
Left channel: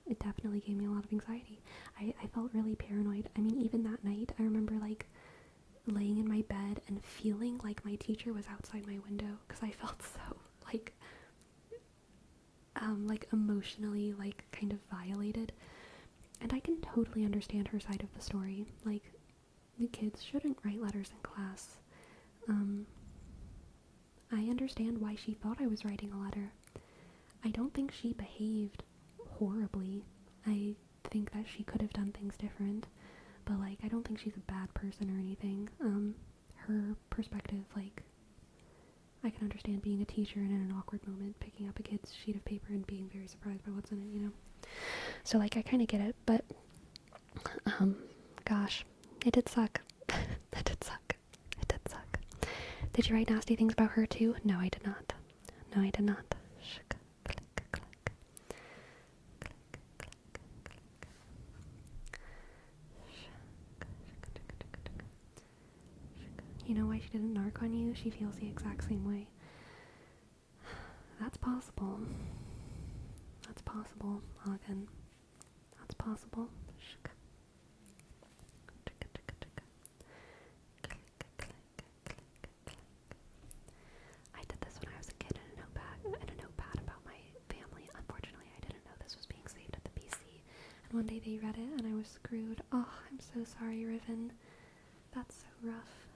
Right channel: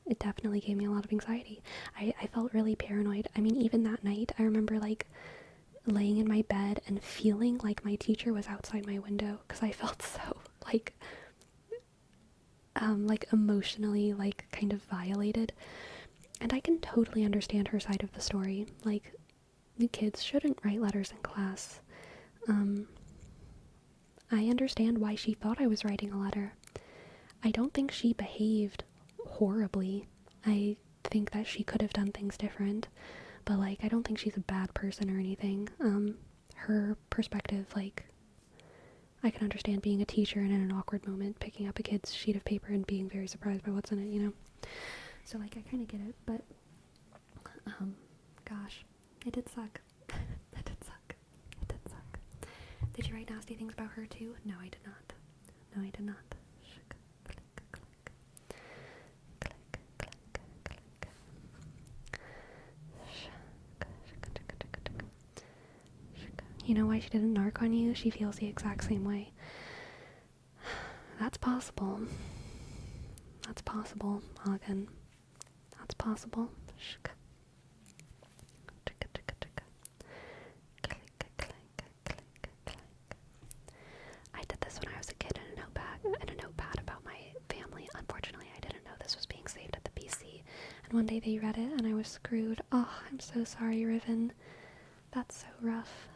it definitely gave me a lot of anxiety. I felt really paranoid. I mean, even that night, I remember like laying in my bed and feeling like my teacher was outside my window because I felt so like emotionally like kind of violated. And I can totally understand her side of the story. Like, the kids shouldn't write letters in class. I understand why she thought I was writing a letter. I don't think she behaved horribly. I think that she could have done things different, but like I don't think she's a bad person or anything. Her perspective, like, I can understand being a teacher and in an awkward moment picking up a kid's sheet of paper and being very surprised by what's in it, you know? So like I kind of get it, but gosh, it did suck. It did suck. It did suck. Did you write nasty things about her too? No, I did not. No, I did not. You know why she didn't narc on you? She feels the exact same way. That's possible. That's possible, Hagen. That's possible. I did this when I was a kid in a notepad about my family. Unfortunately, I didn't know this was being saved at the PC. And one day they read it and I was screwed. Oh, I'm so sorry, Riven. That's so rough.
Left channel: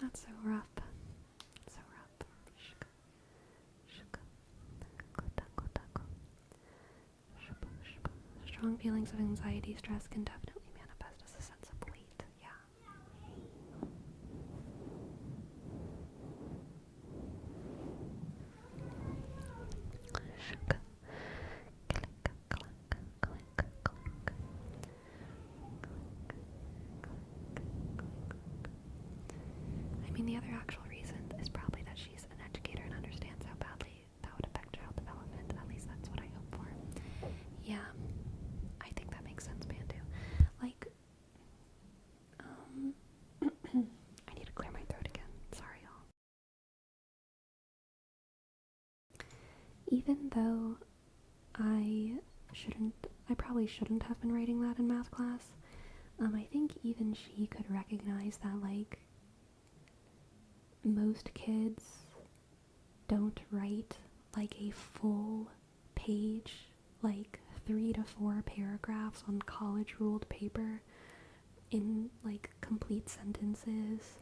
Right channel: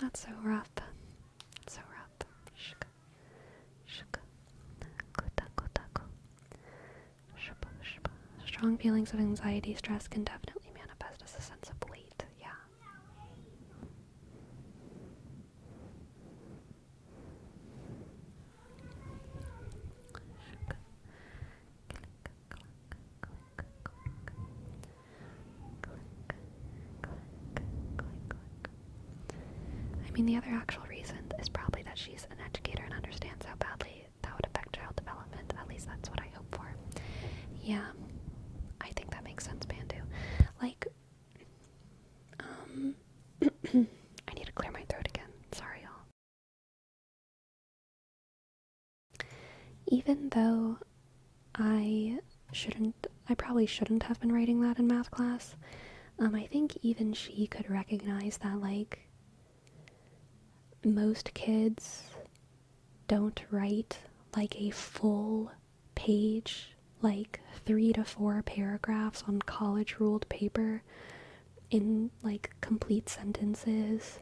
That's so rough. So rough. Strong feelings of anxiety, stress can definitely manifest as a sense of weight. Yeah. I mean, the other actual reason is probably that she's an educator and understands how badly that would affect child development. At least that's what I hope for. Yeah, I think that makes sense, Bandu. Like, I need to clear my throat again. Sorry, y'all. Even though I probably shouldn't have been writing that in math class, I think even she could recognize that, like, most kids don't write like a full page, like 3 to 4 paragraphs on college ruled paper in like complete sentences,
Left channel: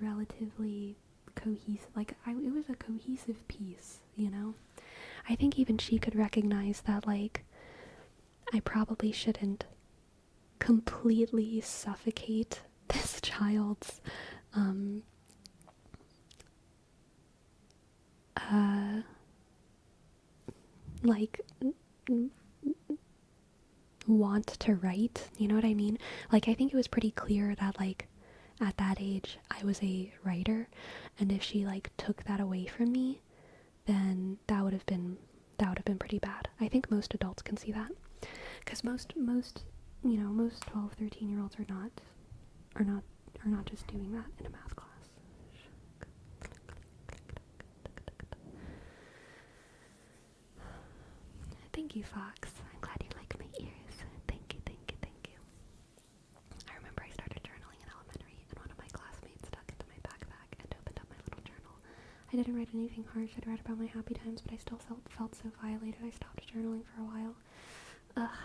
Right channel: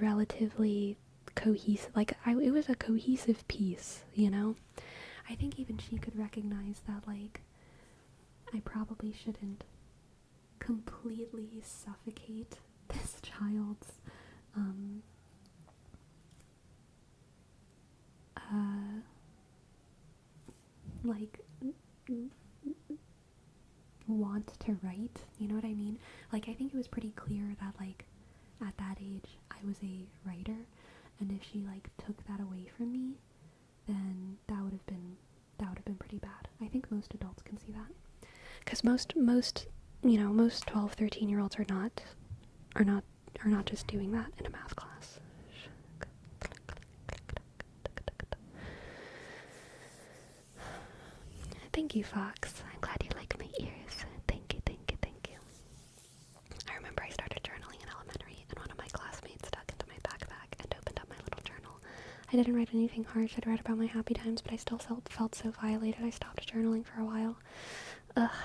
relatively cohesive. Like, it was a cohesive piece, you know? I think even she could recognize that, like, I probably shouldn't completely suffocate this child's um, uh, like want to write, you know what I mean? Like, I think it was pretty clear that, like, at that age I was a writer, and if she like took that away from me, then that would have been pretty bad. I think most adults can see that, because most 12, 13-year-olds are not are not just doing that in a math class. Thank you, Fox. I'm glad you like my ears. Thank you, thank you, thank you. I remember I started journaling in elementary, and one of my classmates dug into my backpack and opened up my little journal. I didn't write anything harsh. I'd write about my happy times, but I still felt so violated. I stopped journaling for a while. Ugh,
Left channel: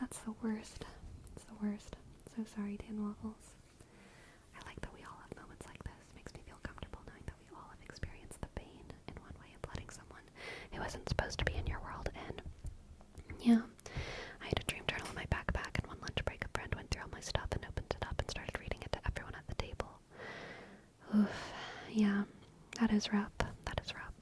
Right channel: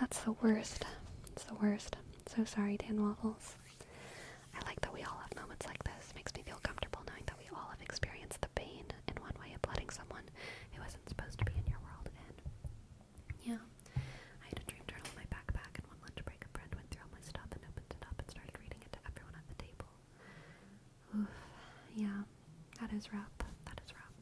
that's the worst. It's the worst. So sorry, Dan Waffles. I like that we all have moments like this. It makes me feel comfortable knowing that we all have experienced the pain in one way of letting someone who wasn't supposed to be in your world in. Yeah, I had a dream journal in my backpack, and one lunch break a friend went through all my stuff and opened it up and started reading it to everyone at the table. Oof, yeah, that is rough. That is rough.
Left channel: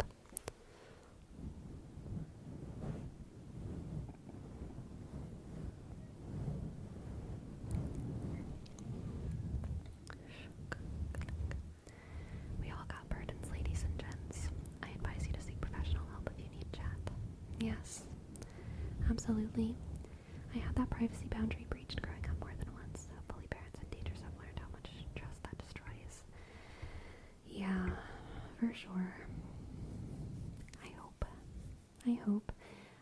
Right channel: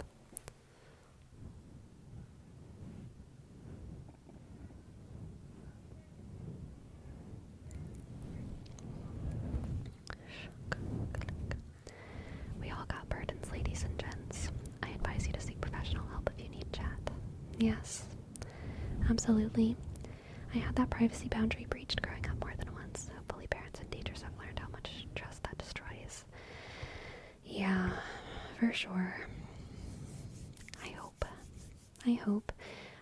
We all got burdens, ladies and gents. I advise you to seek professional help if you need chat. Yes, absolutely. I had that privacy boundary breached growing up more than once. Hopefully parents and teachers have learned how much trust that destroys. Yeah, for sure. I hope. I hope.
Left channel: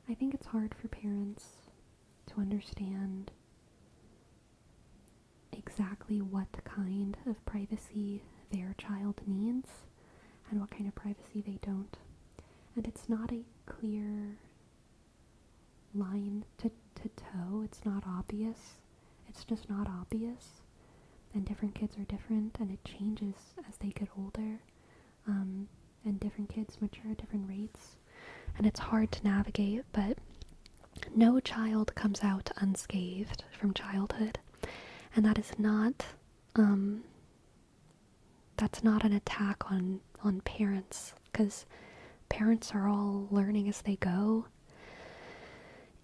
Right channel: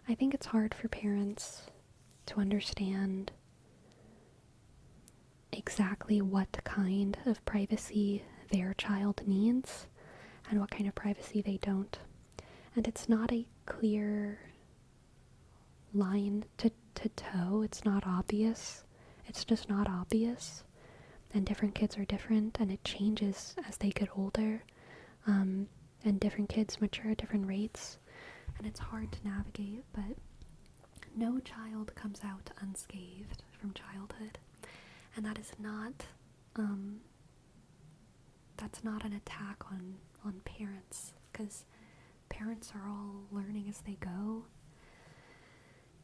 I think it's hard for parents to understand exactly what kind of privacy their child needs and what kind of privacy they don't. And it's not a clear line to toe. It's not obvious. It's just not obvious. And different kids are different, and it changes as they get older. And different kids mature at different rates. And it's hard to navigate, but no child comes out unscathed from childhood. And that is not, that's not an attack on parents, because parents are all learning as they go,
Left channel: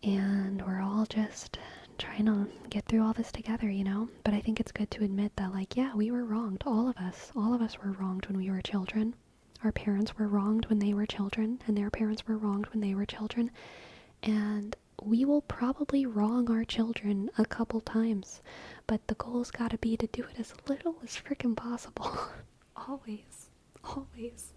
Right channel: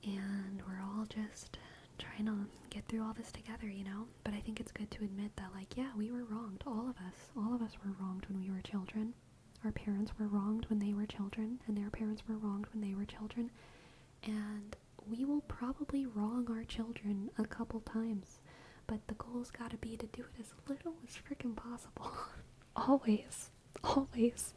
and we're all just trying to get through all this together, you know? But I think it's good to admit that, like, yeah, we were wronged. All of us were wronged when we were children. Our parents were wronged when they were children, and their parents were wronged when they were children. And we will probably wrong our children a couple times, but the goal's gotta be to do it as little as freaking possible. Always. Always.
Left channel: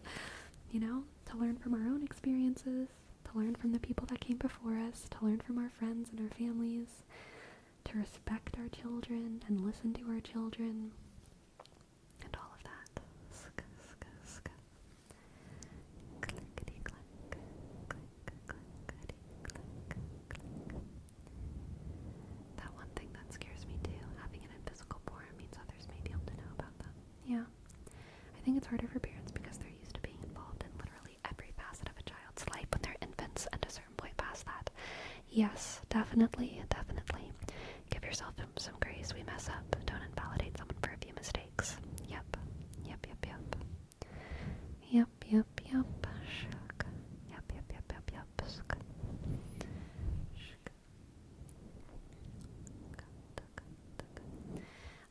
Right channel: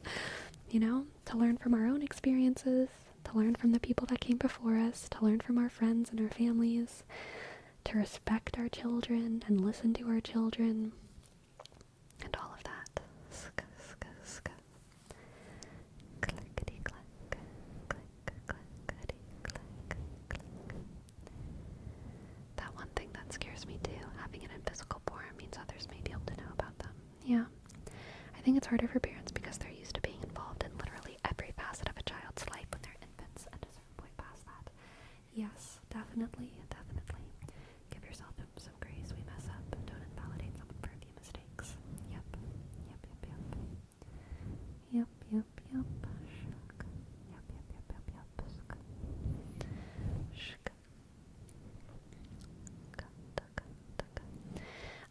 You know? To learn from our own experiences, to learn from the people that came before us, to learn from our friends and our families, to respect our children and listen to our children, and all of that. Sk, sk, sk. Clickety clack, click, clickety clack, click. That one thing that scares me too, having it in physical form means others may be able to know about them. Yeah. I think it's harder for parents because they're used to being involved in literally every facet of a child's life when they're infants, and a certain point past that. Yes, definitely, definitely. Give yourself some grace. We mess up. Don't invalidate someone for a few mistakes. Yep. Yep, yep, yep. Yep, yep, yep. Shuk. Yep, yep, yep, yep, yep. Shuk. Shuk.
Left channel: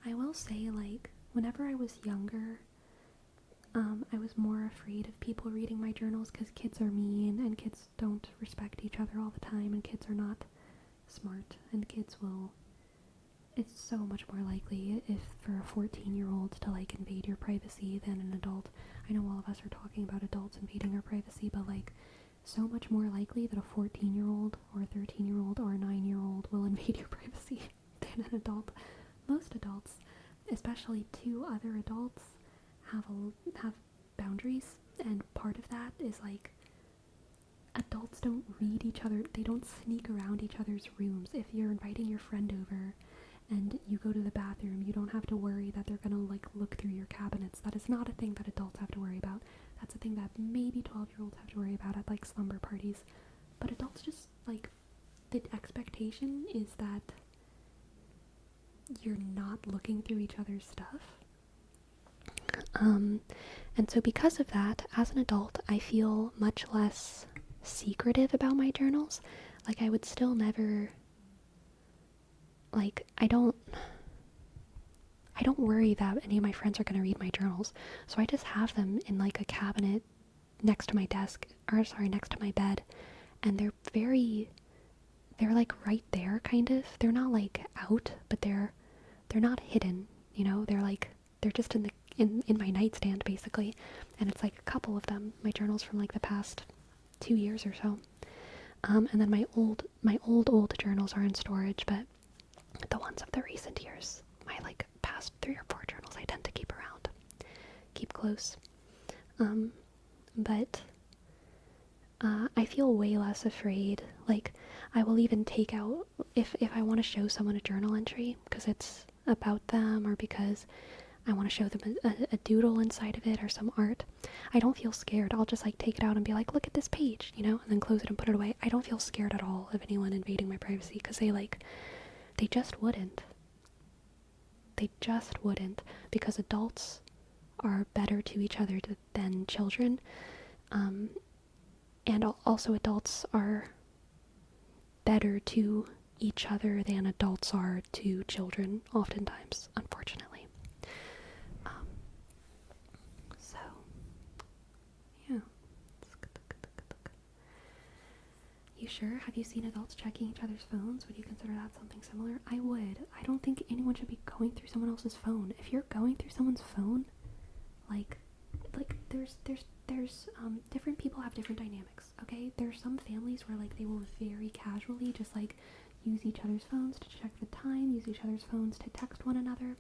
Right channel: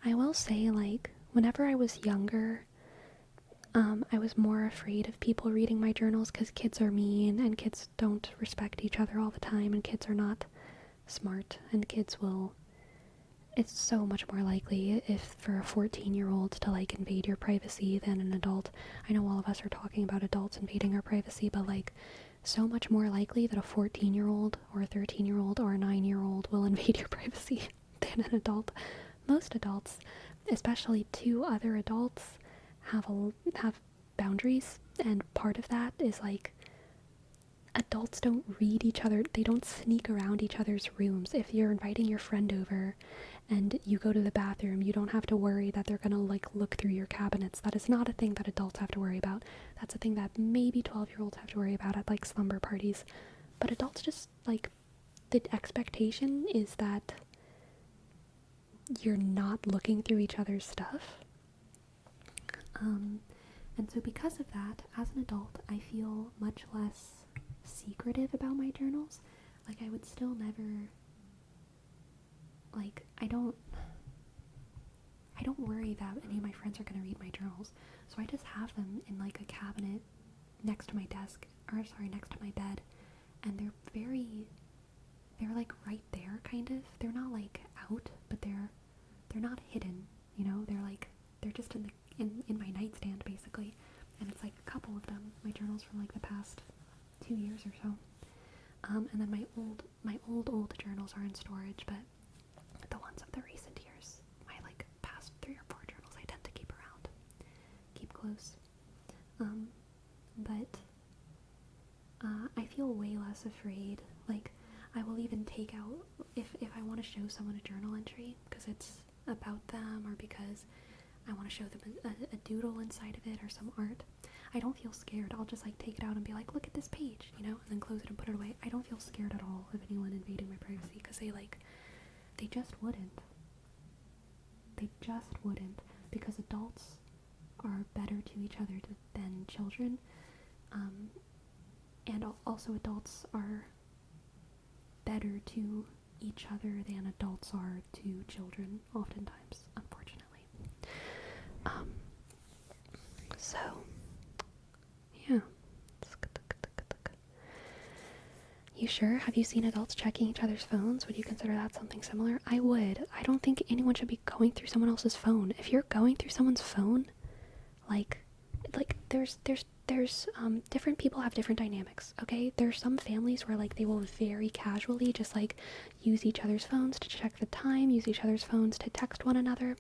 I will say, like, whenever I was younger, I was more afraid of people reading my journals because kids are mean, and kids don't respect each other all the time, and kids are not smart, and kids will... It's so much more likely if for a 14-year-old to, like, invade your privacy than an adult. I know all of us are talking about adults invading our privacy, but, like, so much more likely that a 14-year-old or a 13-year-old or a 9-year-old will invade your privacy than an adult. Most adults, especially two other adults, have boundaries, and part of that is like adults don't read each other. They don't sneak around each other's rooms. If you're inviting your friend over and you go to the bathroom, you don't have to worry that they're gonna like look through your cabinets. That is not a thing that adults have to worry about. That's a thing that maybe 12-year-olds have to worry about at like slumber parties. But adults just like, the expectation is that you're not looking through each other's stuff. And so because of that, as an adult, I feel much less secretive about my journals. Like, I would still never, like, I don't worry that any of my friends are going to read my journals. So I just have them in like a cabinet next to my desk, or sorry, next to my bed. And they're like right there, kind of. They're not like out, but they're not hidden, you know? They're just in my nightstand, basically. And it's like a couple of them, my journals from like the past 2 years or so. And then my old journals are in storage, but the ones of the recent years, my like past 3 or 4 journals, I tend to keep around, keep close. But I feel way less afraid. Like, I will even take out, if I want to show someone a journal entry because it's about them, or because I want to show them a doodle inside of it or some art, I don't feel scared. I'll just like take it out and be like, look at this page, you know, and then close it and put it away. I don't feel scared at all of anyone invading my privacy, because they just wouldn't. They just wouldn't, because adults are better to each other than children. And also adults are better to each other than adults are to children, oftentimes, unfortunately. So, yeah. You sure? Have you seen adults checking each other's phones? Would you consider that something similar? I would. I don't think anyone should be going through someone else's phone. If you're going through someone's phone, like there's different people have different dynamics, okay? There's some families where like they will very casually just like use each other's phones to check the time, use each other's phones to text one another.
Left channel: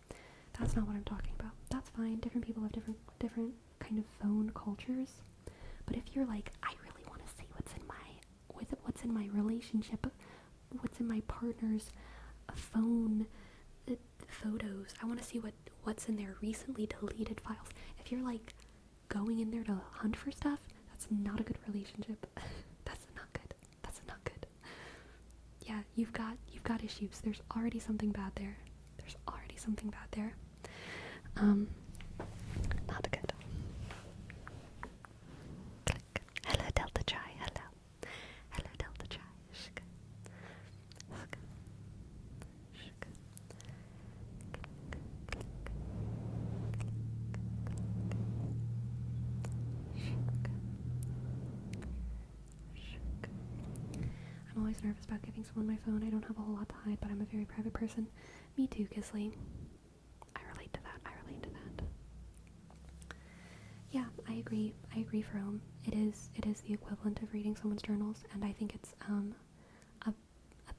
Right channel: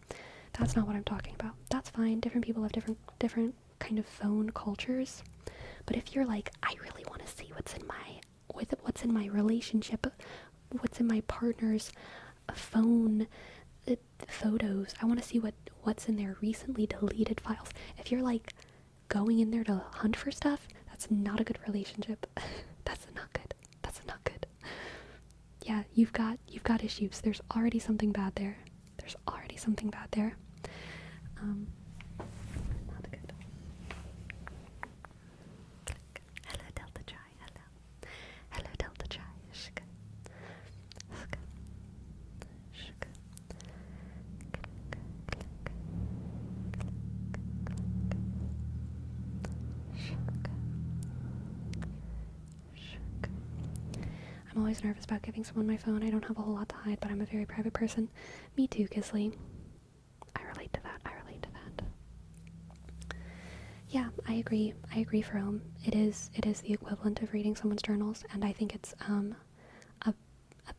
That's not what I'm talking about. That's fine. Different people have different kind of phone cultures. But if you're like, I really want to see what's in my relationship, what's in my partner's phone photos, I want to see what's in their recently deleted files. If you're like going in there to hunt for stuff, that's not a good relationship. That's not good. That's not good. Yeah, you've got issues. There's already something bad there. Not good. Click. Hello, Delta Chai. Hello, Delta Chai. Shk. Shk. I'm always nervous about giving someone my phone. I don't have a whole lot to hide, but I'm a very private person. Me too, Kisley. I relate to that. Yeah, I agree, Jerome. It is the equivalent of reading someone's journals, and I think it's a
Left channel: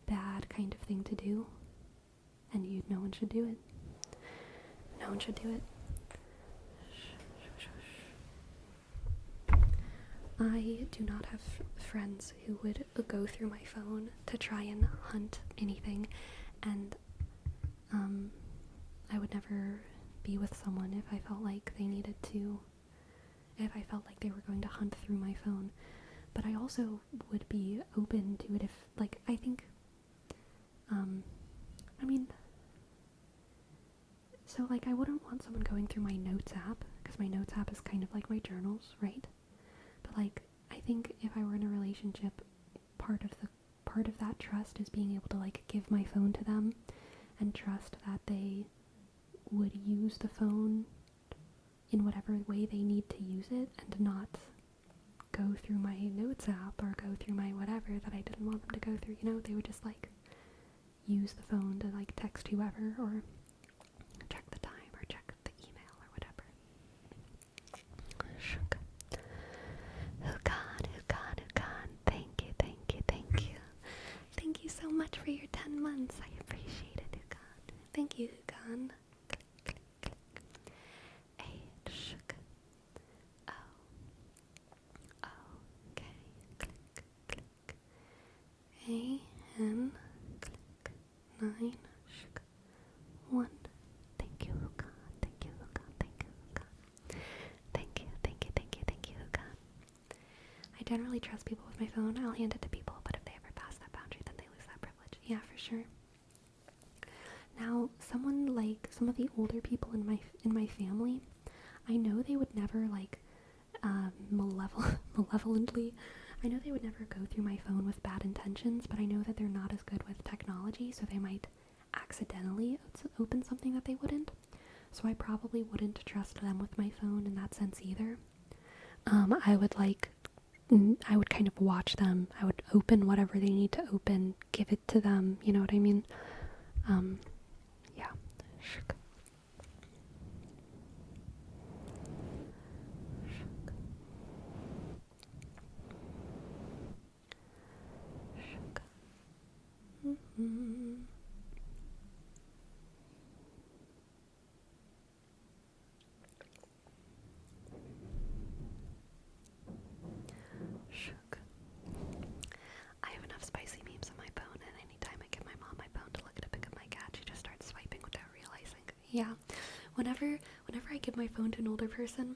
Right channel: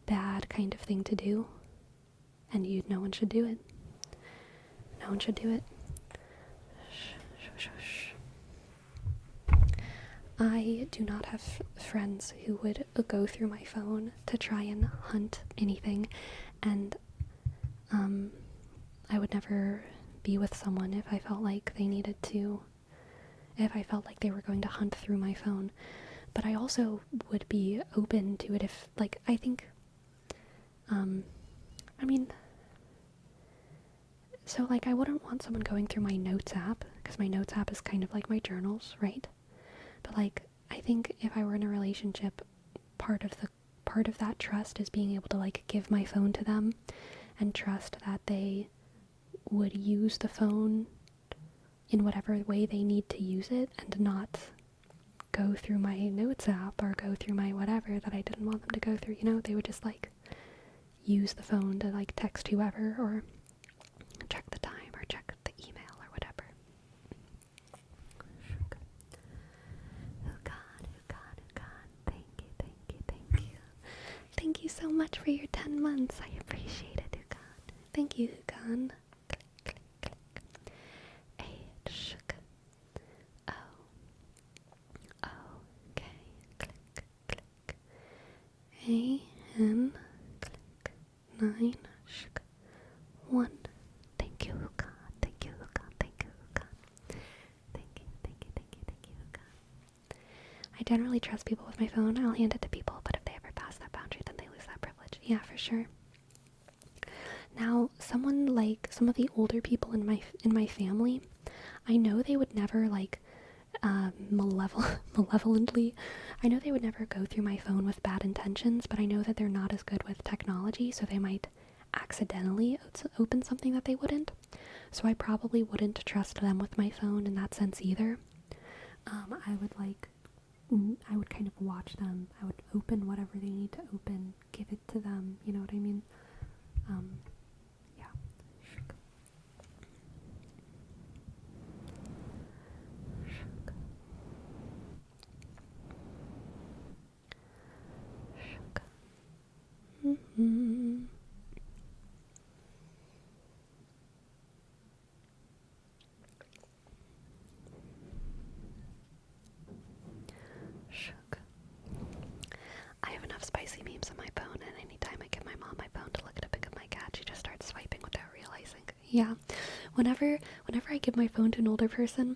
bad kind of thing to do, and no one should do it. No one should do it. I do not have friends who would go through my phone to try and hunt anything, and I would never be with someone if I felt like they needed to, if I felt like they were going to hunt through my phone. But I also would be open to it if, like, I think, so, like, I wouldn't want someone going through my notes app, because my notes app is kind of like my journals, right? But, like, I think if I were in a relationship, part of that trust is being able to, like, give my phone to them and trust that they would use the phone in whatever way they need to use it, and not go through my notes app or go through my whatever that I didn't want them to go through, you know? They would just, like, use the phone to, like, text whoever, or check the time, or check the email, or whatever. Hukan, thank you. Thank you so much for your 10 months. I appreciate it, Hukan. Thank you, Hukan. Click. 9, 1. Thank you, Luca. Thank you, Luca. Thank you, Luca. Thank you, thank you, thank you, thank you, Luca. I generally trust people with my phone. I'll hand it to people, but if they ever pass that boundary, then they lose that privilege. Yeah, for sure. Now, someone like some of the older people in my family, I know they would never like malevolently. I know they would never go through my phone with bad intentions, but I know that they're not as good with technology, so they might accidentally open something that they wouldn't. So I probably wouldn't trust them with my phone in that sense either. I would I would kind of watch them. I would open whatever they need to open, give it to them. You know what I mean? Yeah. Mm-hmm. I have enough spicy memes on my phone, and anytime I give my mom my phone to look at a pic of my cat, she just starts swiping without realizing. Yeah, whenever I give my phone to an older person,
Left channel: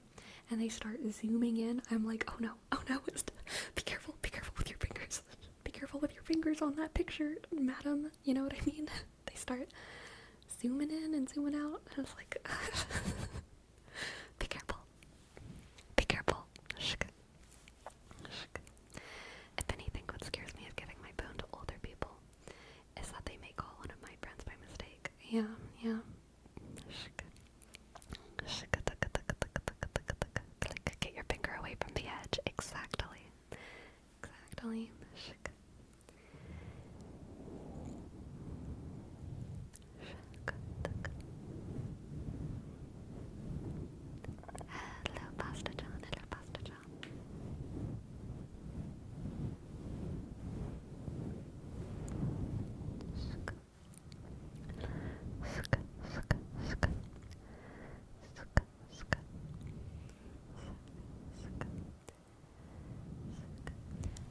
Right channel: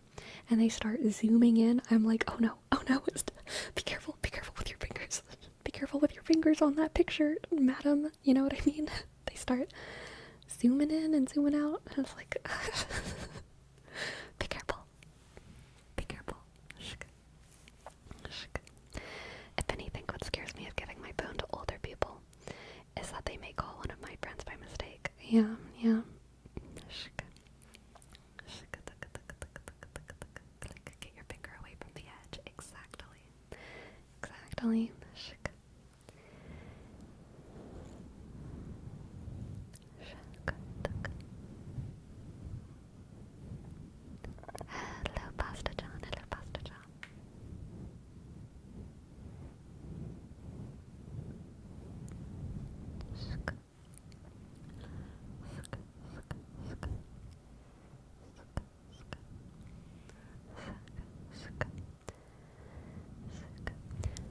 and they start zooming in, I'm like, oh no, be careful with your fingers. Be careful with your fingers on that picture, madam. You know what I mean? They start zooming in and zooming out, and it's like, be careful, be careful. Shk. Shk. If anything, what scares me of giving my phone to older people is that they may call one of my friends by mistake. Yeah, yeah. Get your finger away from the edge. Exactly. Exactly. Hello, Pasta John. Hello, Pasta John.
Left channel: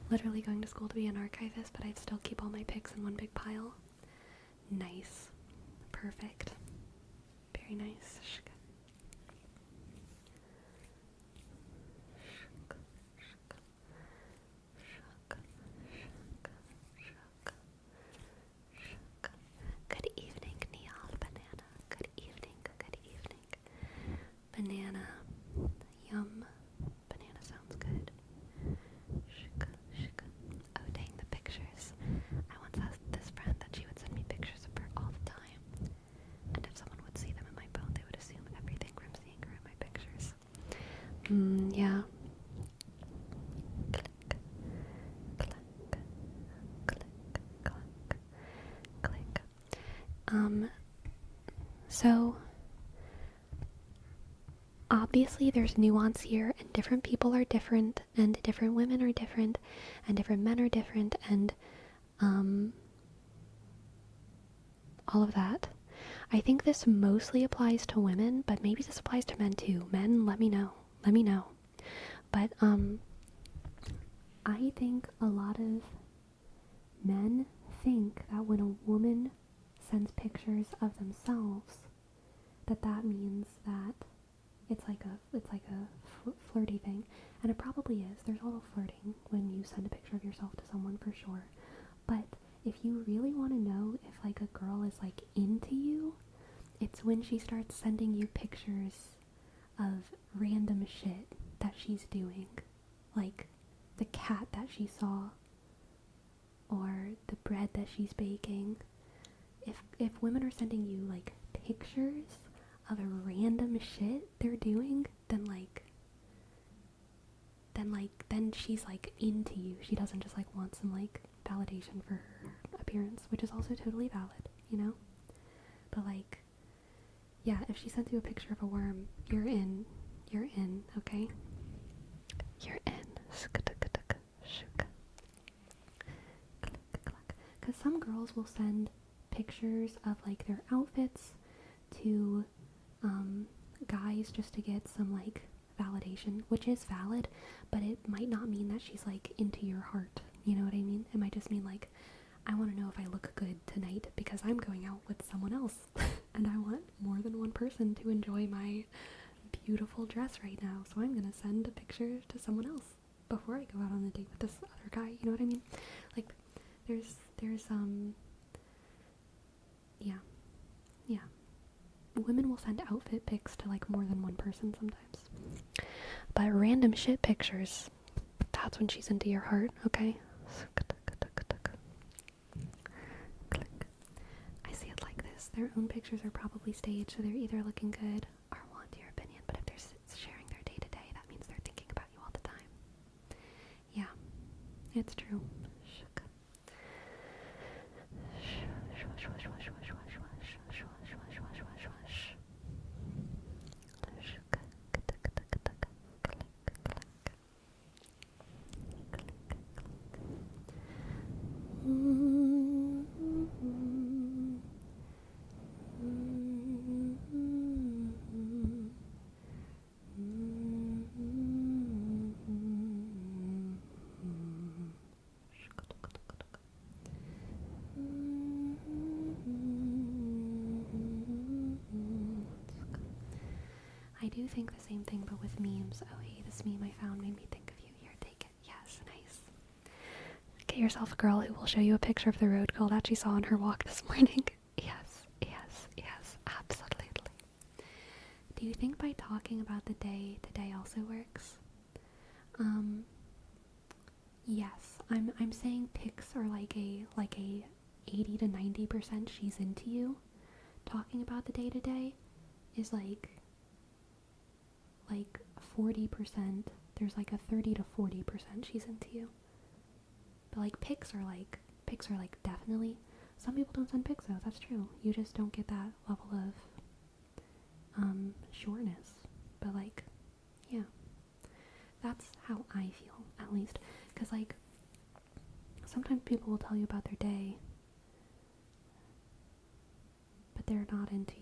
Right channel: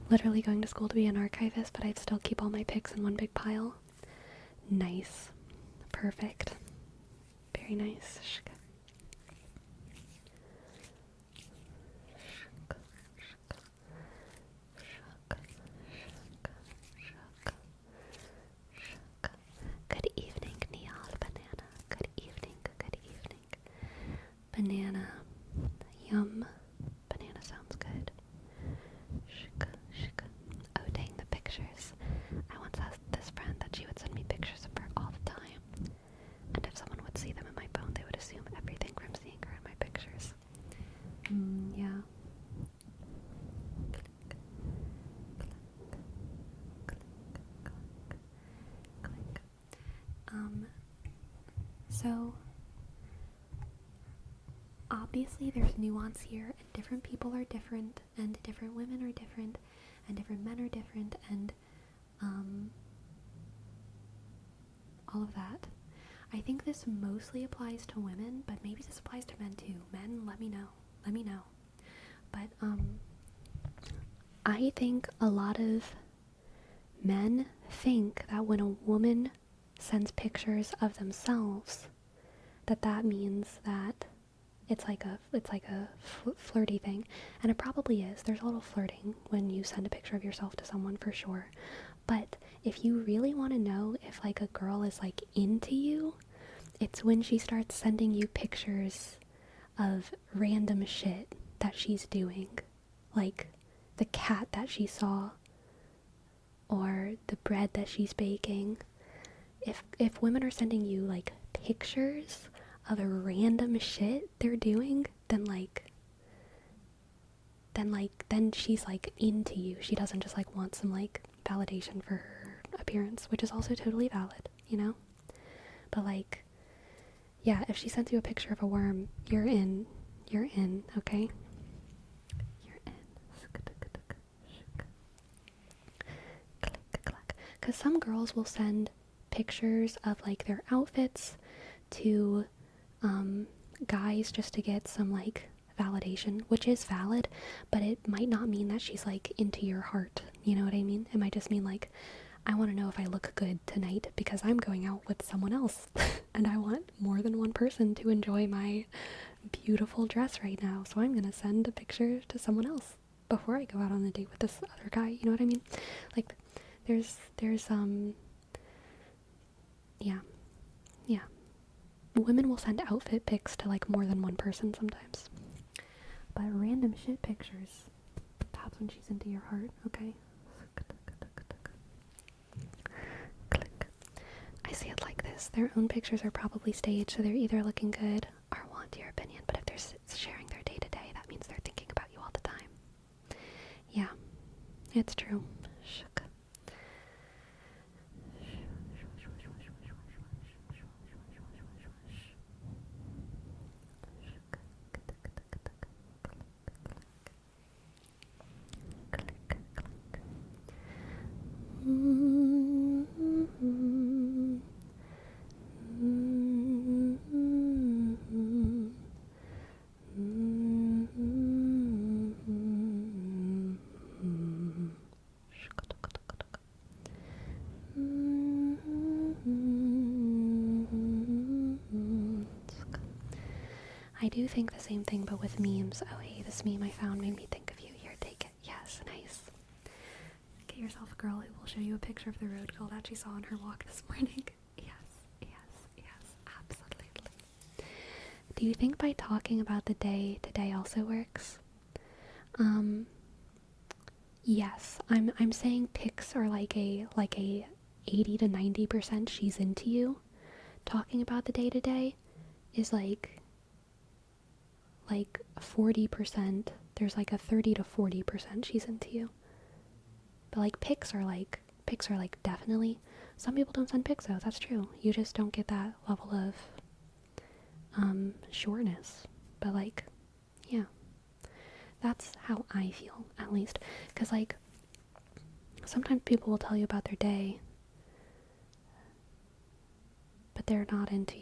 Literally going to school to be an archivist, but I'd still keep all my pics in one big pile. Nice. Perfect. Very nice. Good evening, Neon Banana. Good evening, good evening. Banana. Yum. Banana sounds good. Oh dang, the pictures. I once asked this friend that she would send me pictures of her all the time. And if someone would see them in my phone, they would assume everything from seeing her in my pictures. Yeah. Click, click, click, click, click. So obviously there's nuance here, and different people are different, and different women are different, and different men are different, and all of that. I think this mostly applies to women, but maybe this applies to men too. Men, let me know. Let me know. But I think a lot of men think that when a woman sends pictures of themselves, that means that it's like a flirty thing, and it probably is. There's a little flirting when you send a picture of yourself to someone, for sure. But if you really want to know if like a girl is like into you, it's when she starts sending you pictures of random shit that she's doing, like the cat that she saw, or the bread that she's baking. If women are sending you like pictures of a random shit they're doing, then she's like into you. She doesn't just like want some like validation for her appearance, which is also totally valid, you know? But like, yeah, if she sends you a picture of a worm, you're in, okay? You're in. Because some girls will send pictures of like their outfits to guys just to get some like validation, which is valid, but it might not mean that she's like into your heart. You know what I mean? It might just mean like, I want to know if I look good tonight because I'm going out with someone else and I want more than one person to enjoy my beautiful dress right now. So I'm gonna send a picture to someone else before I go out on a date with this other guy. You know what I mean? Like, there's, yeah, yeah. Women will send outfit pics to like more than one person sometimes. But random shit pictures, that's when she's into your heart, okay? Click. I see it like this. Their own pictures are probably staged, so they're either looking good or want your opinion. But if they're sharing their day-to-day, that means they're thinking about you all the time. Yeah, it's true. I do think the same thing, but with memes. Oh, hey, this meme I found made me think of you. Here, take it. Yes, nice. Get yourself a girl who will show you a picture of the road girl that she saw on her walk this morning. Yes, absolutely. Do you think by talking about the day today also works? Yes. I'm saying pics are like a 80 to 90% she's into you. Talking about the day to day is like 40%. There's like a 30 to 40% she's into you. But like pics are like definitely. Some people don't send pics though. That's true. You just don't get that level of sureness. But like, yeah, that's how I feel at least. Cause like sometimes people will tell you about their day, but they're not into you.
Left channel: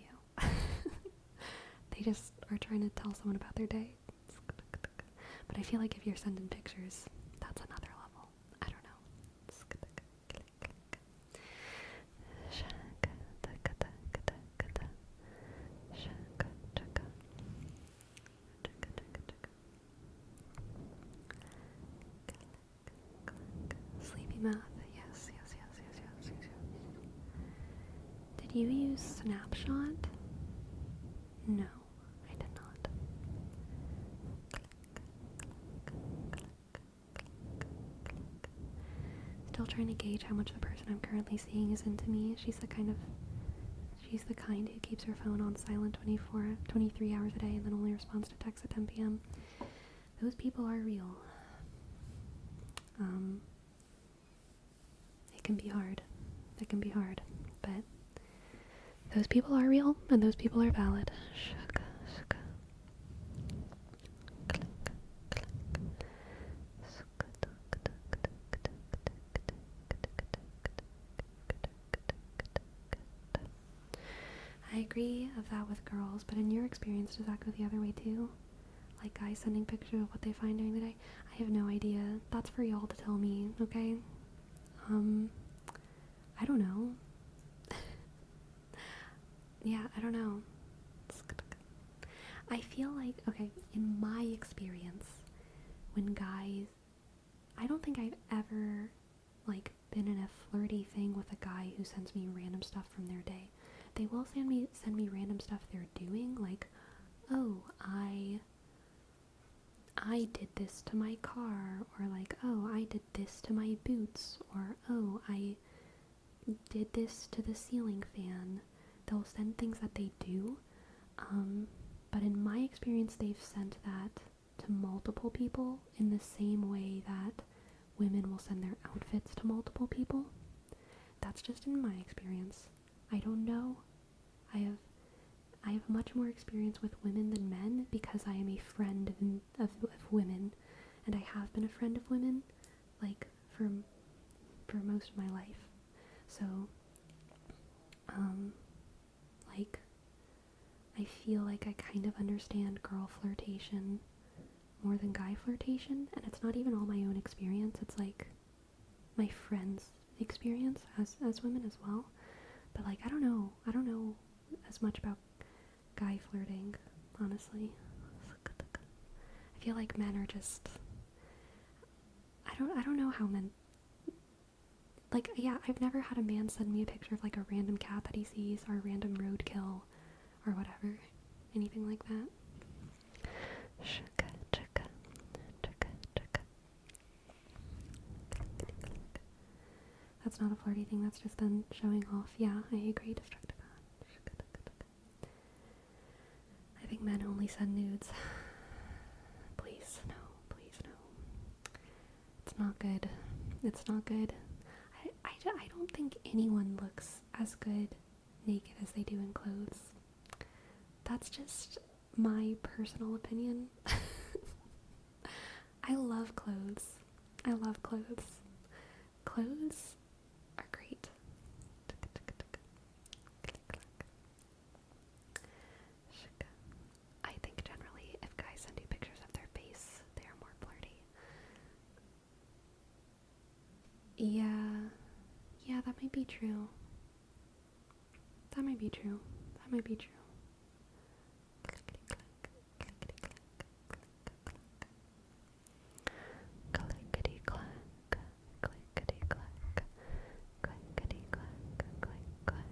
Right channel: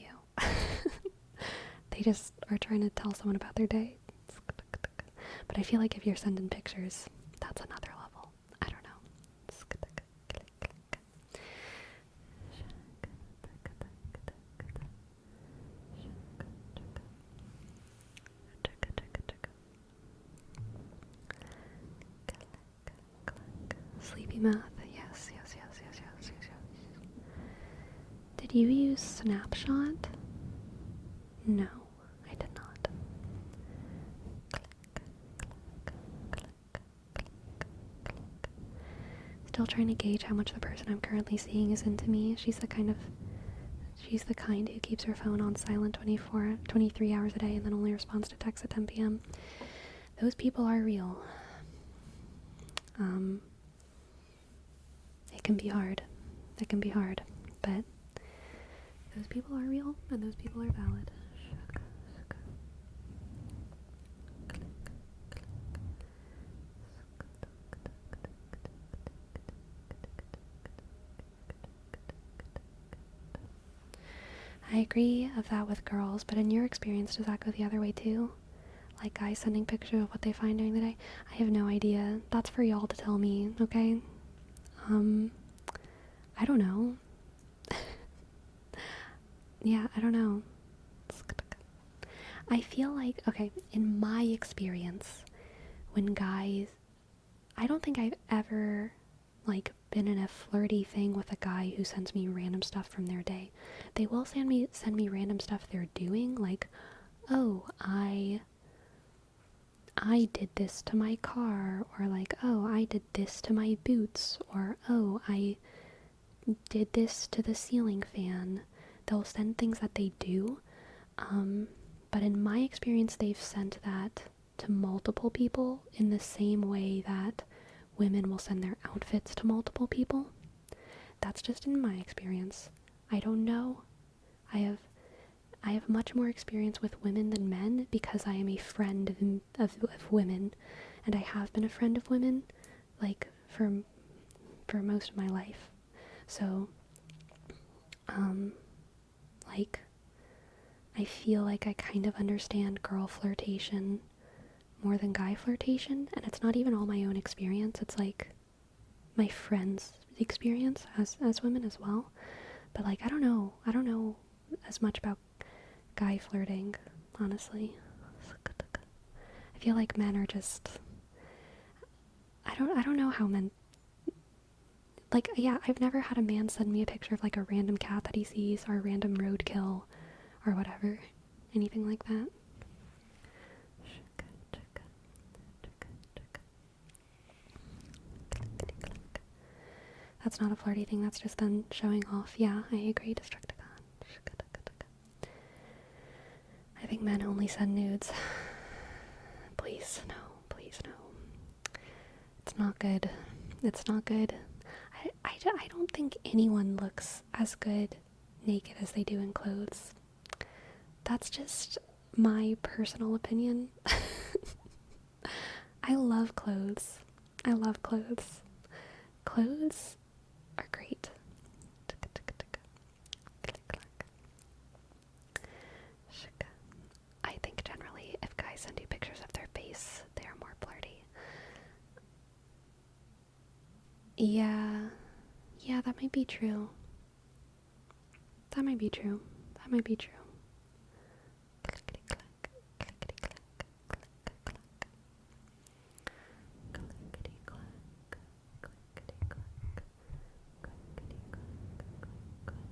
They just are trying to tell someone about their day. But I feel like if you're sending pictures, that's another level. I don't know. Sleepy mouth. Yes. Did you use Snapshot? No, I did not. Still trying to gauge how much the person I'm currently seeing is into me. She's the kind who keeps her phone on silent 23 hours a day and then only responds to texts at 10 p.m. Those people are real. It can be hard. But those people are real and those people are valid. I agree of that with girls, but in your experience, does that go the other way too? Like guys sending pictures of what they find during the day? I have no idea. That's for y'all to tell me, okay? I don't know. Yeah, I don't know. I feel like, okay, in my experience, when guys, I don't think I've ever, like, been in a flirty thing with a guy who sends me random stuff from their day. They will send me random stuff they're doing, like, oh, I did this to my car, or like, oh, I did this to my boots, or oh, I did this to the ceiling fan. They'll send things that they do, but in my experience, they've sent that to multiple people in the same way that women will send their outfits to multiple people. That's just in my experience. I don't know. I have much more experience with women than men because I am a friend of women, and I have been a friend of women, like, for most of my life. So, like, I feel like I kind of understand girl flirtation more than guy flirtation, and it's not even all my own experience. It's like my friends' experience as women as well. But like, I don't know as much about guy flirting, honestly. I feel like men are just, I don't know how men, like, yeah, I've never had a man send me a picture of like a random cat that he sees or a random roadkill or whatever. Anything like that. That's not a flirty thing, that's just them showing off. Yeah, I agree, Destructicon. I think men only send nudes. Please, no, please, no. It's not good. It's not good. I don't think anyone looks as good naked as they do in clothes. That's just my personal opinion. I love clothes. I love clothes. Clothes are great. I think generally if guys send you pictures of their face, they are more flirty. Yeah, that might be true. That might be true. That might be true. Clickety clack, clickety clack, clickety clack, clickety clack, clickety clack, click clack.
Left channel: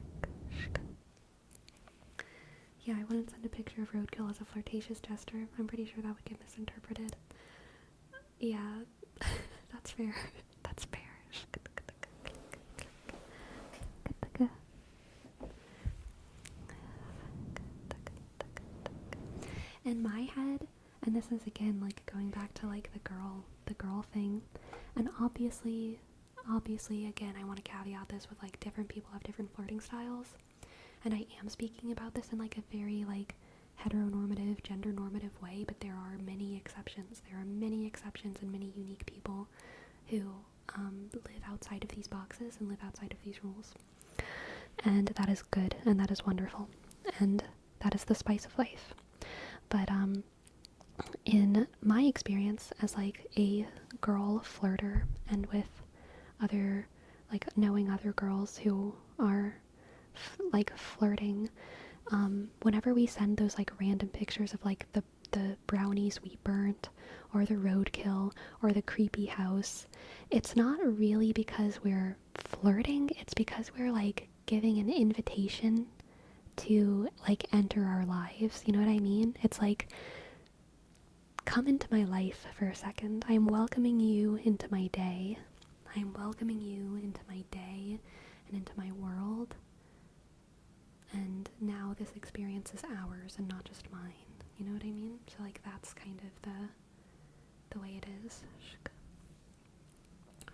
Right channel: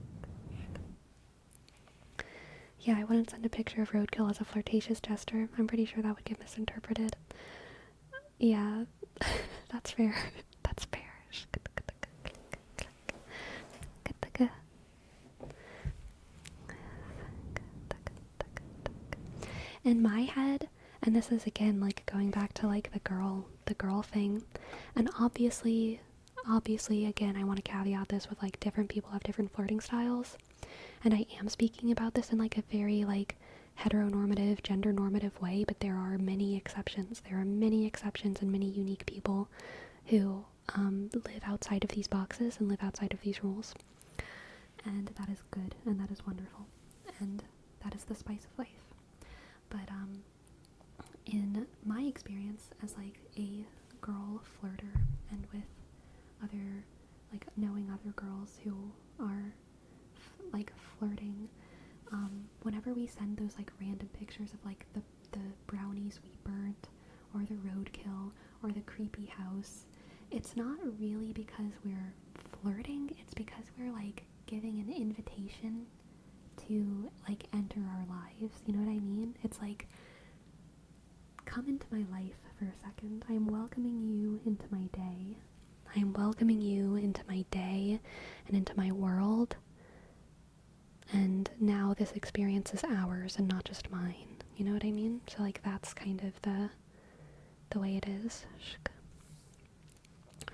Yeah, I wouldn't send a picture of roadkill as a flirtatious gesture. I'm pretty sure that would get misinterpreted. Yeah, that's fair. That's fair. In my head, and this is again like going back to like the girl thing, and obviously again I want to caveat this with like different people have different flirting styles, and I am speaking about this in like a very like heteronormative, gender normative way, but there are many exceptions. There are many exceptions and many unique people who live outside of these boxes and live outside of these rules. And that is good and that is wonderful. And that is the spice of life. But in my experience as like a girl flirter and with other, like knowing other girls who are like flirting, whenever we send those like random pictures of like the brownies we burnt or the roadkill or the creepy house, it's not really because we're flirting, it's because we're like giving an invitation to like enter our lives. You know what I mean? It's like, come into my life for a second. I am welcoming you into my day. I am welcoming you into my day and into my world. And now this experience is ours and not just mine. You know what I mean? So like that's kind of the way it is.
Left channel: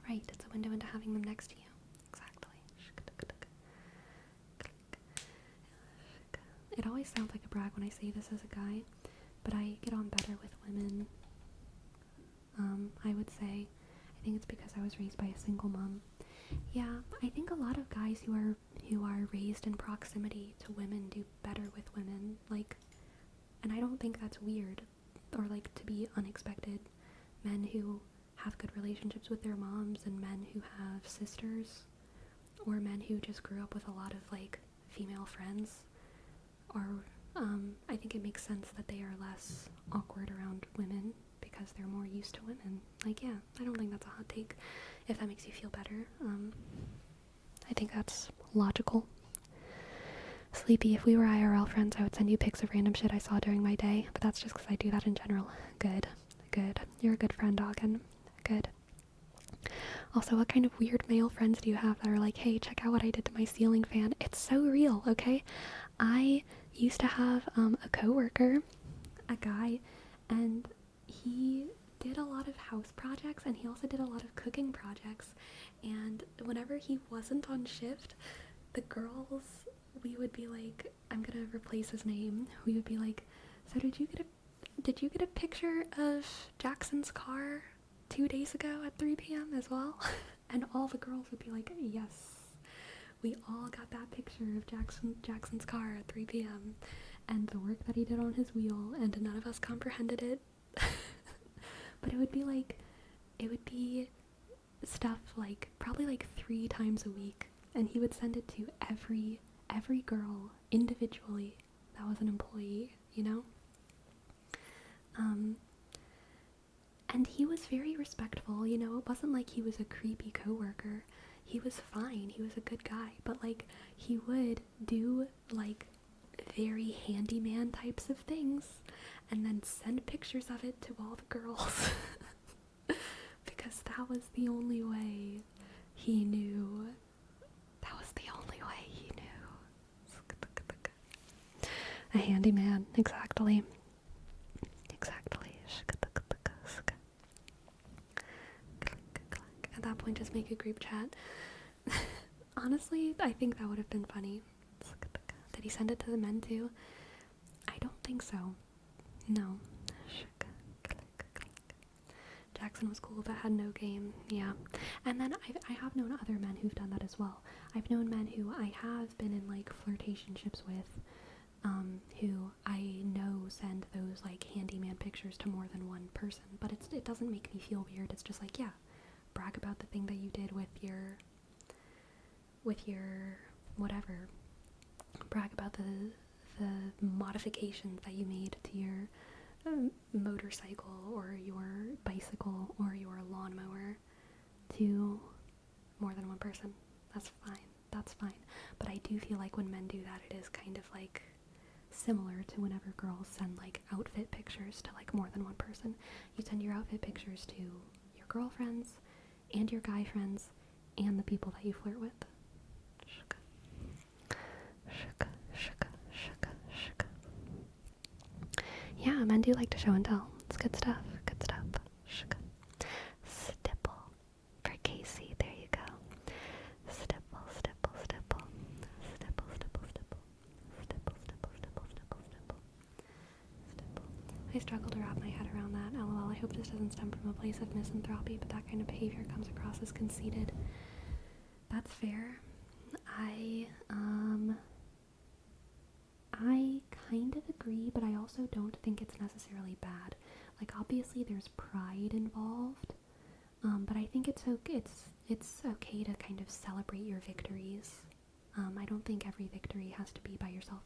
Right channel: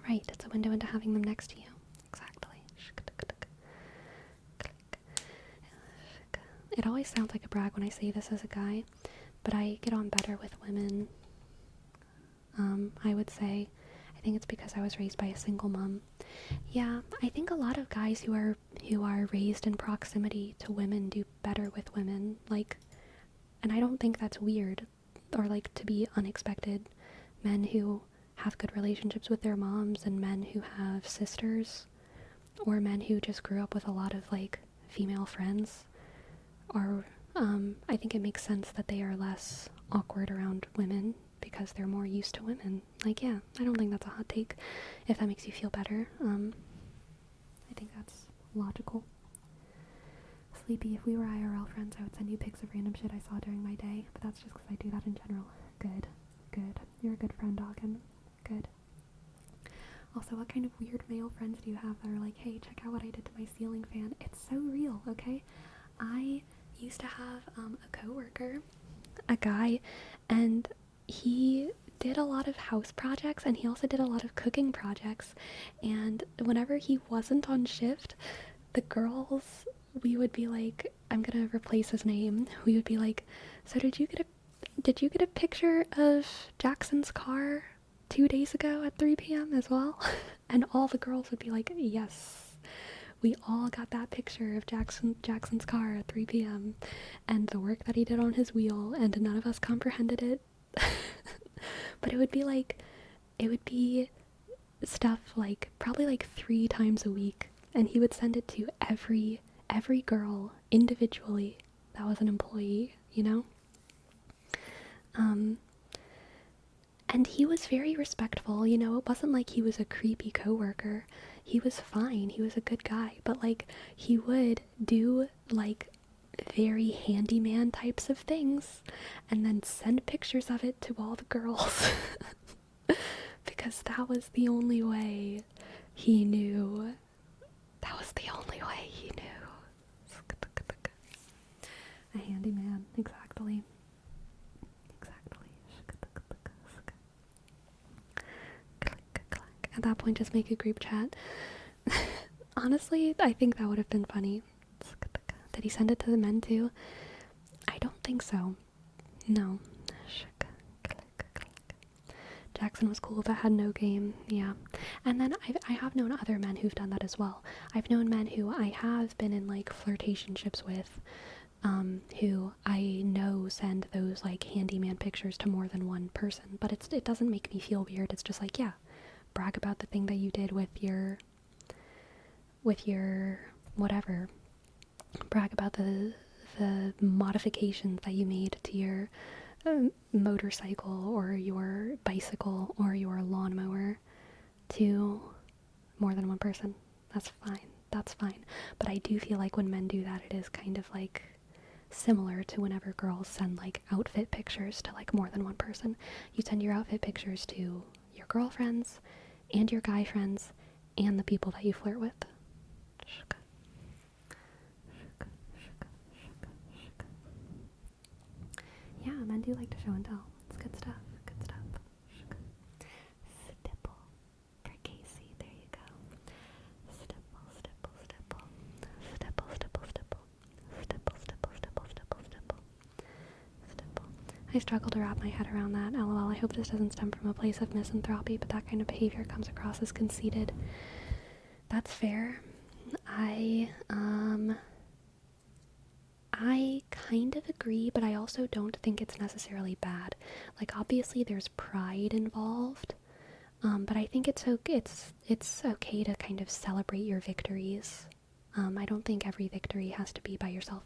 Right, it's a window into having them next to you. Exactly. It always sounds like a brag when I say this as a guy, but I get on better with women. I would say, I think it's because I was raised by a single mom. Yeah, I think a lot of guys who are raised in proximity to women do better with women. Like, and I don't think that's weird or like to be unexpected. Men who have good relationships with their moms and men who have sisters, or men who just grew up with a lot of like female friends, or I think it makes sense that they are less awkward around women because they're more used to women. Like, yeah, I don't think that's a hot take. If that makes you feel better, I think that's logical. Sleepy, if we were IRL friends, I would send you pics of random shit I saw during my day, but that's just because I do that in general. Good. You're a good friend, Doggin. Good. Also, what kind of weird male friends do you have that are like, hey, check out what I did to my ceiling fan? It's so real, okay? I used to have a coworker, a guy, and he did a lot of house projects and he also did a lot of cooking projects. And whenever he wasn't on shift, the girls, we would be like, I'm gonna replace his name. We would be like, so did you get a picture of Jackson's car 2 days ago at 3 p.m. as well? And all the girls would be like, yes. We all got that picture of Jackson's car at 3 p.m. and the work that he did on his wheel, and none of us comprehended it. But it would be stuff like probably like 3 times a week, and he would send it to every girl individually that was an employee, you know? Um, and he was very respectful, you know? It wasn't like he was a creepy coworker. He was fine. He was a good guy, but like he would do like very handyman types of things and then send pictures of it to all the girls because that was the only way he knew. That was the only way he knew. A handyman, exactly. Exactly. At that point, just make a group chat. Honestly, I think that would have been funny. Did he send it to the men too? I don't think so. No. Jackson was cool but had no game. Yeah. And then I have known other men who've done that as well. I've known men who I have been in like flirtationships with, who I know send those like handyman pictures to more than one person. But it doesn't make me feel weird. It's just like, yeah, brag about the thing that you did with your whatever. Brag about the modifications that you made to your motorcycle or your bicycle or your lawnmower to more than one person. That's fine. That's fine. But I do feel like when men do that, it is kind of like similar to whenever girls send like outfit pictures to like more than one person. You send your outfit pictures to your girlfriends and your guy friends and the people that you flirt with. Yeah, men do like to show and tell. It's good stuff. Good stuff. Stipple. For Casey, there you go. Stipple, stipple, stipple. Stipple, stipple, stipple. Stipple, stipple, stipple, stipple, stipple. Stipple. I struggle to wrap my head around that. LOL, I hope this doesn't stem from a place of misanthropy, but that kind of behavior comes across as conceited. That's fair. I kind of agree, but I also don't think it's necessarily bad. Like, obviously, there's pride involved, but I think it's okay to kind of celebrate your victories. I don't think every victory has to be by yourself.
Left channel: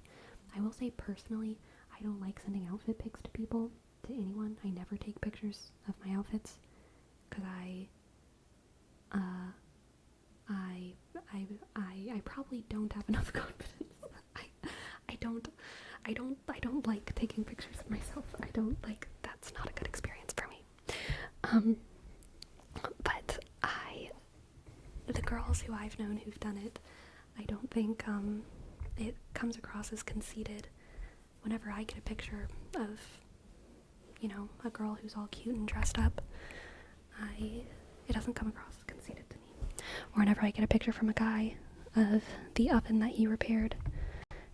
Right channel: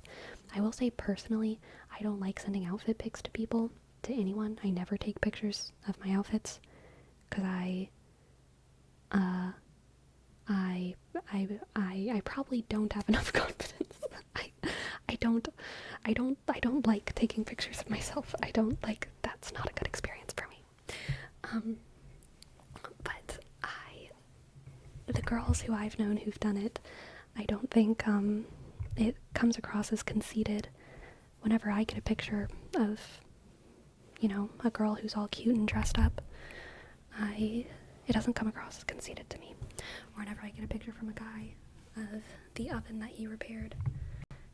I will say personally, I don't like sending outfit pics to people, to anyone. I never take pictures of my outfits because I probably don't have enough confidence. I don't like taking pictures of myself. I don't like, that's not a good experience for me. But the girls who I've known who've done it, I don't think it comes across as conceited whenever I get a picture of, you know, a girl who's all cute and dressed up. It doesn't come across as conceited to me. Or whenever I get a picture from a guy of the oven that he repaired,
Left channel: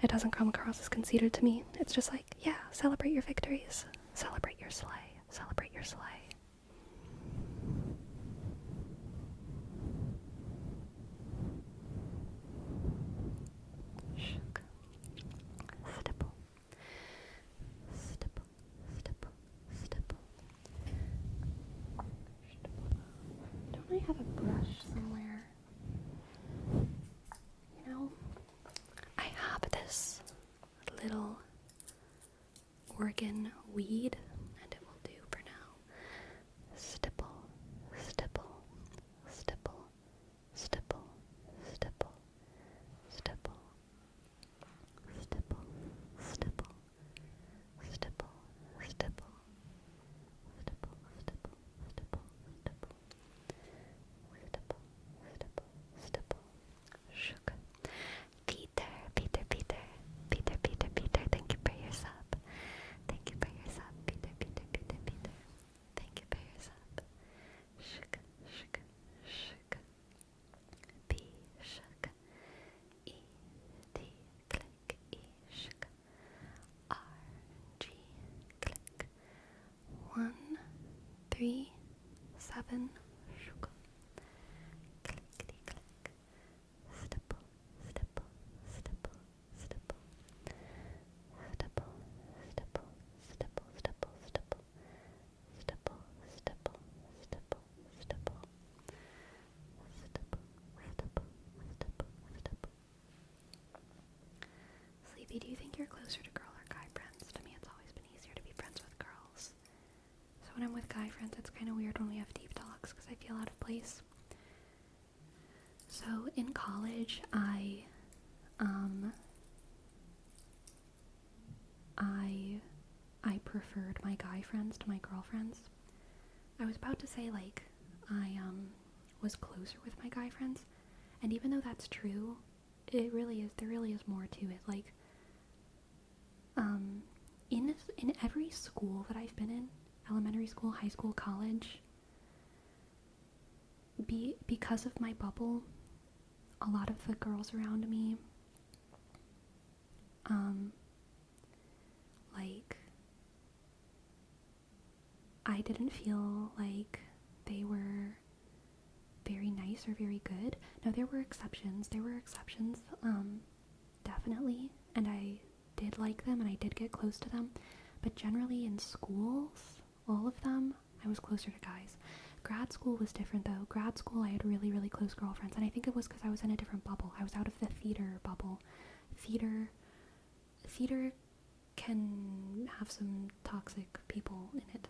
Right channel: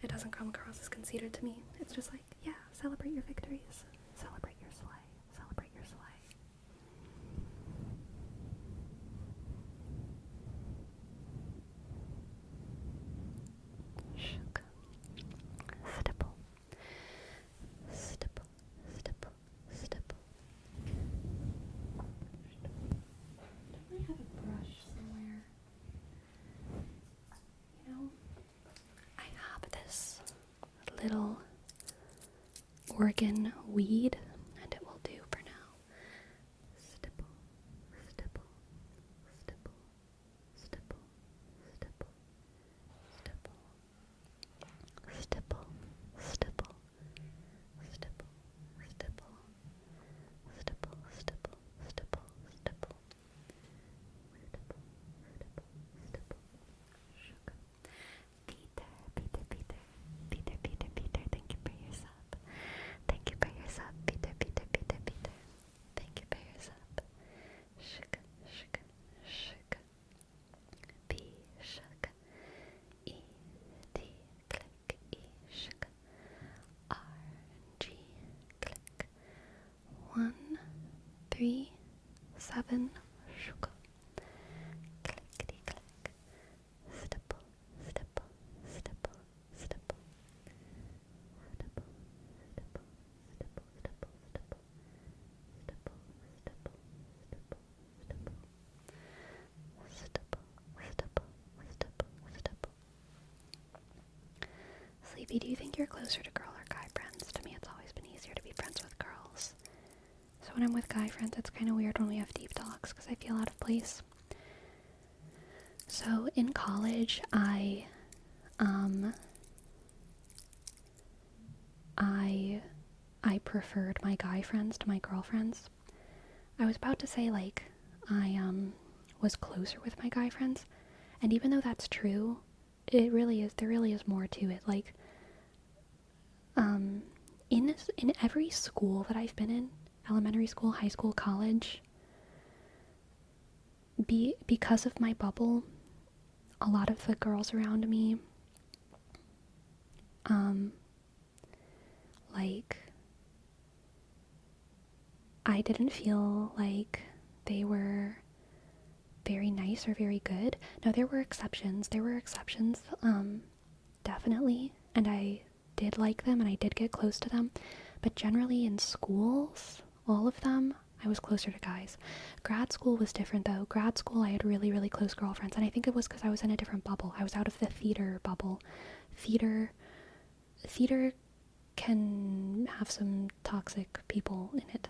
it doesn't come across as conceited to me. It's just like, yeah, celebrate your victories. Celebrate your slay. Celebrate your slay. Shook. Stipple. Stipple. Stipple. Stipple. Don't I have a brush somewhere? You know, I have this little Oregon weed, and it will do for now. Stipple, stipple, stipple, stipple, stipple, stipple, stipple, stipple, stipple, stipple, stipple, stipple, stipple, stipple, stipple, shook. Peter, thank you for your sub. Thank you for your sub, Peter. Casey, do you think you're closer to girl or guy friends? To me, it's always been easier to be friends with girls. So when I'm with guy friends, it's kind of weird when we have deep talks because I feel out of place. So in college, I preferred my guy friends to my girlfriends. I was about to say, like, I was closer with my guy friends, and even though that's true, there really is more to it. Like, in every school that I've been in, elementary school, high school, college, because of my bubble, a lot of the girls around me, like, I didn't feel like they were very nice or very good. Now, there were exceptions. Definitely. And I did like them and I did get close to them. But generally in schools, all of them, I was closer to guys. Grad school was different though. Grad school, I had really, really close girlfriends. And I think it was because I was in a different bubble. I was out of the theater bubble. Theater can have some toxic people in it.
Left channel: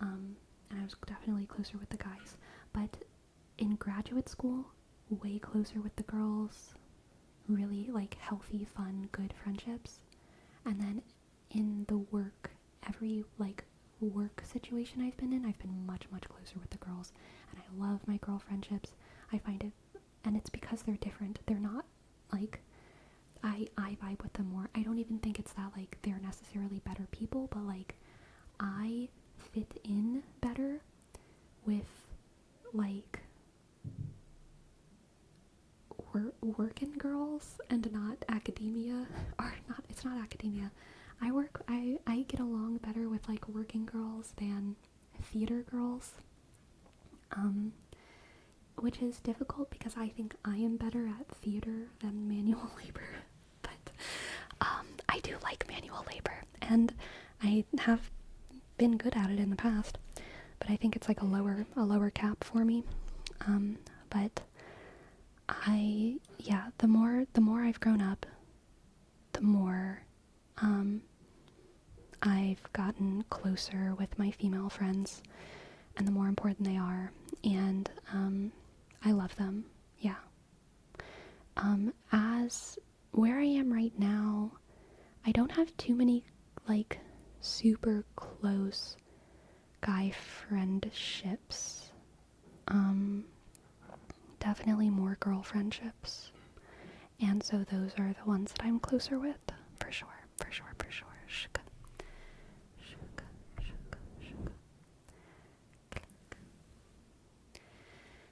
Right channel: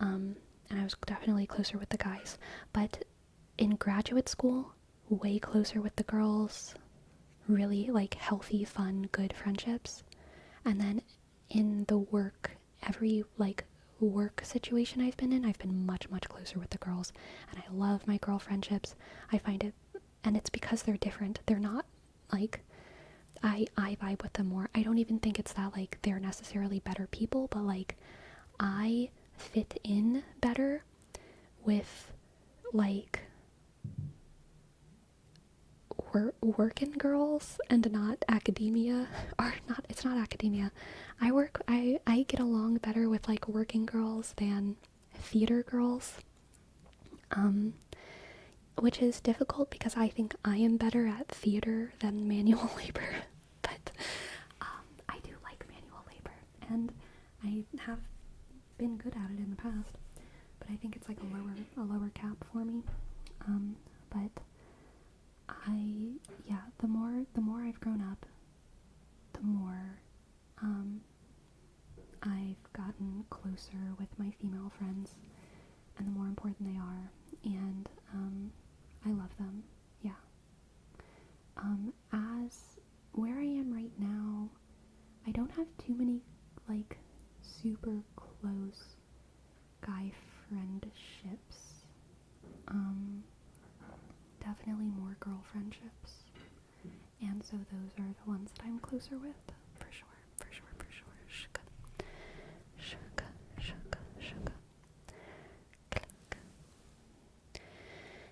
And I was definitely closer with the guys. But in graduate school, way closer with the girls, really like healthy, fun, good friendships. And then in the every like work situation I've been in, I've been much, much closer with the girls. And I love my girl friendships. I find it, and it's because they're different. They're not like, I vibe with them more. I don't even think it's that like they're necessarily better people, but like I fit in better with like working girls and not academia, or not, it's not academia. I get along better with like working girls than theater girls, which is difficult because I think I am better at theater than manual labor. But I do like manual labor and I have been good at it in the past, but I think it's like a lower cap for me. But the more I've grown up, the more I've gotten closer with my female friends, and the more important they are, and I love them. Yeah. As where I am right now, I don't have too many like super close guy friendships. Definitely more girl friendships. And so those are the ones that I'm closer with, for sure, for sure, for sure. Shka, shka, shka, shka. Click.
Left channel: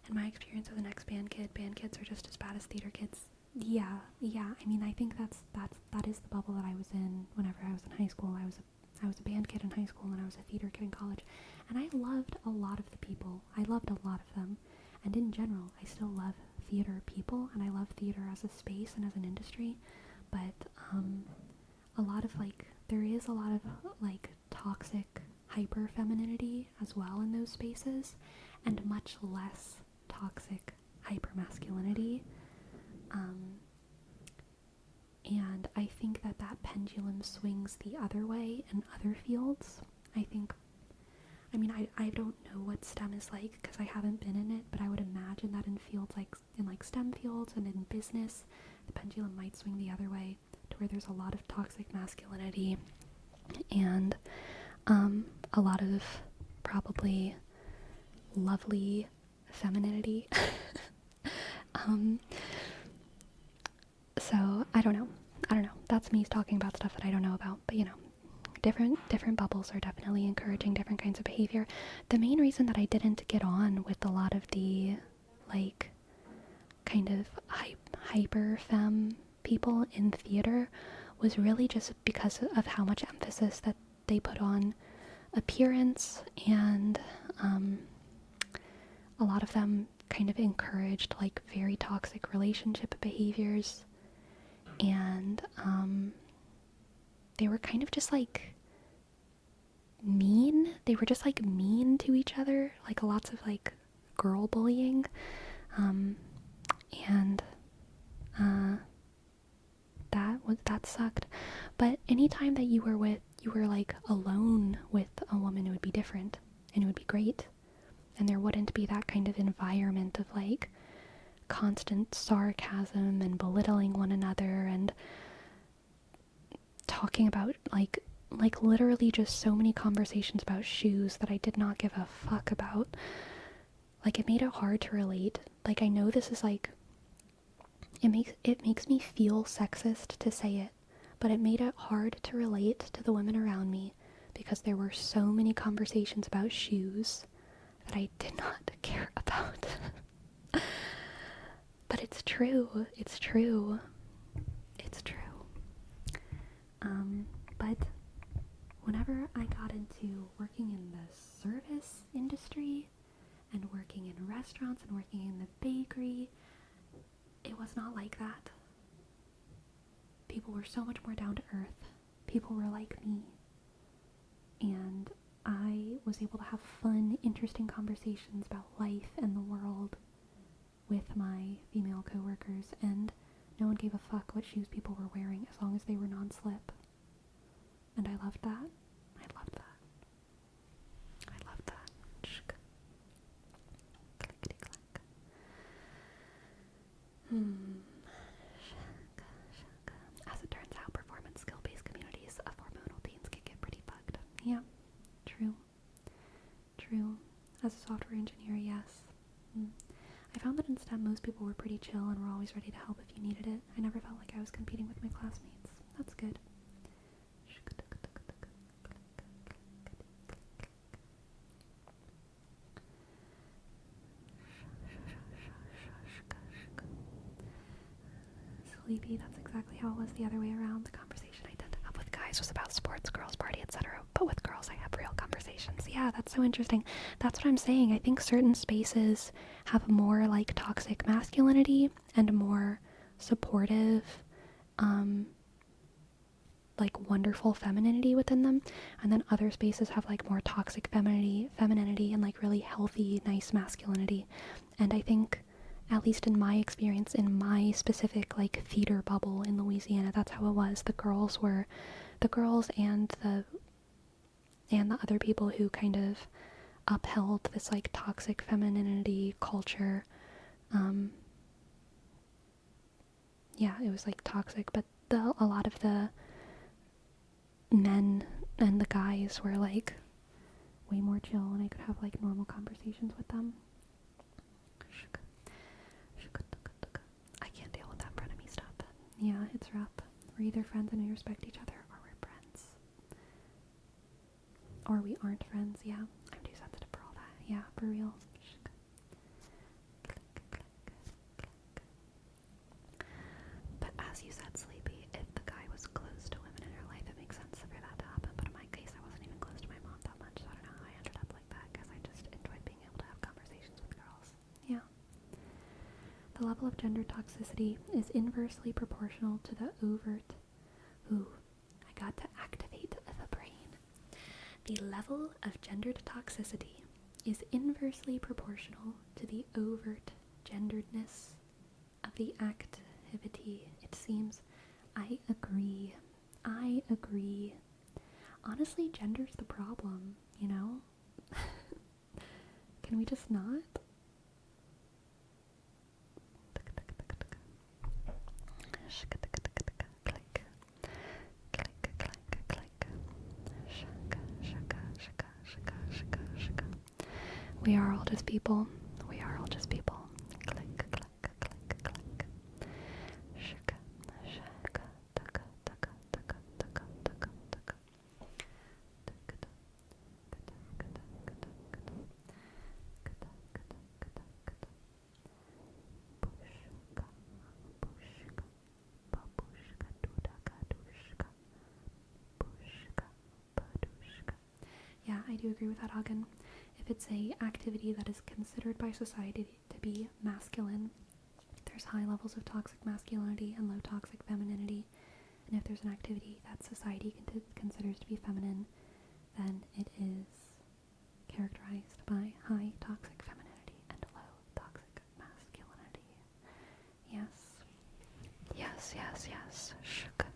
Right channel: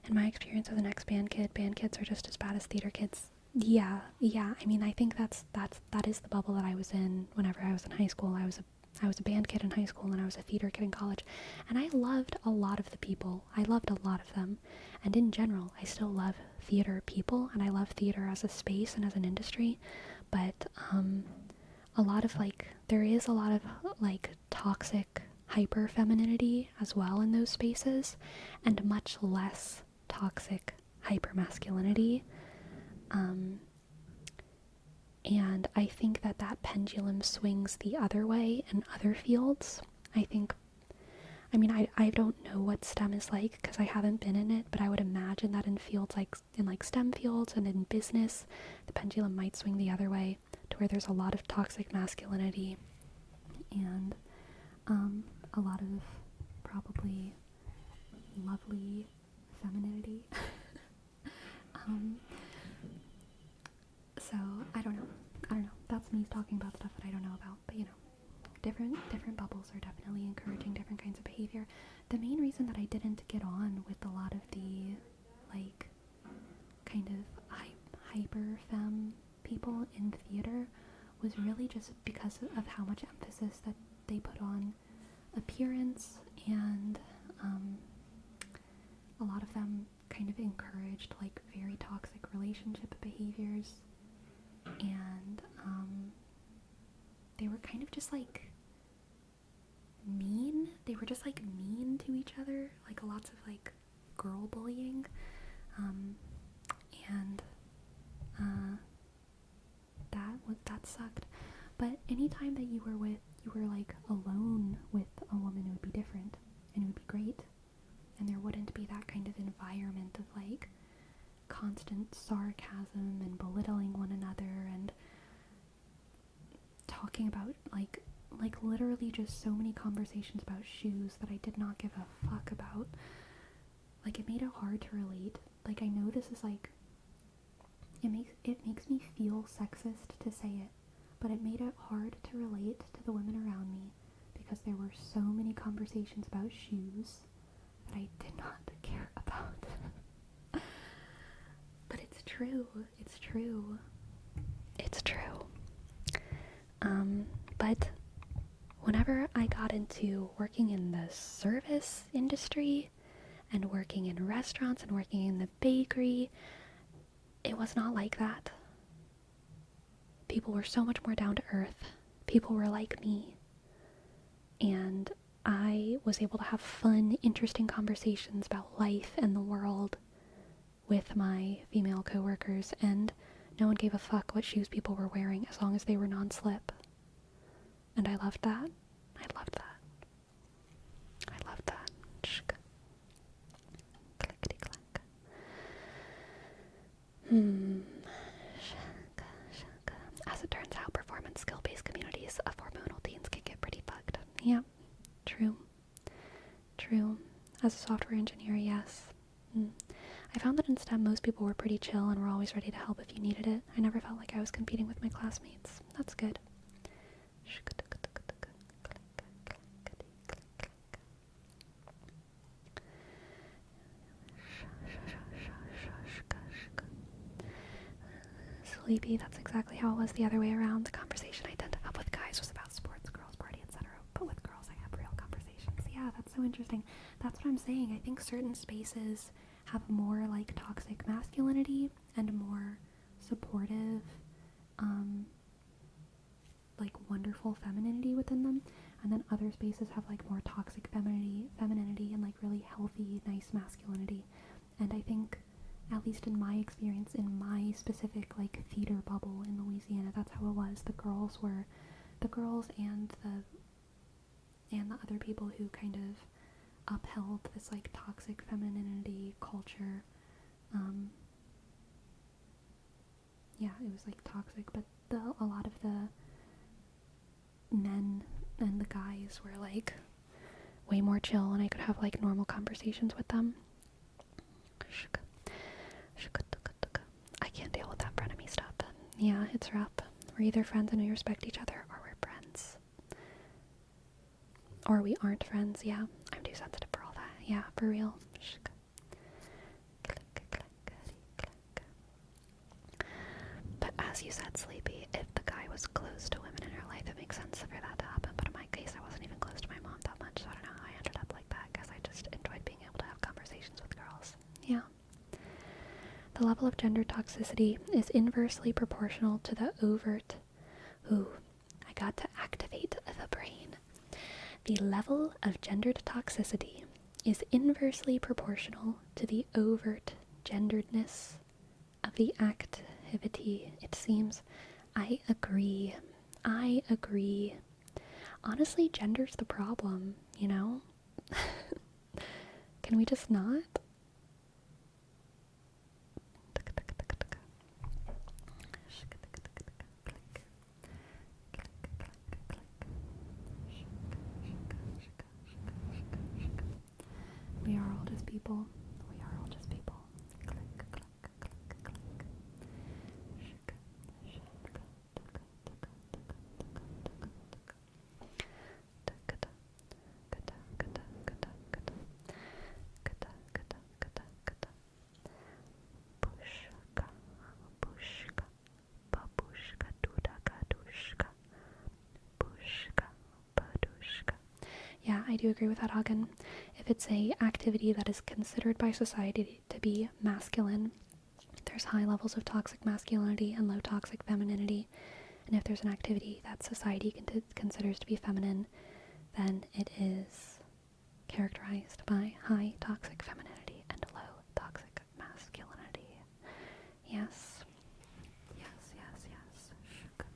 In my experience as an ex-band kid, band kids are just as bad as theater kids. Yeah. I mean, I think that is the bubble that I was in whenever I was in high school. I was a band kid in high school and I was a theater kid in college. And I loved a lot of the people. I loved a lot of them. And in general, I still love theater people and I love theater as a space and as an industry. But a lot of like, there is a lot of like toxic hyper femininity as well in those spaces, and much less toxic hyper masculinity. And I think that pendulum swings the other way in other fields. I don't know what STEM is like because I haven't been in it, but I would imagine that in fields like STEM fields and in business, the pendulum might swing the other way to where there's a lot of toxic masculinity and a lot of probably lovely femininity. So I don't know. That's me talking about stuff that I don't know about, but different bubbles are definitely encouraging different kinds of behavior. The main reason that I didn't get on with a lot of the like kind of hyper femme people in theater was really just because of how much emphasis that they put on appearance, and a lot of them kind of encouraged like very toxic relationship behaviors, and they were kind of just like mean. They were just like mean to each other, like lots of like girl bullying, and that sucked. But anytime that you were like alone with a woman, it would be different and it would be great. And there wouldn't be that kind of environment of like constant sarcasm and belittling one another and talking about like literally just so many conversations about shoes that I did not give a fuck about. Like, it made it hard to relate. Like, I know this is like, it makes me feel sexist to say it, but it made it hard to relate to the women around me because there were so many conversations about shoes that I did not care about. But it's true. It's true. It's true. But whenever I got into working in the service industry and working in restaurants and working in the bakery, it was not like that. People were so much more down to earth. People were like me. And I was able to have fun, interesting conversations about life and the world with my female coworkers, and no one gave a fuck what shoes people were wearing as long as they were non-slip. And I loved that. I loved that. I loved that. Shk. Clickety clack. Shaka, shaka. As it turns out, performance skill-based communities of hormonal teens can get pretty fucked. Yeah, true. True. As a software engineer, yes. I found that in STEM most people were pretty chill and were always ready to help if you needed it. I never felt like I was competing with my classmates. That's good. Sleepy, that's exactly how it was the other way around. The conversation I tend to have with guys was about sports, girls, party, etc. But with girls, I have real conversations. Yeah, that's so interesting. That's what I'm saying. I think certain spaces have more like toxic masculinity and more supportive, like wonderful femininity within them, and then other spaces have like more toxic femininity and like really healthy, nice masculinity. And I think, at least in my experience, in my specific like theater bubble in Louisiana, that's how it was. The girls and the other people who kind of upheld this like toxic femininity culture. Yeah, it was like toxic, but a lot of the men and the guys were like way more chill, and I could have like normal conversations with them. I can't deal with that frenemy stuff. Yeah, it's rough. We're either friends and we respect each other, or we're friends. Or we aren't friends, yeah. I'm too sensitive for all that. Yeah, for real. But as you said, Sleepy, if the guy was close to women in her life, it makes sense for that to happen. But in my case, I wasn't even close to my mom that much, so I don't know how I ended up like that, because I just enjoyed being able to have conversations with girls. Yeah. The level of gender toxicity is inversely proportional to the overt... Ooh, I got to activate the brain. The level of gendered toxicity is inversely proportional to the overt genderedness of the activity, it seems. I agree. Honestly, gender's the problem, you know? Can we just not? We are all just people. We are all just people. Click, click, click, click. Shaka, shaka, taka, taka, taka, taka, taka, taka. Taka, taka, taka, taka, taka, taka. Kata, kata, kata, kata. Pushka, pushka, babushka, dudaka, dushka. Pushka, badushka. Yeah, I do agree with that, Hagen. If it's a activity that is considered by society to be masculine, there's high levels of toxic masculinity and low toxic femininity. And if there's an activity that society considers to be feminine, then it is characterized by high toxic femininity and low toxic masculinity. Yes. Yes, yes, yes. Shuk.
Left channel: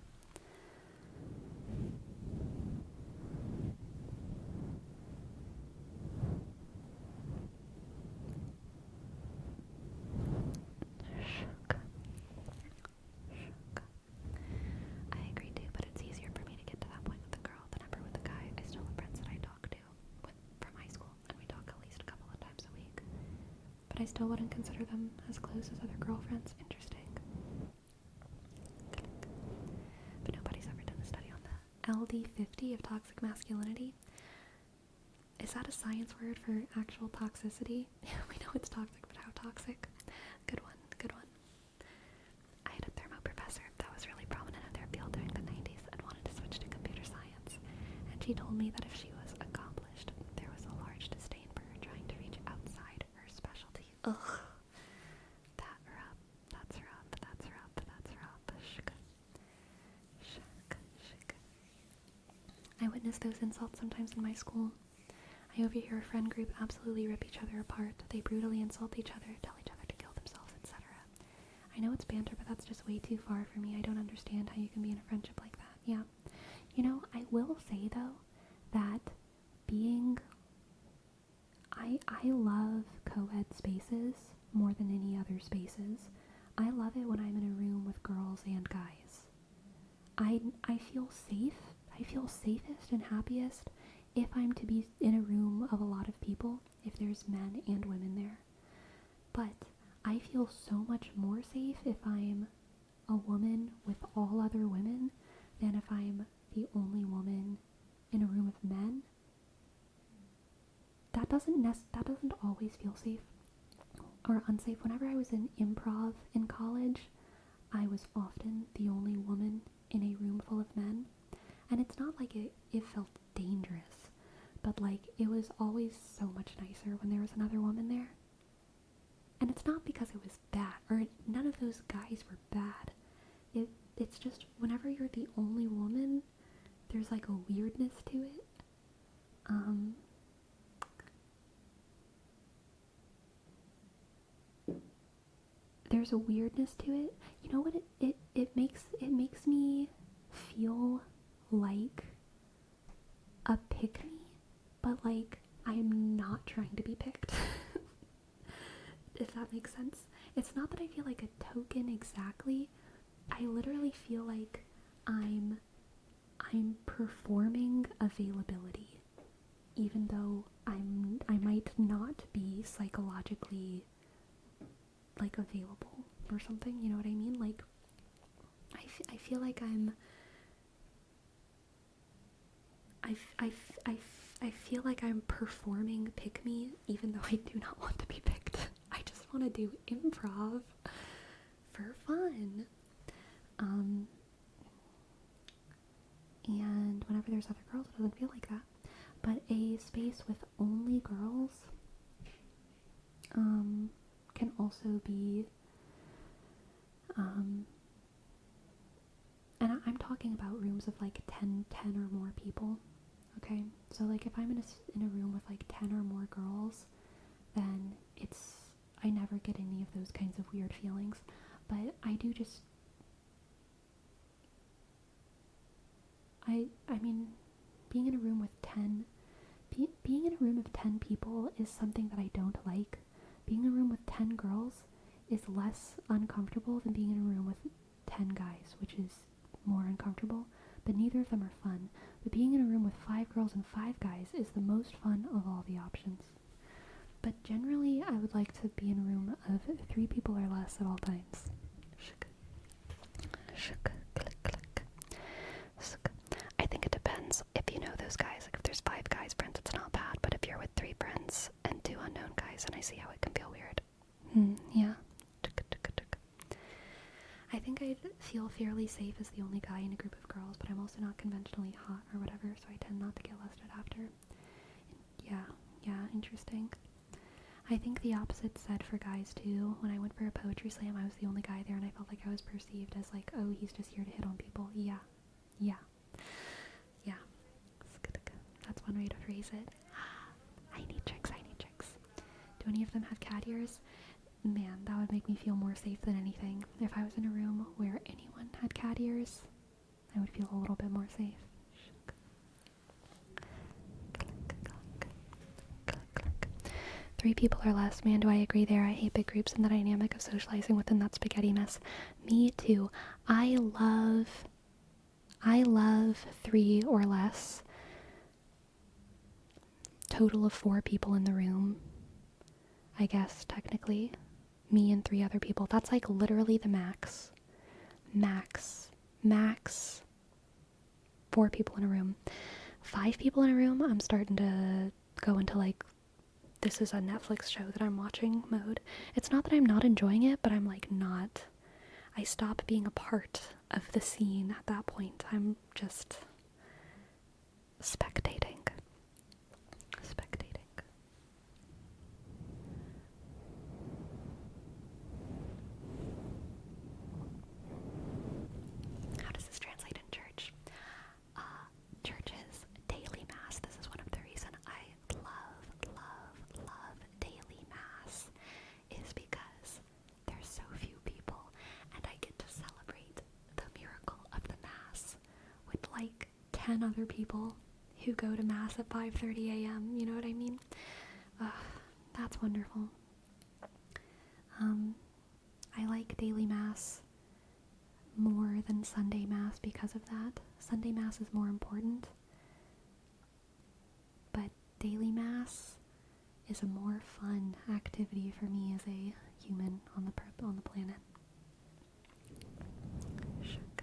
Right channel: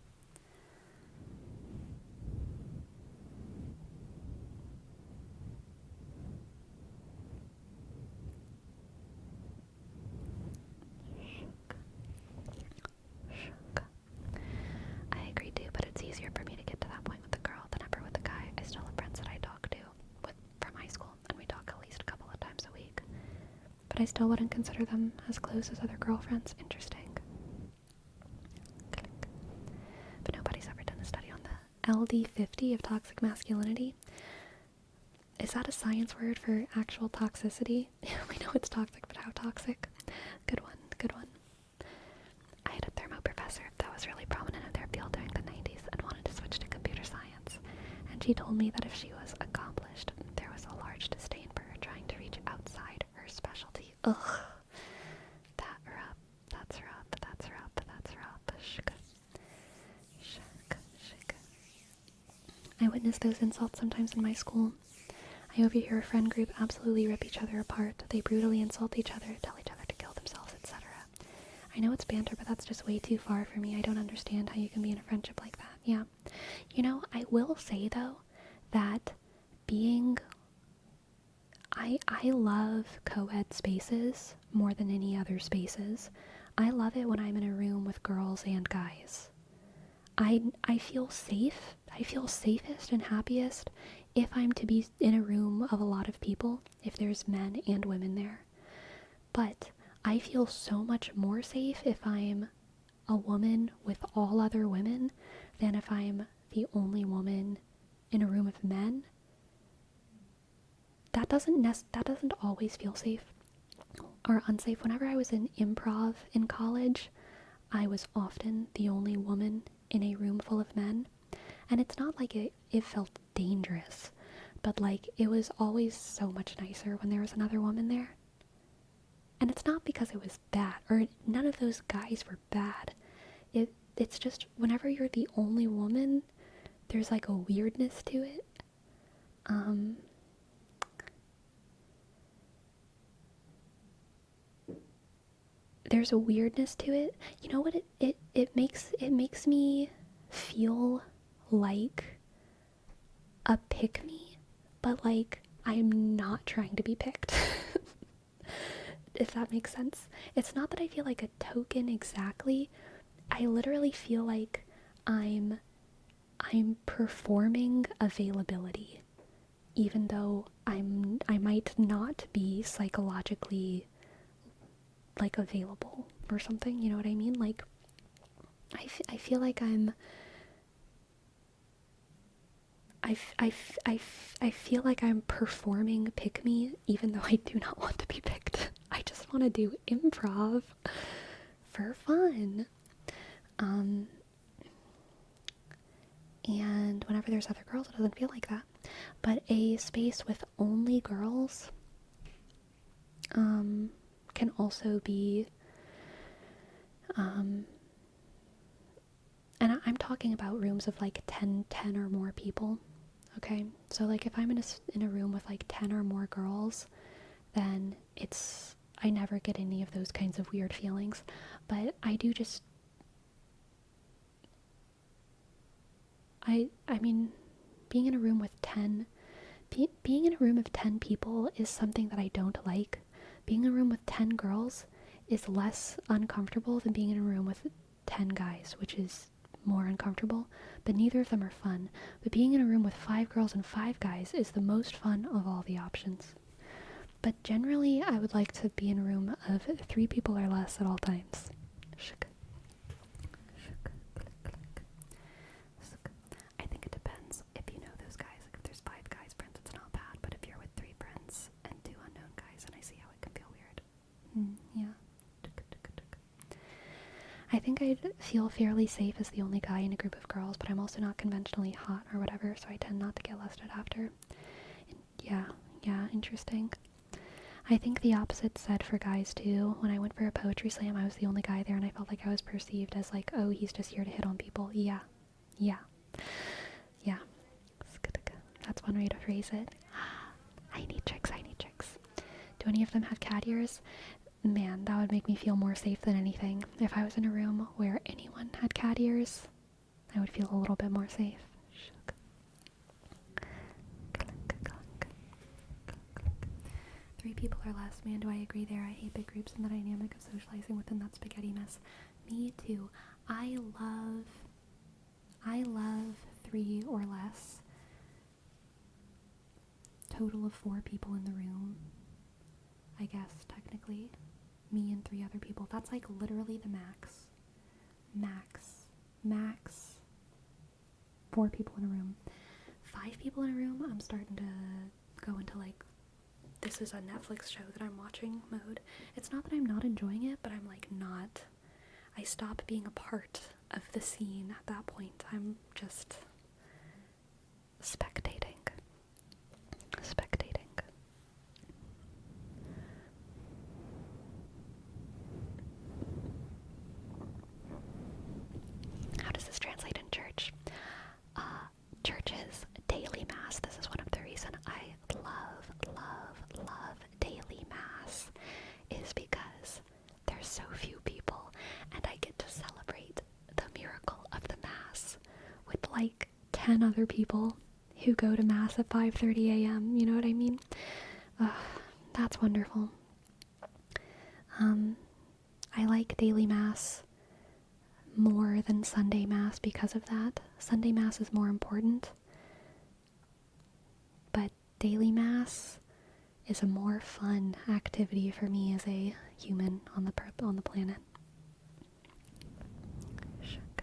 I still wouldn't consider them as close as other girlfriends. Interesting. But nobody's ever done a study on the LD50 of toxic masculinity. Is that a science word for actual toxicity? We know it's toxic, but how toxic? Good one, good one. I had a thermo professor that was really prominent in their field during the 90s and wanted to switch to computer science. And she told me that if she was accomplished, there was a large disdain for her trying to reach outside her specialty. Ugh. That's rough. That's rough. That's rough. That's rough. Shk. Shk. Shk. I witnessed those insults sometimes in my school. I overhear a friend group absolutely rip each other apart. They brutally insult each other, tell each other to kill themselves, etc. I know it's banter, but that's just way too far for me. I don't understand how you can be in a friendship like that. Yeah. You know, I will say, though, that being... I love co-ed spaces more than any other spaces. I love it when I'm in a room with girls and guys. I feel safe. I feel safest and happiest if I'm to be in a room of a lot of people, if there's men and women there. But I feel so much more safe if I'm a woman with all other women than if I'm the only woman in a room of men. That doesn't always feel safe or unsafe. Whenever I was in improv in college, I was often the only woman in a room full of men. And it's not like it felt dangerous, but like it was always so much nicer when there was another woman there. And it's not because it was bad, or none of those guys were bad. It's just whenever you're the only woman, there's like a weirdness to it. There's a weirdness to it. You know what it makes me feel like a pick-me, but like I'm not trying to be picked. If that makes sense. It's not that I feel like a token exactly. I literally feel like I'm performing availability, even though I might not be psychologically like available or something, you know what I mean? Like I feel like I feel like I'm performing pick me even though I do not want to be picked. I just want to do improv for fun. And whenever there's other girls, it doesn't feel like that. But a space with only girls can also be, and I'm talking about rooms of like 10 or more people, okay? So like if I'm in a room with like 10 or more girls, then I never get any of those kinds of weird feelings. But I do just, I mean, being in a room with 10, being in a room of 10 people is something that I don't like. Being in a room with 10 girls is less uncomfortable than being in a room with 10 guys, which is more uncomfortable, but neither of them are fun. But being in a room with 5 girls and 5 guys is the most fun of all the options. But generally, I would like to be in a room of 3 people or less at all times. Shuk. Shuk. Click, click. Shuk. I think it depends if you know those guys. Like if there's 5 guys friends, it's not bad. But if you're with 3 friends and 2 unknown guys, and I see how it can feel weird. Yeah. I think I'd feel fairly safe as the only guy in a group of girls, but I'm also not conventionally hot or whatever, so I tend not to get lusted after. Yeah, interesting. I think the opposite said for guys too. When I went for a poetry slam, I was the only guy there, and I felt like I was perceived as like, oh, he's just here to hit on people. Yeah. That's one way to phrase it. I need tricks. Do any of them have cat ears? Man, that would make me feel more safe than anything. If I was in a room where anyone had cat ears, I would feel a little bit more safe. 3 people or less, man, do I agree there. I hate big groups and the dynamic of socializing within that spaghetti mess. Me too. I love 3 or less. Total of 4 people in the room. I guess, technically. Me and 3 other people. That's like literally the max. Max 4 people in a room. 5 people in a room, I'm starting to go into like, this is a Netflix show that I'm watching mode. It's not that I'm not enjoying it, but I'm like not. I stop being a part of the scene at that point. I'm just spectating. How does this translate in church? Churches, daily mass. This is one of the reasons I love daily mass, is because there's so few people and I get to celebrate the miracle of the mass with like 10 other people who go to mass at 5:30 a.m. You know what I mean? That's wonderful. I like daily mass more than Sunday mass because of that. Sunday mass is more important, but daily mass is a more fun activity for me as a human on the planet. Shook.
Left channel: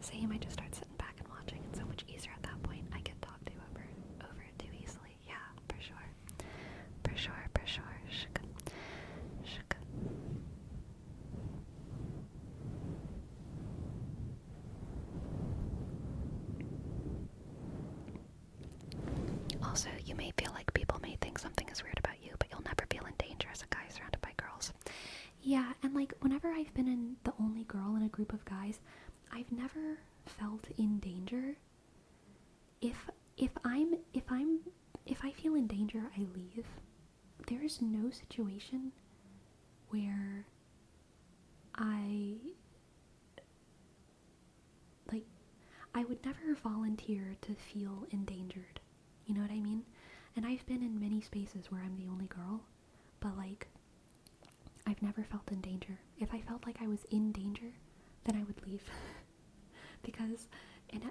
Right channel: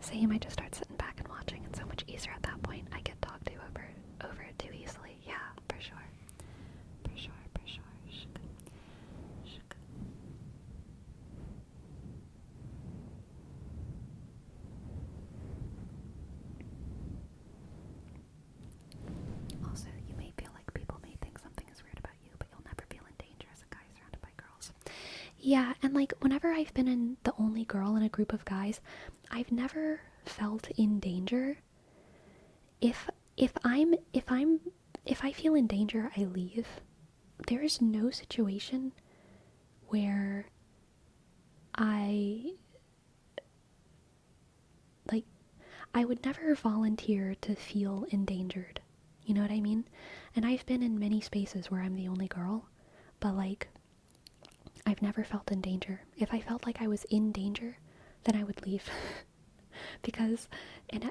So you might just start sitting back and watching. It's so much easier at that point. I get talked to over it too easily. Yeah, for sure. Shook. Also, you may feel like people may think something is weird about you, but you'll never feel in danger as a guy surrounded by girls. Yeah, and like whenever I've been in the only girl in a group of guys, I've never felt in danger. If I feel in danger, I leave. There is no situation where I like I would never volunteer to feel endangered. You know what I mean? And I've been in many spaces where I'm the only girl, but like I've never felt in danger. If I felt like I was in danger, then I would leave. Because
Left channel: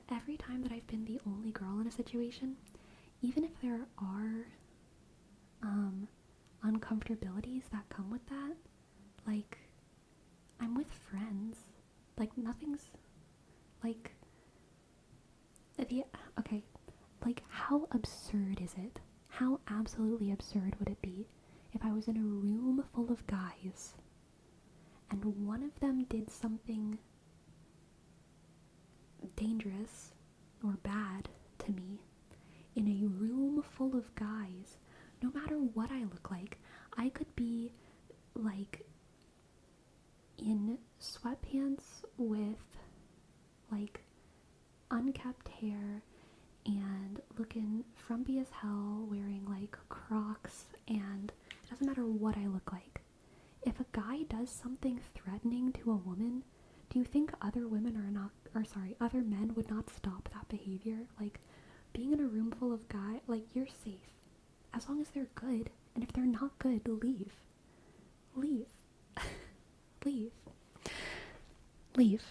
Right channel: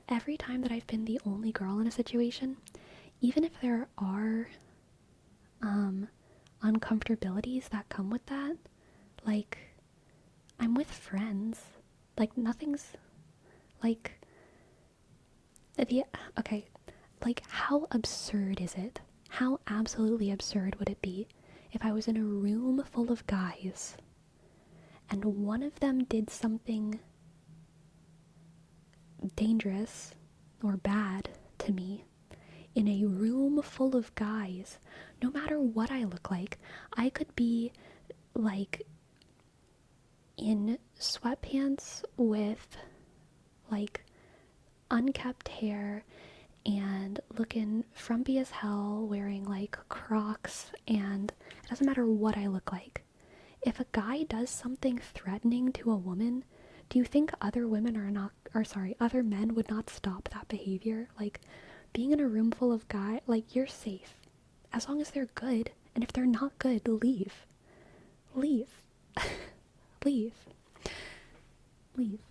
every time that I've been the only girl in a situation, even if there are uncomfortabilities that come with that, like I'm with friends. Like nothing's like okay, like how absurd is it? How absolutely absurd would it be if I was in a room full of guys and one of them did something dangerous or bad to me in a room full of guys? No matter what I look like, I could be like in sweatpants with like unkept hair and looking frumpy as hell, wearing like Crocs, and it doesn't matter what I look like. If a guy does something threatening to a woman, do you think other other men would not stop that behavior? Like, being in a room full of guys, like, you're safe. As long as they're good, and if they're not good, leave. Leave. Leave. Leave.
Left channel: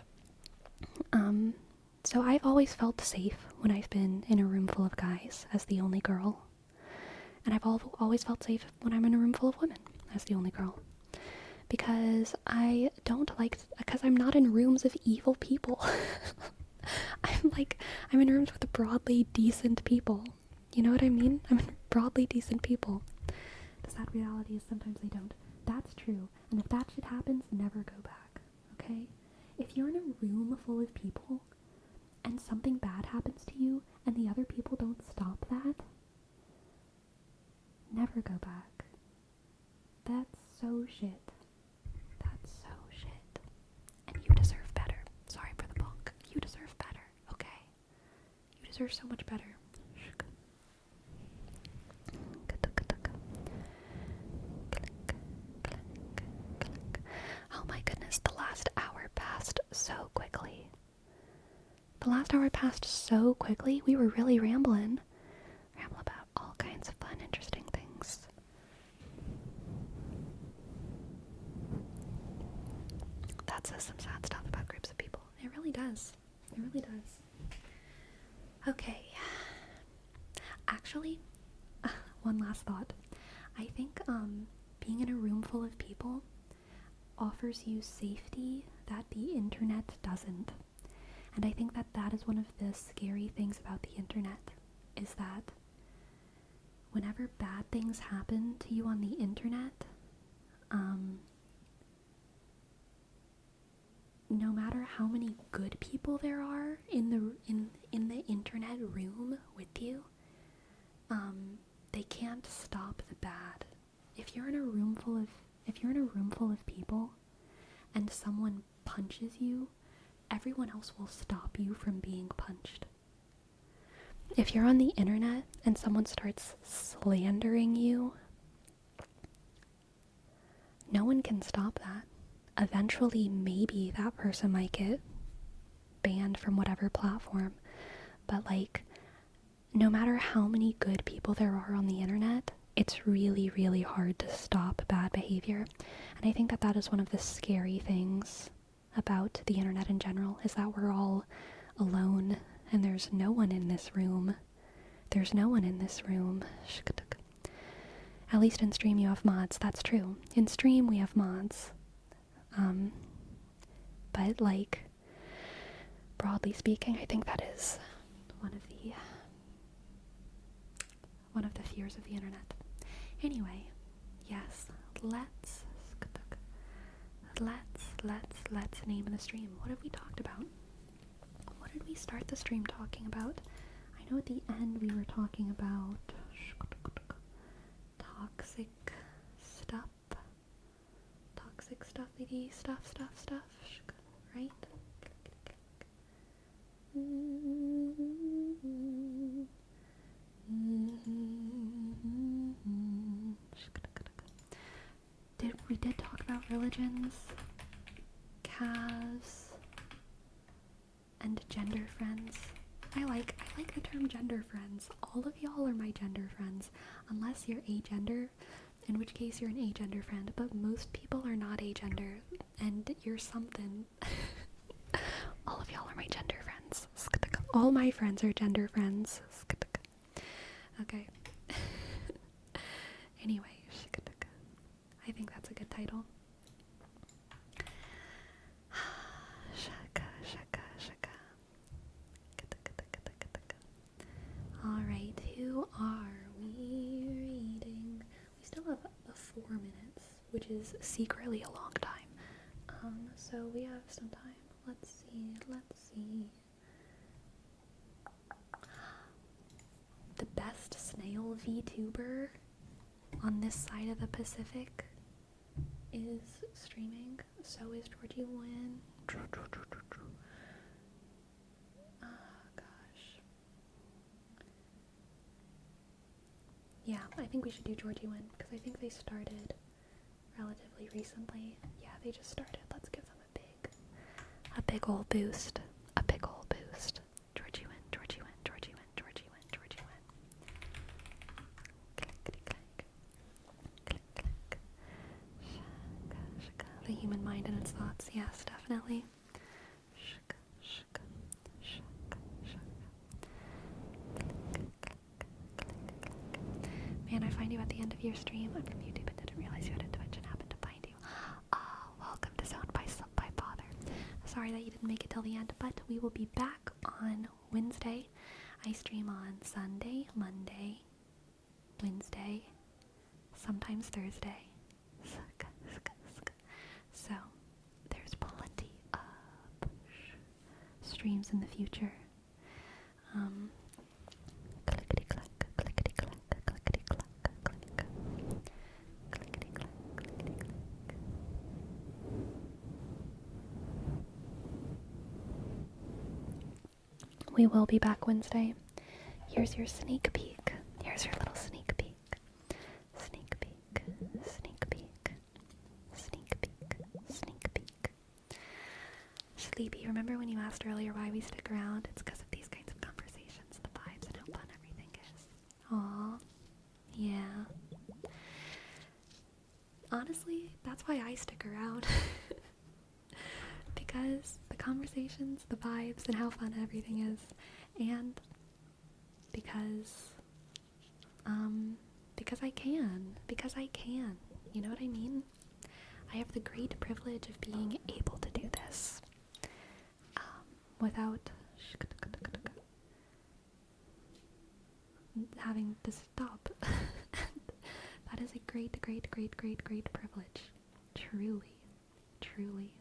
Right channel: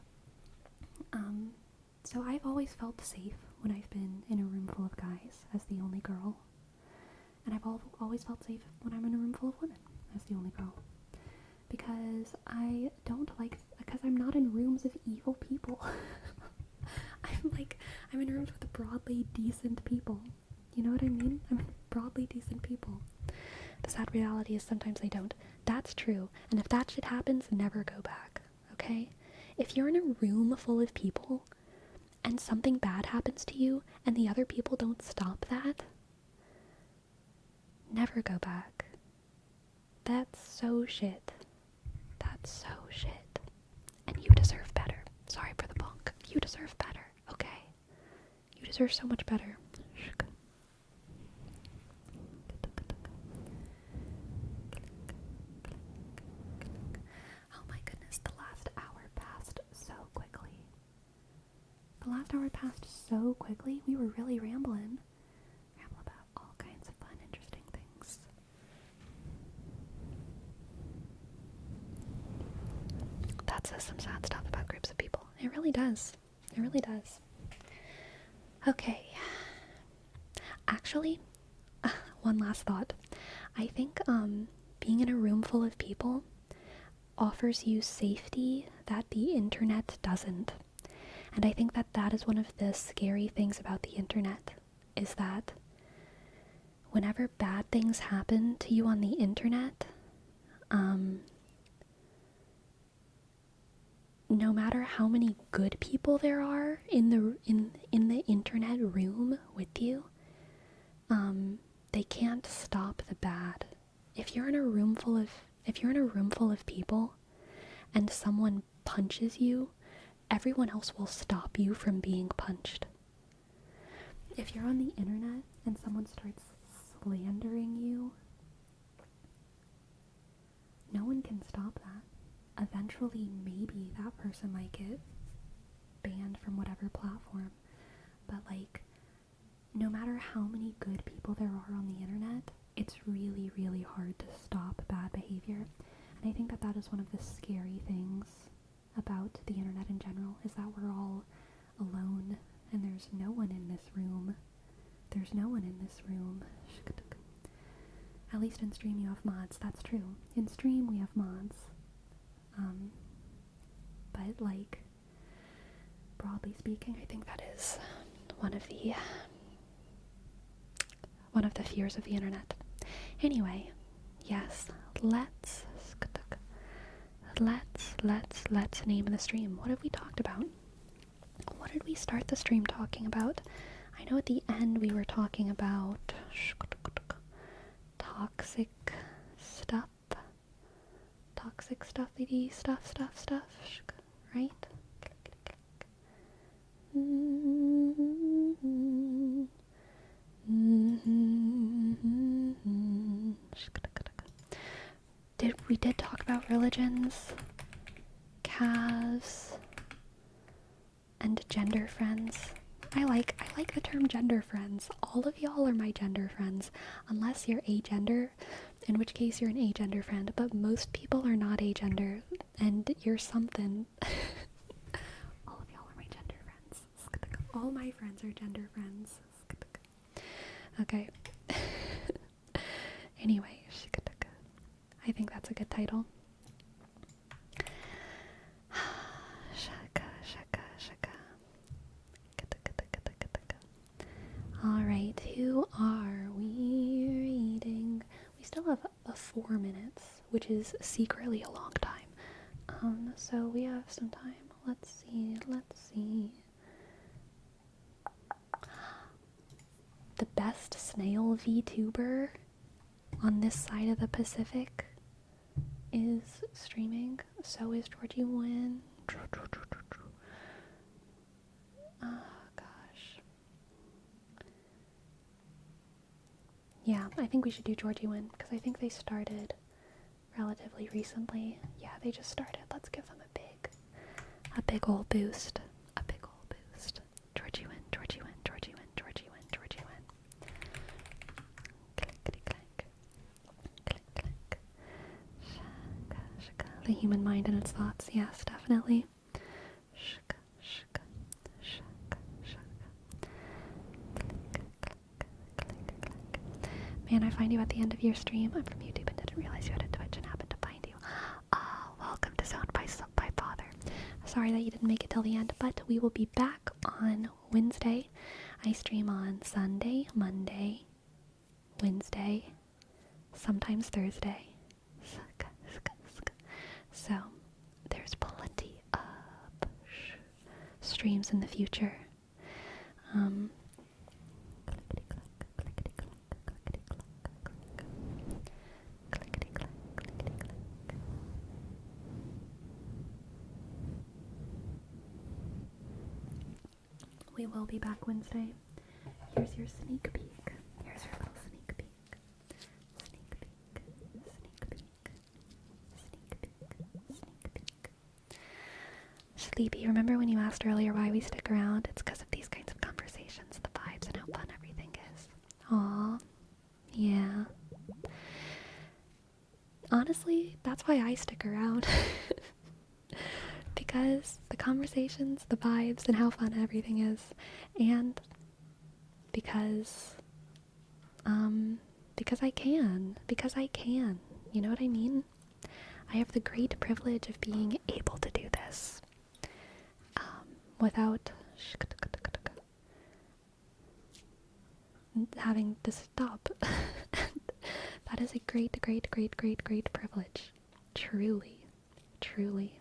So I've always felt safe when I've been in a room full of guys as the only girl. And I've always felt safe when I'm in a room full of women as the only girl. Because I'm not in rooms of evil people. I'm in rooms with broadly decent people. You know what I mean? I'm in broadly decent people. The sad reality is sometimes they don't. That's true. And if that shit happens, never go back. Okay? If you're in a room full of people and something bad happens to you and the other people don't stop that, never go back. That's so shit. That's so shit. And you deserve better. Sorry for the bonk. You deserve better, okay? You deserve so much better. Oh my goodness, the last hour passed so quickly. We were really rambling. Ramble about all kinds of fun, interesting things. That says some sad stuff about groups of people. It really does. It really does. Okay. Actually, one last thought. I think being in a room full of people offers you safety that the internet doesn't. And I think that that is one of the scary things about the internet, is that whenever bad things happen to you on the internet, no matter how many good people there are in the internet room with you, they can't stop the bad. If you're in a room full of people and someone punches you, everyone else will stop you from being punched. If you're on the internet and someone starts slandering you, no one can stop that. Eventually, maybe that person might get banned from whatever platform, but like, no matter how many good people there are on the internet, it's really, really hard to stop bad behavior. And I think that that is one of the scary things about the internet in general, is that we're all alone and there's no one in this room. There's no one in this room. At least in stream you have mods, that's true. In stream we have mods. But like, broadly speaking, I think that is one of the fears of the internet. Anyway, yes, let's name the stream. What have we talked about? What did we start the stream talking about? I know at the end we were talking about toxic stuffity stuff, right? We did talk about religions, calves, and gender friends. I like the term gender friends. All of y'all are my gender friends, unless you're agender, in which case you're an agender friend, but most people are not agender, and you're something. All of y'all are my gender friends. All my friends are gender friends. Okay. Anyway, I think that's a good title. Alright, who are we reading? We still have 4 minutes, which is secretly a long time. So we have some time. Let's see. The best snail VTuber on this side of the Pacific is streaming. So is Georgie Wynn. Gosh. Yeah, I think we should do Georgie Wynn, because I think they started relatively recently. Yeah, they just started. Let's give them a big ol' boost. A big ol' boost. Georgie Wynn, Georgie Wynn, Georgie Wynn, Georgie Wynn, Georgie Wynn. Clickety clack. Click clack. Shaka, shaka. The human mind and its thoughts. Yes, definitely. Shaka, shaka, shaka, shaka. Click, click, click, click. Man, I find you at the end of your stream. I'm from YouTube and didn't realize you had a Twitch and happened to find you. Welcome to Zoned by Father. Sorry that you didn't make it till the end, but we will be back on Wednesday. I stream on Sunday, Monday, Wednesday, sometimes Thursday. So, there's plenty of streams in the future. Clickety clack, clickety clack, clickety clack, click. Clickety clack, clickety clack. We will be back Wednesday. Here's your sneak peek. Here's your little sneak peek. Sneak peek, sneak peek, sneak peek, sneak peek. Sleepy, remember when you asked earlier why we stick around? It's because of these kinds of conversations, the vibes, and how fun everything is. Aw, yeah. Honestly, that's why I stick around. Because the conversations, the vibes, and how fun everything is. And because, because I can. Because I can. You know what I mean? I have the great privilege of being able to do this without having to stop. That is a great, great, great, great, great privilege. Truly, truly.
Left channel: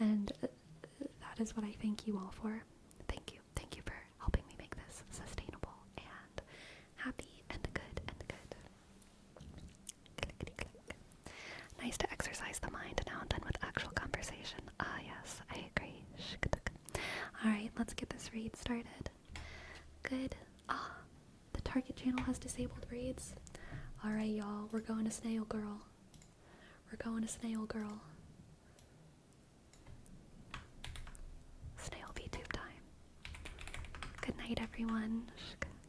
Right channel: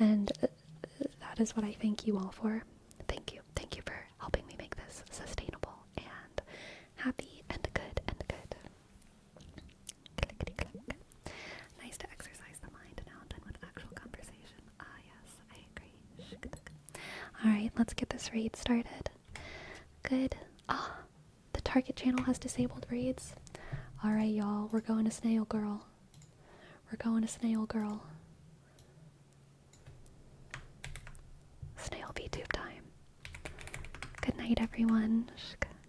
And that is what I thank you all for. Thank you. Thank you for helping me make this sustainable and happy and good and good. Clickety click. Nice to exercise the mind now and then with actual conversation. Ah, yes, I agree. Alright, let's get this raid started. Good. Ah, the target channel has disabled raids. Alright, y'all, we're going to Snail Girl. We're going to Snail Girl. Snail VTube time. Good night, everyone.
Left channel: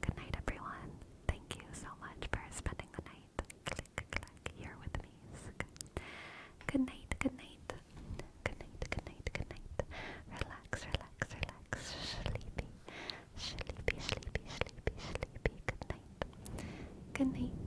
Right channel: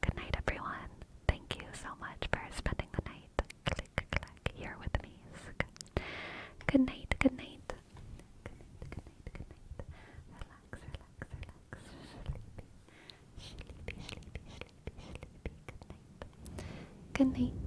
Good night, everyone. Thank you so much for spending the night. Click, click, here with me. Good night, good night. Good night, good night, good night. Relax, relax, relax. Sleepy, sleepy, sleepy, sleepy, sleepy. Good night. Good night.